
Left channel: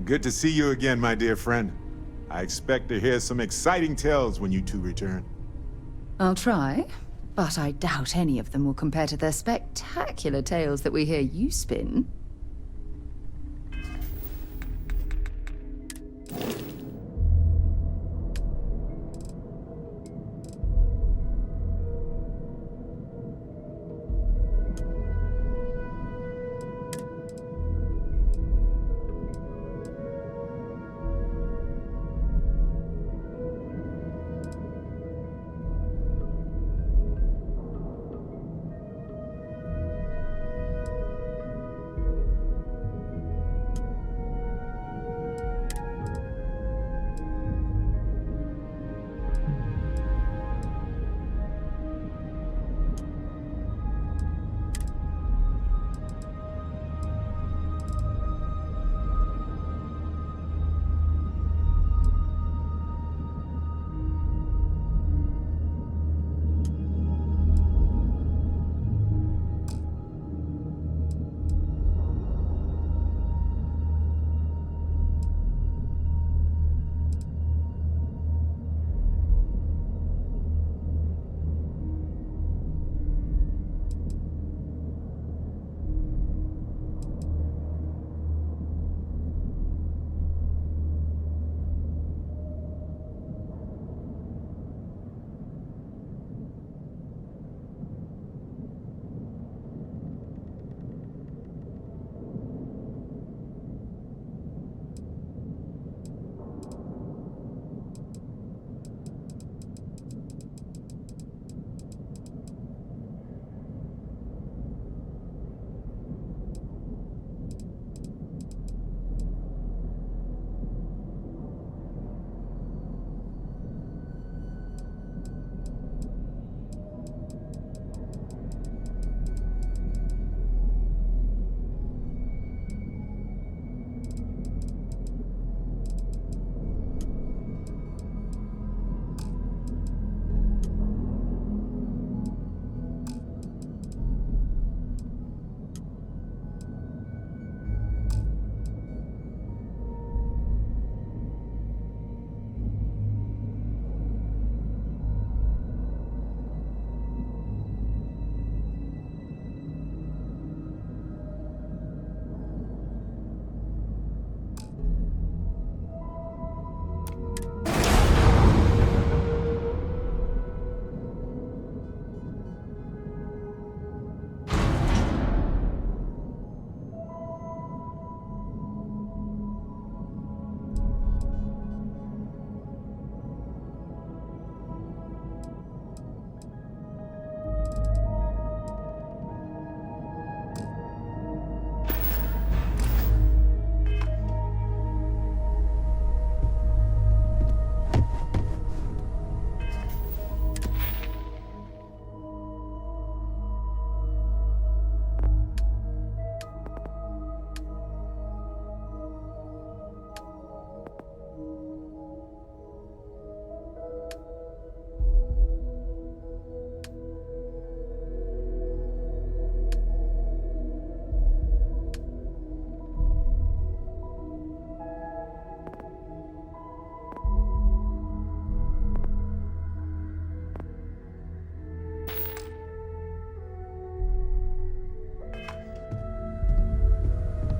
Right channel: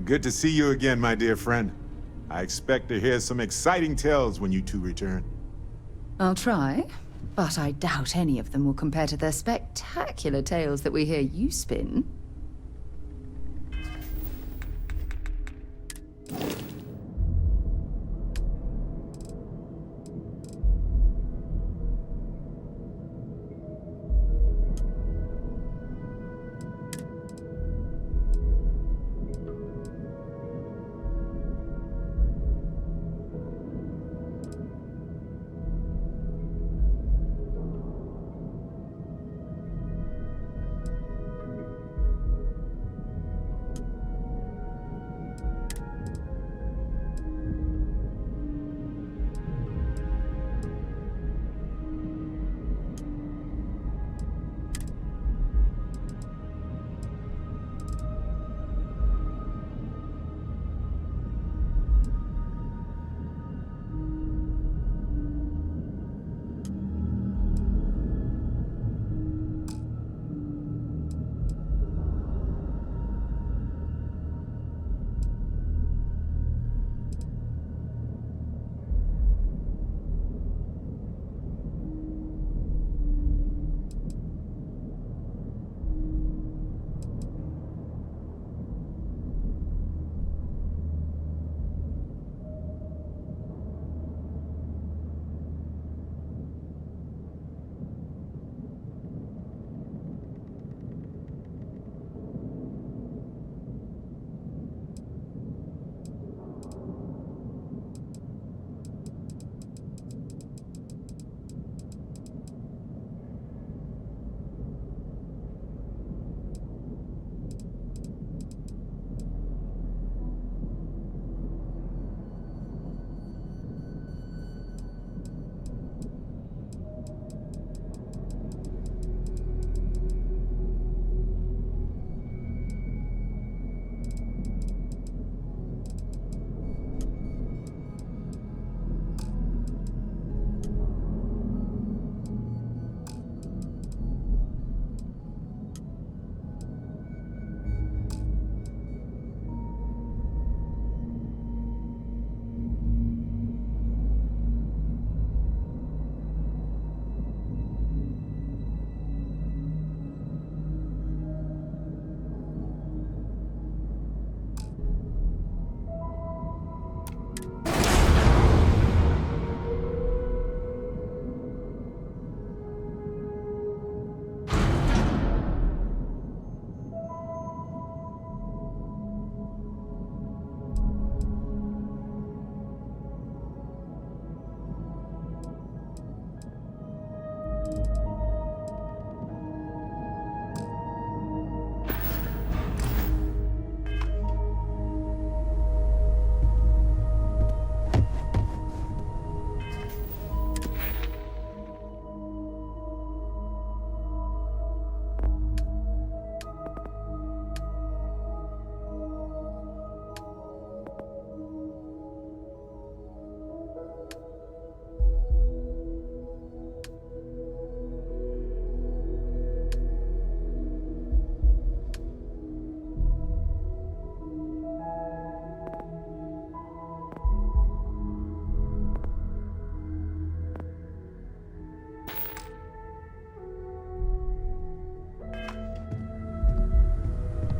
good to see you again, my dear friend. I expect to hear some exciting tales when you two return. I'll try, but I doubt any of them will compare to the spectacular tales that we hear you spin.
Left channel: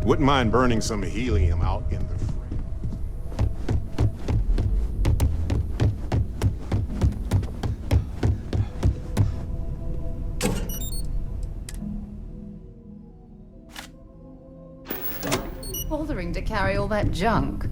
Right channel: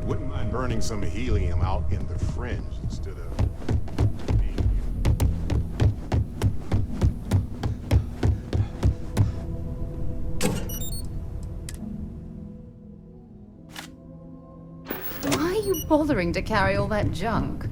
Wouldn't mind burning some helium out in the fringe instead of... Why are you bothering to carry all that junk?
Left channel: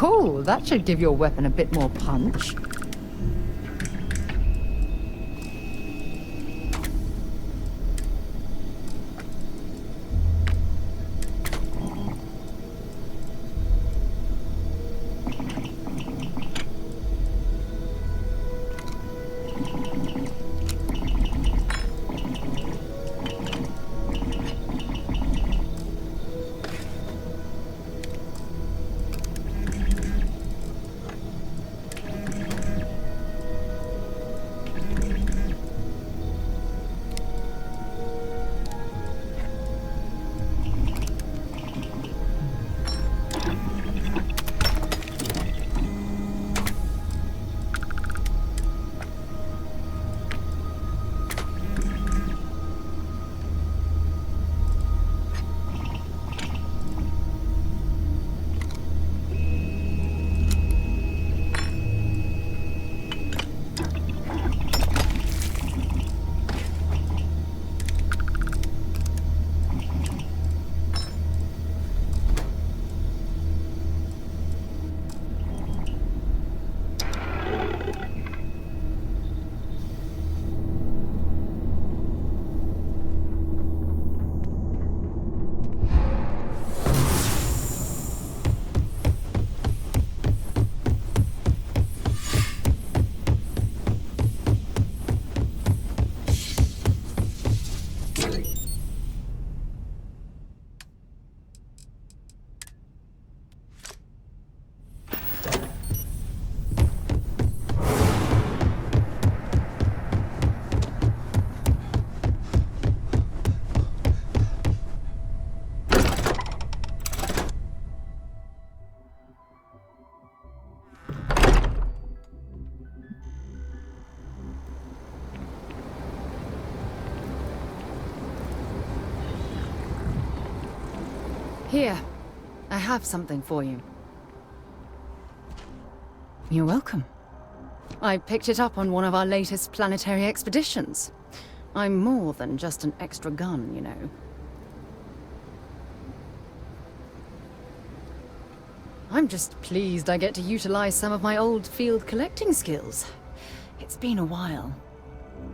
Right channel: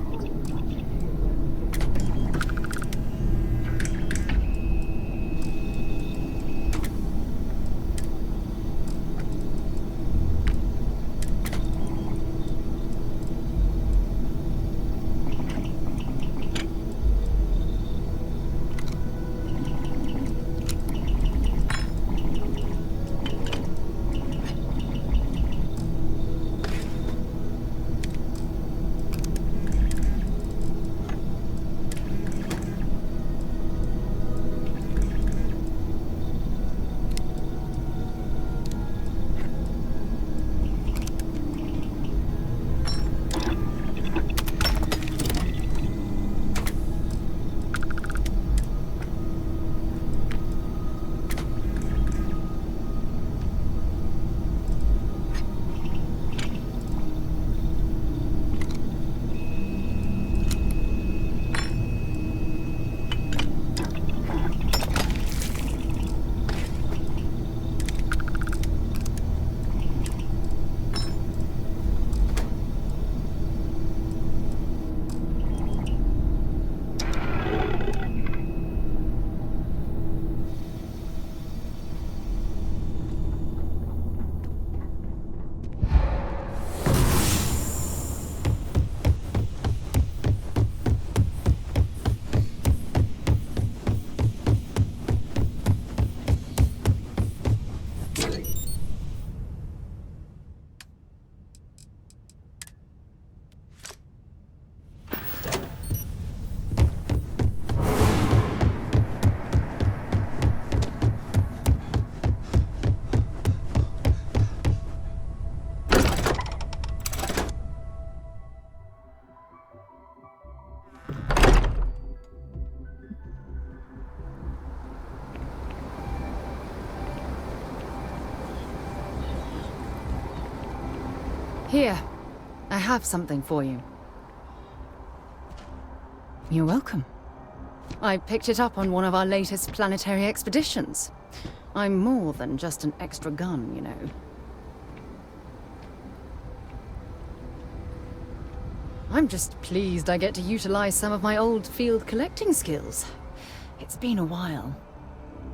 Oh, that should give your weapon a bit more punch. Here, I have something for you. You're welcome. I picked it up on one of our latest planetary expeditions. I'm more than just an extra gun, you know. I'm just pleased I get to utilize some of my old field collecting skills. It's been a while.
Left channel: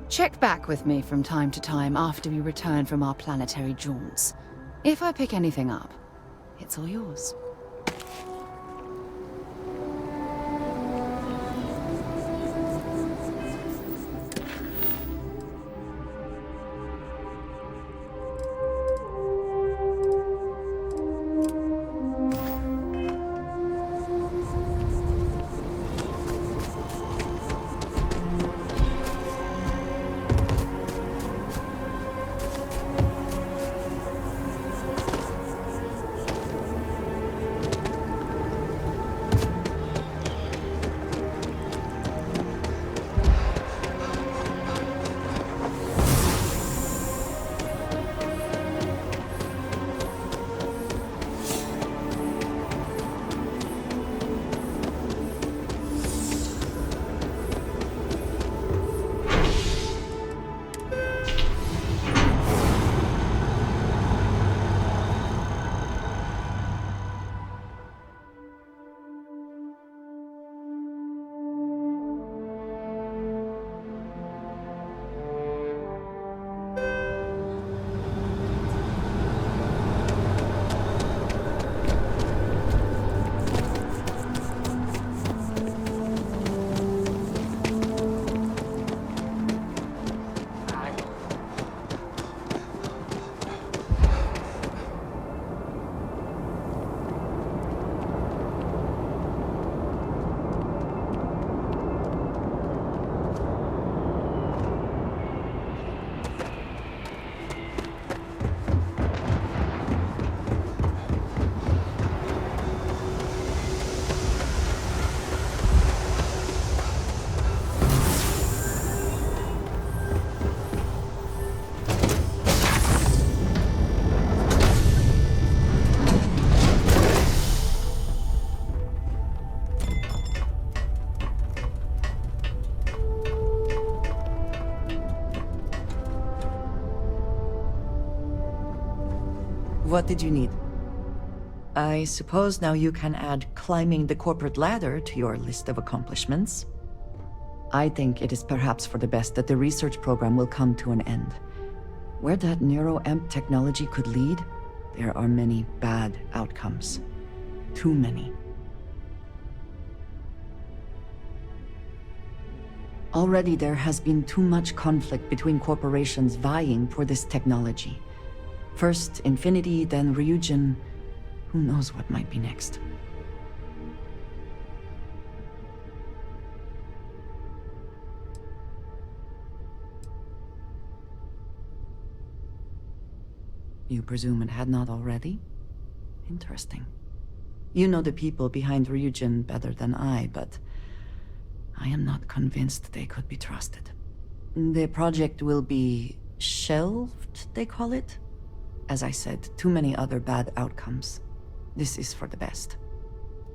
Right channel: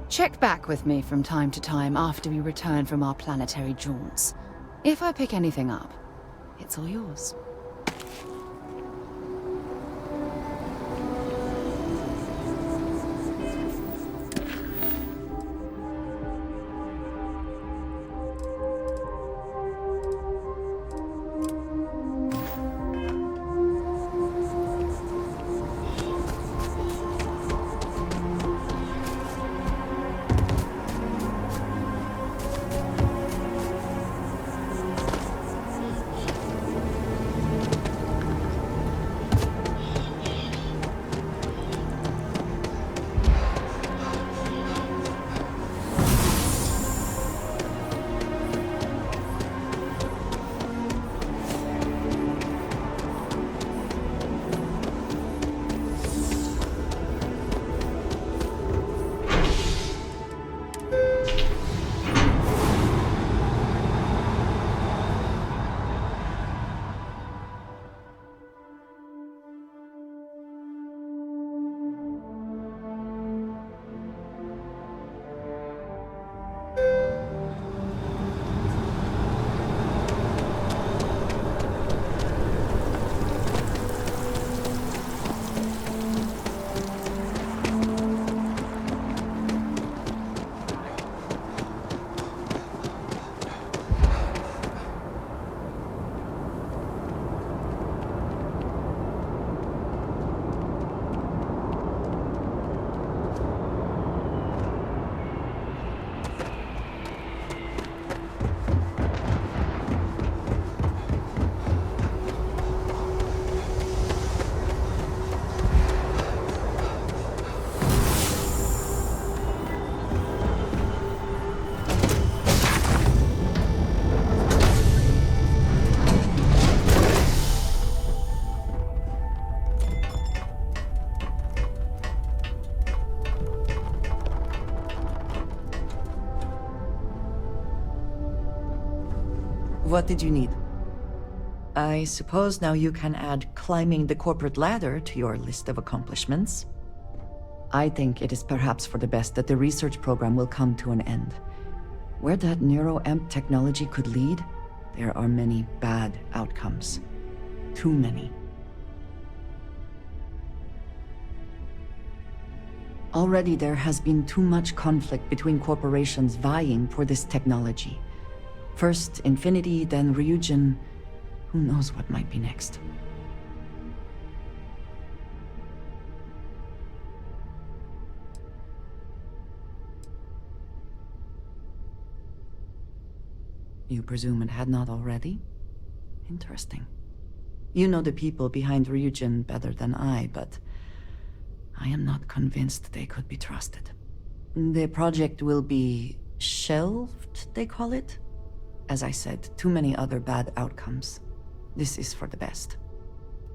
Check back with me from time to time after we return from our planetary jaunts. If I pick anything up, it's all yours. What did you need? I suppose now you can add climbing the corporate ladder to your list of accomplishments. I think it is perhaps for the best that the research program will come to an end. Where that neuroamp technology could lead, there are many bad outcomes. Too many. Already there has been too much conflict between corporations vying for this technology. First Infinity, then Ryujin. Who knows what might be next? You presume it had not already? Interesting. You know the people behind Ryujin better than I, but I am not convinced they could be trusted. The project will be shelved, they call it? As I said, too many other bad outcomes. This is for the best.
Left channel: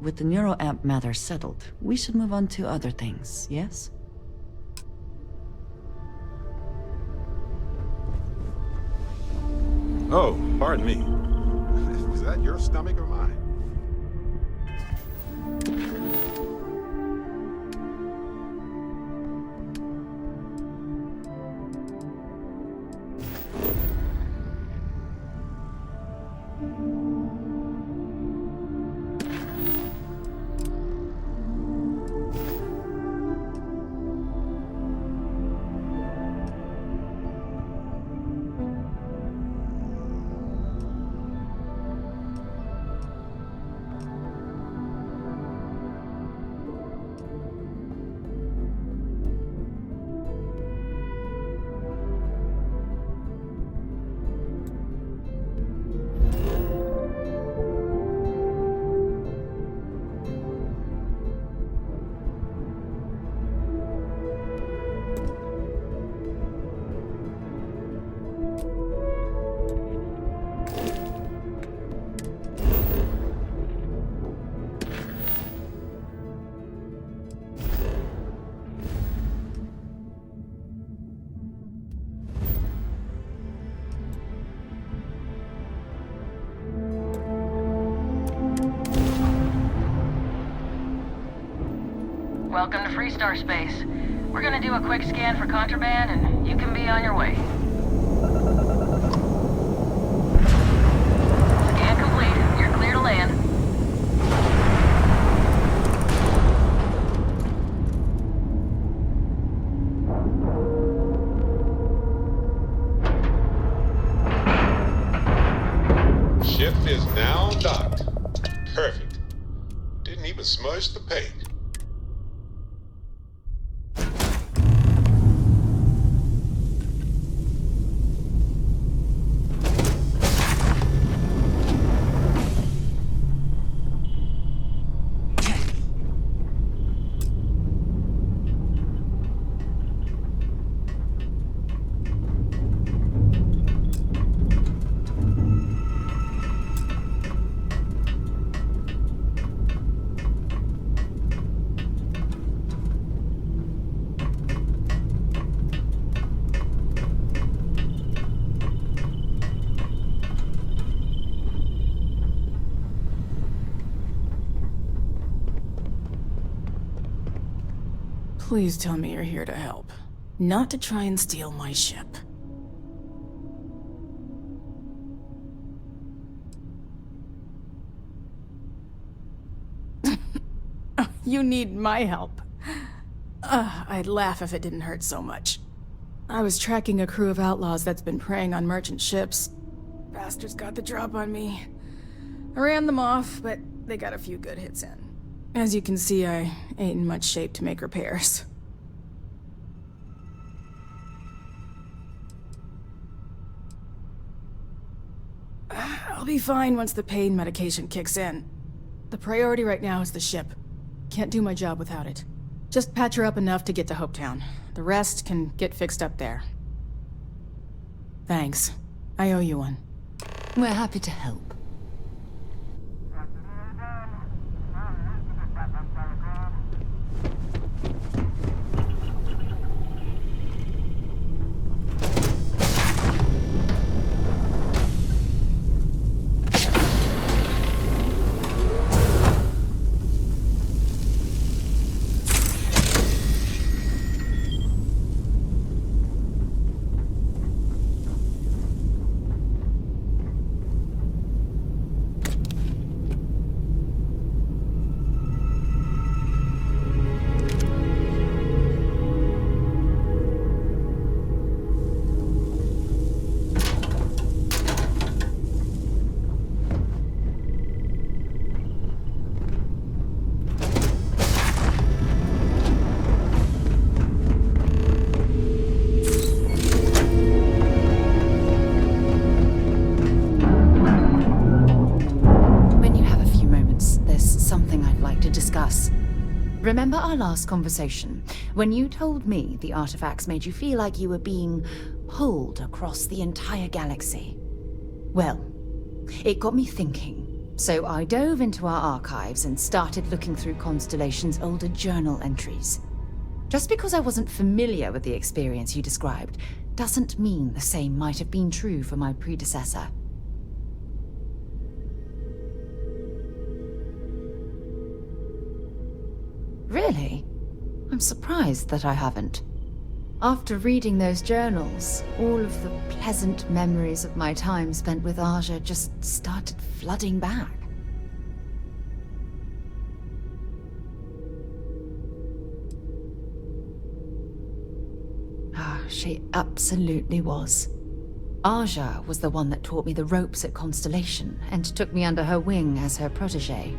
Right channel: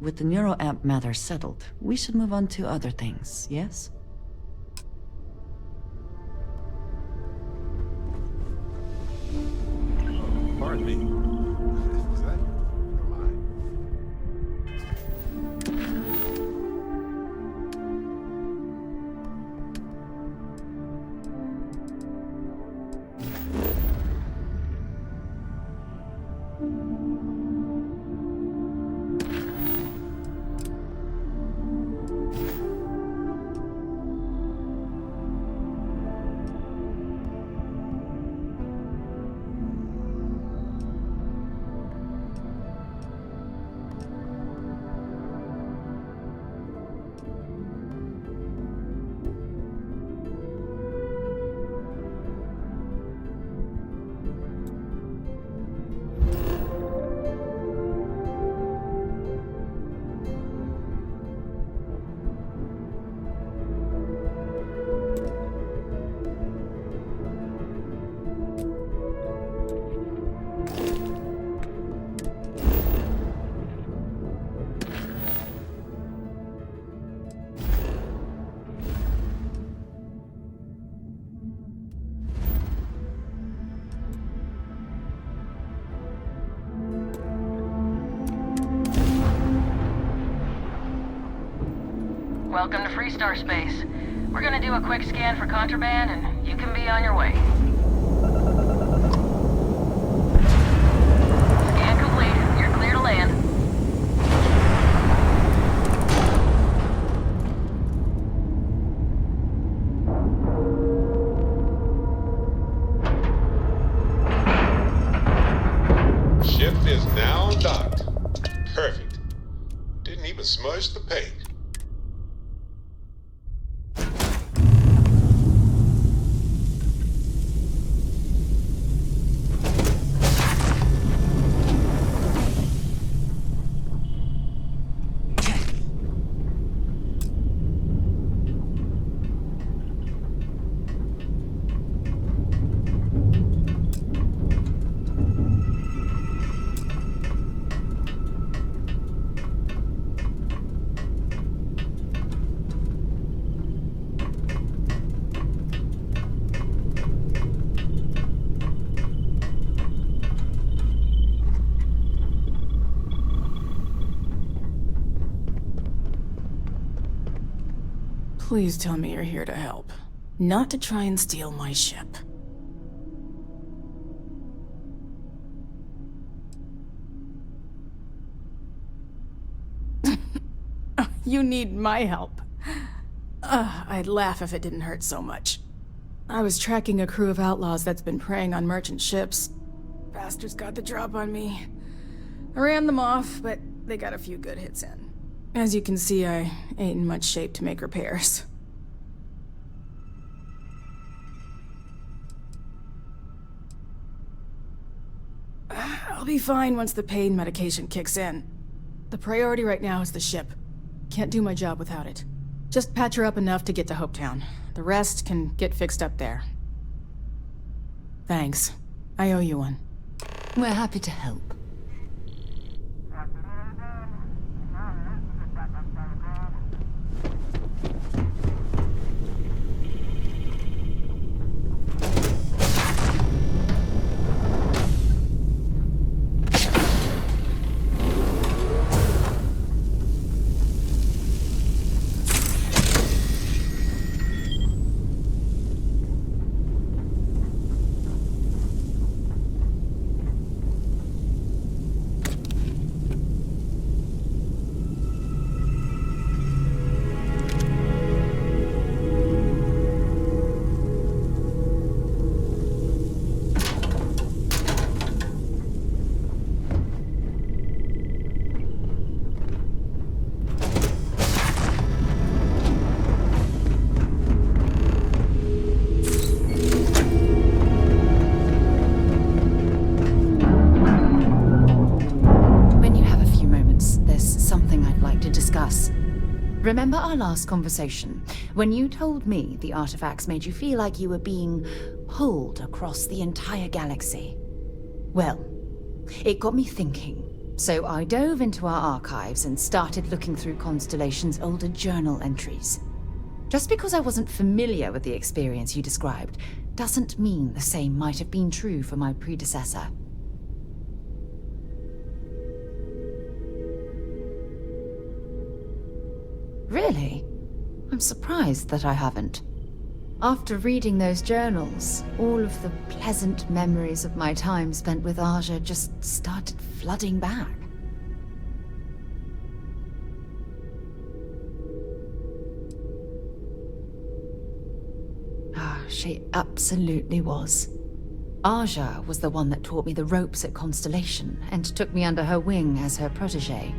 With the neuroamp matter settled, we should move on to other things, yes? Oh, pardon me. Was that your stomach or mine? Welcome to Freestar Space. We're gonna do a quick scan for contraband, and you can be on your way. Scan complete. You're clear to land. Ship is now docked. Perfect. Didn't even smudge the paint. Please tell me you're here to help, not to try and steal my ship. You need my help. I'd laugh if it didn't hurt so much. I was tracking a crew of outlaws that's been preying on merchant ships. Bastards got the drop on me. I ran them off, but they got a few good hits in. As you can see, I ain't in much shape to make repairs. I'll be fine once the pain medication kicks in. The priority right now is the ship. Can't do my job without it. Just patch her up enough to get to Hopetown. The rest can get fixed up there. Thanks. I owe you one. We're happy to help. Remember our last conversation, when you told me the artifacts made you feel like you were being pulled across the entire galaxy? Well, it got me thinking. So I dove into our archives and started looking through Constellation's older journal entries. Just because I wasn't familiar with the experience you described, doesn't mean the same might have been true for my predecessor. Really? I'm surprised that I haven't. After reading those journals, all of the pleasant memories of my time spent with Aja just started flooding back. She absolutely was. Aja was the one that taught me the ropes at Constellation and took me under her wing as her protege.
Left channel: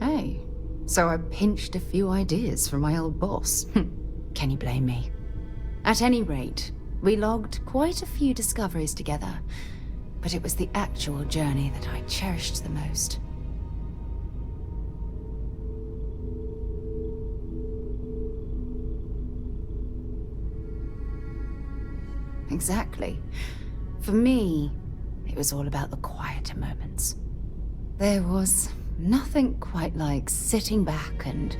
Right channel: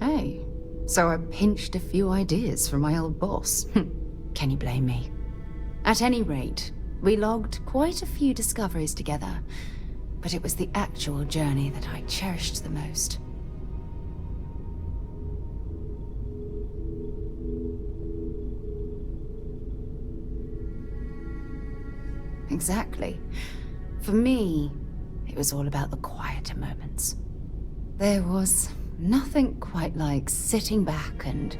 Hey, so I pinched a few ideas from my old boss. Can you blame me? At any rate, we logged quite a few discoveries together, but it was the actual journey that I cherished the most. Exactly. For me, it was all about the quieter moments. There was nothing quite like sitting back and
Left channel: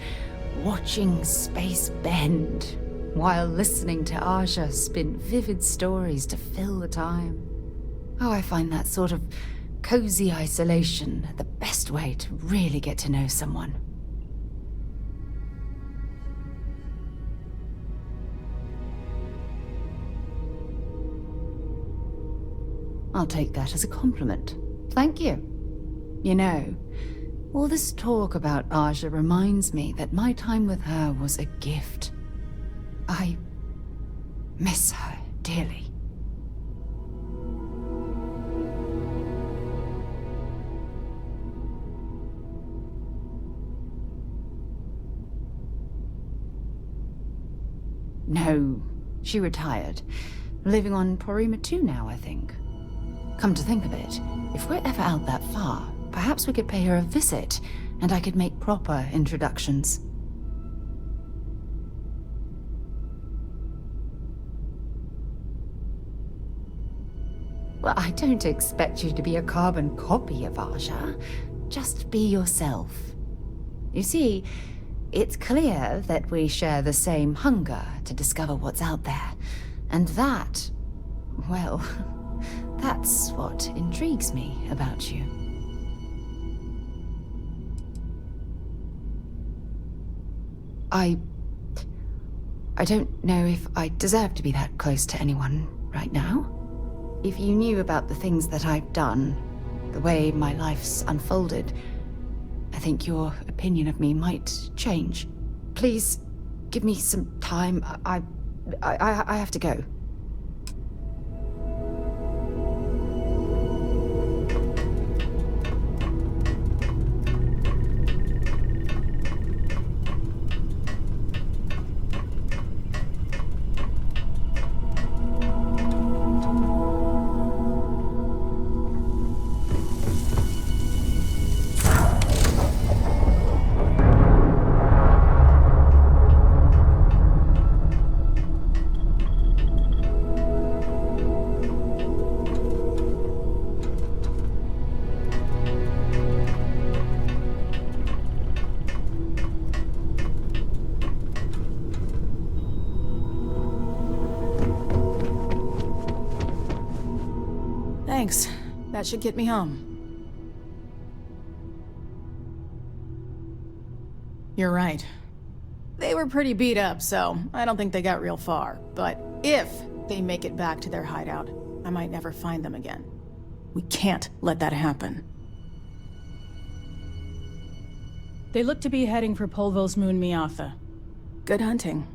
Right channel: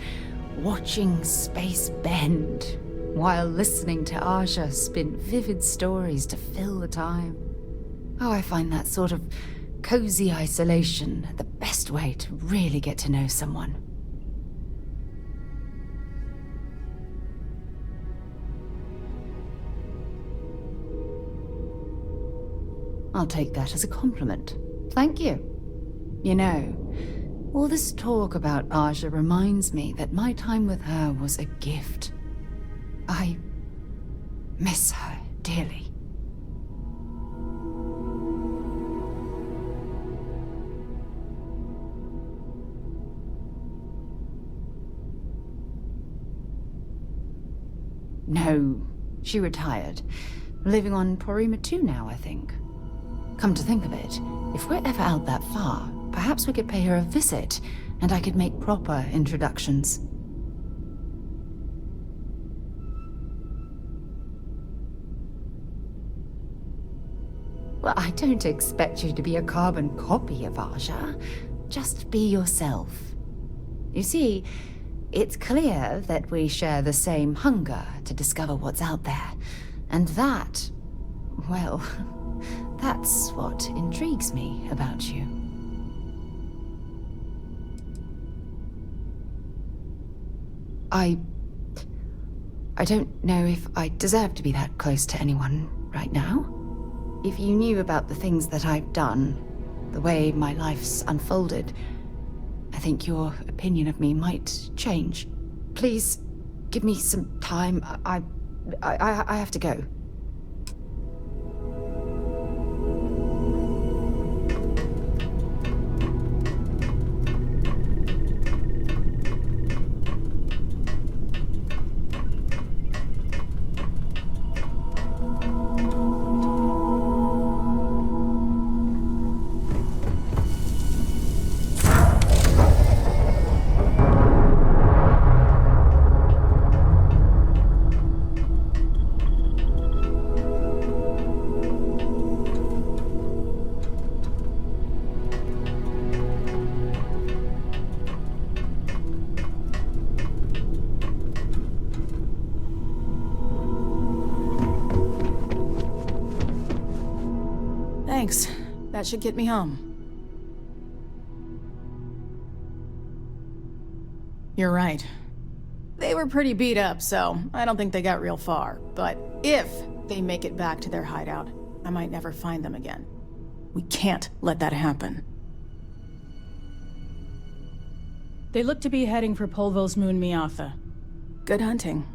watching space bend while listening to Aja spin vivid stories to fill the time. Oh, I find that sort of cozy isolation the best way to really get to know someone. I'll take that as a compliment. Thank you. You know, all this talk about Aja reminds me that my time with her was a gift. I miss her dearly. No, she retired. Living on Porima 2 now, I think. Come to think of it, if we're ever out that far, perhaps we could pay her a visit, and I could make proper introductions. Well, I don't expect you to be a carbon copy of Aja. Just be yourself. You see, it's clear that we share the same hunger to discover what's out there. And that, well, that's what intrigues me about you. I don't know if I deserve to be that close to anyone right now. If you knew about the things that I've done, the way my life's unfolded, I think your opinion of me might change. Please, give me some time. I have to go. Thanks. That should get me home. You're right. They were pretty beat up, so I don't think they got real far. But if they make it back to their hideout, I might never find them again. We can't let that happen. They look to be heading for Polvo's moon Miatha. Good hunting.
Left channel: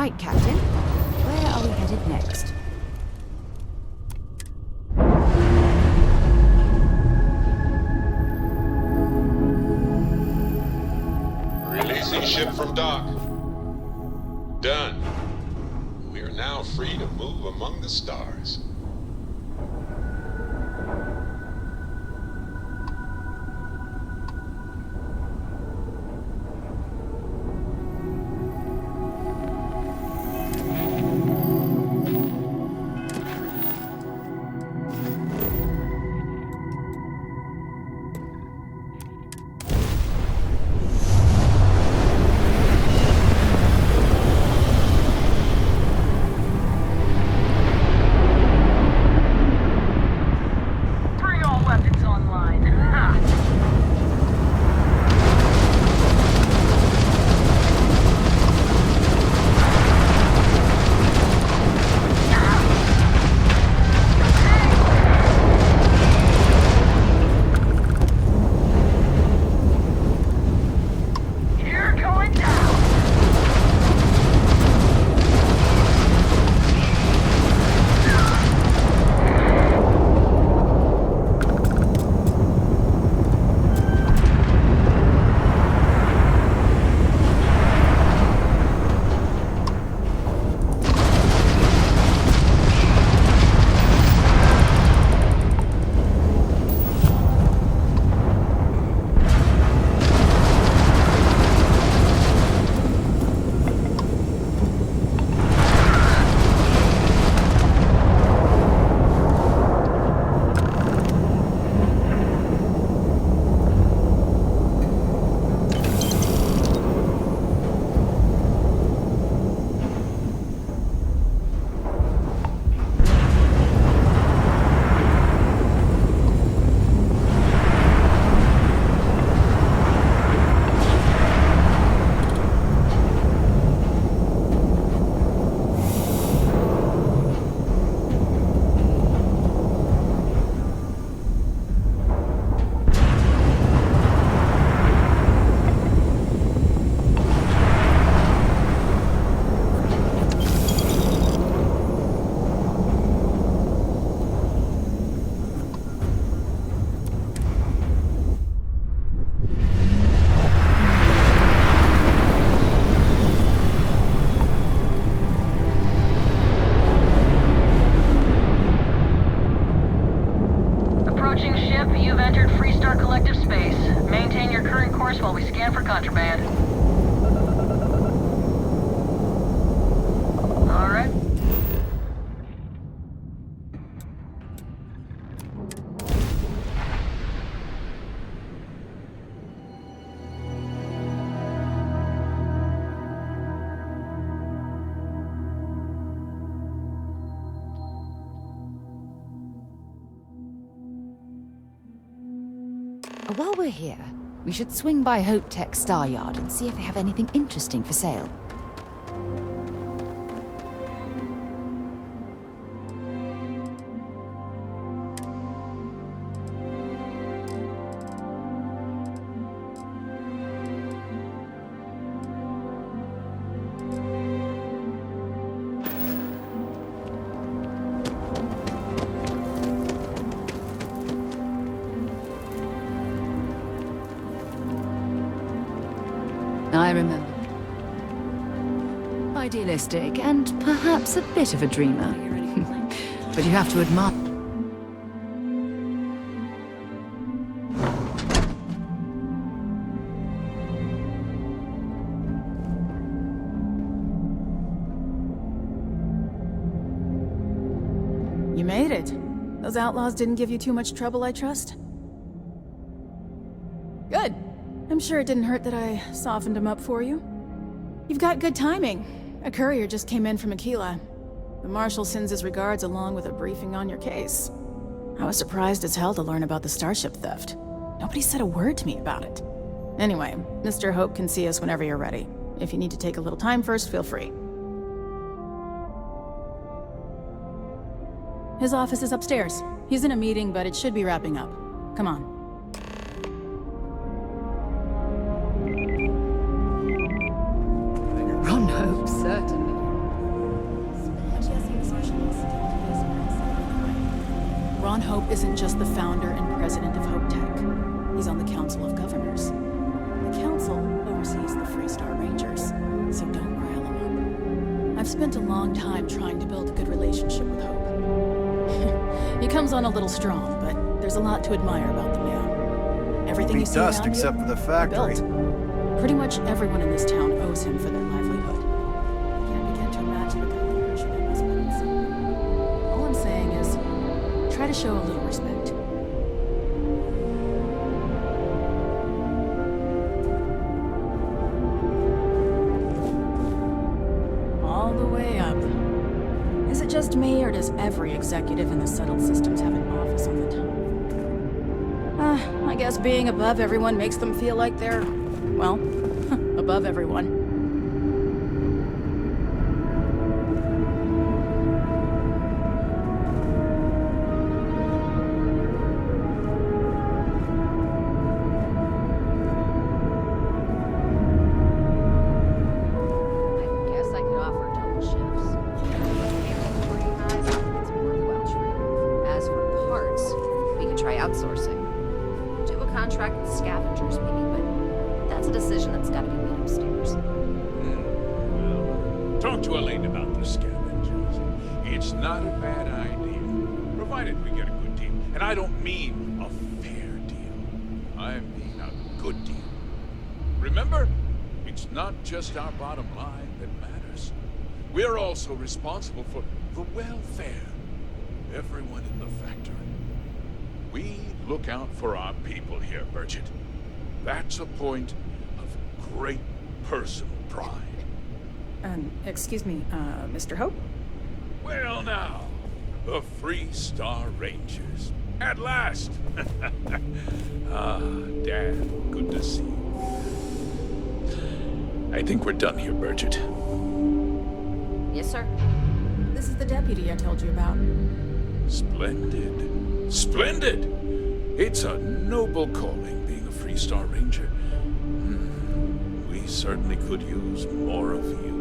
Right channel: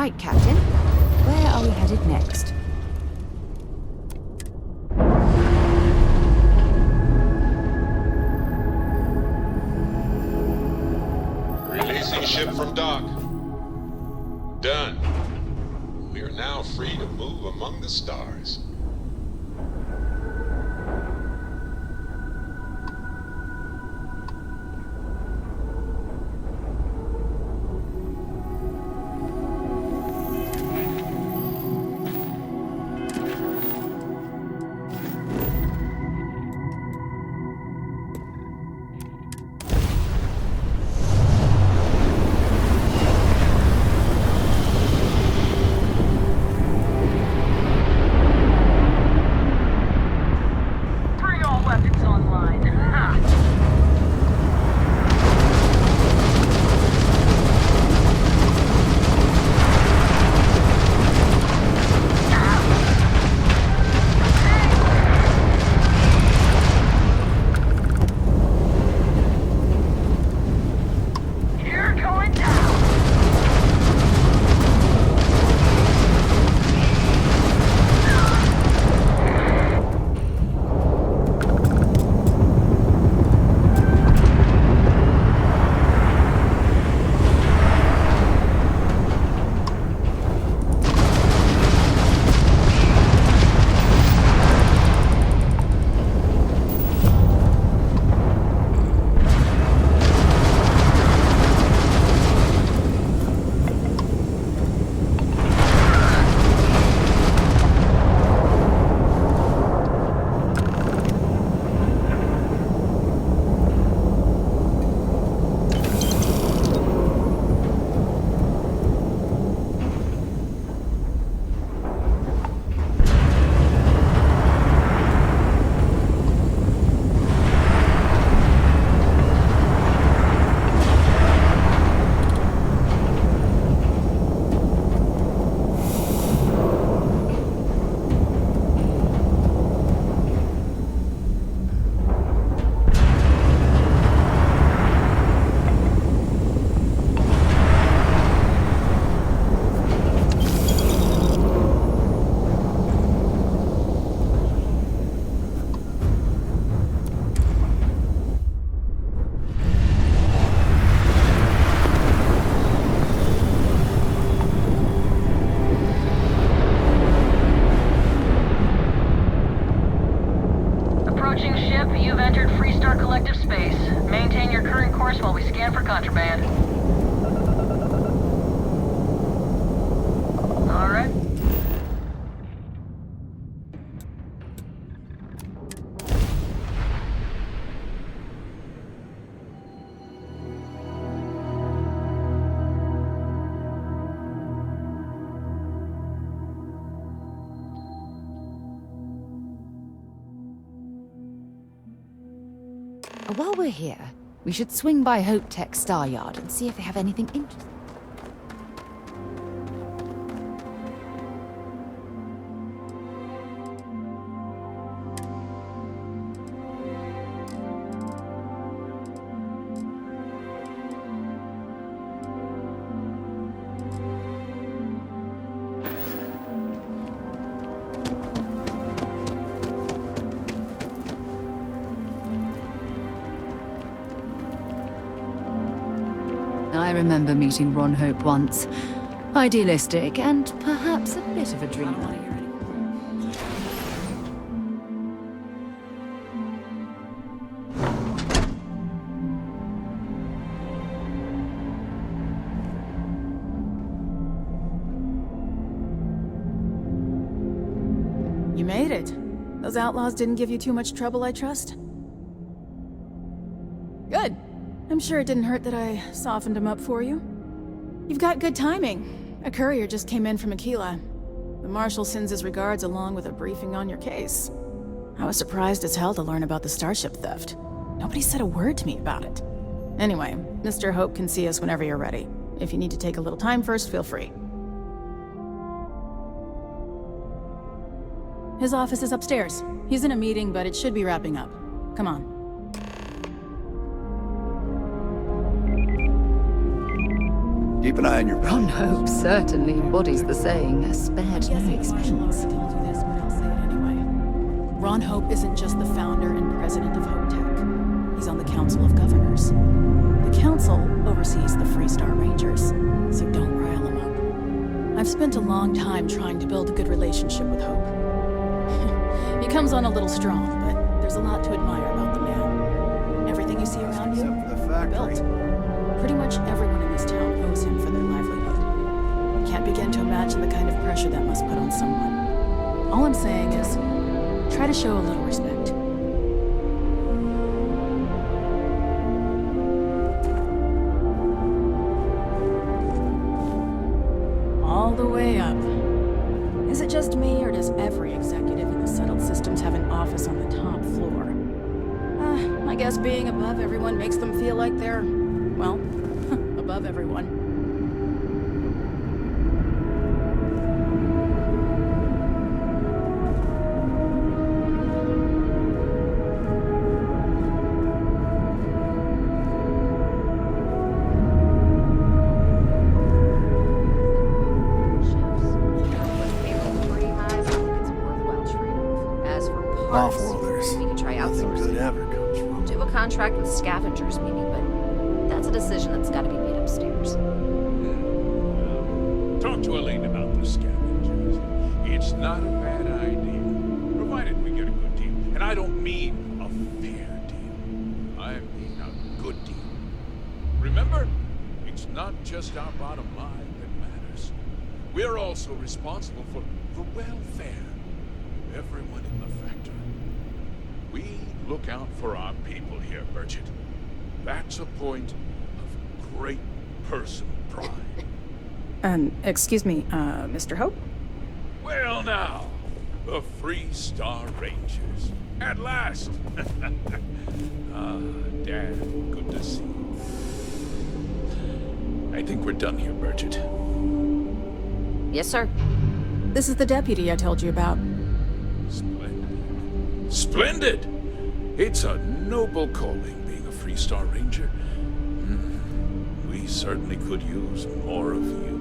Right, Captain. Where are we headed next? Releasing ship from dock. Done. We are now free to move among the stars. Bring all weapons online. Ha! You're going down! Approaching ship, you've entered Freestar Collective space. Maintain your current course while we scan for contraband. All right. While we're here, we should swing by Hope Tech Star Yard and see if they have anything interesting for sale. I remember meeting Ron Hope once. Idealistic and perhaps a bit of a dreamer. But you have to admire... You made it. Those outlaws didn't give you too much trouble, I trust? Good. I'm sure it didn't hurt that I softened him up for you. You've got good timing. A courier just came in from Aquila. The Marshal sends his regards along with a briefing on your case. I was surprised as hell to learn about the starship theft. Nobody said a word to me about it. Anyway, Mr. Hope can see us whenever you're ready. If you need to take a little time first, feel free. His office is upstairs. He's in a meeting, but it should be wrapping up. Come on. Keep an eye on your... Ron Hope certainly embodies the saying, spared no expressions. Ron Hope isn't just the founder and president of Hope Tech. He's on the Council of Governors. The Council oversees the Freestar Rangers, so don't rile him up. I've spent a long time trying to build a good relationship with Hope. He comes on a little strong, but there's a lot to admire about the man. Everything you see Dust around except you, for the he factory. built. Pretty much everyone in this town owes him for their livelihood. Can't begin to imagine the kind of pressure that must put on someone. All I'm saying is, try to show a little respect. All the way up. Is it just me, or does every executive in the settled systems have an office on the top floor? I guess being above everyone makes them feel like they're, well, above everyone. Contract with scavengers, maybe, but that's a decision that's got to be made upstairs. Well, talk to Elaine about the scavengers. It's not a bad idea, provided we get a good deal. And I don't mean a fair deal. I mean a good deal. Remember, it's not just our bottom line that matters. We're also responsible for the welfare of everyone in the factory. We look out for our people here, Burchett. That's a point of great personal pride. Excuse me, Mr. Hope? Well now, the Freestar Rangers. At last! Dad, good to see you. I think we're done here, Burchett. Yes, sir. This is the deputy I told you about. Splendid. Splendid! It's a noble calling, being a Freestar Ranger. We certainly could use more of you.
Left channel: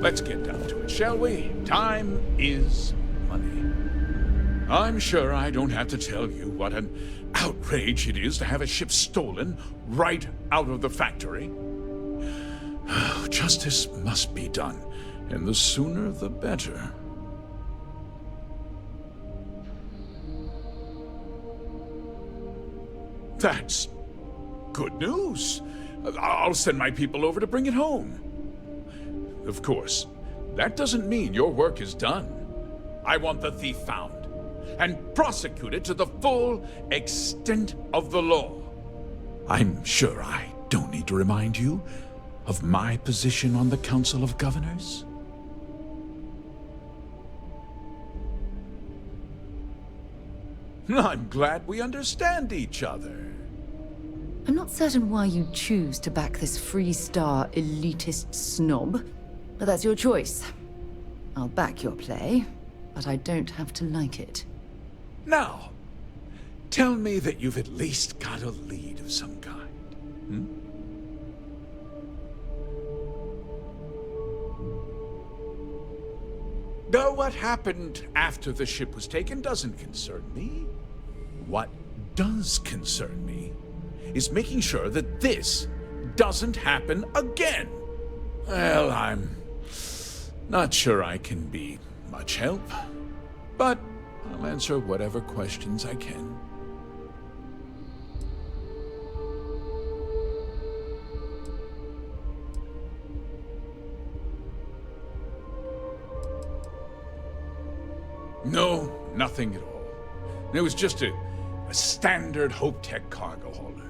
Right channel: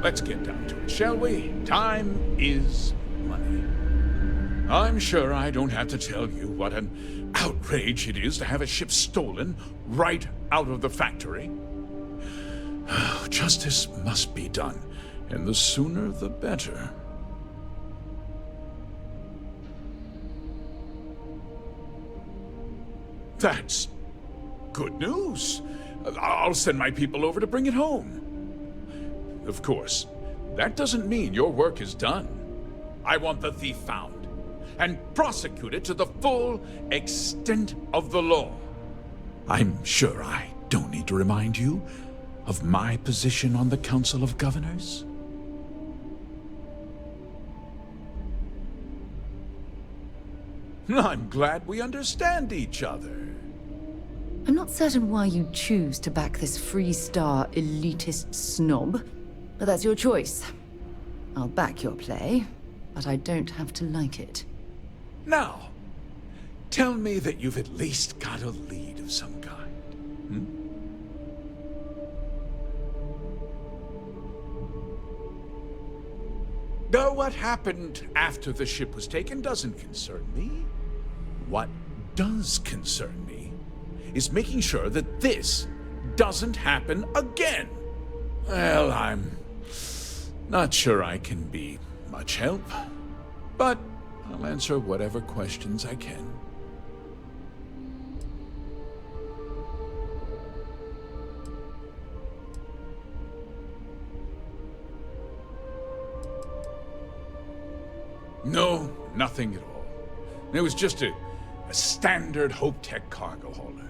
Let's get down to it, shall we? Time is money. I'm sure I don't have to tell you what an outrage it is to have a ship stolen right out of the factory. Justice must be done, and the sooner the better. That's good news. I'll send my people over to bring it home. Of course, that doesn't mean your work is done. I want the thief found and prosecuted to the full extent of the law. I'm sure I don't need to remind you of my position on the Council of Governors. I'm glad we understand each other. I'm not certain why you choose to back this Freestar elitist snob, but that's your choice. I'll back your play, but I don't have to like it. Now, tell me that you've at least got a lead of some kind. Though what happened after the ship was taken doesn't concern me. What does concern me is making sure that this doesn't happen again. Well, I'm not sure I can be much help, but I'll answer whatever questions I can. No, nothing at all. It was just a standard Hope Tech cargo hauler.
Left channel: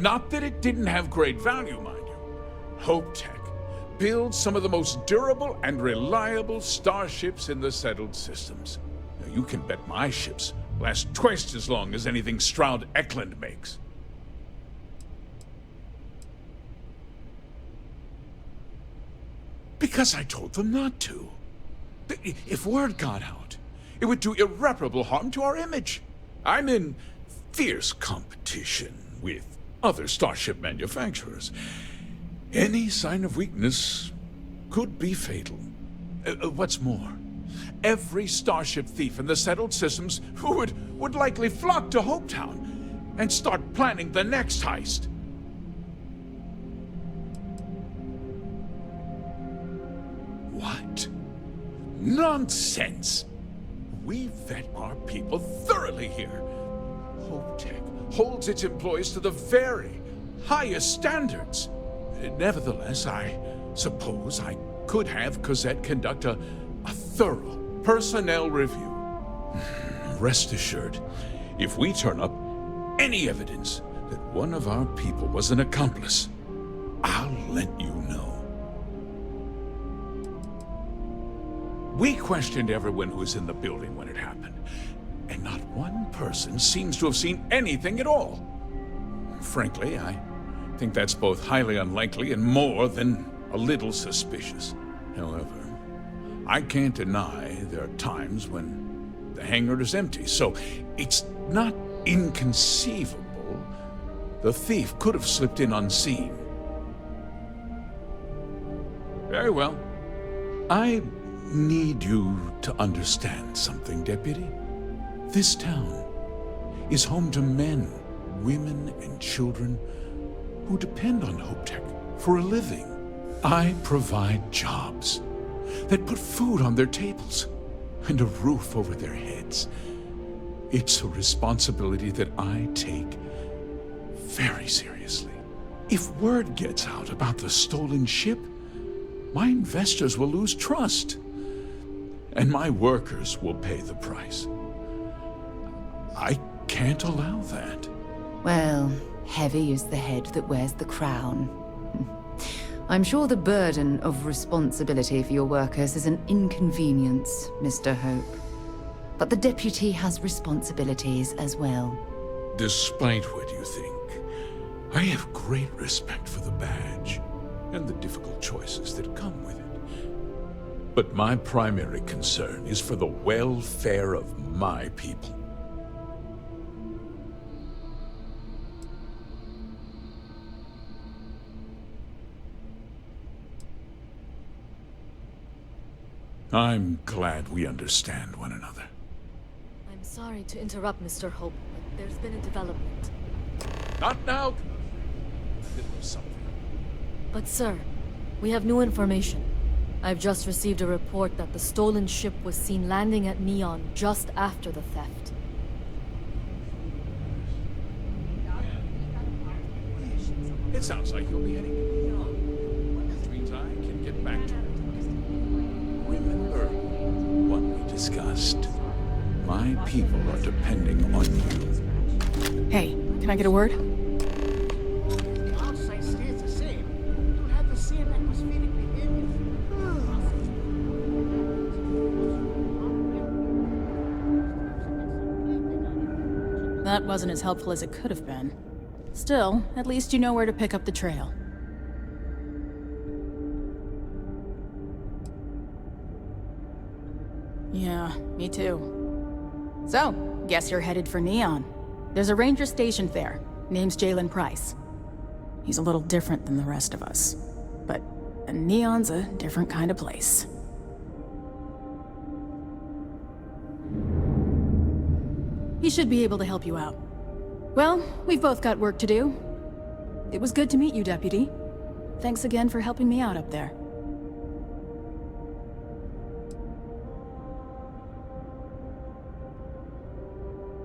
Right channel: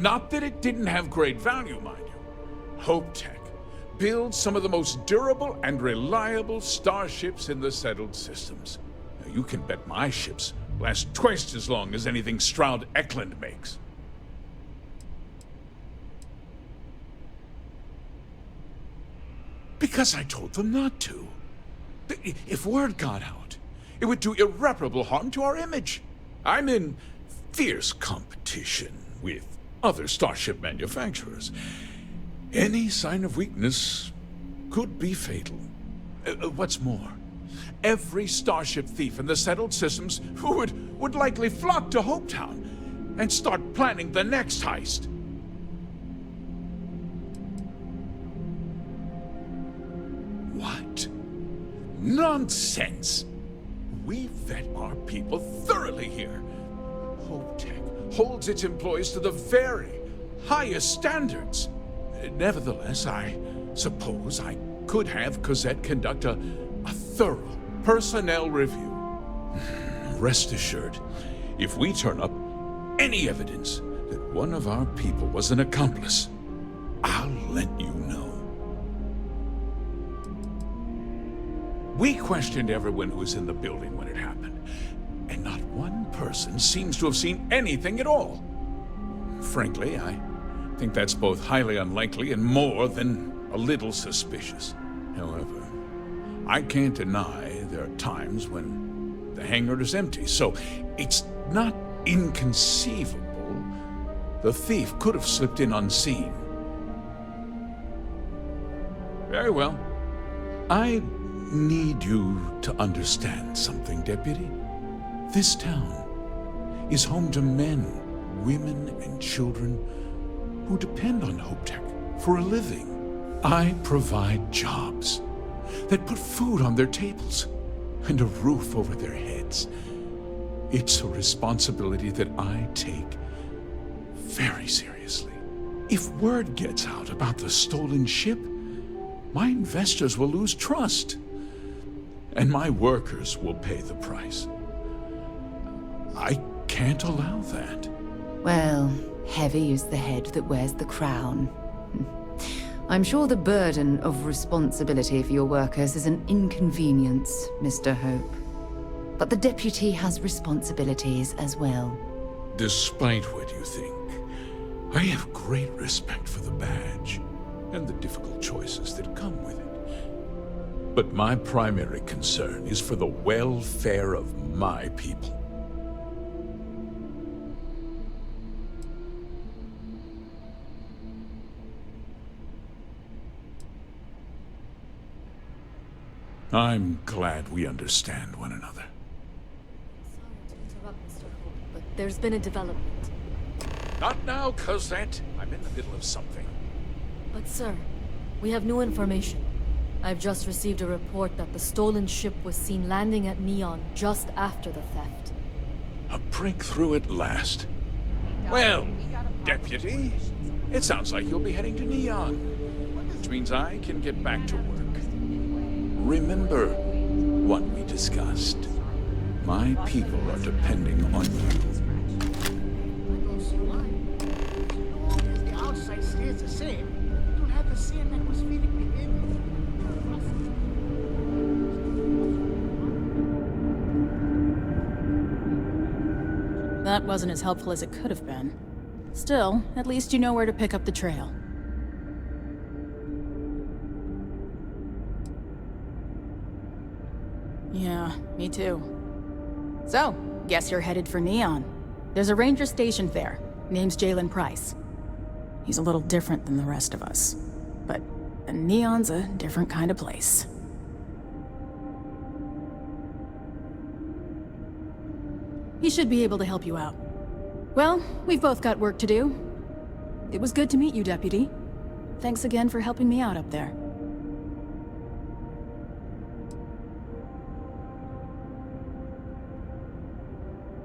Not that it didn't have great value, mind you. Hope Tech builds some of the most durable and reliable starships in the settled systems. Now, you can bet my ships last twice as long as anything Stroud Eklund makes. Because I told them not to. If word got out, it would do irreparable harm to our image. I'm in fierce competition with other starship manufacturers. Any sign of weakness could be fatal. What's more, every starship thief in the settled systems would likely flock to Hopetown and start planning the next heist. What? Nonsense! We vet our people thoroughly here. HopeTech holds its employees to the very highest standards. Nevertheless, I suppose I could have Cosette conduct a thorough personnel review. Rest assured, if we turn up any evidence that one of our people was an accomplice, I'll let you know. We questioned everyone who was in the building when it happened, and not one person seems to have seen anything at all. Frankly, I think that's both highly unlikely and more than a little suspicious. However, I can't deny there are times when the hangar is empty, so it's not inconceivable the thief could have slipped in unseen. Very well. I need you to understand something, Deputy. This town is home to men, women, and children who depend on HopeTech for a living. I provide jobs that put food on their tables and a roof over their heads. It's a responsibility that I take very seriously. If word gets out about the stolen ship, my investors will lose trust, and my workers will pay the price. I can't allow that. Well, heavy is the head that wears the crown. I'm sure the burden of responsibility for your workers is an inconvenience, Mr. Hope. But the deputy has responsibilities as well. Despite what you think, I have great respect for the badge and the difficult choices that come with it. But my primary concern is for the welfare of my people. I'm glad we understand one another. I'm sorry to interrupt, Mr. Hope, but there's been a development. Not now, Cosette. I'm in the middle of something. But sir, we have new information. I've just received a report that the stolen ship was seen landing at Neon just after the theft. A breakthrough at last. Well, Deputy, it sounds like you'll be heading to Neon, which means I can get back to work. Remember what we discussed. My people are depending on you. Hey, can I get a word? The outside stays the same. You don't have the same atmospheric behavior. That wasn't as helpful as it could have been. Still, at least you know where to pick up the trail. Yeah, me too. So, guess you're headed for Neon. There's a ranger stationed there. Name's Jalen Price. He's a little different than the rest of us. But Neon's a different kind of place. He should be able to help you out. Well, we've both got work to do. It was good to meet you, Deputy. Thanks again for helping me out up there.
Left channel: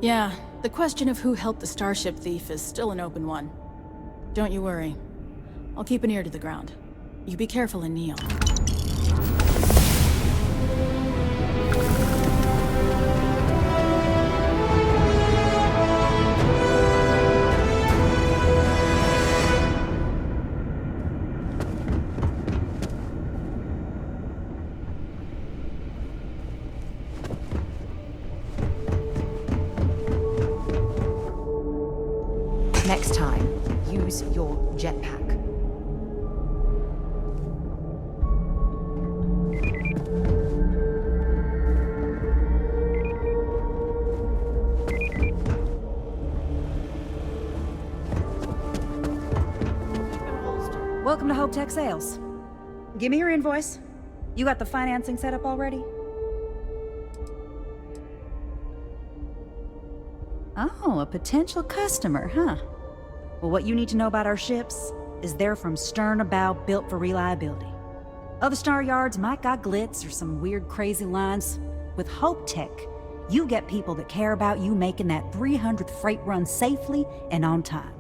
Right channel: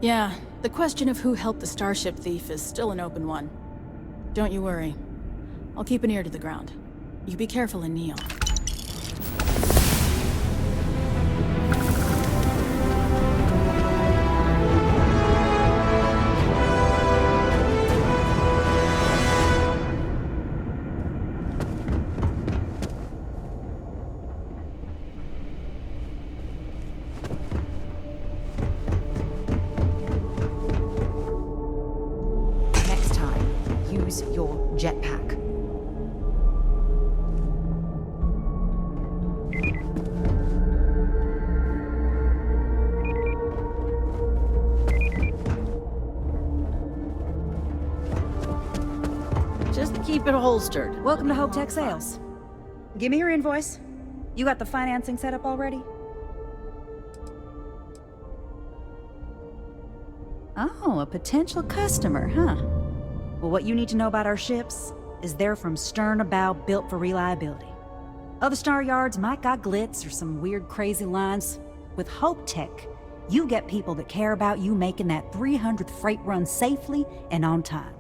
Yeah, the question of who helped the starship thief is still an open one. Don't you worry. I'll keep an ear to the ground. You be careful in Neon. Next time, use your jetpack. holstered. Welcome to Hope Tech Sales. Give me your invoice. You got the financing set up already? Oh, a potential customer, huh? Well, what you need to know about our ships is they're from stern to bow, built for reliability. Other star yards might got glitz or some weird crazy lines. With Hope Tech, you get people that care about you making that 300th freight run safely and on time.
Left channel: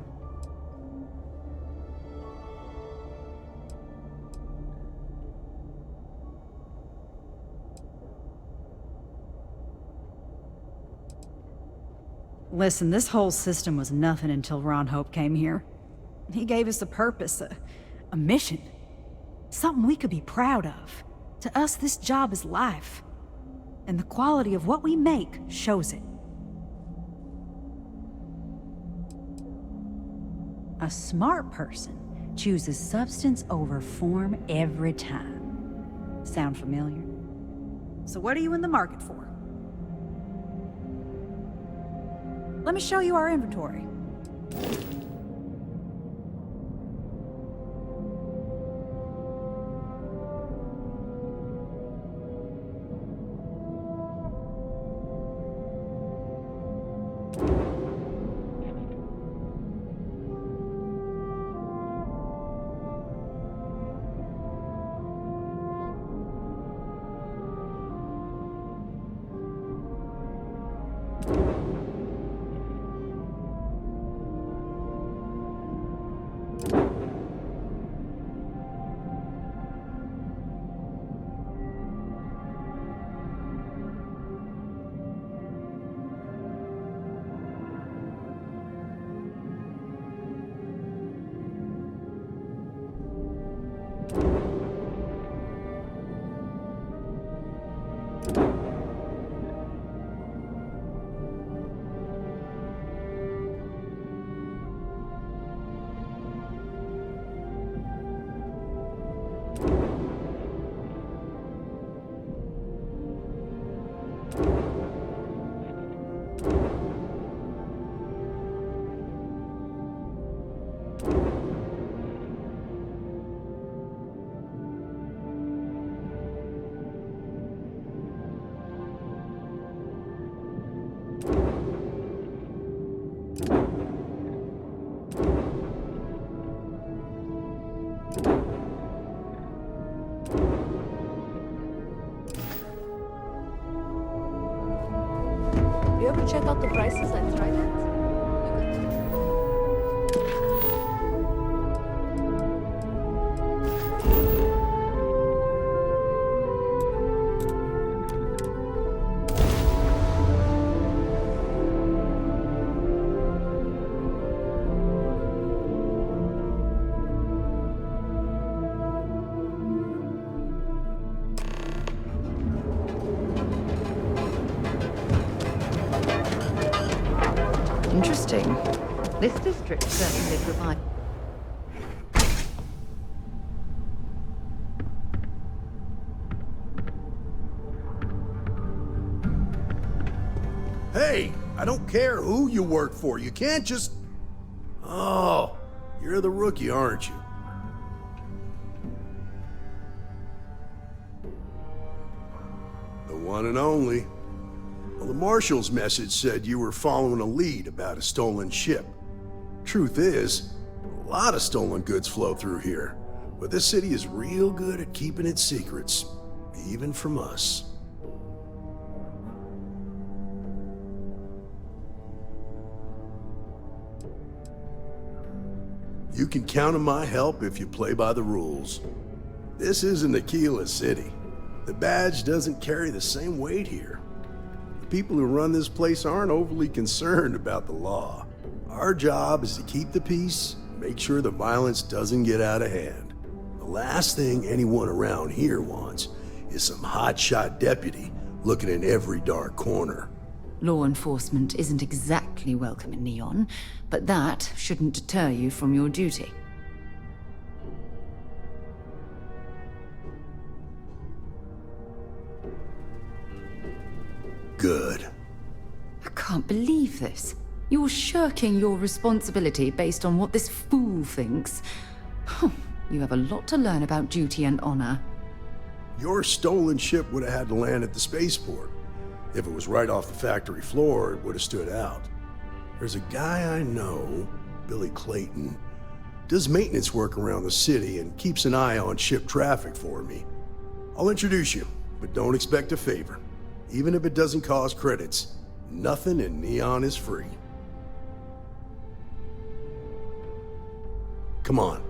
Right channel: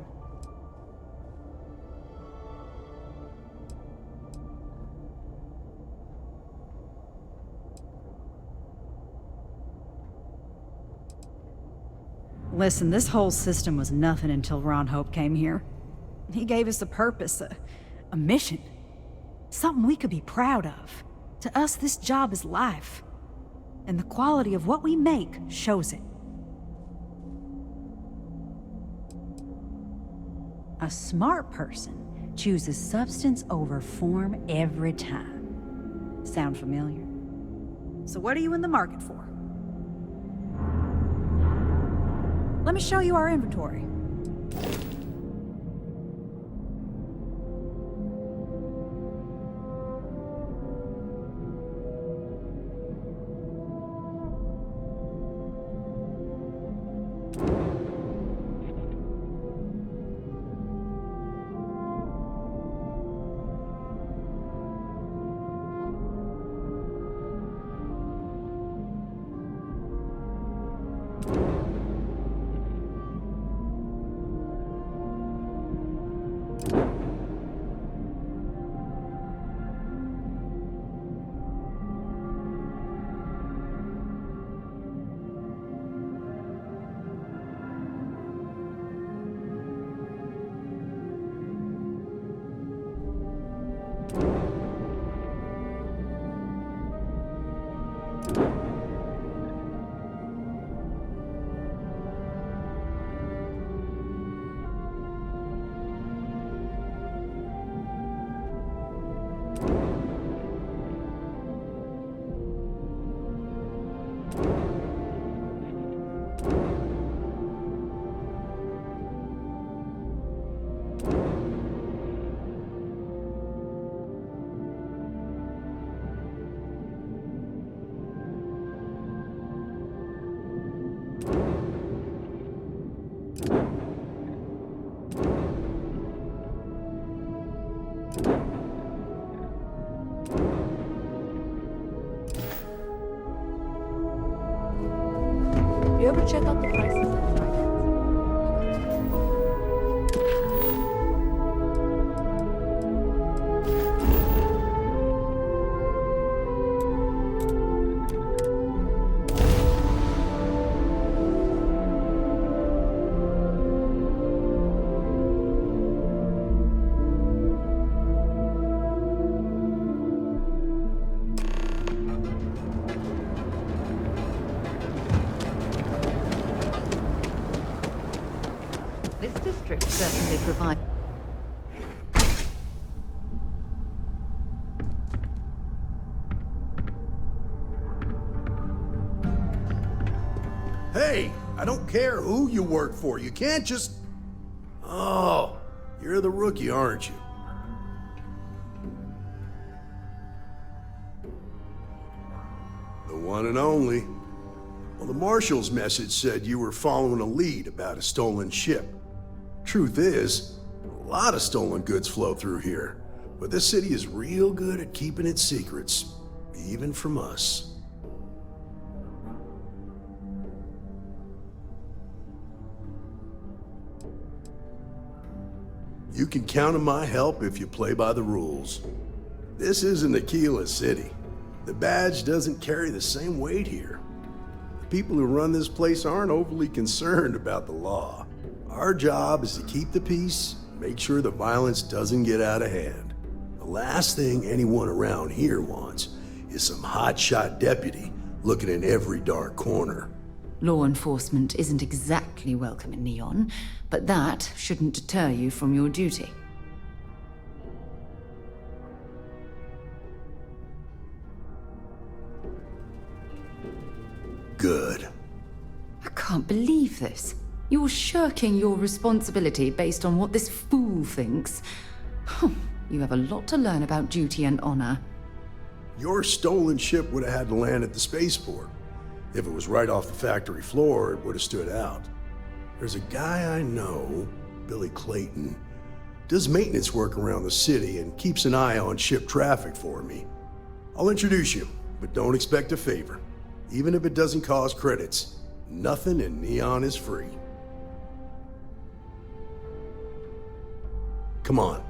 Listen, this whole system was nothing until Ron Hope came here. He gave us a purpose, a mission. Something we could be proud of. To us, this job is life. And the quality of what we make shows it. A smart person chooses substance over form every time. Sound familiar? So what are you in the market for? Let me show you our inventory. You ever check out the prices at Trident? Interesting. This district certainly provides. Hey, I don't care who you work for. You can't just... Oh, you're the rookie, aren't you? The one and only. Well, the Marshal's message said you were following a lead about a stolen ship. Truth is, a lot of stolen goods flow through here, but this city is real good at keeping its secrets, even from us. You can count on my help if you play by the rules. This isn't Aquila City. The badge doesn't carry the same weight here. The people who run this place aren't overly concerned about the law. Our job is to keep the peace, make sure the violence doesn't get out of hand. The last thing anyone around here wants is some hotshot deputy looking in every dark corner. Law enforcement isn't exactly welcome in Neon, but that shouldn't deter you from your duty. Good. I can't believe this. You're shirking your responsibility based on what this fool thinks. You have a lot to learn about duty and honor. Your stolen ship would have had to land at the spaceport. If it was right off the factory floor, it would have stood out. There's a guy I know, Billy Clayton, does maintenance work around the city and keeps an eye on ship traffic for me. I'll introduce you, but don't expect a favor. Even if it doesn't cost credits, nothing in Neon is free. Come on.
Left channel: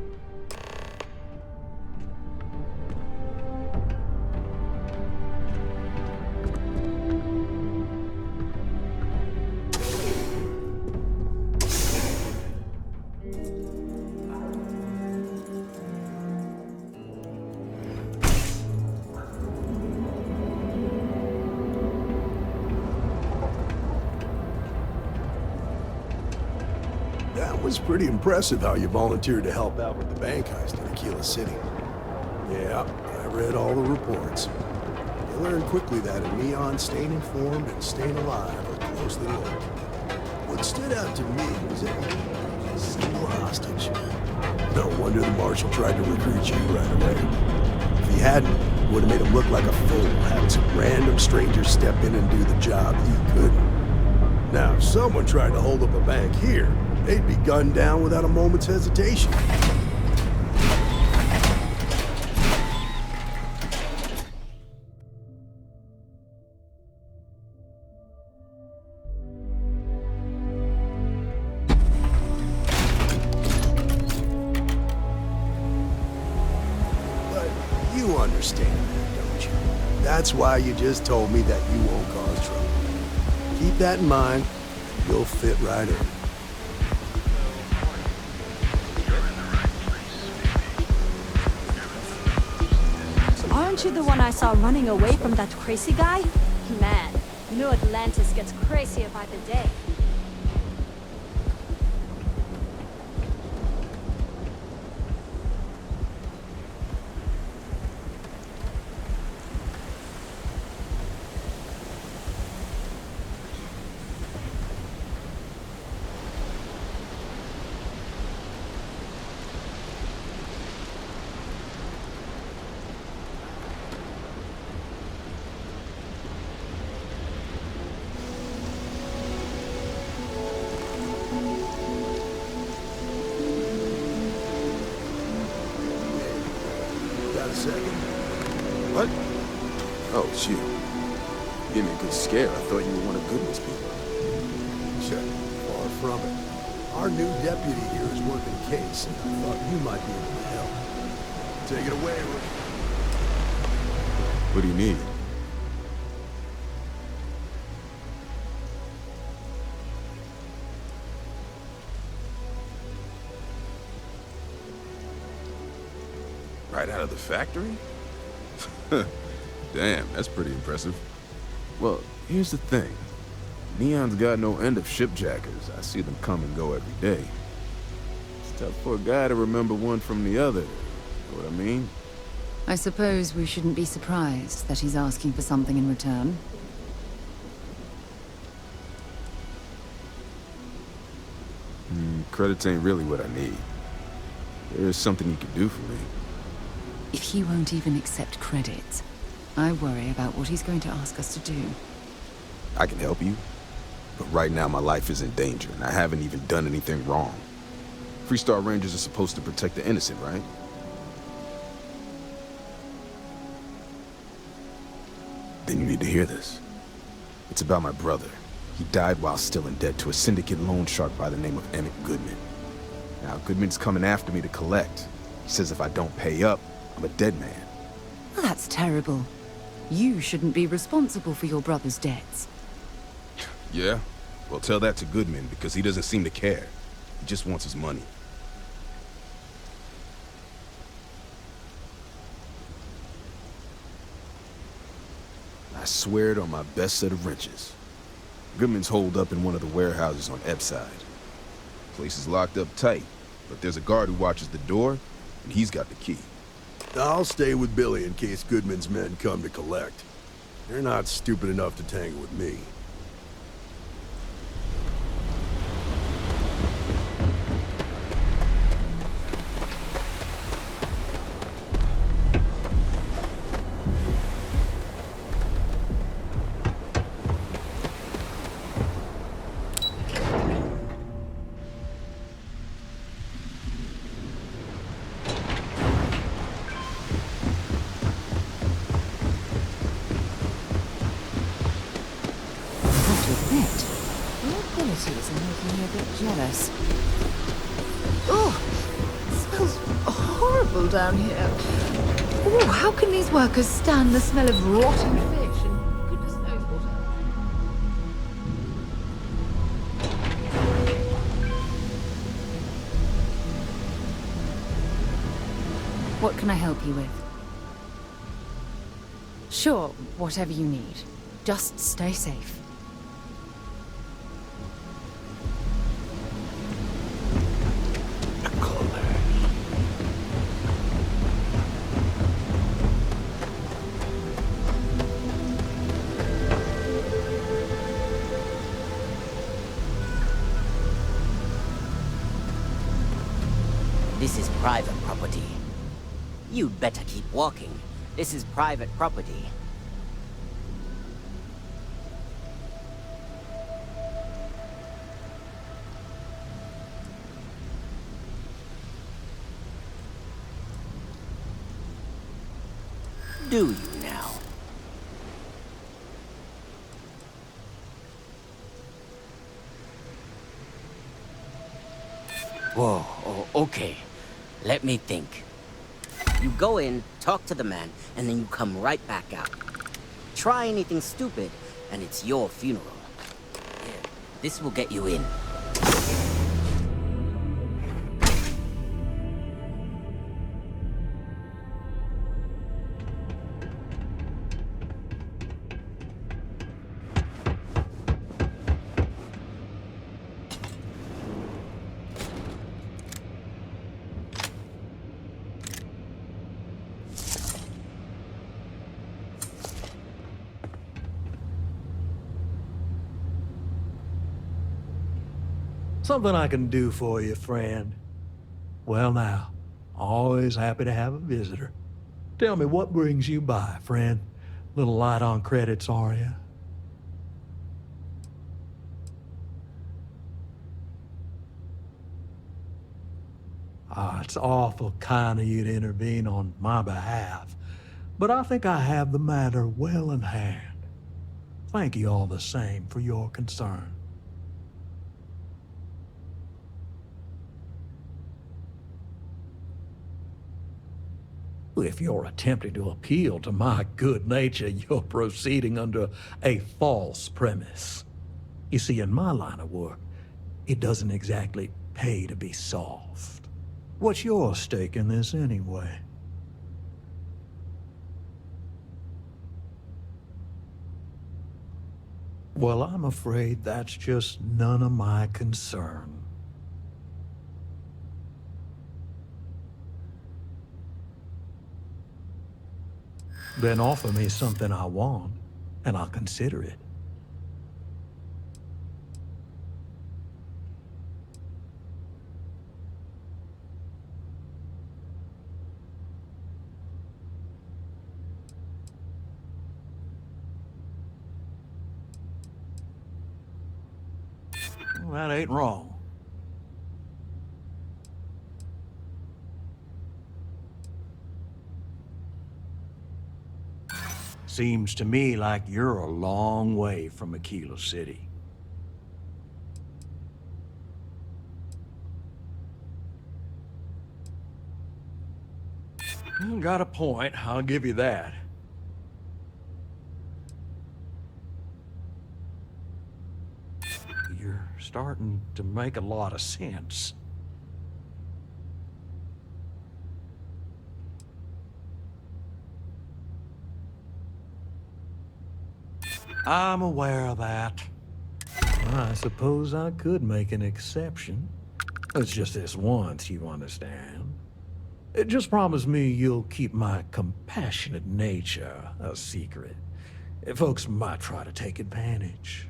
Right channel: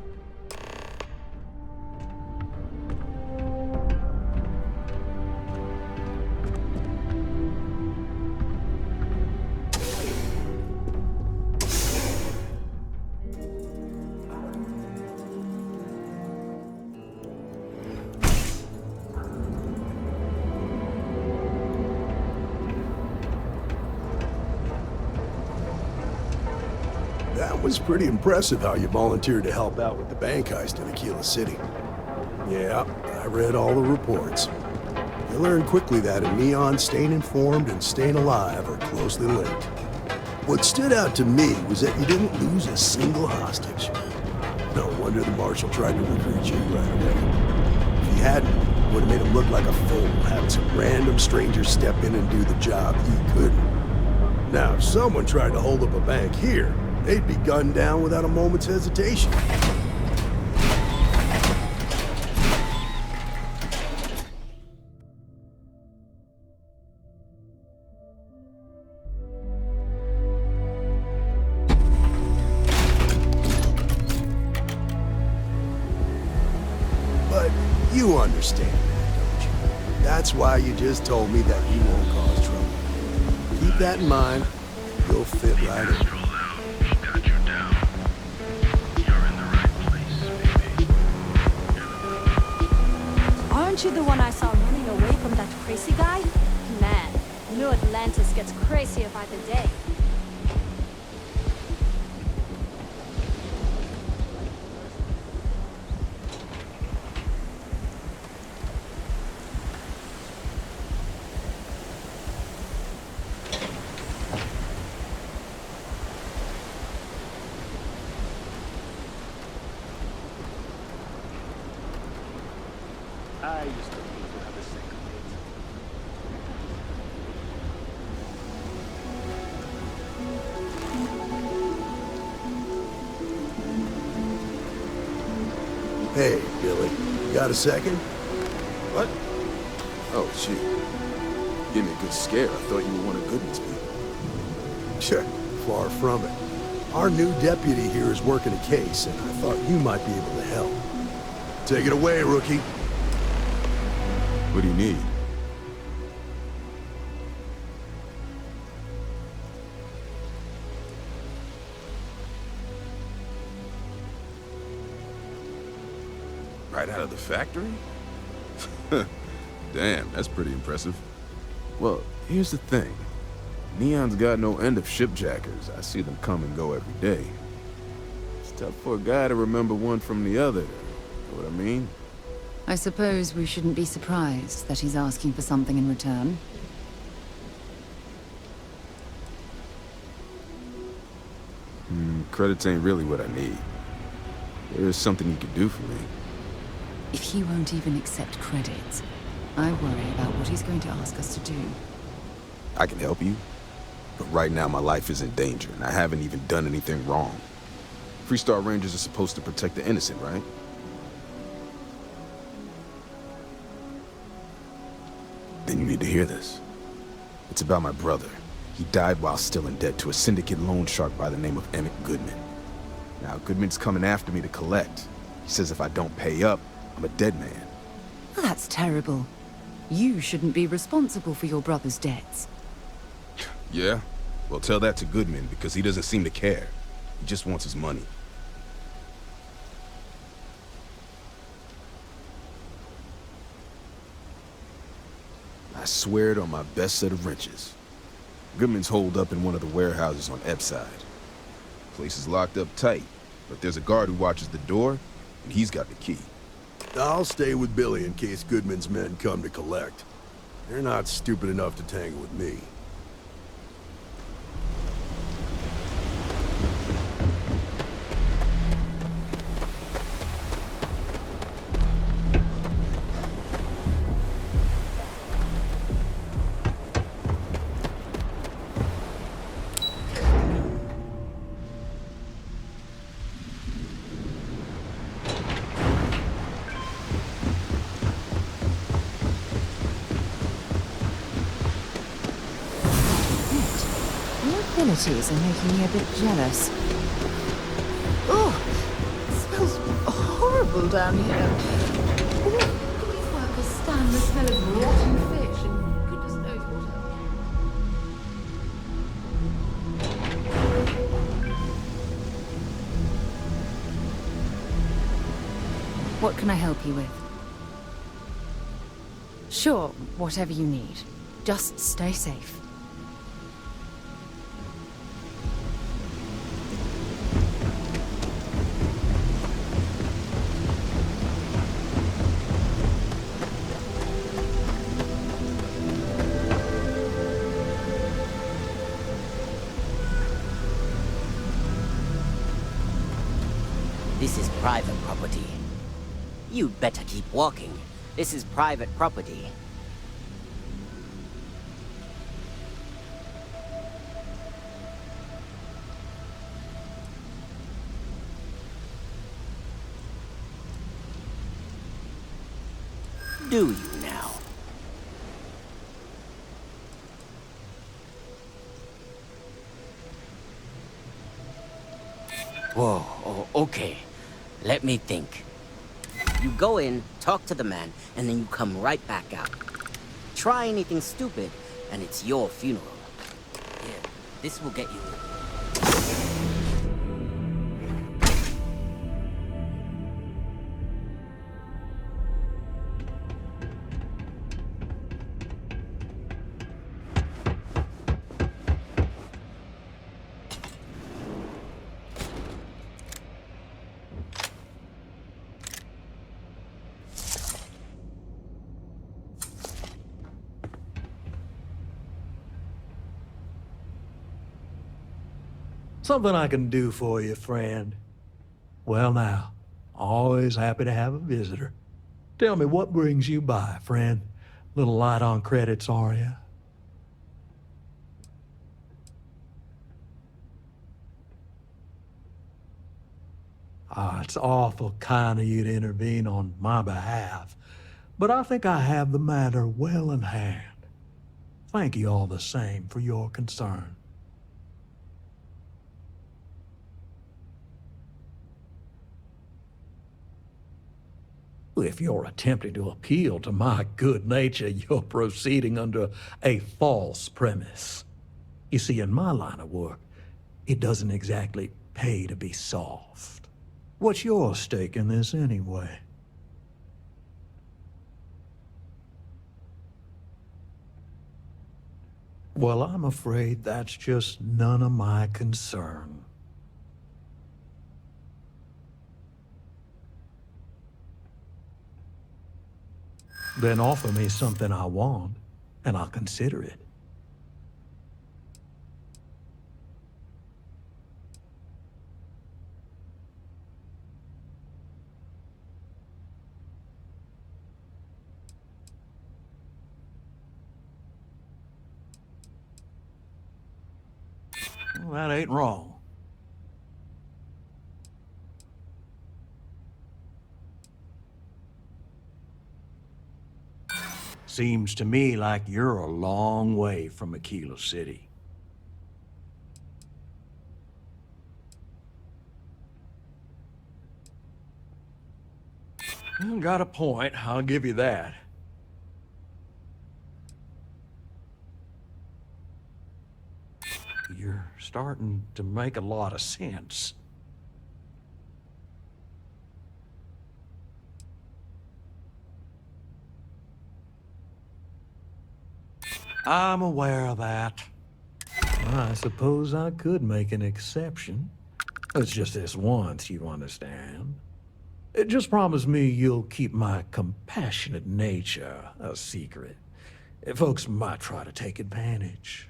That was pretty impressive how you volunteered to help out with the bank heist in Aquila City. Yeah, I read all the reports. You learned quickly that in Neon, staying informed and staying alive are closely linked. What stood out to me was that you didn't lose a single hostage. No wonder the Marshal tried to recruit you right away. If he hadn't, it would have made him look like a fool, having some random stranger step in and do the job he couldn't. Now, if someone tried to hold up a bank here, they'd be gunned down without a moment's hesitation. But you understand that, don't you? That's why you just told me that you won't cause trouble. Keep that in mind, you'll fit right in. Aren't you the one I saw running away from that crazy guy? Man, New Atlantis gets crazier by the day. Hey, Billy, got a second? What? Oh, shoot. Give me a good scare. I thought you were one of Goodman's people. Sure, far from it. Our new deputy here is working a case, and I thought you might be able to help. Take it away, rookie. What do you need? Right out of the factory? Damn, that's pretty impressive. Well, here's the thing. Neon's got no end of shipjackers. I see them come and go every day. It's tough for a guy to remember one from the other. Know what I mean? I suppose we shouldn't be surprised that he's asking for something in return. Credits ain't really what I need. There is something you could do for me. If he won't even accept credit, I worry about what he's going to ask us to do. I can help you, but right now my life is in danger, and I haven't even done anything wrong. Freestar Rangers are supposed to protect the innocent, right? Then you need to hear this. It's about my brother. He died while still in debt to a syndicate loan shark by the name of Emmett Goodman. Now, Goodman's coming after me to collect. He says if I don't pay up, I'm a dead man. Well, that's terrible. You shouldn't be responsible for your brother's debts. Yeah? Well, tell that to Goodman, because he doesn't seem to care. He just wants his money. I swear it on my best set of wrenches. Goodman's holed up in one of the warehouses on Epside. Place is locked up tight, but there's a guard who watches the door, and he's got the key. I'll stay with Billy in case Goodman's men come to collect. They're not stupid enough to tangle with me. admit, your abilities are making me a bit jealous. Oh, it smells horrible down here. Oh, how can these workers stand the smell of rotten fish and goodness knows what else? What can I help you with? Sure, whatever you need. Just stay safe. This is private property. You'd better keep walking. This is private property. Do you now? Whoa, oh, okay. Let me think. You go in, talk to the man, and then you come right back out. Try anything stupid, and it's your funeral. Here, this will get you in. Something I can do for you, friend. Well now, always happy to have a visitor. Tell me, what brings you by, friend? Little light on credits, are you? It's awful kind of you to intervene on my behalf, but I think I have the matter well in hand. Thank you all the same for your concern. If you're attempting to appeal to my good nature, you're proceeding under a false premise. You see, in my line of work, it doesn't exactly pay to be soft. What's your stake in this anyway? Well, I'm afraid that's just none of my concern. Then offer me something I want, and I'll consider it. Well, that ain't wrong. Seems to me like you're a long way from Aquila City. You got a point, I'll give you that. You're starting to make a lot of sense. I'm aware of that. I suppose I could make an exception. It's just this once, you understand. Just promise me you'll keep my compassionate nature a secret. Folks might try to take advantage.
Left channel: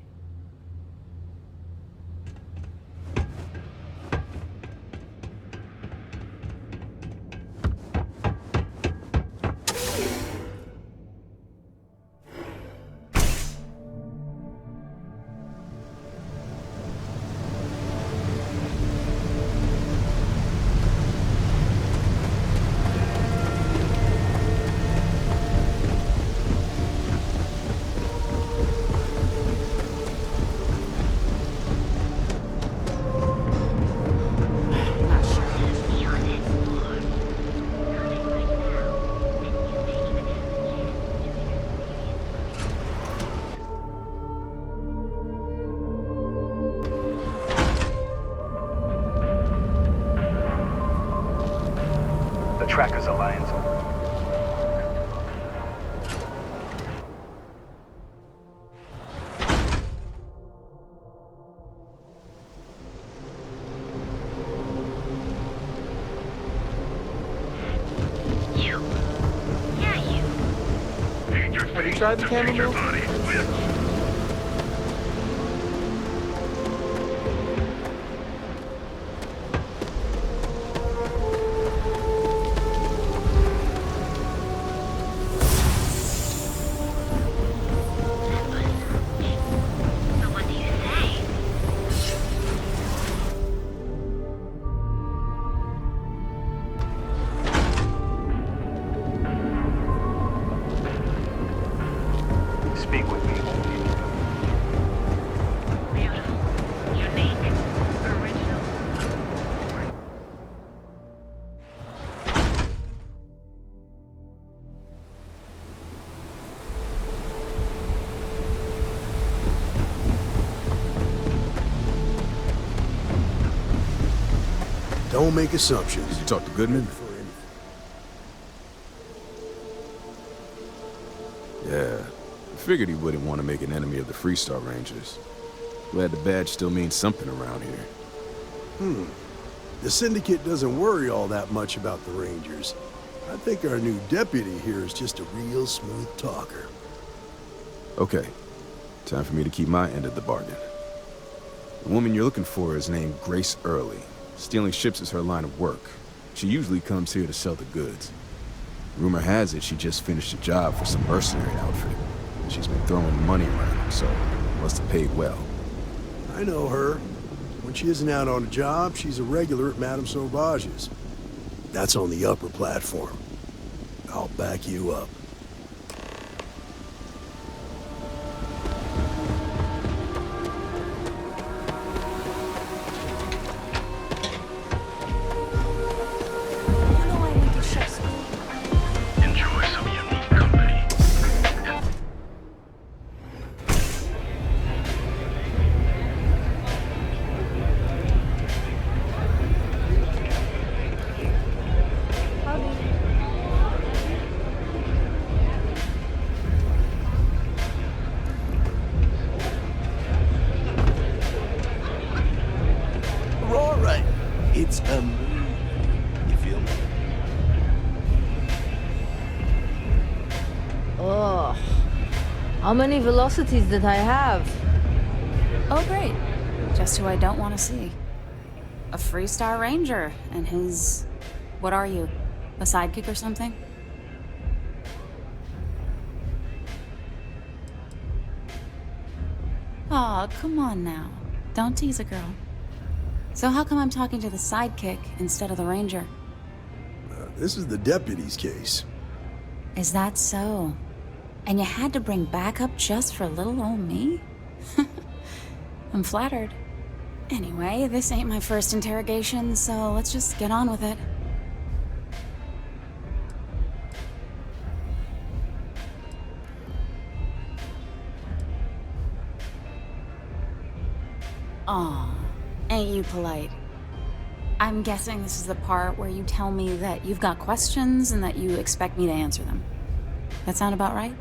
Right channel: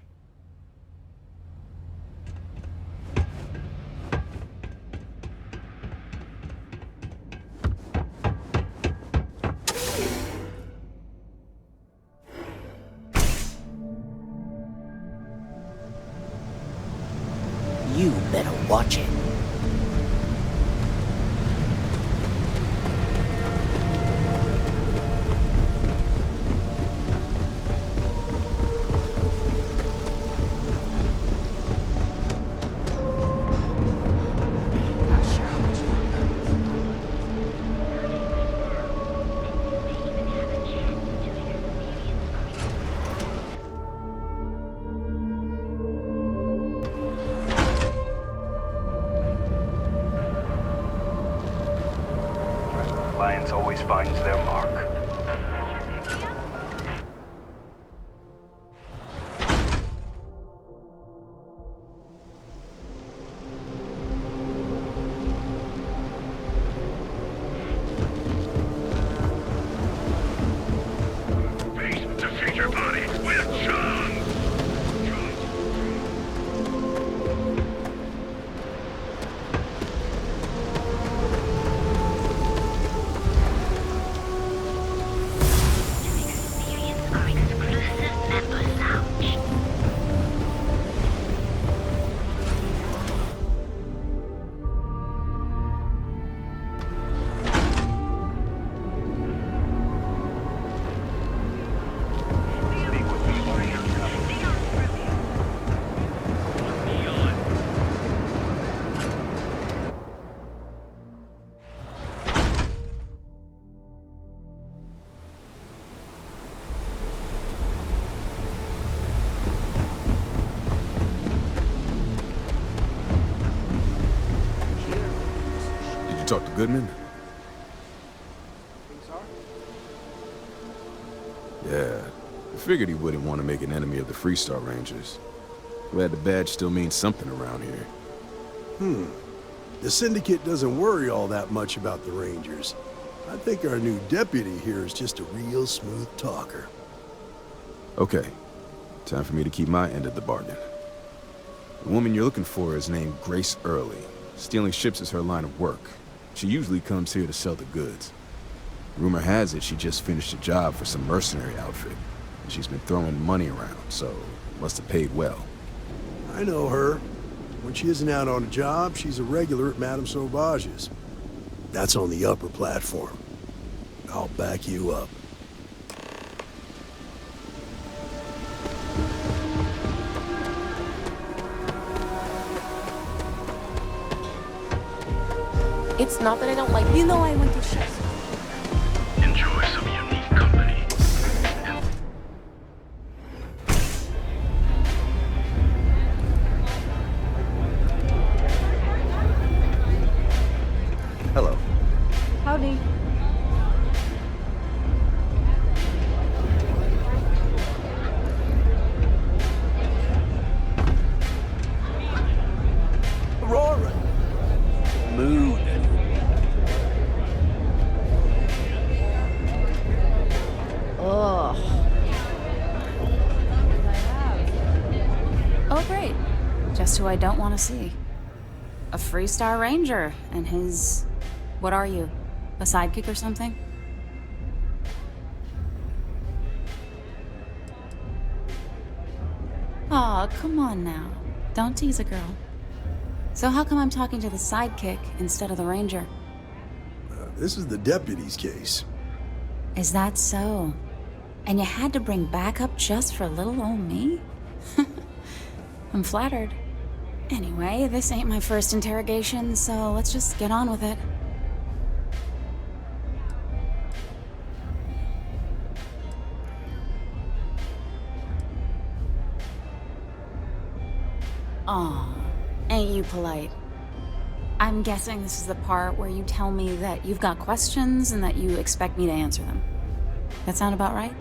You better watch it. Trackers Alliance always finds their mark. To feed your body with some. Don't make assumptions. Did you talk to Goodman? Yeah, I figured he wouldn't want to make an enemy of the Freestar Rangers. Glad the badge still means something around here. The Syndicate doesn't worry all that much about the Rangers. I think our new deputy here is just a real smooth talker. Okay, time for me to keep my end of the bargain. The woman you're looking for is named Grace Early. Stealing ships is her line of work. She usually comes here to sell the goods. Rumor has it she just finished a job for some mercenary outfit. She's been throwing money around, so must have paid well. I know her. When she isn't out on a job, she's a regular at Madame Sauvage's. That's on the upper platform. I'll back you up. It's not that I don't like you. Know I went to ships. Enjoy some unique company. Hello. Howdy. Aurora, it's a mood. Ugh. How many velocities did I have? Oh, great. Just who I don't want to see. A Freestar Ranger and his... What are you? A sidekick or something? Aw, come on now. Don't tease a girl. So how come I'm talking to the sidekick instead of the Ranger? This is the deputy's case. Is that so? And you had to bring backup just for little old me? I'm flattered. Anyway, this ain't my first interrogation, so let's just get on with it. Aw, ain't you polite? I'm guessing this is the part where you tell me that you've got questions and that you expect me to answer them. That sound about right?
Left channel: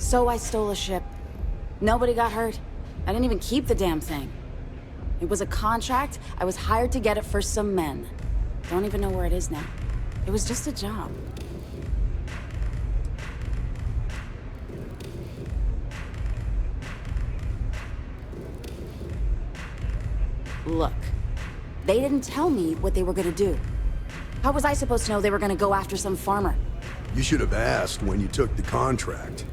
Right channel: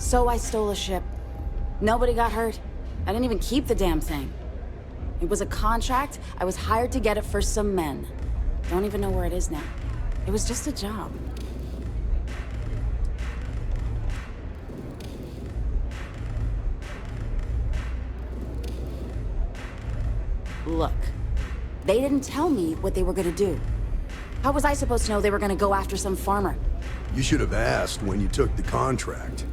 So I stole a ship. Nobody got hurt. I didn't even keep the damn thing. It was a contract. I was hired to get it for some men. Don't even know where it is now. It was just a job. Look, they didn't tell me what they were gonna do. How was I supposed to know they were gonna go after some farmer? You should have asked when you took the contract.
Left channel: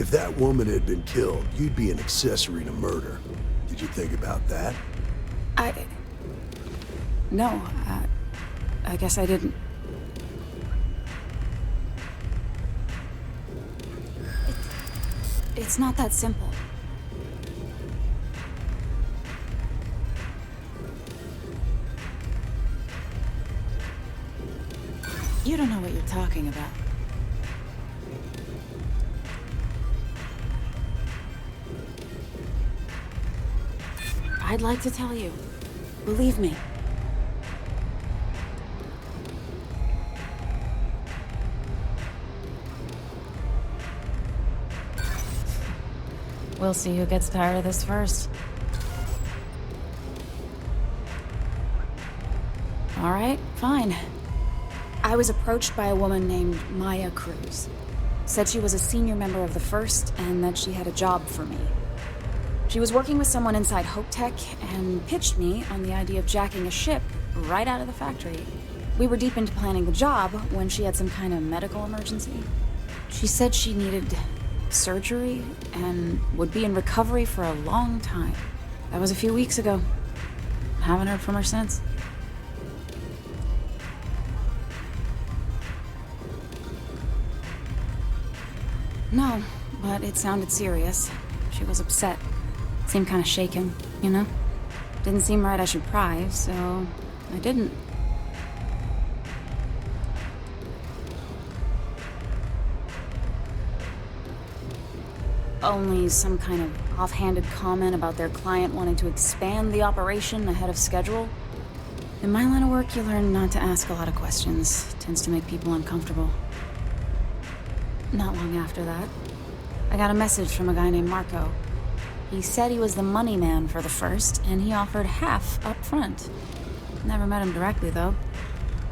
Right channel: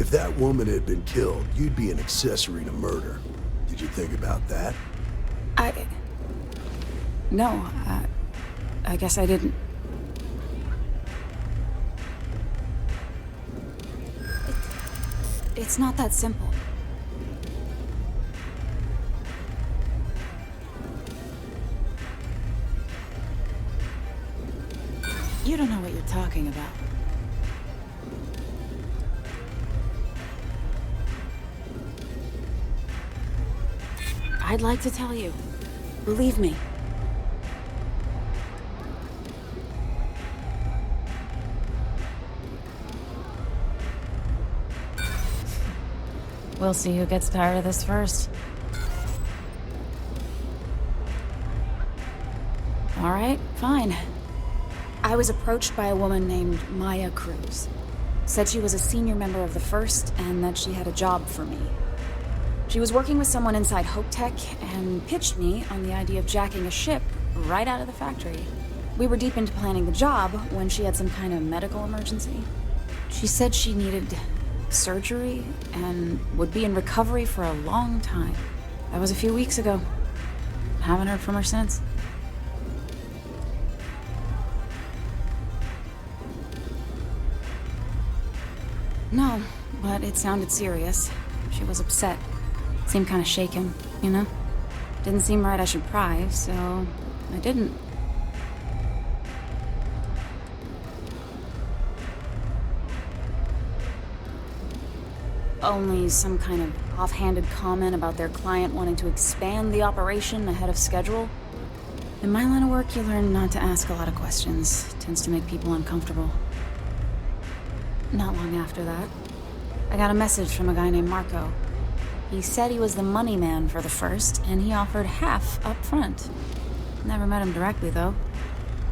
If that woman had been killed, you'd be an accessory to murder. Did you think about that? No, I guess I didn't. It's not that simple. You don't know what you're talking about. I'd like to tell you. Believe me. We'll see who gets tired of this first. All right, fine. I was approached by a woman named Maya Cruz. Said she was a senior member of the First and that she had a job for me. She was working with someone inside Hope Tech and pitched me on the idea of jacking a ship right out of the factory. We were deep into planning the job when she had some kind of medical emergency. She said she needed surgery and would be in recovery for a long time. That was a few weeks ago. Haven't heard from her since. No, but it sounded serious. She was upset. Seemed kind of shaken, you know? Didn't seem right I should pry, so I didn't. Only some kind of offhanded comment about their client wanting to expand the operation ahead of schedule. In my line of work, you learn not to ask a lot of questions. Tends to make people uncomfortable. Not long after that, I got a message from a guy named Marco. He said he was the money man for the First, and he offered half up front. Never met him directly, though.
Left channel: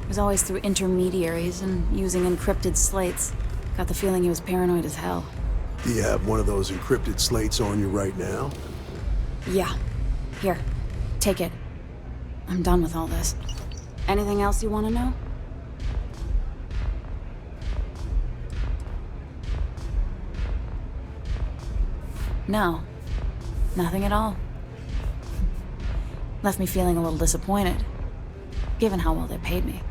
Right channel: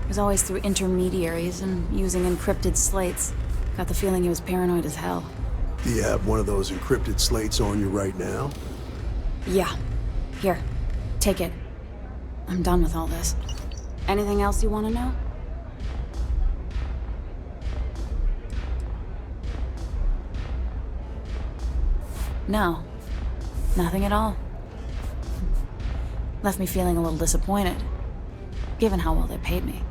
It was always through intermediaries and using encrypted slates. Got the feeling he was paranoid as hell. Do you have one of those encrypted slates on you right now? Yeah. Here. Take it. I'm done with all this. Anything else you want to know? No. Nothing at all. Left me feeling a little disappointed, given how well they paid me.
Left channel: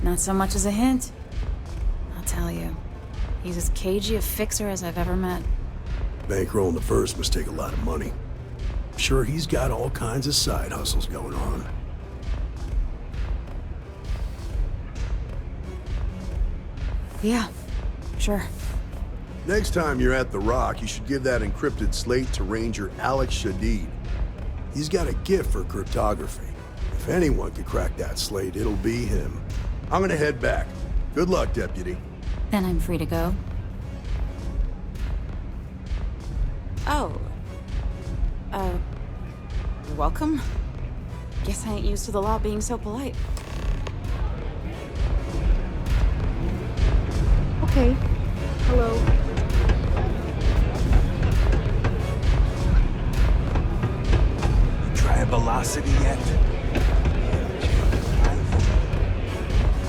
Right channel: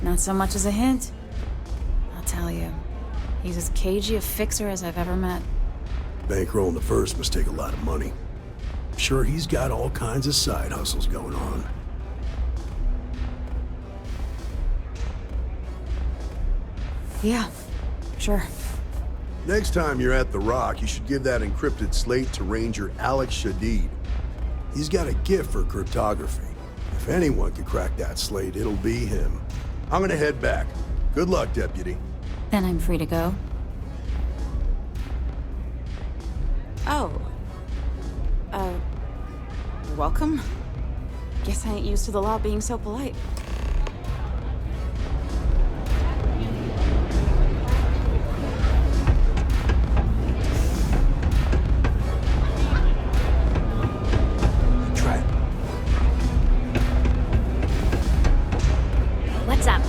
Not so much as a hint. I'll tell you. He's as cagey a fixer as I've ever met. Bankrolling the First must take a lot of money. I'm sure he's got all kinds of side hustles going on. Yeah, sure. Next time you're at the Rock, you should give that encrypted slate to Ranger Alex Shadid. He's got a gift for cryptography. If anyone can crack that slate, it'll be him. I'm gonna head back. Good luck, Deputy. Then I'm free to go. Oh. You're welcome. Guess I ain't used to the law being so polite. Okay. Hello. You try velocity yet? What's up?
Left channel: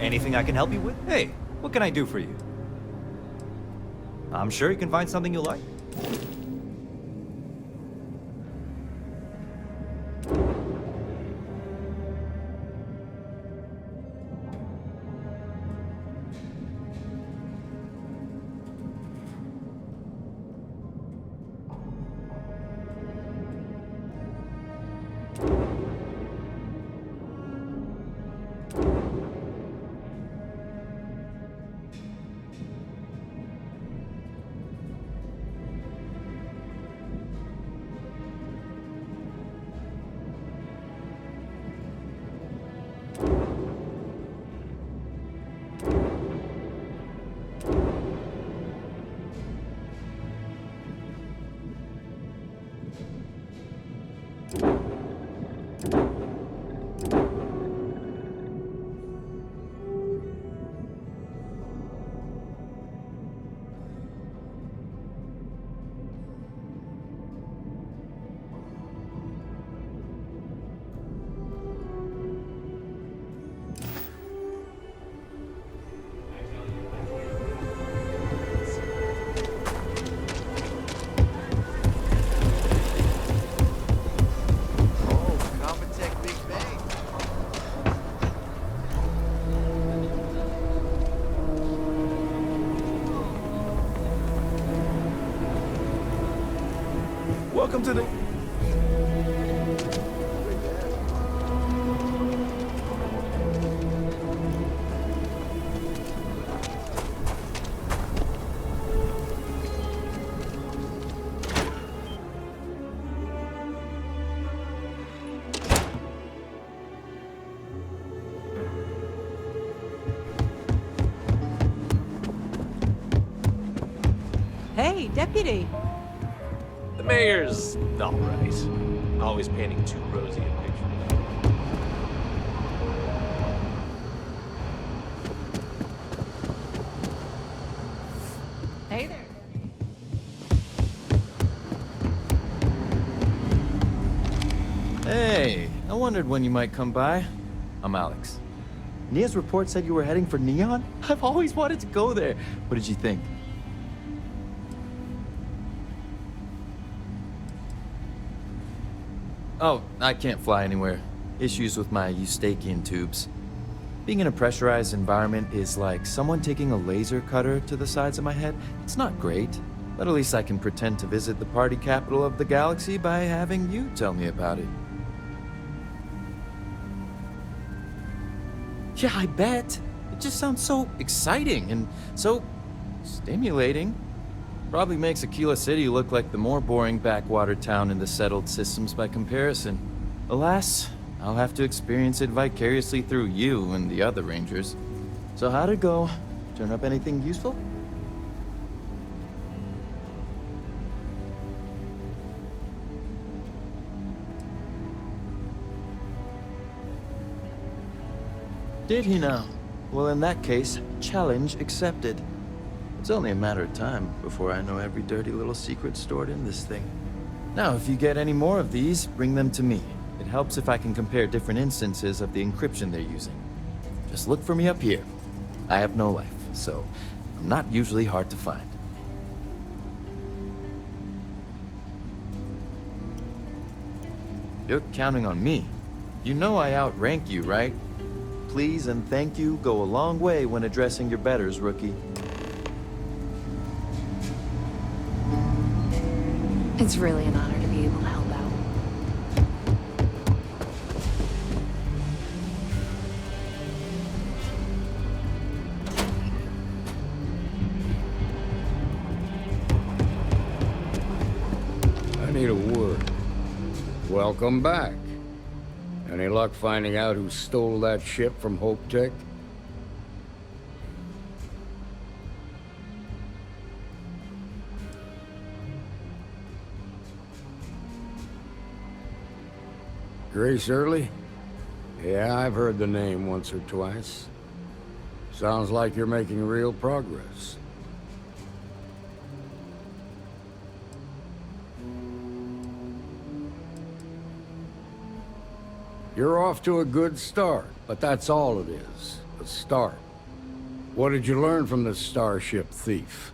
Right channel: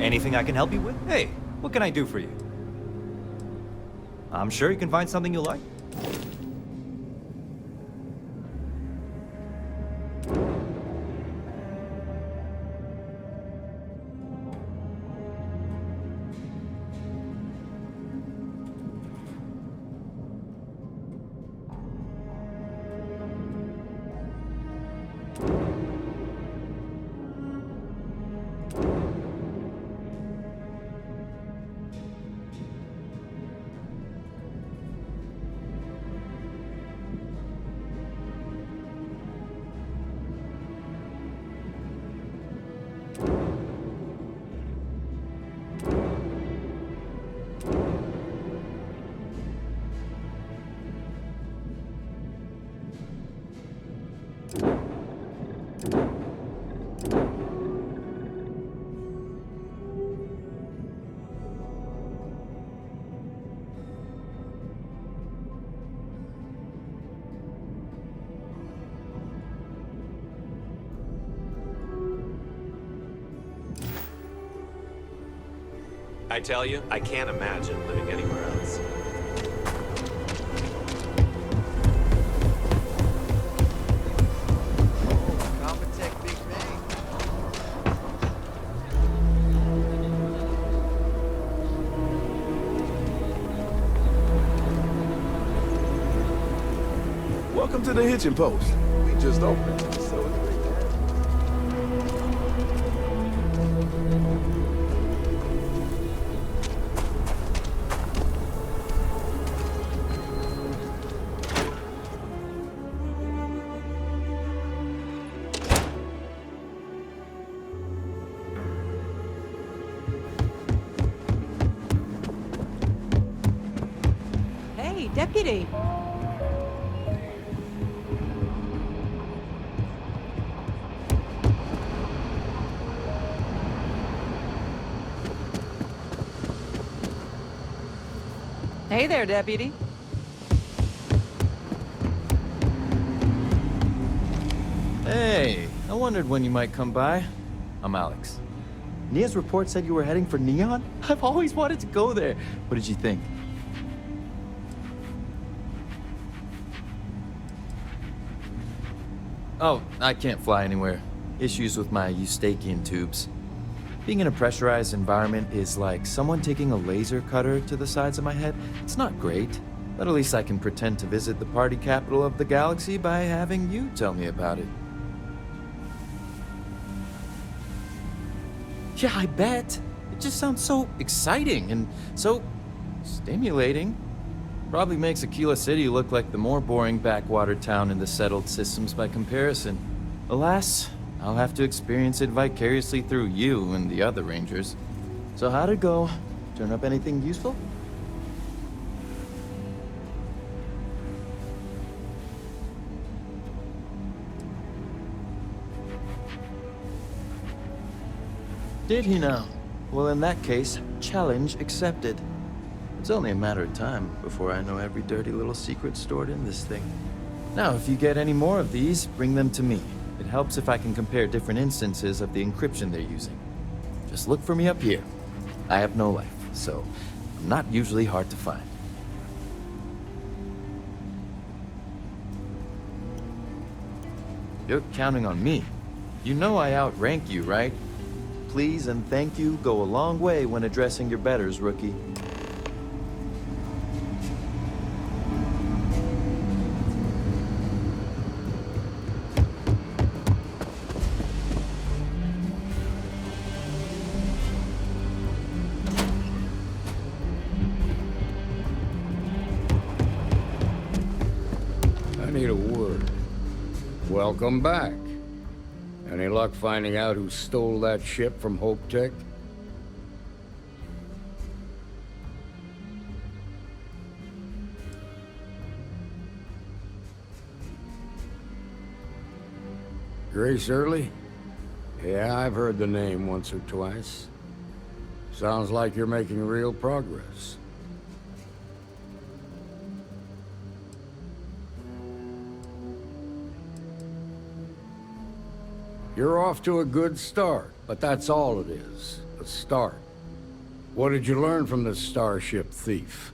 Anything I can help you with? Hey, what can I do for you? I'm sure you can find something you like. I tell you, I can't imagine living anywhere else. Compotech Big Bang. Welcome to the Hitching Post. We just opened, so it's great to have you. Hey, Deputy. The mayor's all right. Always painting too rosy. Hey there, Deputy. Hey, I wondered when you might come by. I'm Alex. Nia's report said you were heading for Neon? I've always wanted to go there. What did you think? Oh, I can't fly anywhere. Issues with my Eustachian tubes. Being in a pressurized environment is like someone taking a laser cutter to the sides of my head. It's not great, but at least I can pretend to visit the party capital of the galaxy by having you tell me about it. Yeah, I bet. It just sounds so exciting and so stimulating. Probably makes Aquila City look like the more boring backwater town in the settled systems by comparison. Alas, I'll have to experience it vicariously through you and the other rangers. So how'd it go? Turn up anything useful? Did he now? Well, in that case, challenge accepted. It's only a matter of time before I know every dirty little secret stored in this thing. Now, if you get any more of these, bring them to me. It helps if I can compare different instances of the encryption they're using. Just look for me up here. I have no life, so I'm not usually hard to find. You're counting on me. You know I outrank you, right? Please and thank you go a long way when addressing your betters, rookie. It's really an honor to be able to help out. I need a word. Welcome back. Any luck finding out who stole that ship from Hope Tech? Grace Early? Yeah, I've heard the name once or twice. Sounds like you're making real progress. You're off to a good start, but that's all it is, a start. What did you learn from this starship thief?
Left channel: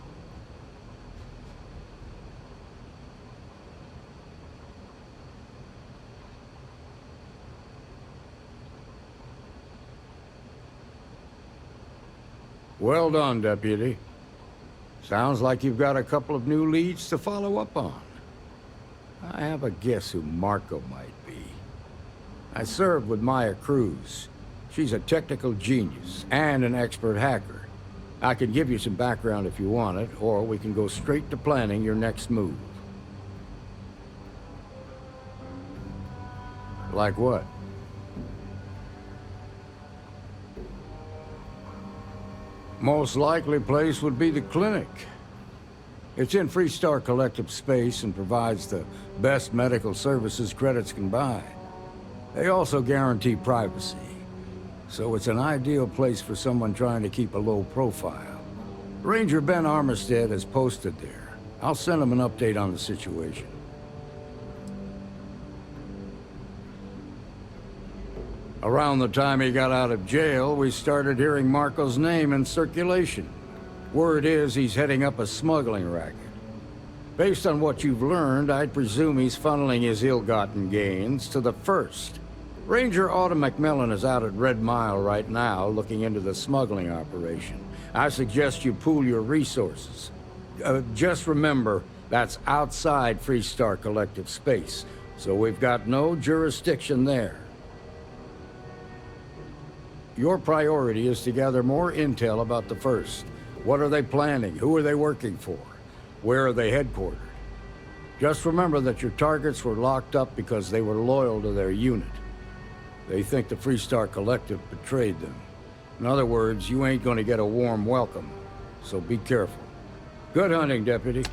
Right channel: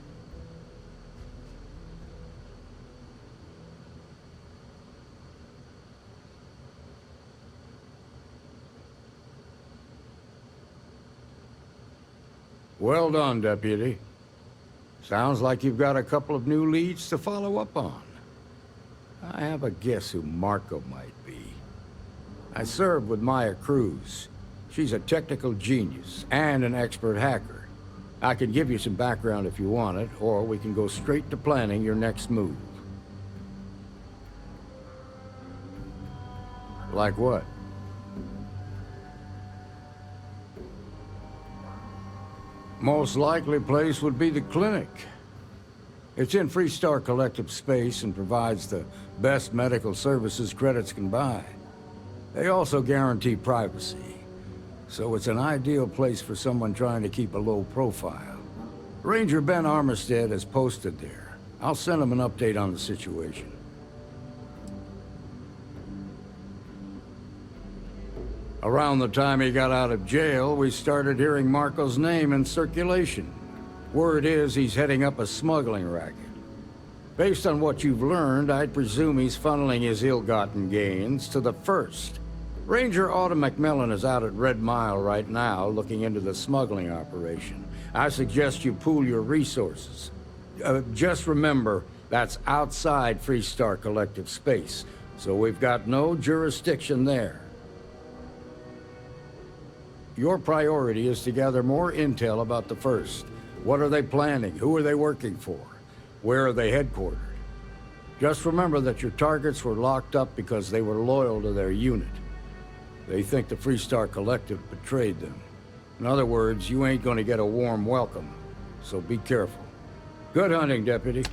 Well done, Deputy. Sounds like you've got a couple of new leads to follow up on. I have a guess who Marco might be. I served with Maya Cruz. She's a technical genius and an expert hacker. I can give you some background if you want it, or we can go straight to planning your next move. Like what? Most likely place would be the clinic. It's in Freestar Collective space and provides the best medical services credits can buy. They also guarantee privacy, so it's an ideal place for someone trying to keep a low profile. Ranger Ben Armistead is posted there. I'll send him an update on the situation. Around the time he got out of jail, we started hearing Marco's name in circulation. Word is he's heading up a smuggling racket. Based on what you've learned, I'd presume he's funneling his ill-gotten gains to the First. Ranger Autumn McMillan is out at Red Mile right now, looking into the smuggling operation. I suggest you pool your resources. Just remember, that's outside Freestar Collective space, so we've got no jurisdiction there. Your priority is to gather more intel about the First. What are they planning? Who are they working for? Where are they headquartered? Just remember that your targets were locked up because they were loyal to their unit. They think the Freestar Collective betrayed them. In other words, you ain't gonna get a warm welcome, so be careful. Good hunting, Deputy.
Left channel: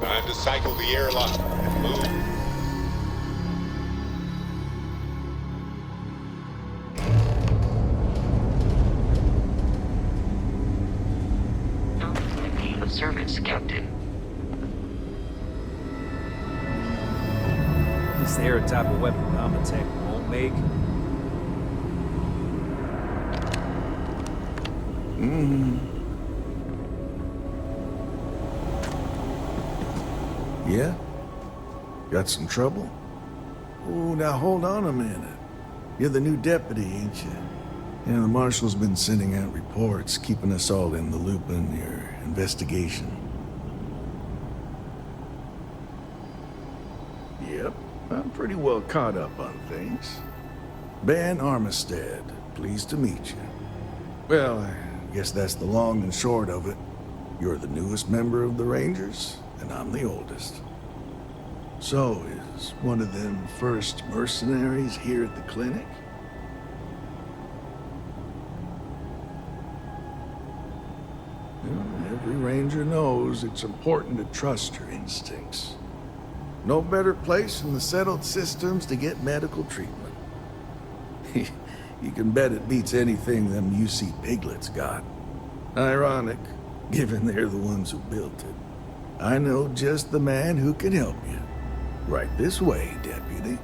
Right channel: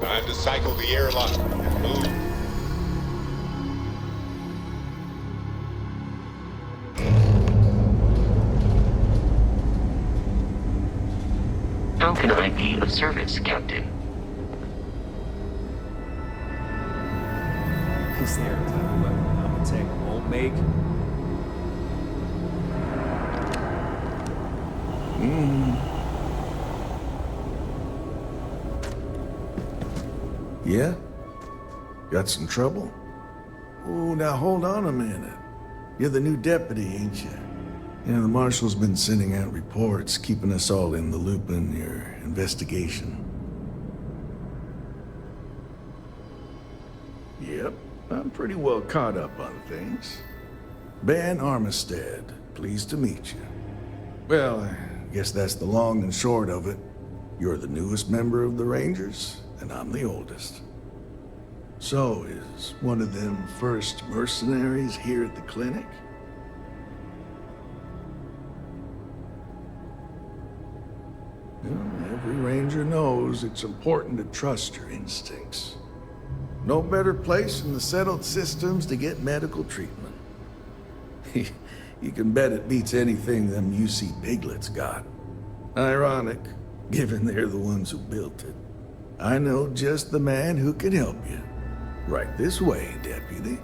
Time to cycle the airlock and move. How can I be of service, Captain? Is there a type of weapon Compotech won't make? Yeah? Got some trouble? Oh, now hold on a minute. You're the new deputy, ain't you? Yeah, the marshal's been sending out reports, keeping us all in the loop in your investigation. Yep, I'm pretty well caught up on things. Ben Armistead, pleased to meet you. Well, I guess that's the long and short of it. You're the newest member of the Rangers, and I'm the oldest. So, is one of them first mercenaries here at the clinic? Well, every ranger knows it's important to trust your instincts. No better place in the settled systems to get medical treatment. You can bet it beats anything them UC piglets got. Ironic, given they're the ones who built it. I know just the man who can help you. Right this way, Deputy.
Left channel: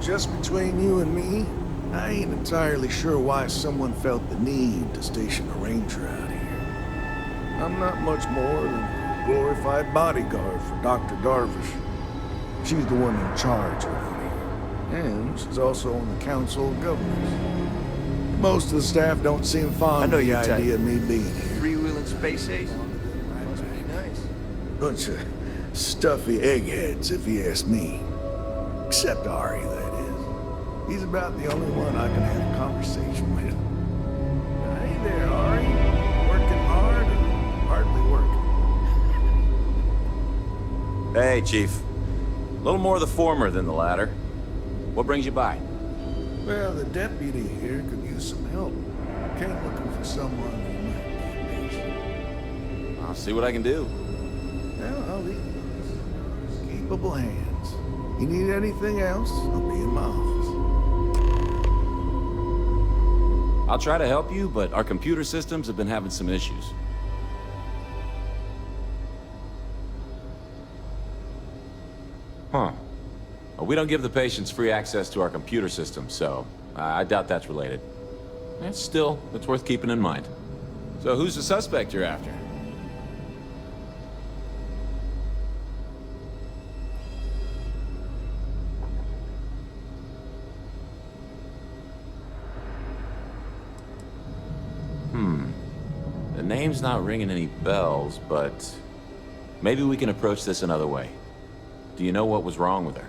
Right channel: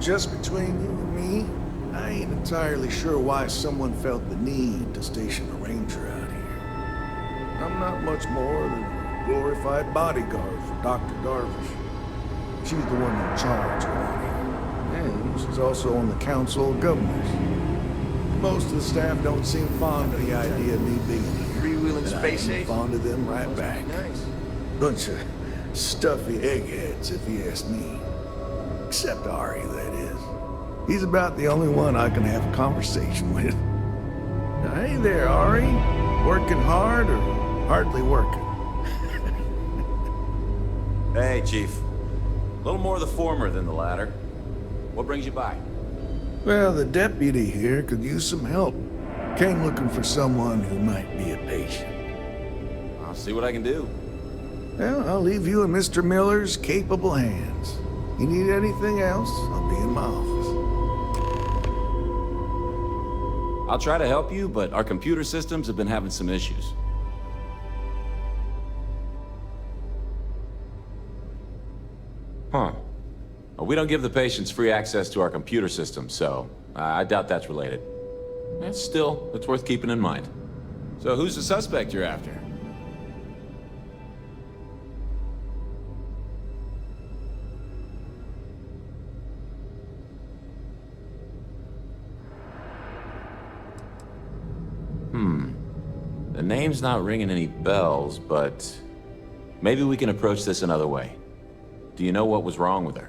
Just between you and me, I ain't entirely sure why someone felt the need to station a ranger out here. I'm not much more than a glorified bodyguard for Dr. Darvish. She's the one in charge around here. And she's also on the Council of Governors. Most of the staff don't seem fond of the idea of me being here. Freewheeling space age? Fond of them right back. Nice. Bunch of stuffy eggheads, if you ask me. Except Ari, that is. He's about the only one I can have a conversation with. Hey there, Ari. Working hard or hardly working? Hey, Chief. A little more the former than the latter. What brings you by? Well, the deputy here could use some help. Came looking for someone who might be a patient. I'll see what I can do. Well, I'll leave you in Mr. Miller's capable hands. You need anything else, I'll be in my office. I'll try to help you, but our computer systems have been having some issues. Huh. Well, we don't give the patients free access to our computer system, so I doubt that's related. Still, it's worth keeping in mind. So who's the suspect you're after? name's not ringing any bells, but maybe we can approach this another way. Do you know what was wrong with her?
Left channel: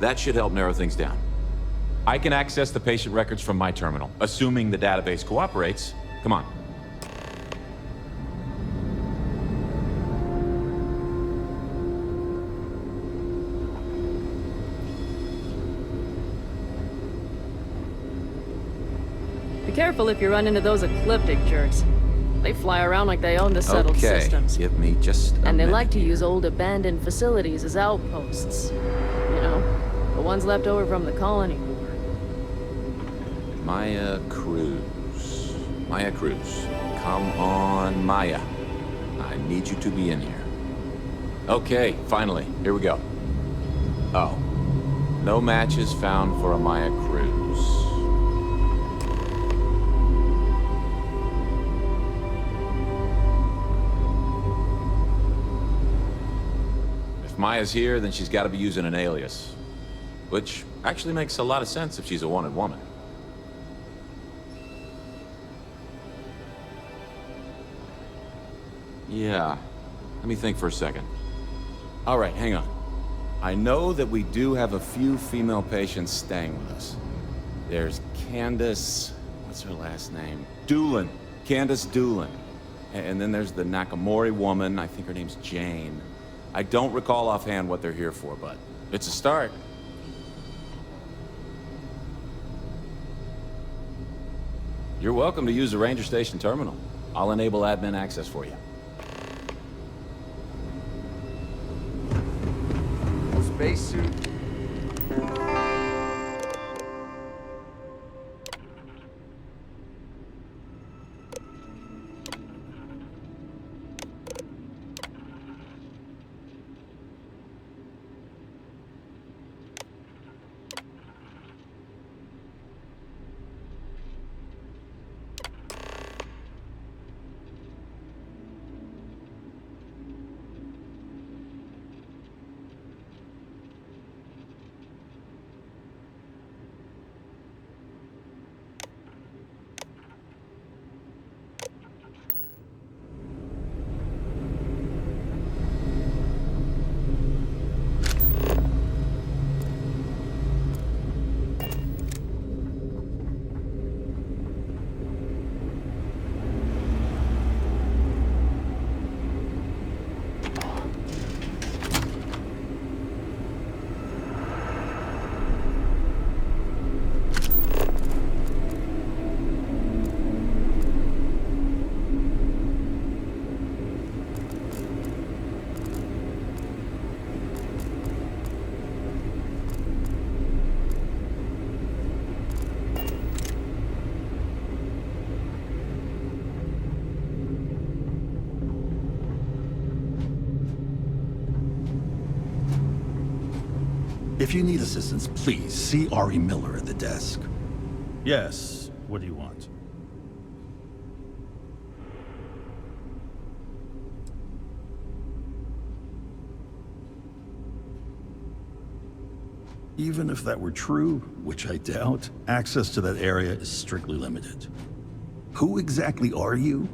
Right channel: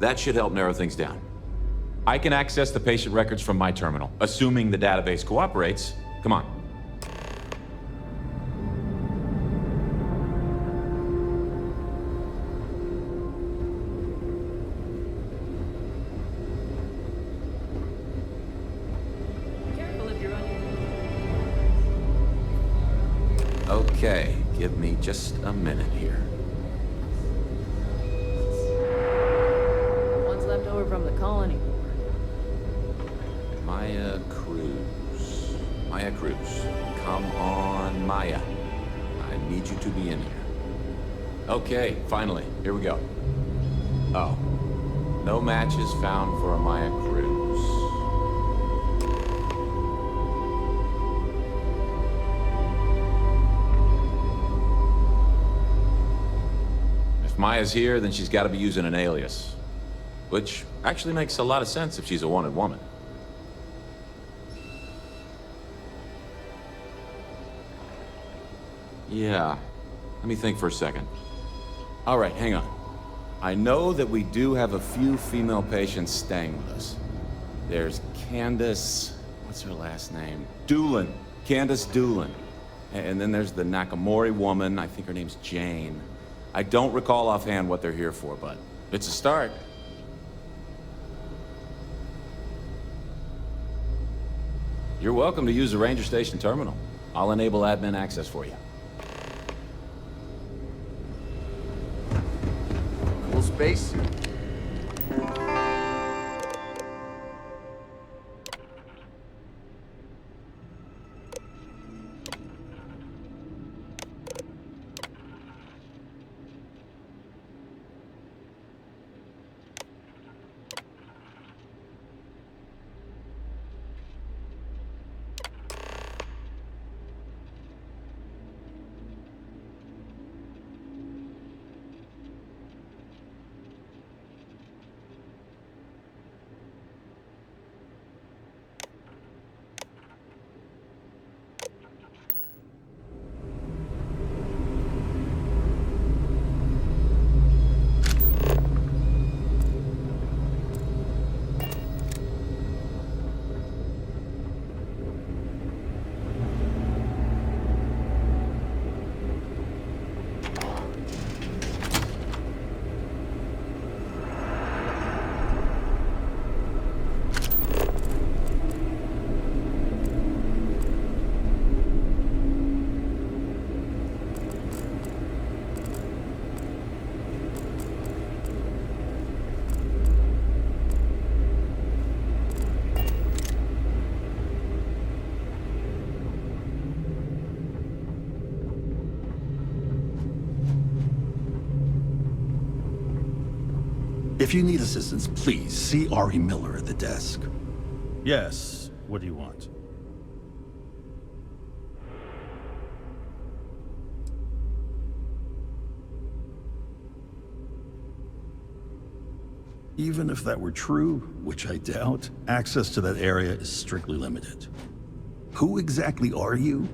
That should help narrow things down. I can access the patient records from my terminal, assuming the database cooperates. Come on. Be careful if you run into those ecliptic jerks. They fly around like they own the settled systems. Give me just a minute. And they like to here. use old abandoned facilities as outposts. You know, the ones left over from the colony war. Maya Cruz. Maya Cruz. Come on, Maya. I need you to be in here. Okay, finally. Here we go. Oh. No matches found for a Maya Cruz. If Maya's here, then she's got to be using an alias. Which actually makes a lot of sense if she's a wanted woman. Yeah. Let me think for a second. All right, hang on. I know that we do have a few female patients staying with us. There's Candace... what's her last name? Doolin. Candace Doolin. And then there's the Nakamori woman. I think her name's Jane. I don't recall offhand what they're here for, but it's a start. You're welcome to use the Ranger Station terminal. I'll enable admin access for you. Cool spacesuit. If you need assistance, please see Ari Miller at the desk. Yes. What do you want? Even if that were true, which I doubt, access to that area is strictly limited. Who exactly are you?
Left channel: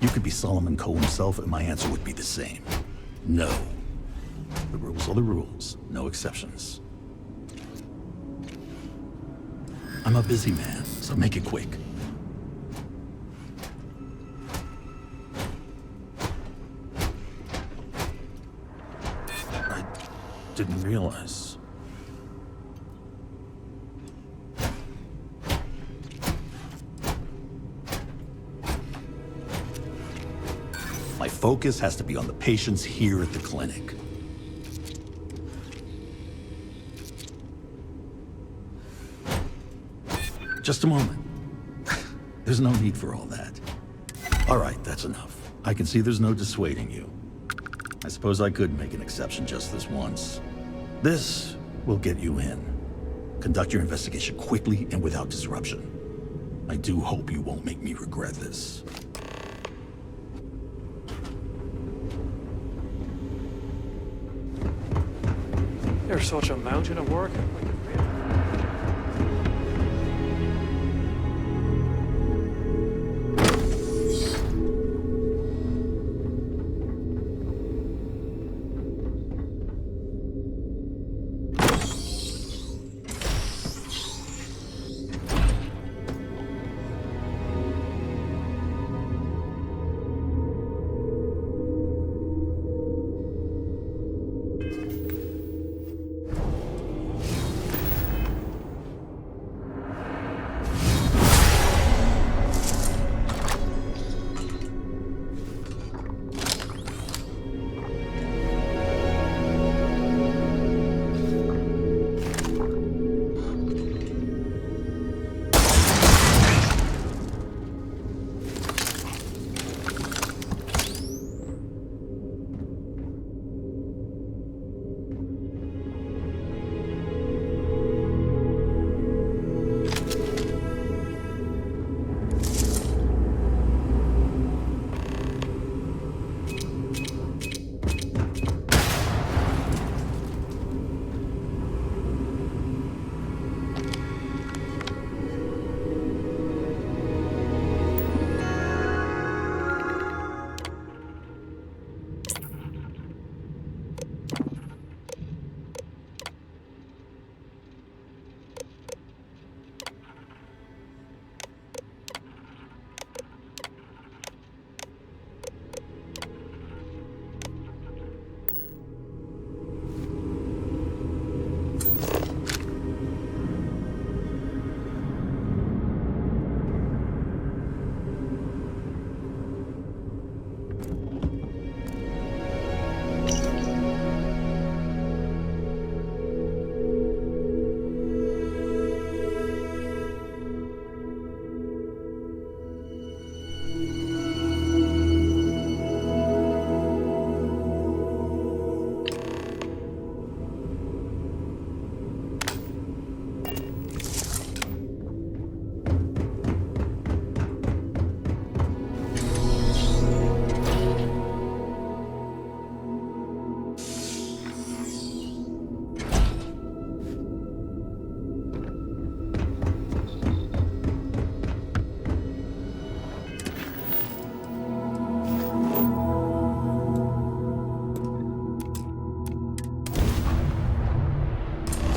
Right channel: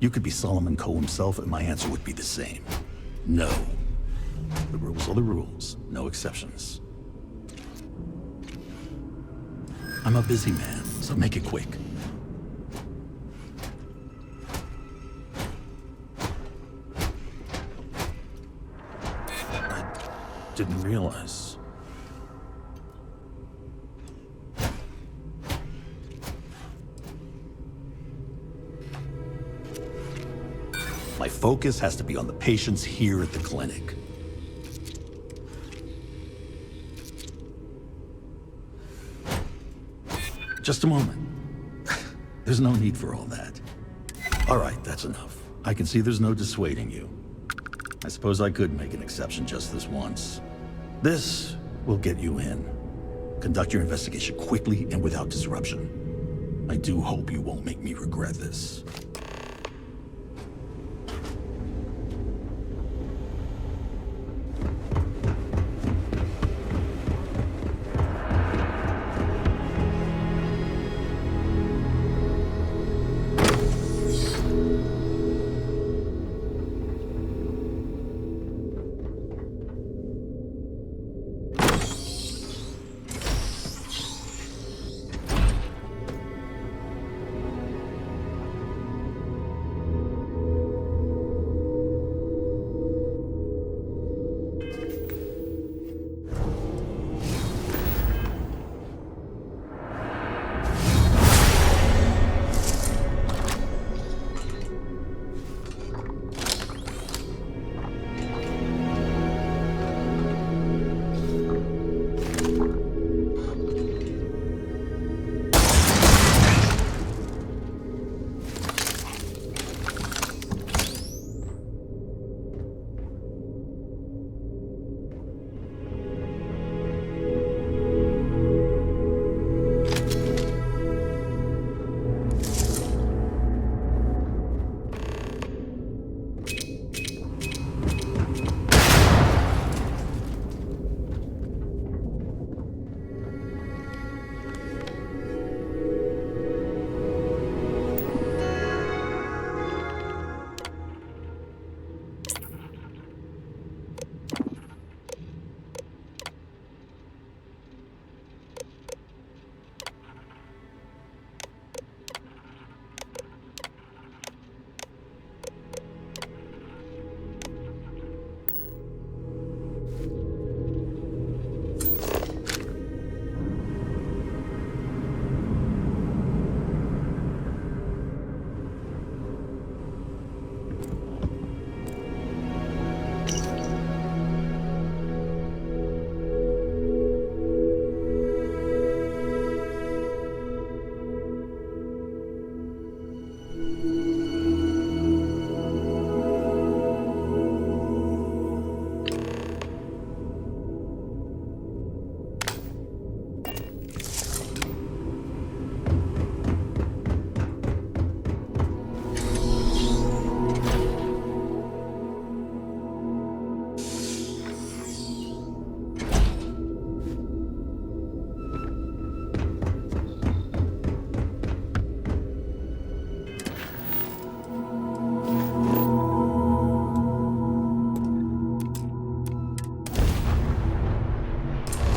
You could be Solomon Coe himself, and my answer would be the same. No. The rules are the rules, no exceptions. I'm a busy man, so make it quick. I didn't realize. My focus has to be on the patients here at the clinic. Just a moment. There's no need for all that. All right, that's enough. I can see there's no dissuading you. I suppose I could make an exception just this once. This will get you in. Conduct your investigation quickly and without disruption. I do hope you won't make me regret this. You're such a mountain of work.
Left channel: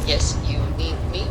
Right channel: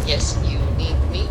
Yes, you need me?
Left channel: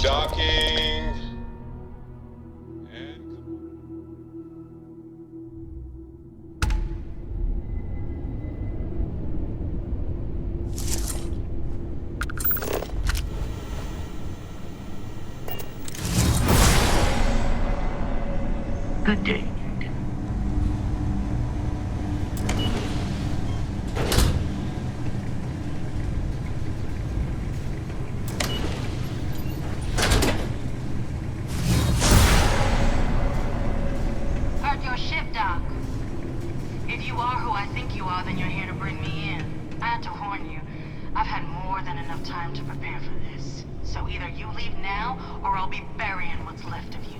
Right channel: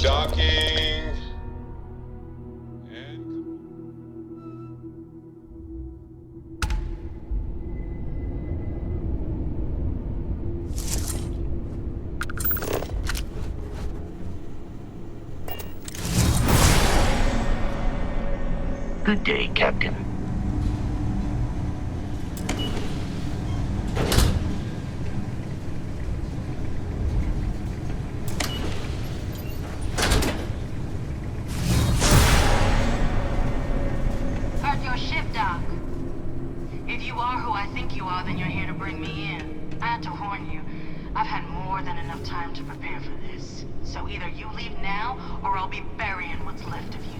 Docking. Good day, Captain. Heard your ship, Doc. If you are who I think you are, then you're here to bring me in. I had to warn you. I've had more than enough time to prepare for this. So either you leave now, or I'll be burying what's left of you.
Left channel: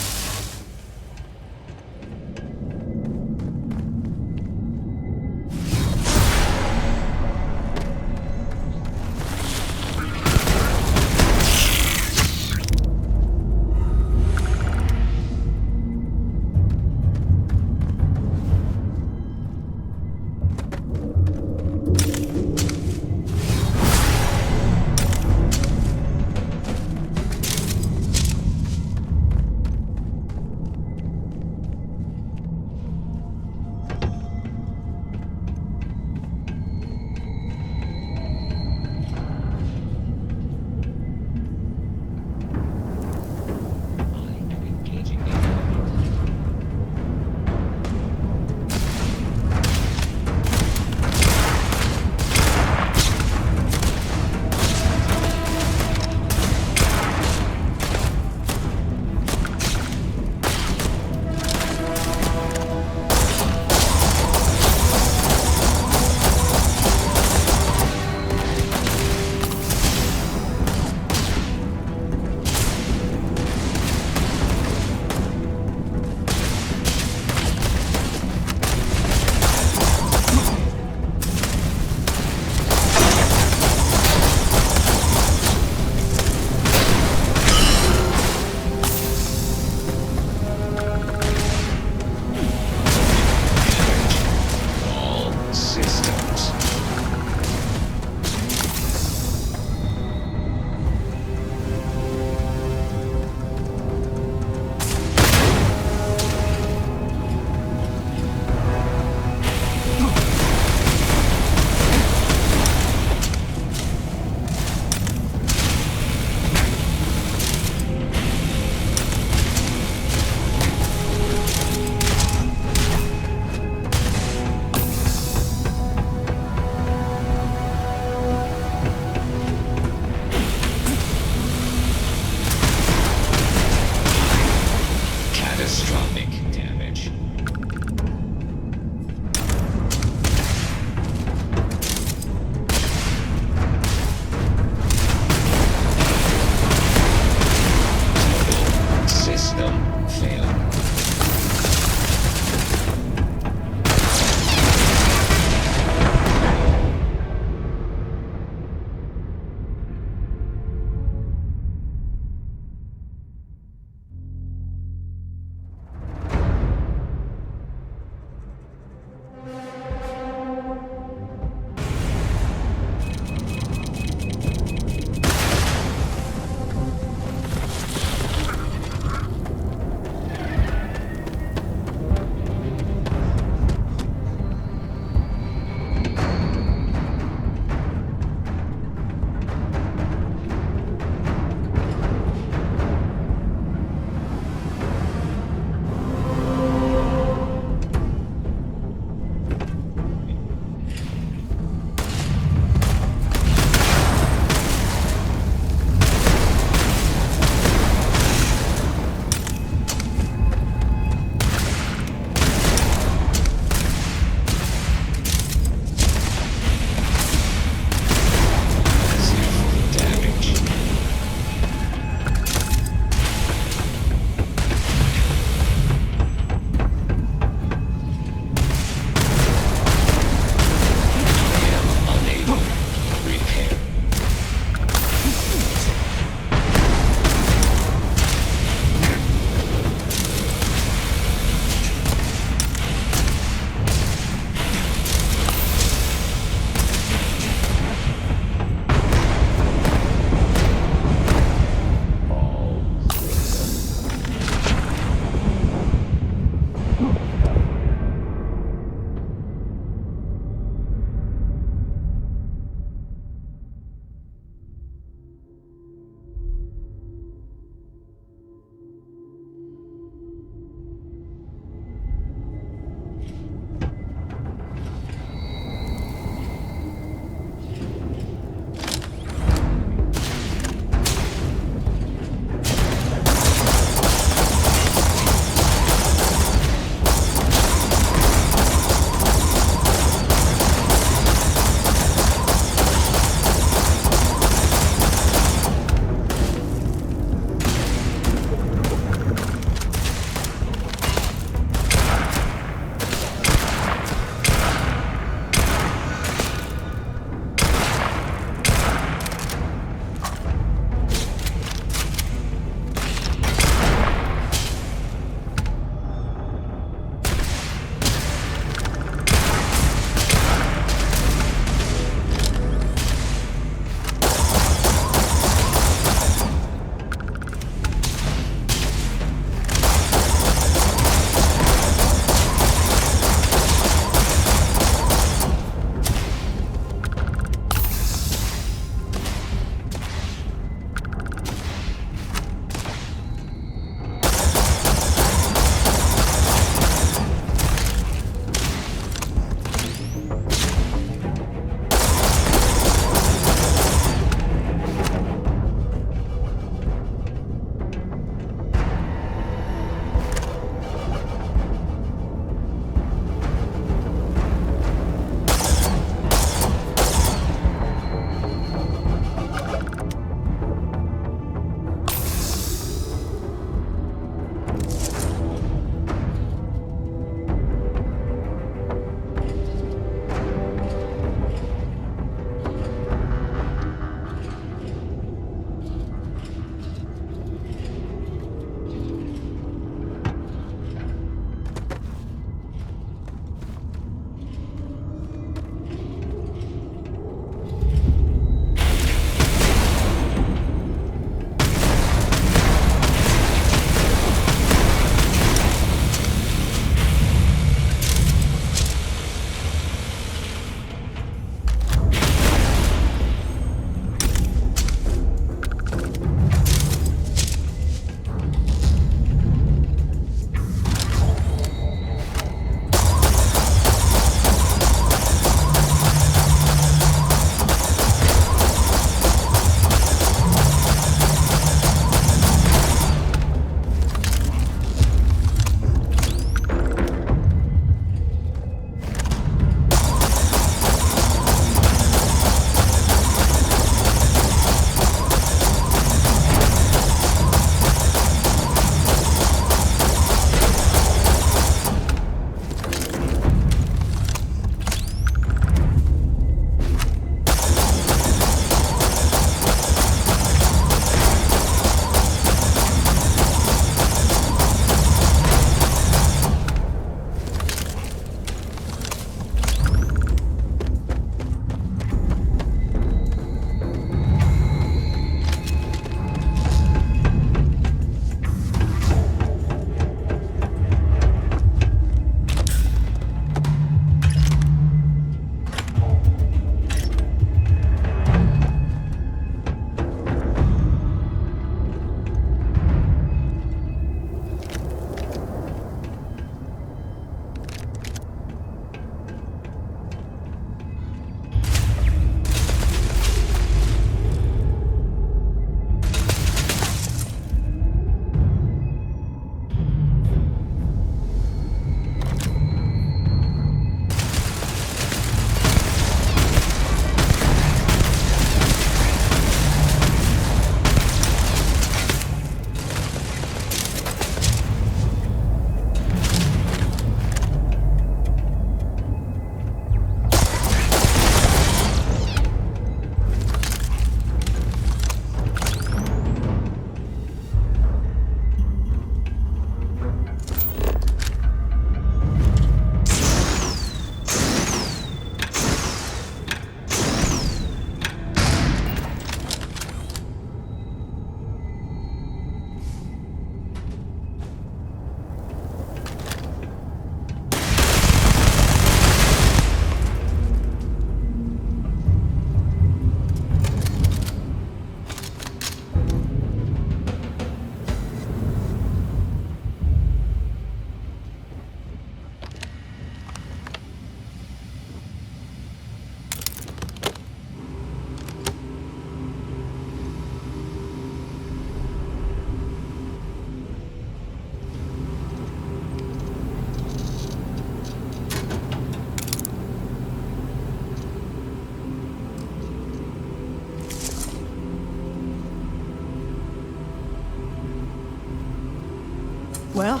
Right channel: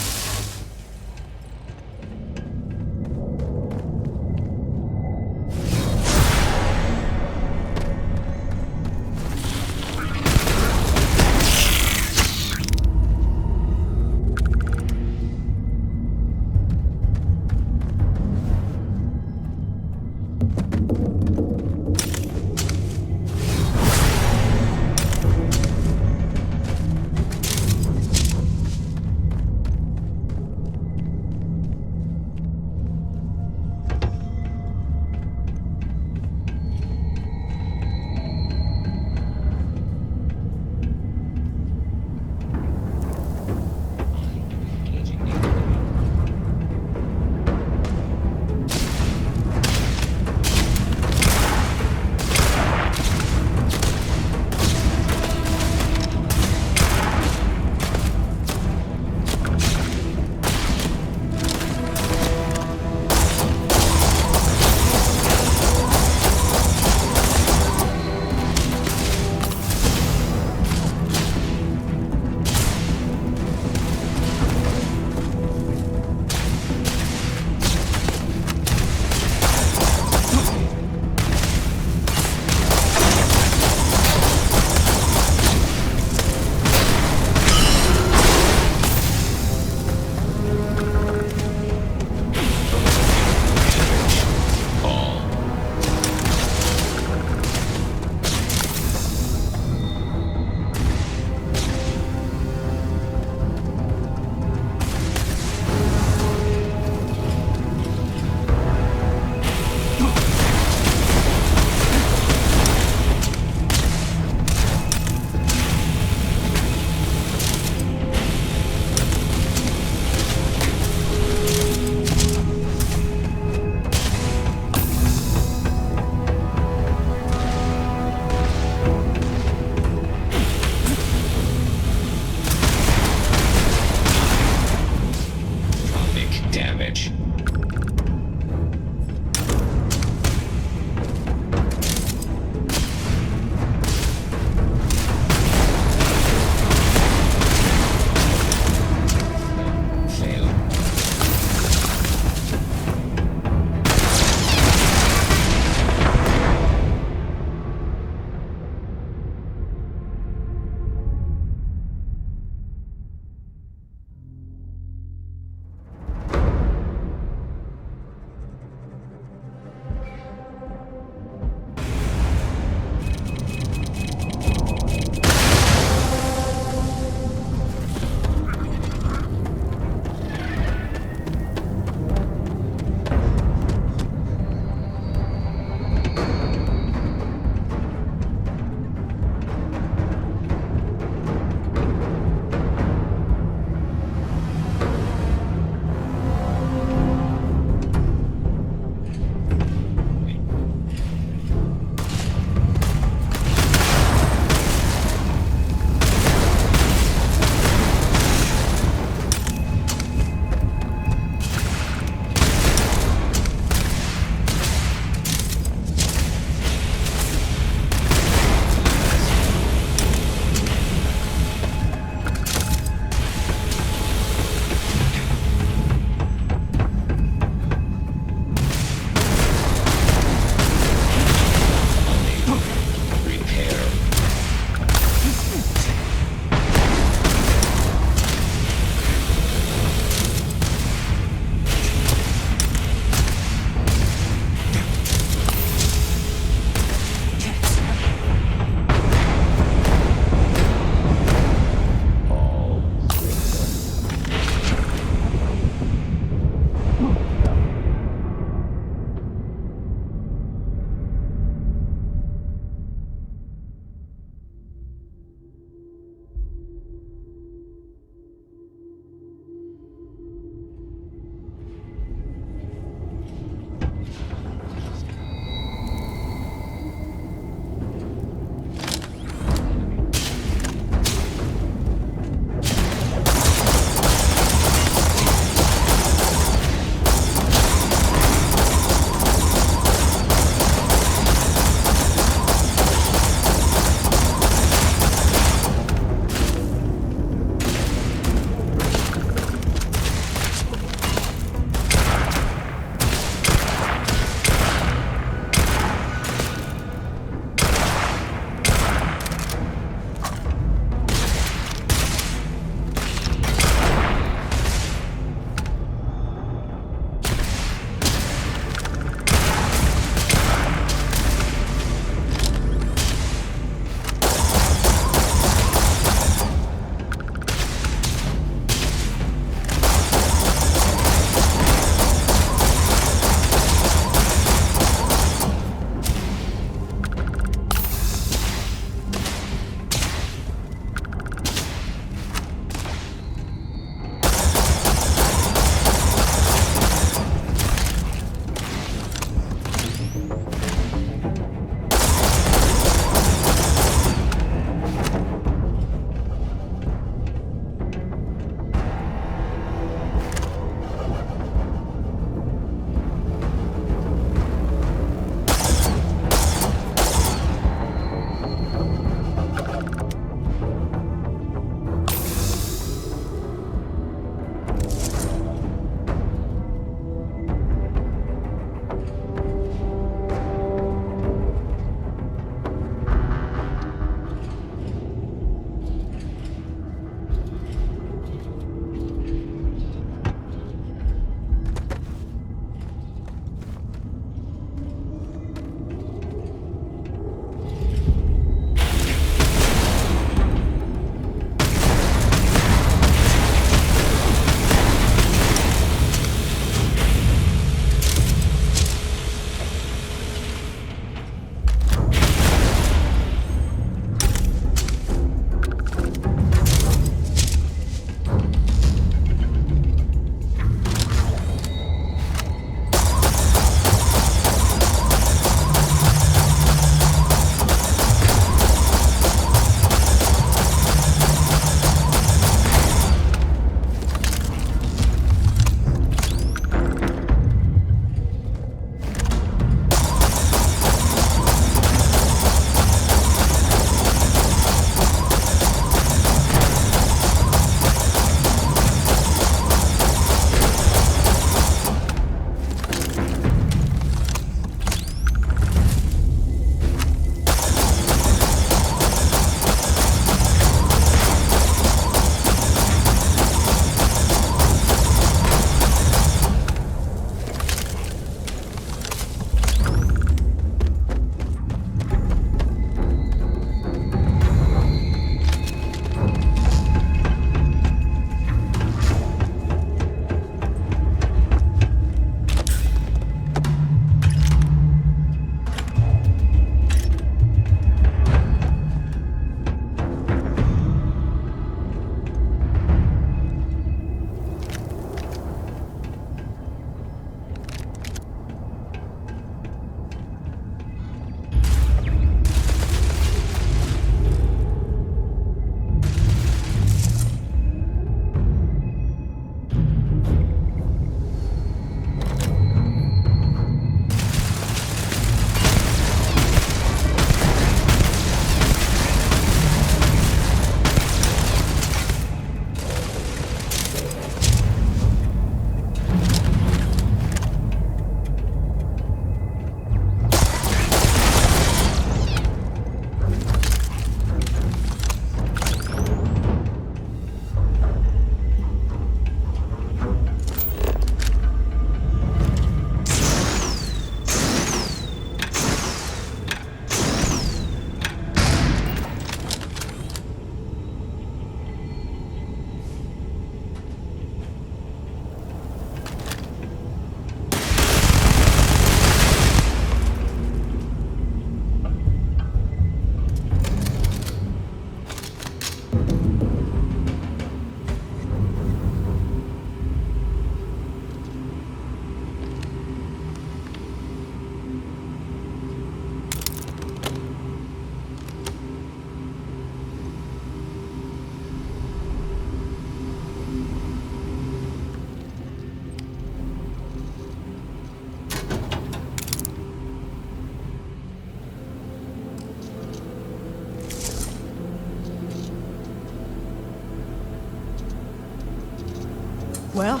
Well,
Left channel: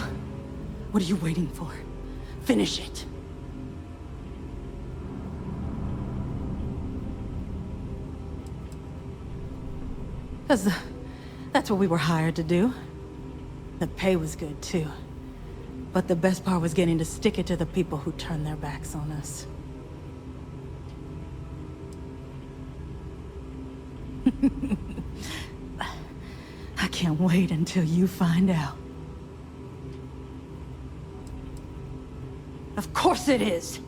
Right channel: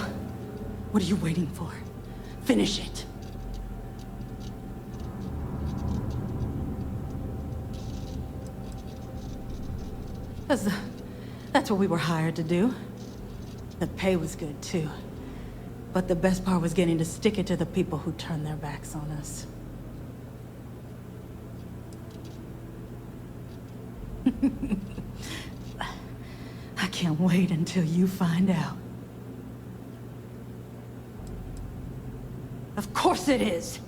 what are you waiting for? Finish it. Because that's what we were hired to do. The pay was good, too. But the best part was getting to stick it to the people who turned their backs on us. I can't wait until you find out. Of course it is!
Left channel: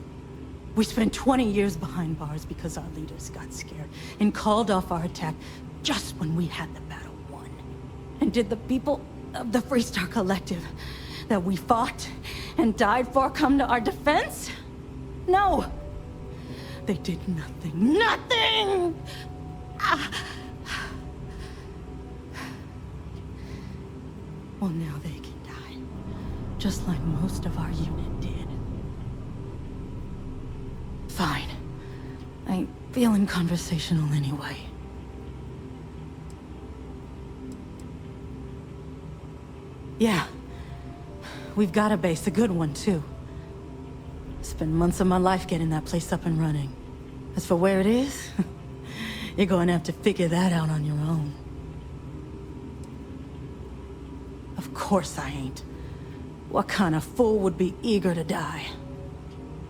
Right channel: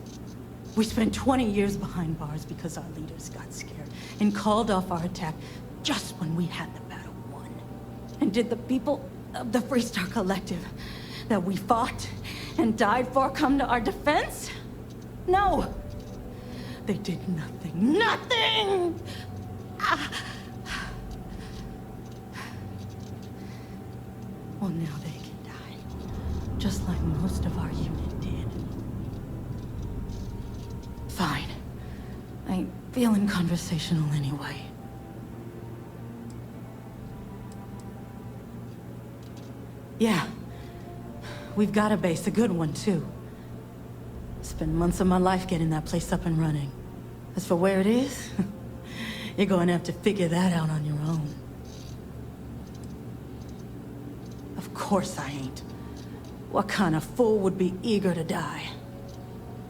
We spent 20 years behind bars because our leaders got scared and called off our attack just when we had the battle won. And did the people of the Freestar Collective that we fought and died for come to our defense? No! They did nothing. Nothing! Well, now they can die. Just like most of our unit did. Fine. I ain't feeling conversational anyway. Yeah. We've got a base, a good one, too. Spent months of my life getting that place up and running. As for where it is, you're going to have to figure that out on your own. Of course I ain't. What kind of fool would be eager to die?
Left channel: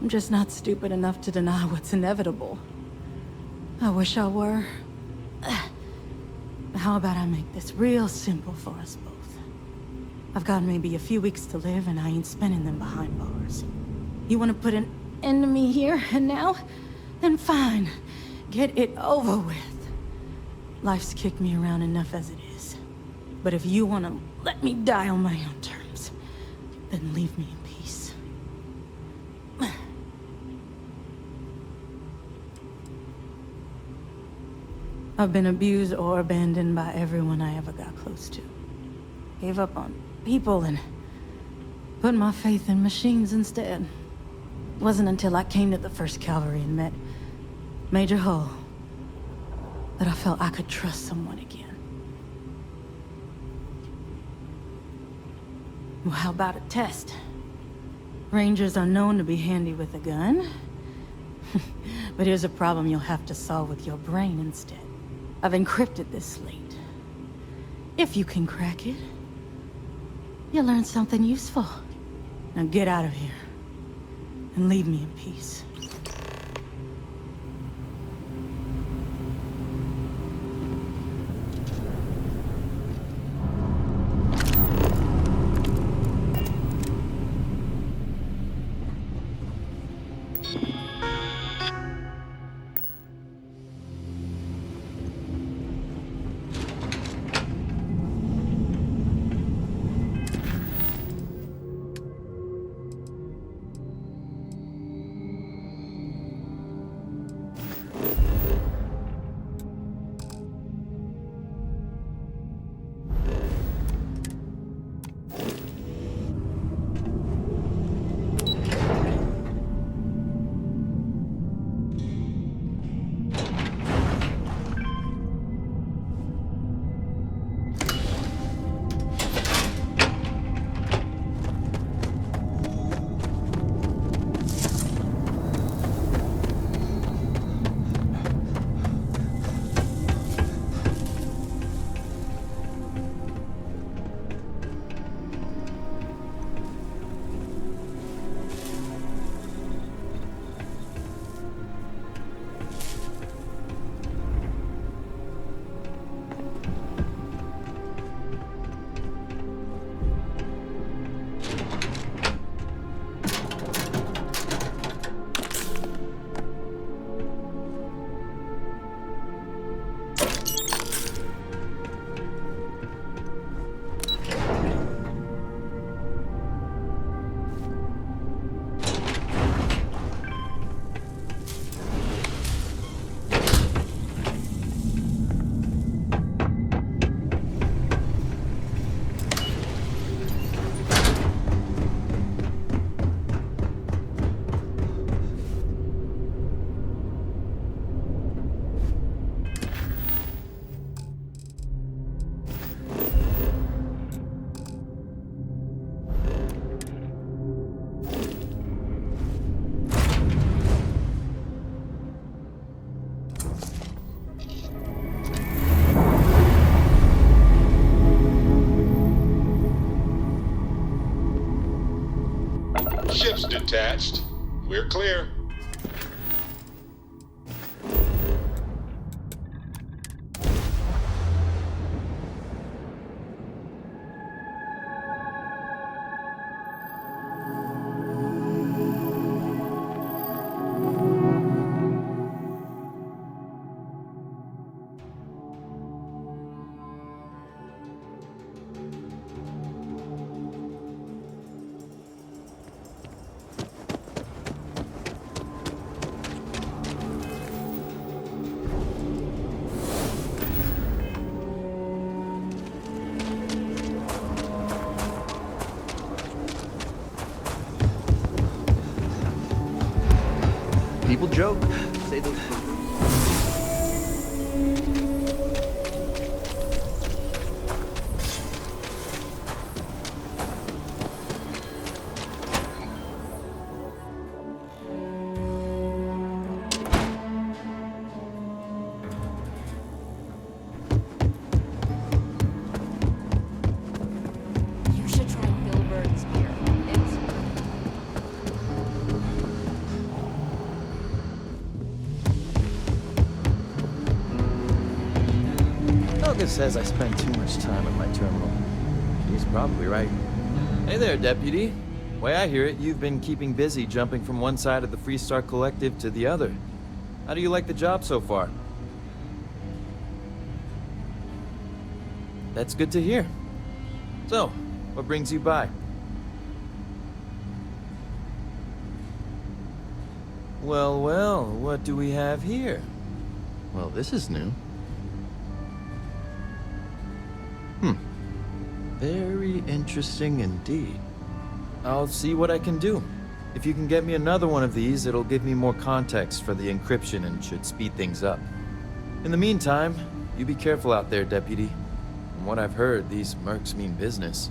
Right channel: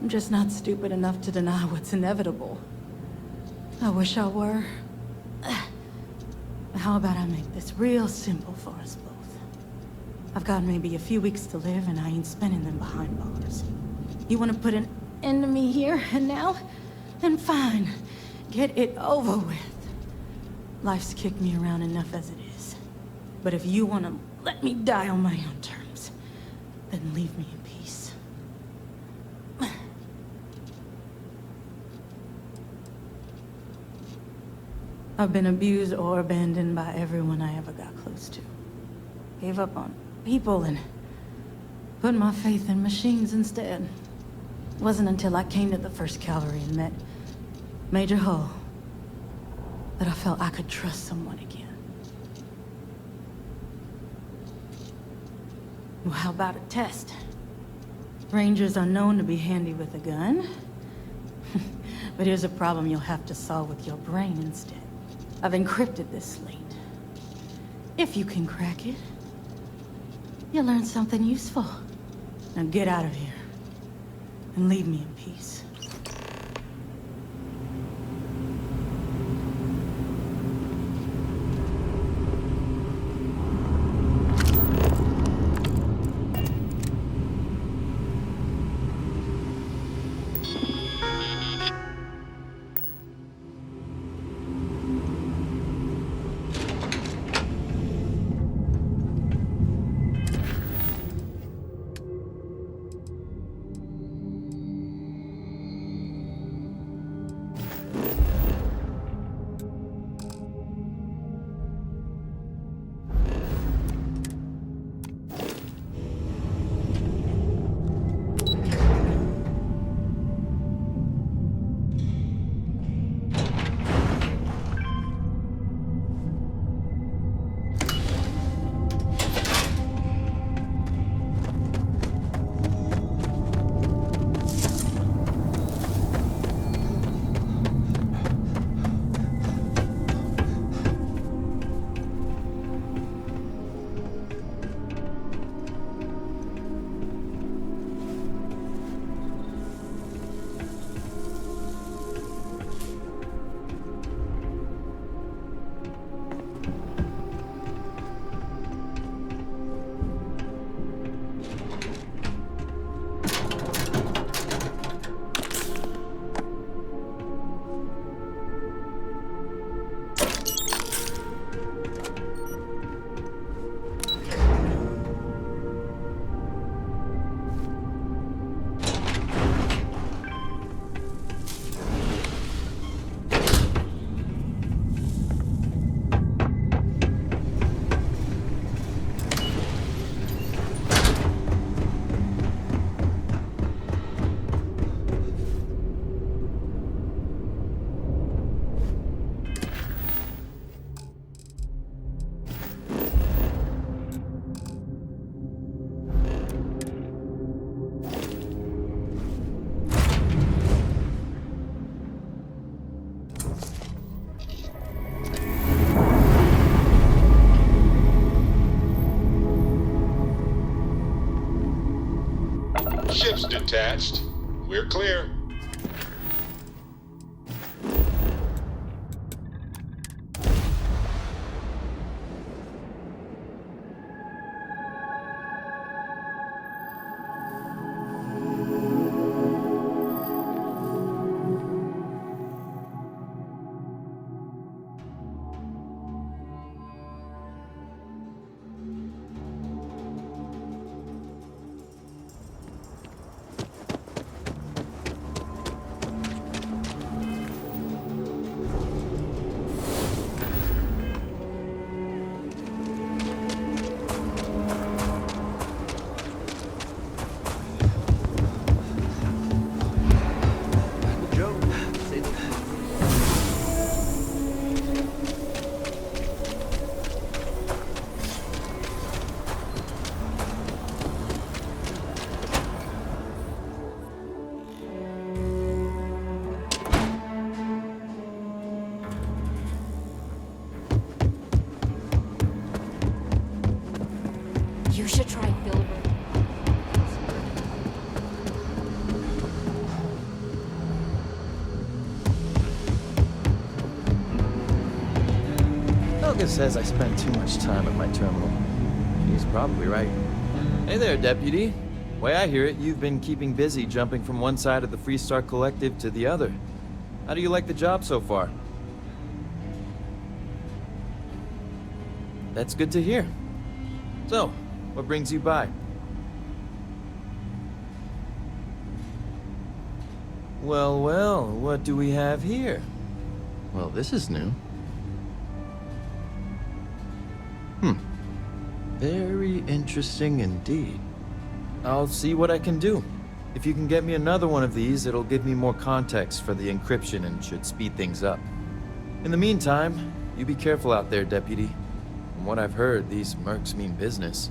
I'm just not stupid enough to deny what's inevitable. I wish I were. How about I make this real simple for us both? I've got maybe a few weeks to live, and I ain't spending them behind bars. You want to put an end to me here and now? Then fine. Get it over with. Life's kicked me around enough as it is. But if you want to let me die on my own terms, then leave me in peace. I've been abused or abandoned by everyone I ever got close to. Gave up on people and put my faith in machines instead. It wasn't until I came to the 1st Cavalry and met Major Hull that I felt I could trust someone again. Well, how about a test? Rangers are known to be handy with a gun. But here's a problem you'll have to solve with your brain instead. I've encrypted this slate. If you can crack it, you'll learn something useful. Now get out of here, and leave me in peace. attached. We're clear. People joke. Say those. You should try Filbert's. Helga says I spend too much time at my terminal. She's probably right. Hey there, Deputy. Way I hear it, you've been keeping busy jumping from one side of the Freestar Collective to the other. How do you like the job so far? That's good to hear. So, what brings you by? Well, well, what do we have here? Well, this is new. Very interesting indeed. I'll see what I can do. If you can get me another one of these, it'll give me more context for the encryption and should speed things up. In the meantime, you be careful out there, Deputy. From what I've heard, these mercs mean business.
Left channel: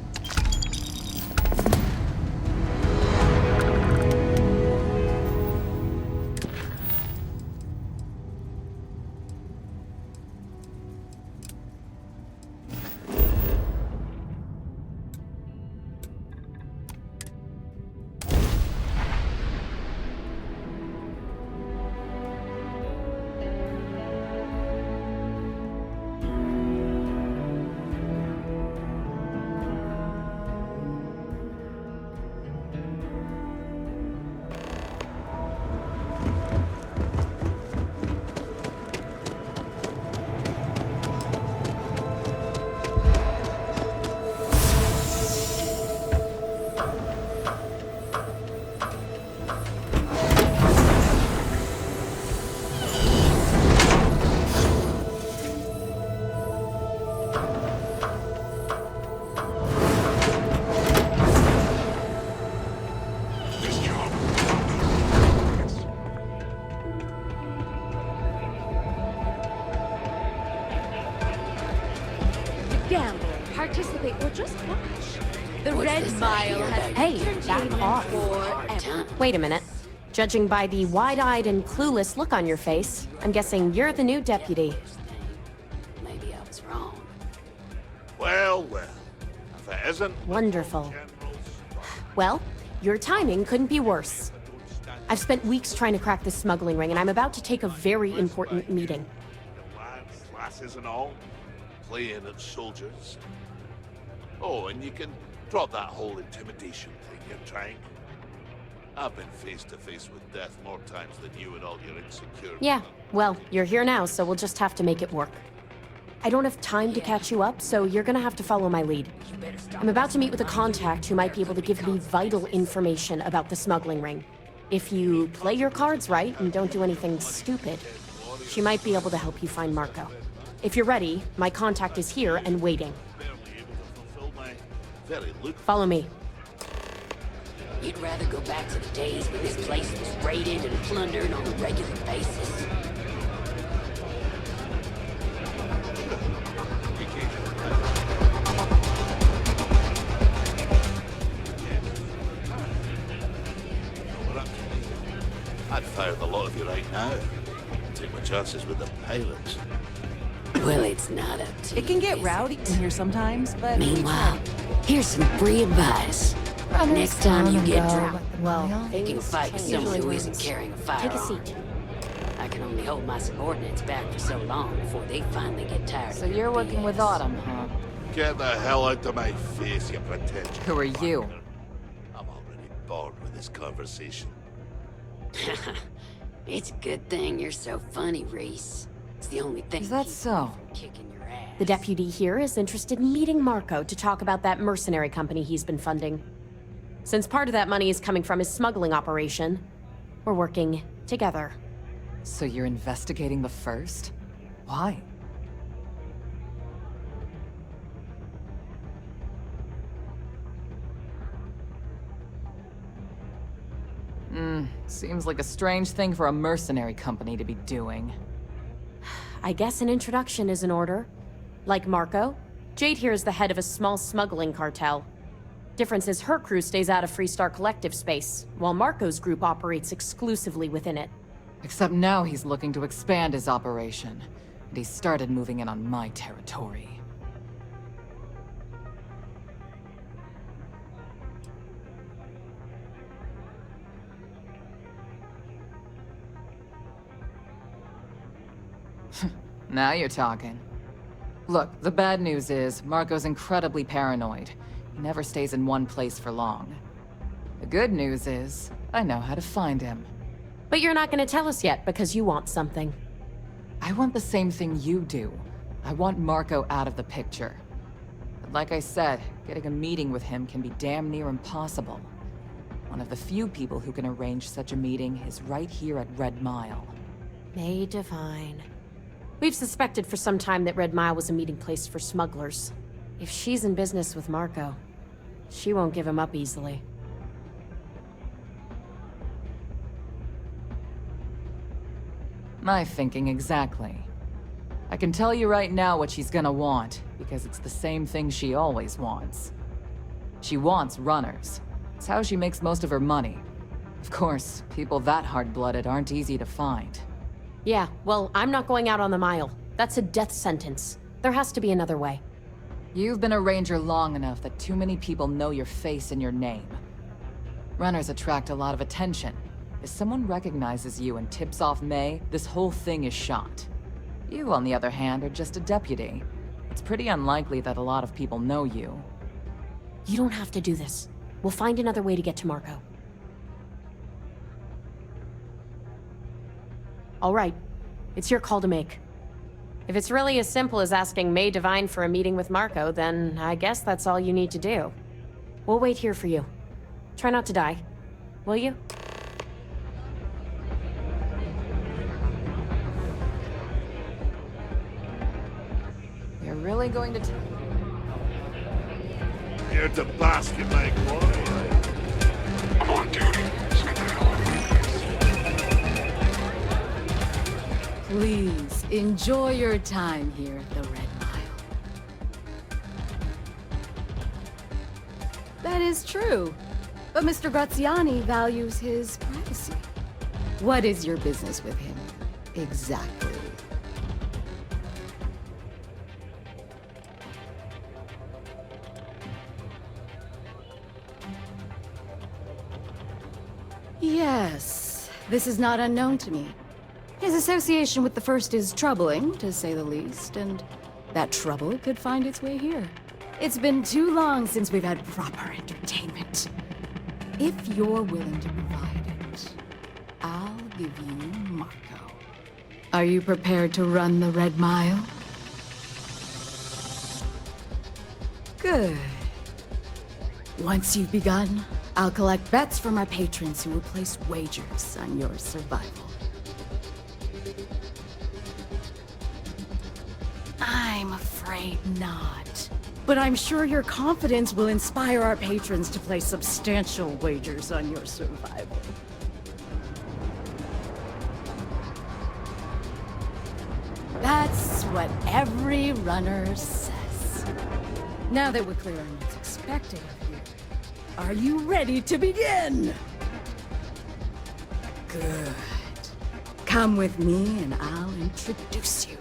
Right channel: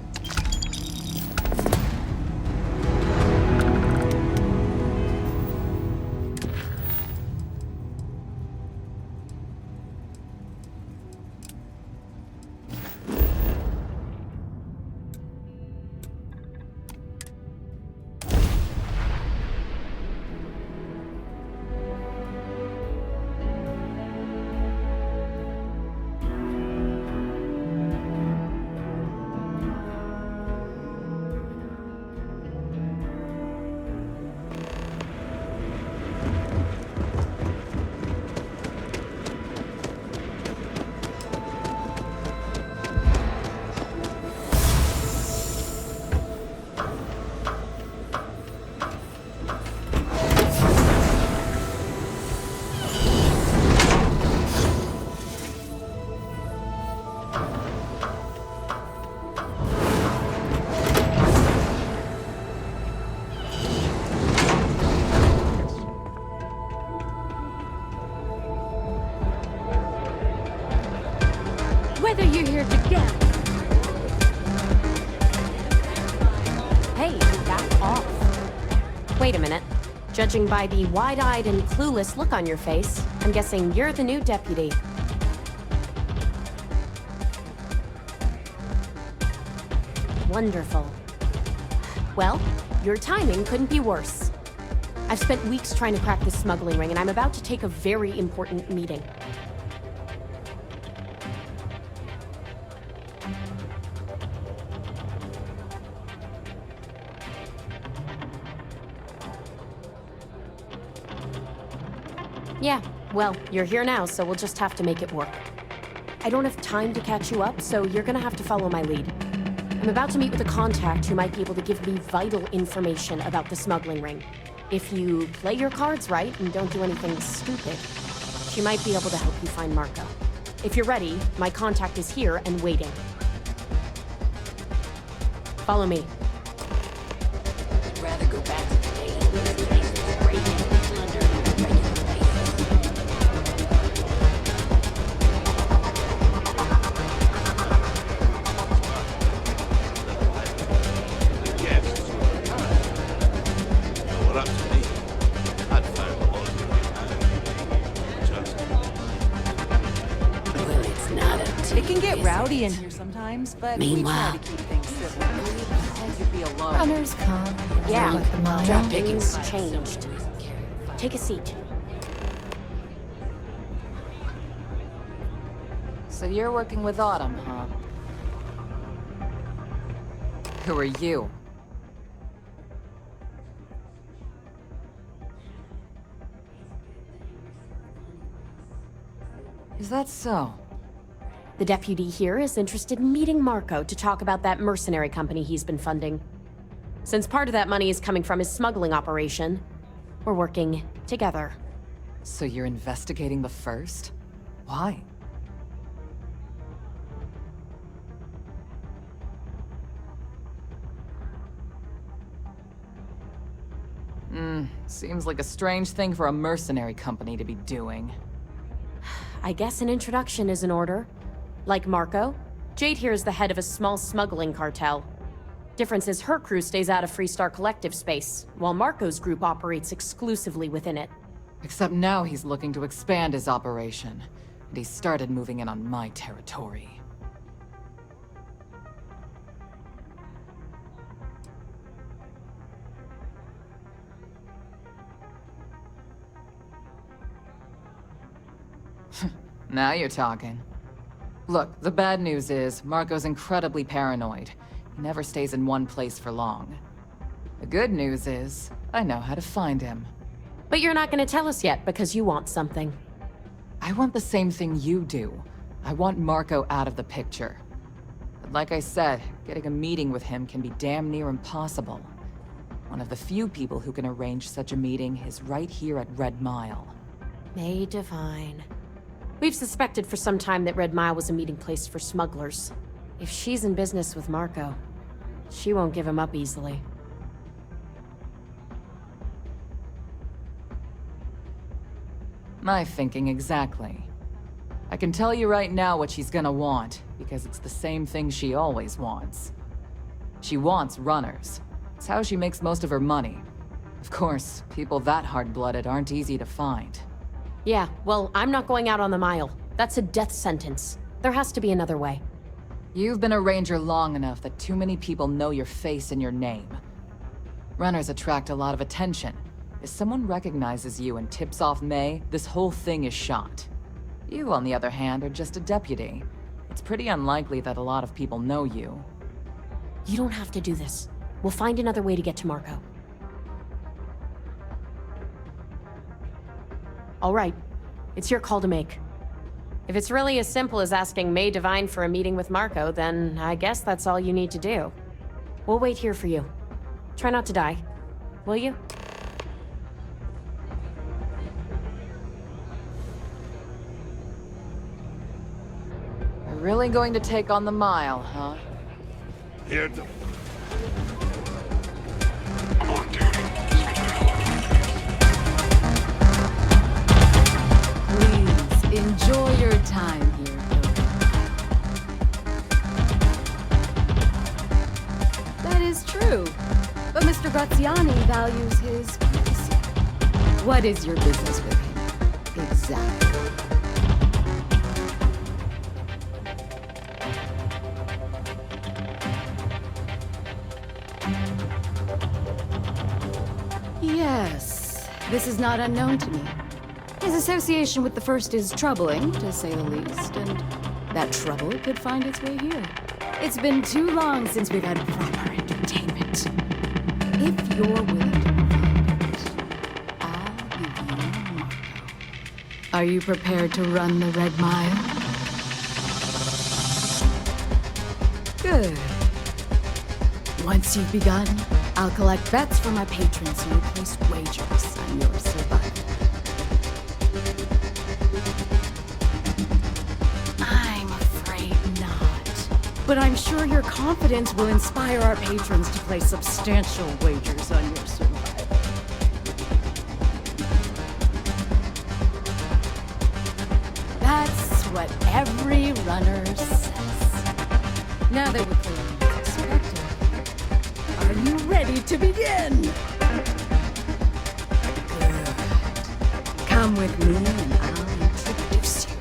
Wait a minute. Judging by the wide-eyed and clueless look on your face, I'm guessing you're the new deputy. Well, that isn't... Wonderful. Well, your timing couldn't be worse. I've spent weeks trying to crack this smuggling ring, and I'm about to take a very important meeting. Classes and all. Playing of soldiers. Oh, and you can drop that whole intimidation trying. I've been face to face with death more times than you and all your insecurity. Yeah, well, you're here now, so we'll just have to make it work. I don't have time to catch you up, so you're gonna have to follow my lead. I'm about to meet with a contact who might be able to give me vital information about the smuggling ring. If you play your cards right and don't do anything stupid, she might be able to help you find Marco. If you're ready, my contact is here and waiting. Follow me. You'd rather go back to the days when this place was raided and plundered on a regular basis. Well, up to me. I'd fire the lot of you right now. Take my chances with the pilots. Well, it's not up to It can get you, rowdy in here sometimes, but Meanwhile, here's some free advice. Runners down and go like the mile. Picking fight with someone who isn't carrying a firearm. Take a seat. I can only hold my subordinates back for so long before they finally get tired. So you're working with Autumn, huh? Get the hell out of my face, you pretend. Who are you? I'm already bored with this conversation. It's a good thing you're so funny, Reese. It's the only thing. Is that so? The deputy here is interested in meeting Marco to talk about that mercenary company he's been funding. Since part of that money is coming from his smuggling operation, we're working together. So you're investigating the first? Why? Seems like a strange thing for a mercenary company to be doing. I guess an introduction is in order. Like Marco, Jade here is the head of a small smuggling cartel. Difference is her crew stays out of Freestar Collective space, while Marco's group operates exclusively within it. Except now he's looking to expand his operation, and he started moving in on my territory. Now you're talking. Look, the bad news is, Marco's incredibly paranoid. He never stays in one place for long. The good news is, I know how to find him. But you're not gonna tell us yet because you want something. I want the same thing you do. I want Marco out of the picture. But like I said, getting a meeting with him can be damn near impossible. One of the few people who can arrange such a meeting is right here at Red Mile. May Divine. We've suspected for some time that Red Mile was a meeting place for smugglers. If she's in business with Marco, she won't give him up easily. My thinking exactly. I can tell you right now what she's gonna want, because it's the same thing she always wants. She wants runners. It's how she makes most of her money. Of course, people that hard-blooded aren't easy to find. Yeah, well, I'm not going out on the mile. That's a death sentence. There has to be another way. You've been a ranger long enough that too many people know your face and your name. Runners attract a lot of attention. If someone recognizes you and tips off May, this whole thing is shot. You, on the other hand, are just a deputy. It's pretty unlikely that a lot of people know you. You don't have to do this. We'll find another way to get to Marco. All right. It's your call to make. If it's really as simple as asking May Divine for a meeting with Marco, then I guess that's all you need to do. We'll wait here for you. Try not to die. Will you? You're really going to take on the mile, huh? Here to blast you, mate. I'm on duty. Please, enjoy your time here at the Red Mile. That is true. But Mr. Graziani values his privacy. What is your business with him? Exactly. Yes, this is not unknown to me. His association with the First is troubling, to say the least, and that trouble could find its way here. It's been too long since we've had proper entertainment. If you're willing to provide it, I'll give you Marco. Are you prepared to run the Red Mile? Good. Once you've begun, I'll collect bets from my patrons who will place wagers on your survival. I'm afraid not. But I'm sure your confidence will inspire our patrons to place substantial wagers on your survival. That's what every runner says. Now that we're clear on what's expected, are you ready to begin? Good. Come with me and I'll introduce you.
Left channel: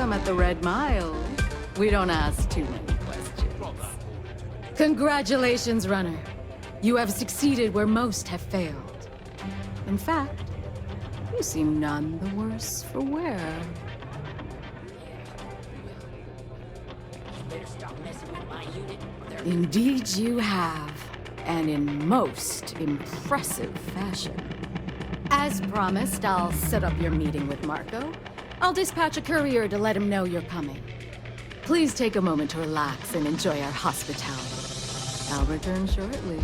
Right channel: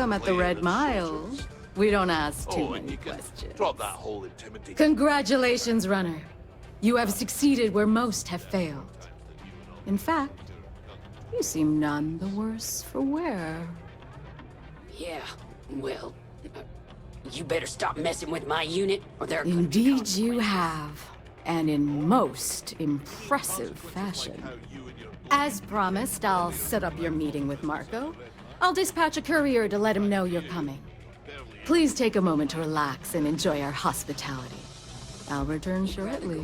welcome at the Red Mile. We don't ask too many questions. Drop that whole intimidation. Congratulations, Runner. You have succeeded where most have failed. In fact, you seem none the worse for wear. Yeah, well, you better stop messing with my unit, or they're... Indeed you have, and in most impressive fashion. As promised, I'll set up your meeting with Marco. I'll dispatch a courier to let him know you're coming. Please take a moment to relax and enjoy our hospitality. I'll return shortly.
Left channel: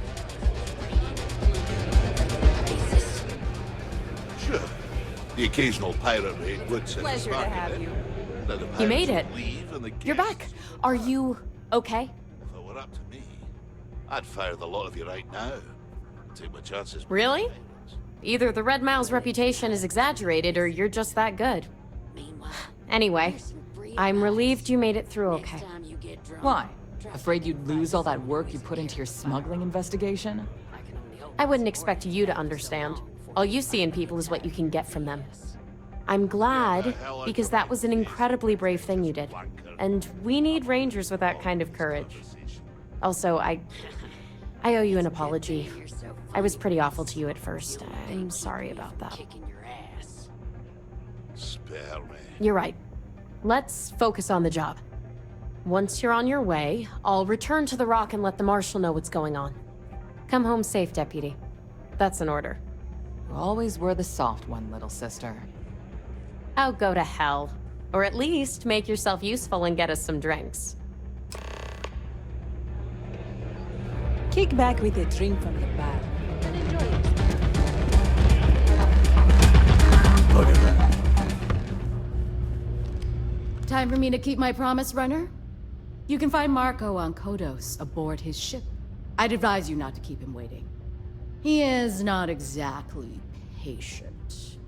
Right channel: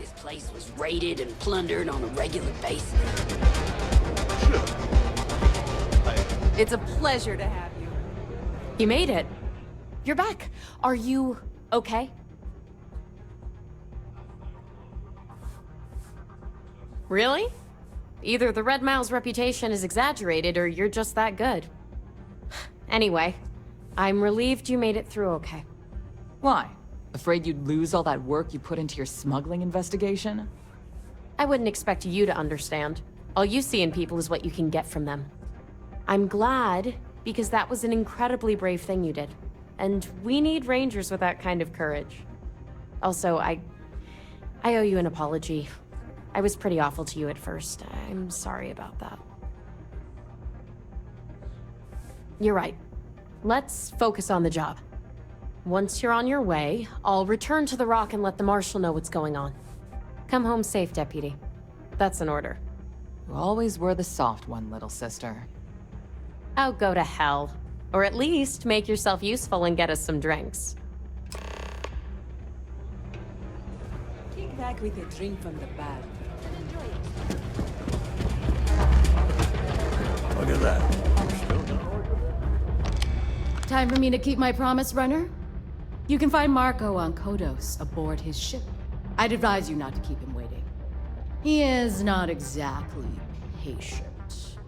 This place was raided and plundered on a regular basis. Sure. The occasional pirate raid. It's a would set pleasure to back have a you. bit. Let the You made it. pirates leave and the You're back. Are you okay? If it were up to me, I'd fire the lot of you right now. Take my chances. Really? Either the Red Mile's reputation is exaggerated, or you're just that good. Anyway, I'm relieved you made it through okay. Why? Afraid you'd lose all that work you put into your smuggling investigation? I wouldn't expect you to understand. All you see in people is what you can get from them. I'm glad, because that was an incredibly brave thing you did. And we need rangers with that kind of courage. Also, I owe you an apology. I was pretty awful to you at first. I'm sorry about that. You're right. Let's focus on the job. Once you're on your way, I'll return to the Rock and let the Marshal know what's going on. Come home safe, Deputy. That's an order. You always were the soft one, little sister. Oh, go to hell. Or at least make yourself useful and get us some drinks. Kick back with a drink from the bar and enjoy it. Look at that. Time for me to keep my promise, Runner? You can find Marco on Kodos aboard his ship. I'd advise you not to keep him waiting. He is not exactly patient.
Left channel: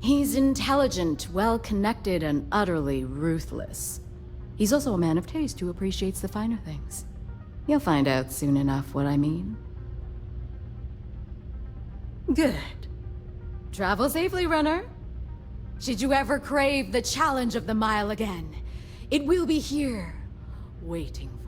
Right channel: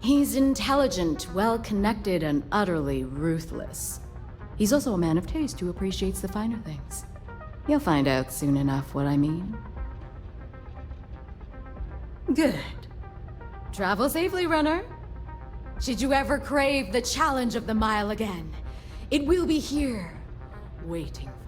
He's intelligent, well-connected, and utterly ruthless. He's also a man of taste who appreciates the finer things. You'll find out soon enough what I mean. Good. Travel safely, Runner. Should you ever crave the challenge of the mile again, it will be here, waiting for you.